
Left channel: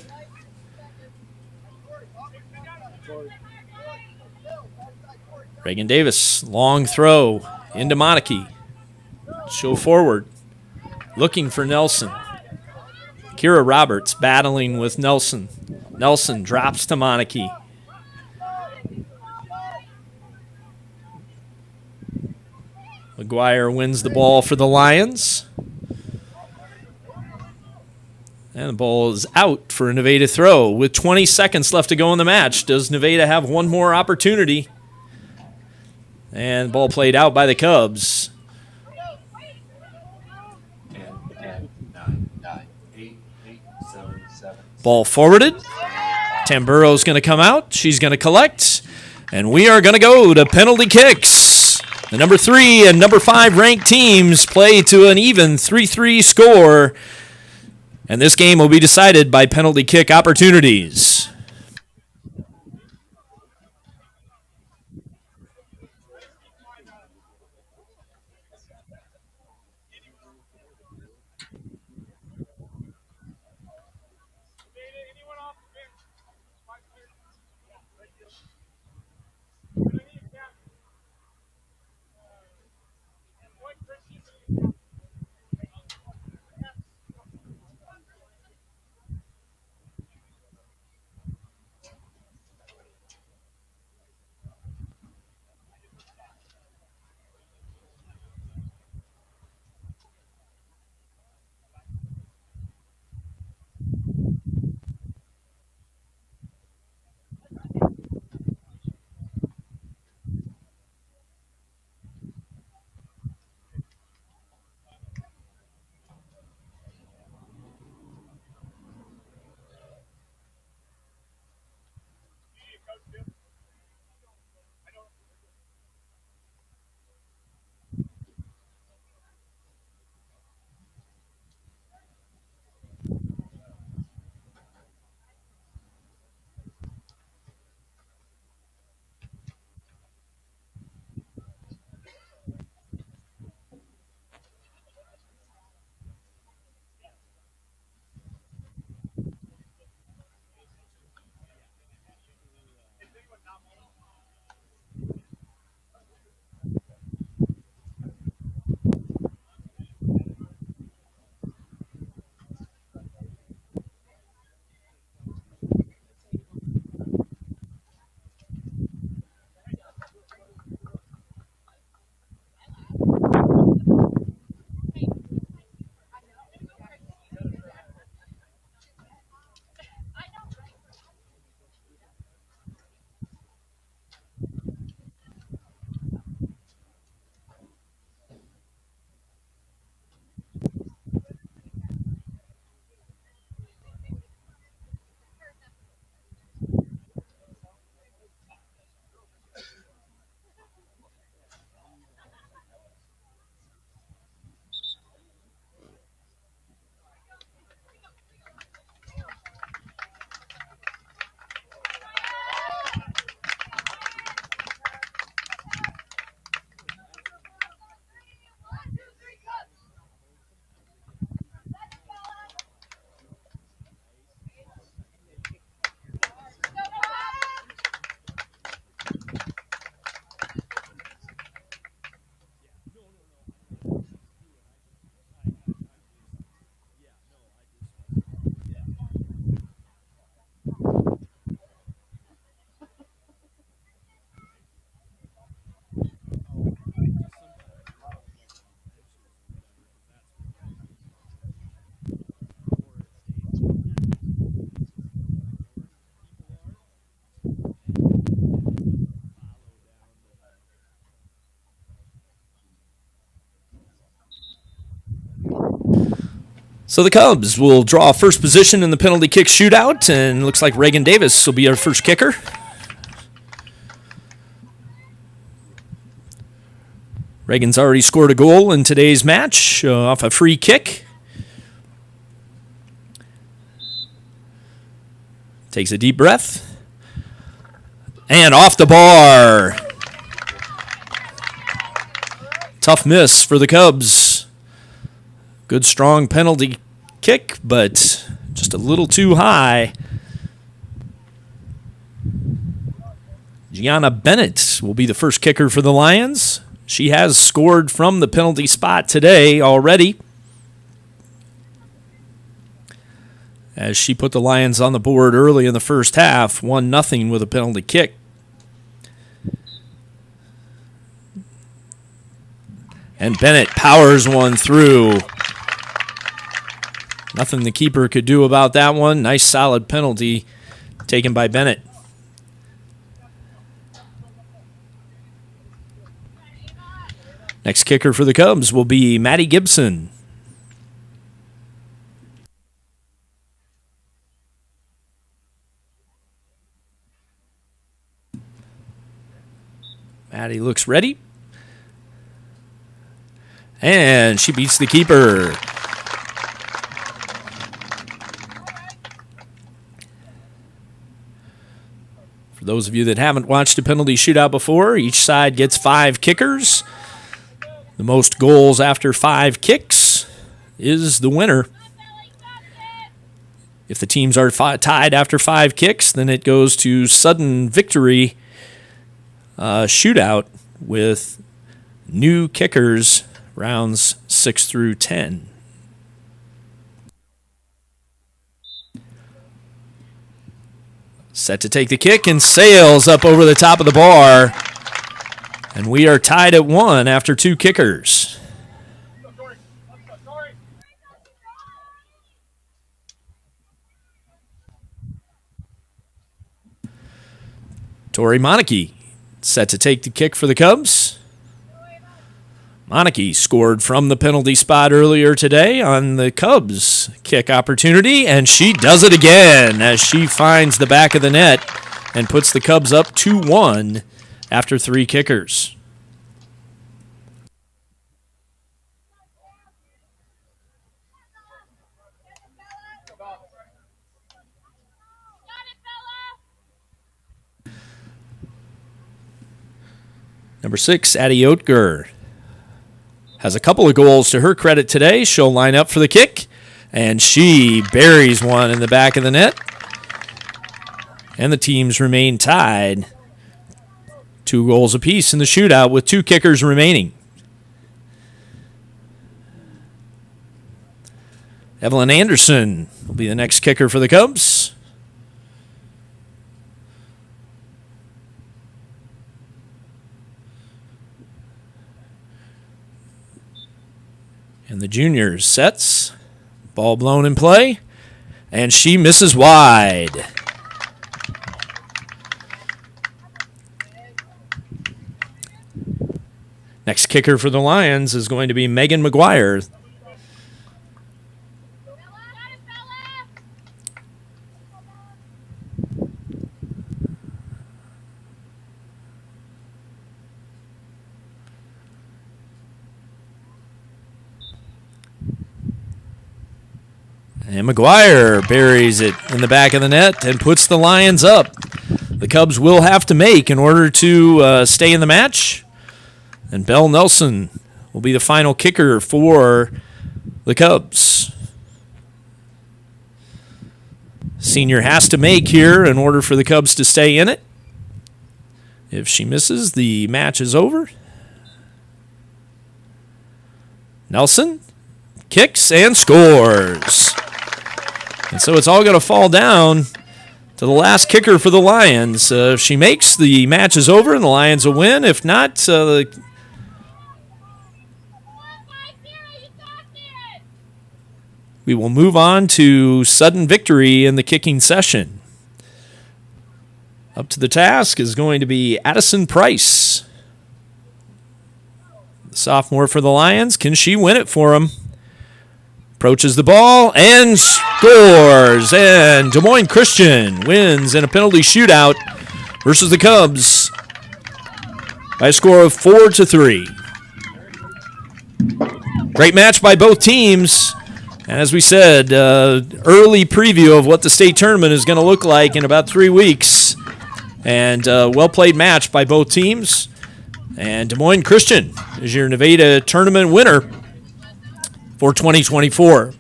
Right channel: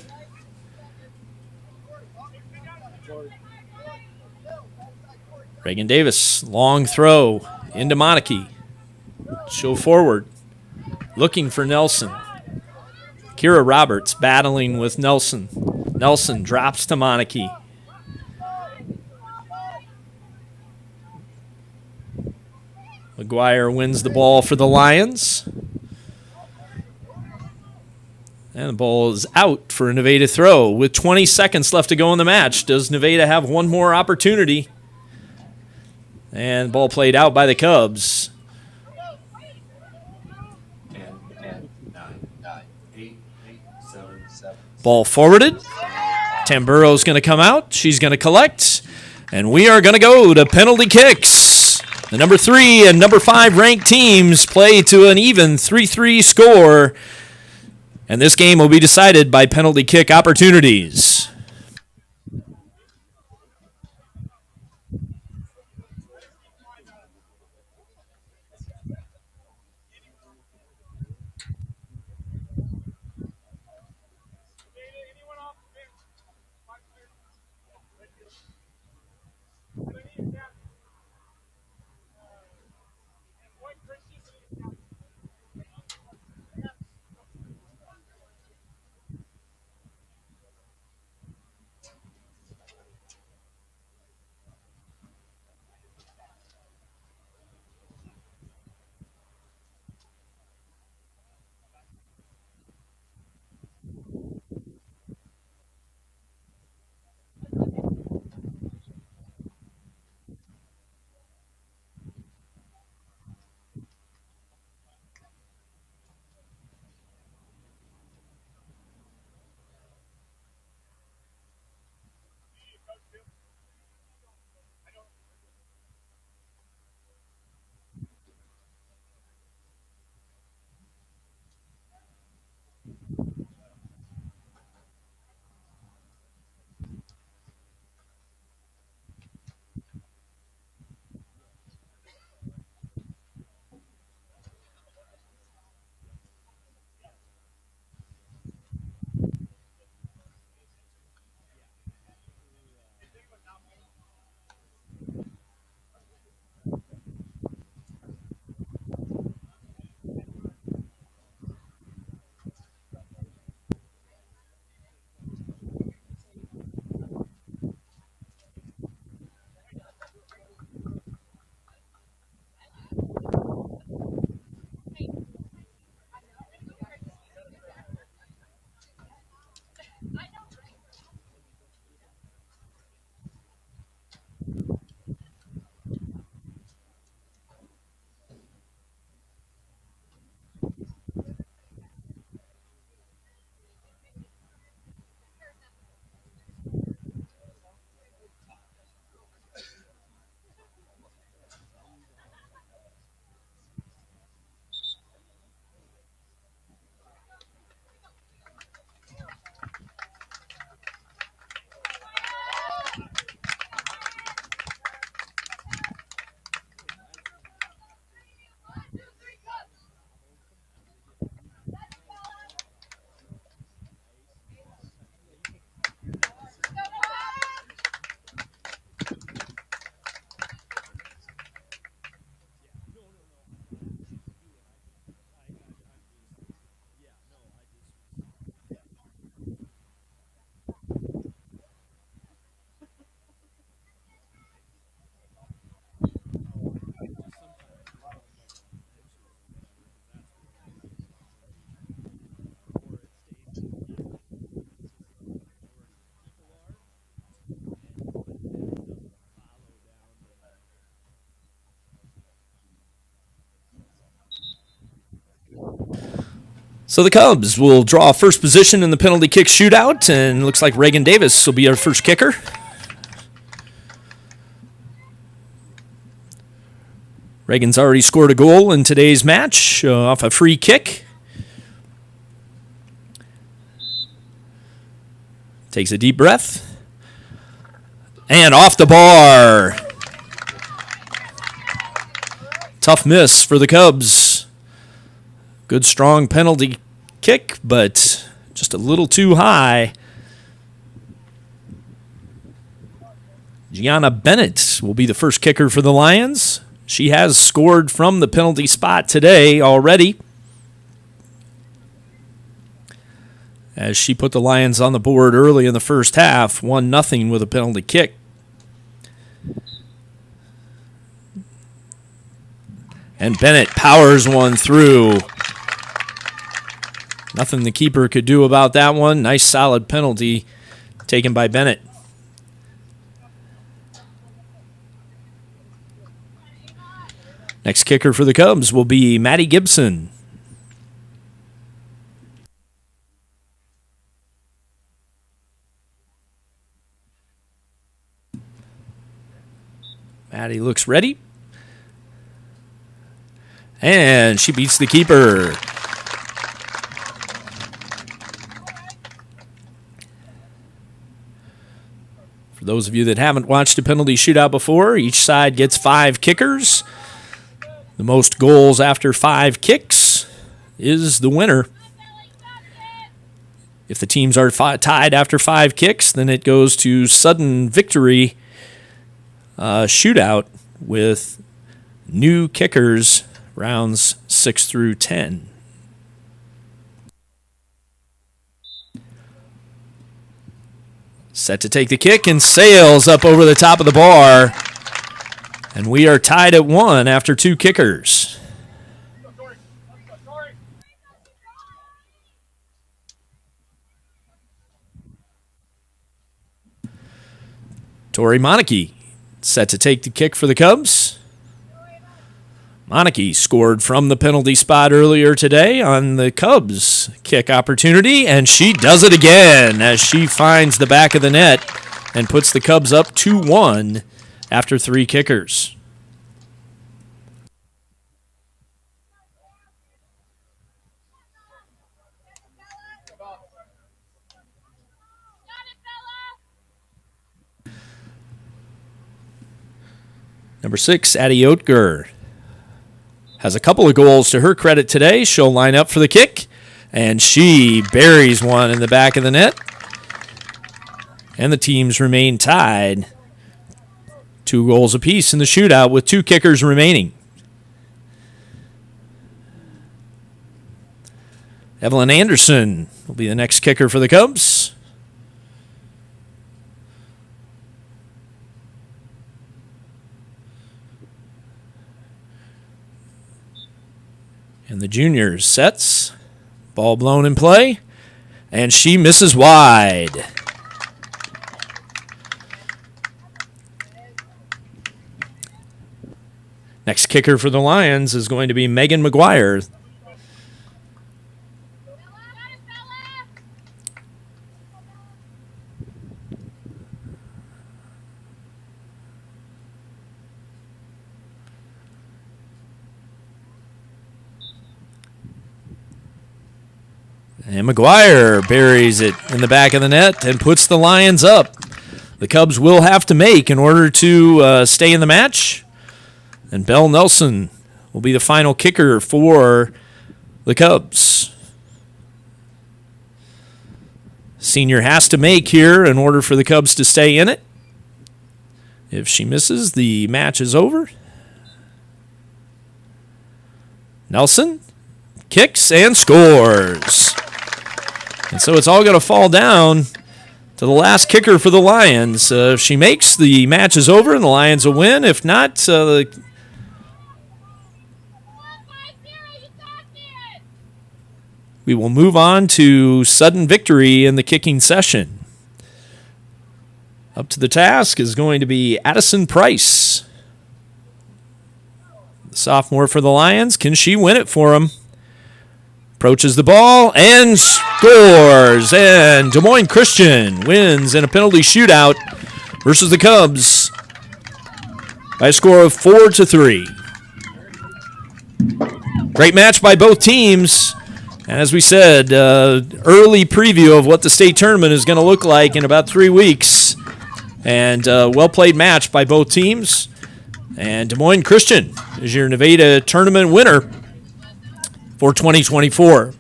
Reagan Davis, long throw into Monarchy. Show forward, looking for Nelson. Kira Roberts battling with Nelson. Nelson drops to Monarchy. McGuire wins the ball for the Lions. And the ball is out for a Nevada throw with 20 seconds left to go in the match. Does Nevada have one more opportunity? And ball played out by the Cubs. 10, 9, 8, 7. Ball forwarded. Tamburo's going to come out. She's going to collect. And we are going to go to penalty kicks. The number 3 and number 5 ranked teams play to an even 3-3 score. And this game will be decided by penalty kick opportunities. So the Cubs will draw first position in the penalty kick shootout, and looks like Reagan Davis will be our first kicker. Reagan's already scored a goal in today's match off a free kick. Takes a deep breath. And off the bar. Tough miss for the Cubs. Good strong penalty kick, but just a little too high. Gianna Bennett will be the first kicker for the Lions. She has scored from the penalty spot today already, as she put the Lions on the board early in the first half, 1-0 with a penalty kick. And Bennett powers one through. Nothing the keeper could do about that one. Nice solid penalty taken by Bennett. Next kicker for the Cubs will be Maddie Gibson. Maddie looks ready. And she beats the keeper. For those of you that haven't watched a penalty shootout before, each side gets 5 kickers. The most goals after 5 kicks is the winner. If the teams are tied after 5 kicks, then it goes to sudden victory shootout with new kickers, rounds 6 through 10. Set to take the kick and sails up over the top of the bar. And we are tied at 1 after 2 kickers. Tori Monarchy set to take the kick for the Cubs. Monarchy scored from the penalty spot earlier today on the Cubs kick opportunity, and she does it again as she finds the back of the net and puts the Cubs up 2-1 after 3 kickers. Number 6, Addie Oetker has a couple of goals to her credit today. She'll line up for the kick, and she buries one in the back of the net. And the teams remain tied. 2 goals apiece in the shootout with 2 kickers remaining. Evelyn Anderson will be the next kicker for the Cubs. And the juniors sets. Ball blown in play. And she misses wide. Next kicker for the Lions is going to be Megan McGuire. And McGuire buries it in the back of the net and puts the Lions up. The Cubs will have to make in order to stay in the match. And Belle Nelson will be the final kicker for the Cubs. Senior has to make here in order for the Cubs to stay in it. If she misses, the match is over. Nelson kicks and scores. And so it's all going to fall down to the last kicker for the Lions. If she makes, the match is over and the Lions will win. If not, we will move on to sudden victory in the kicking session. Up to the task is going to be Addison Price. The sophomore for the Lions. Can she win it for them? Approaches the ball and scores. And Des Moines Christian wins in a penalty shootout versus the Cubs by a score of 4-3. Great match by both teams. And as we said, early preview of what the state tournament is going to look like in about 3 weeks. And well-played match by both teams. And Des Moines Christian is your Nevada tournament winner for 2024.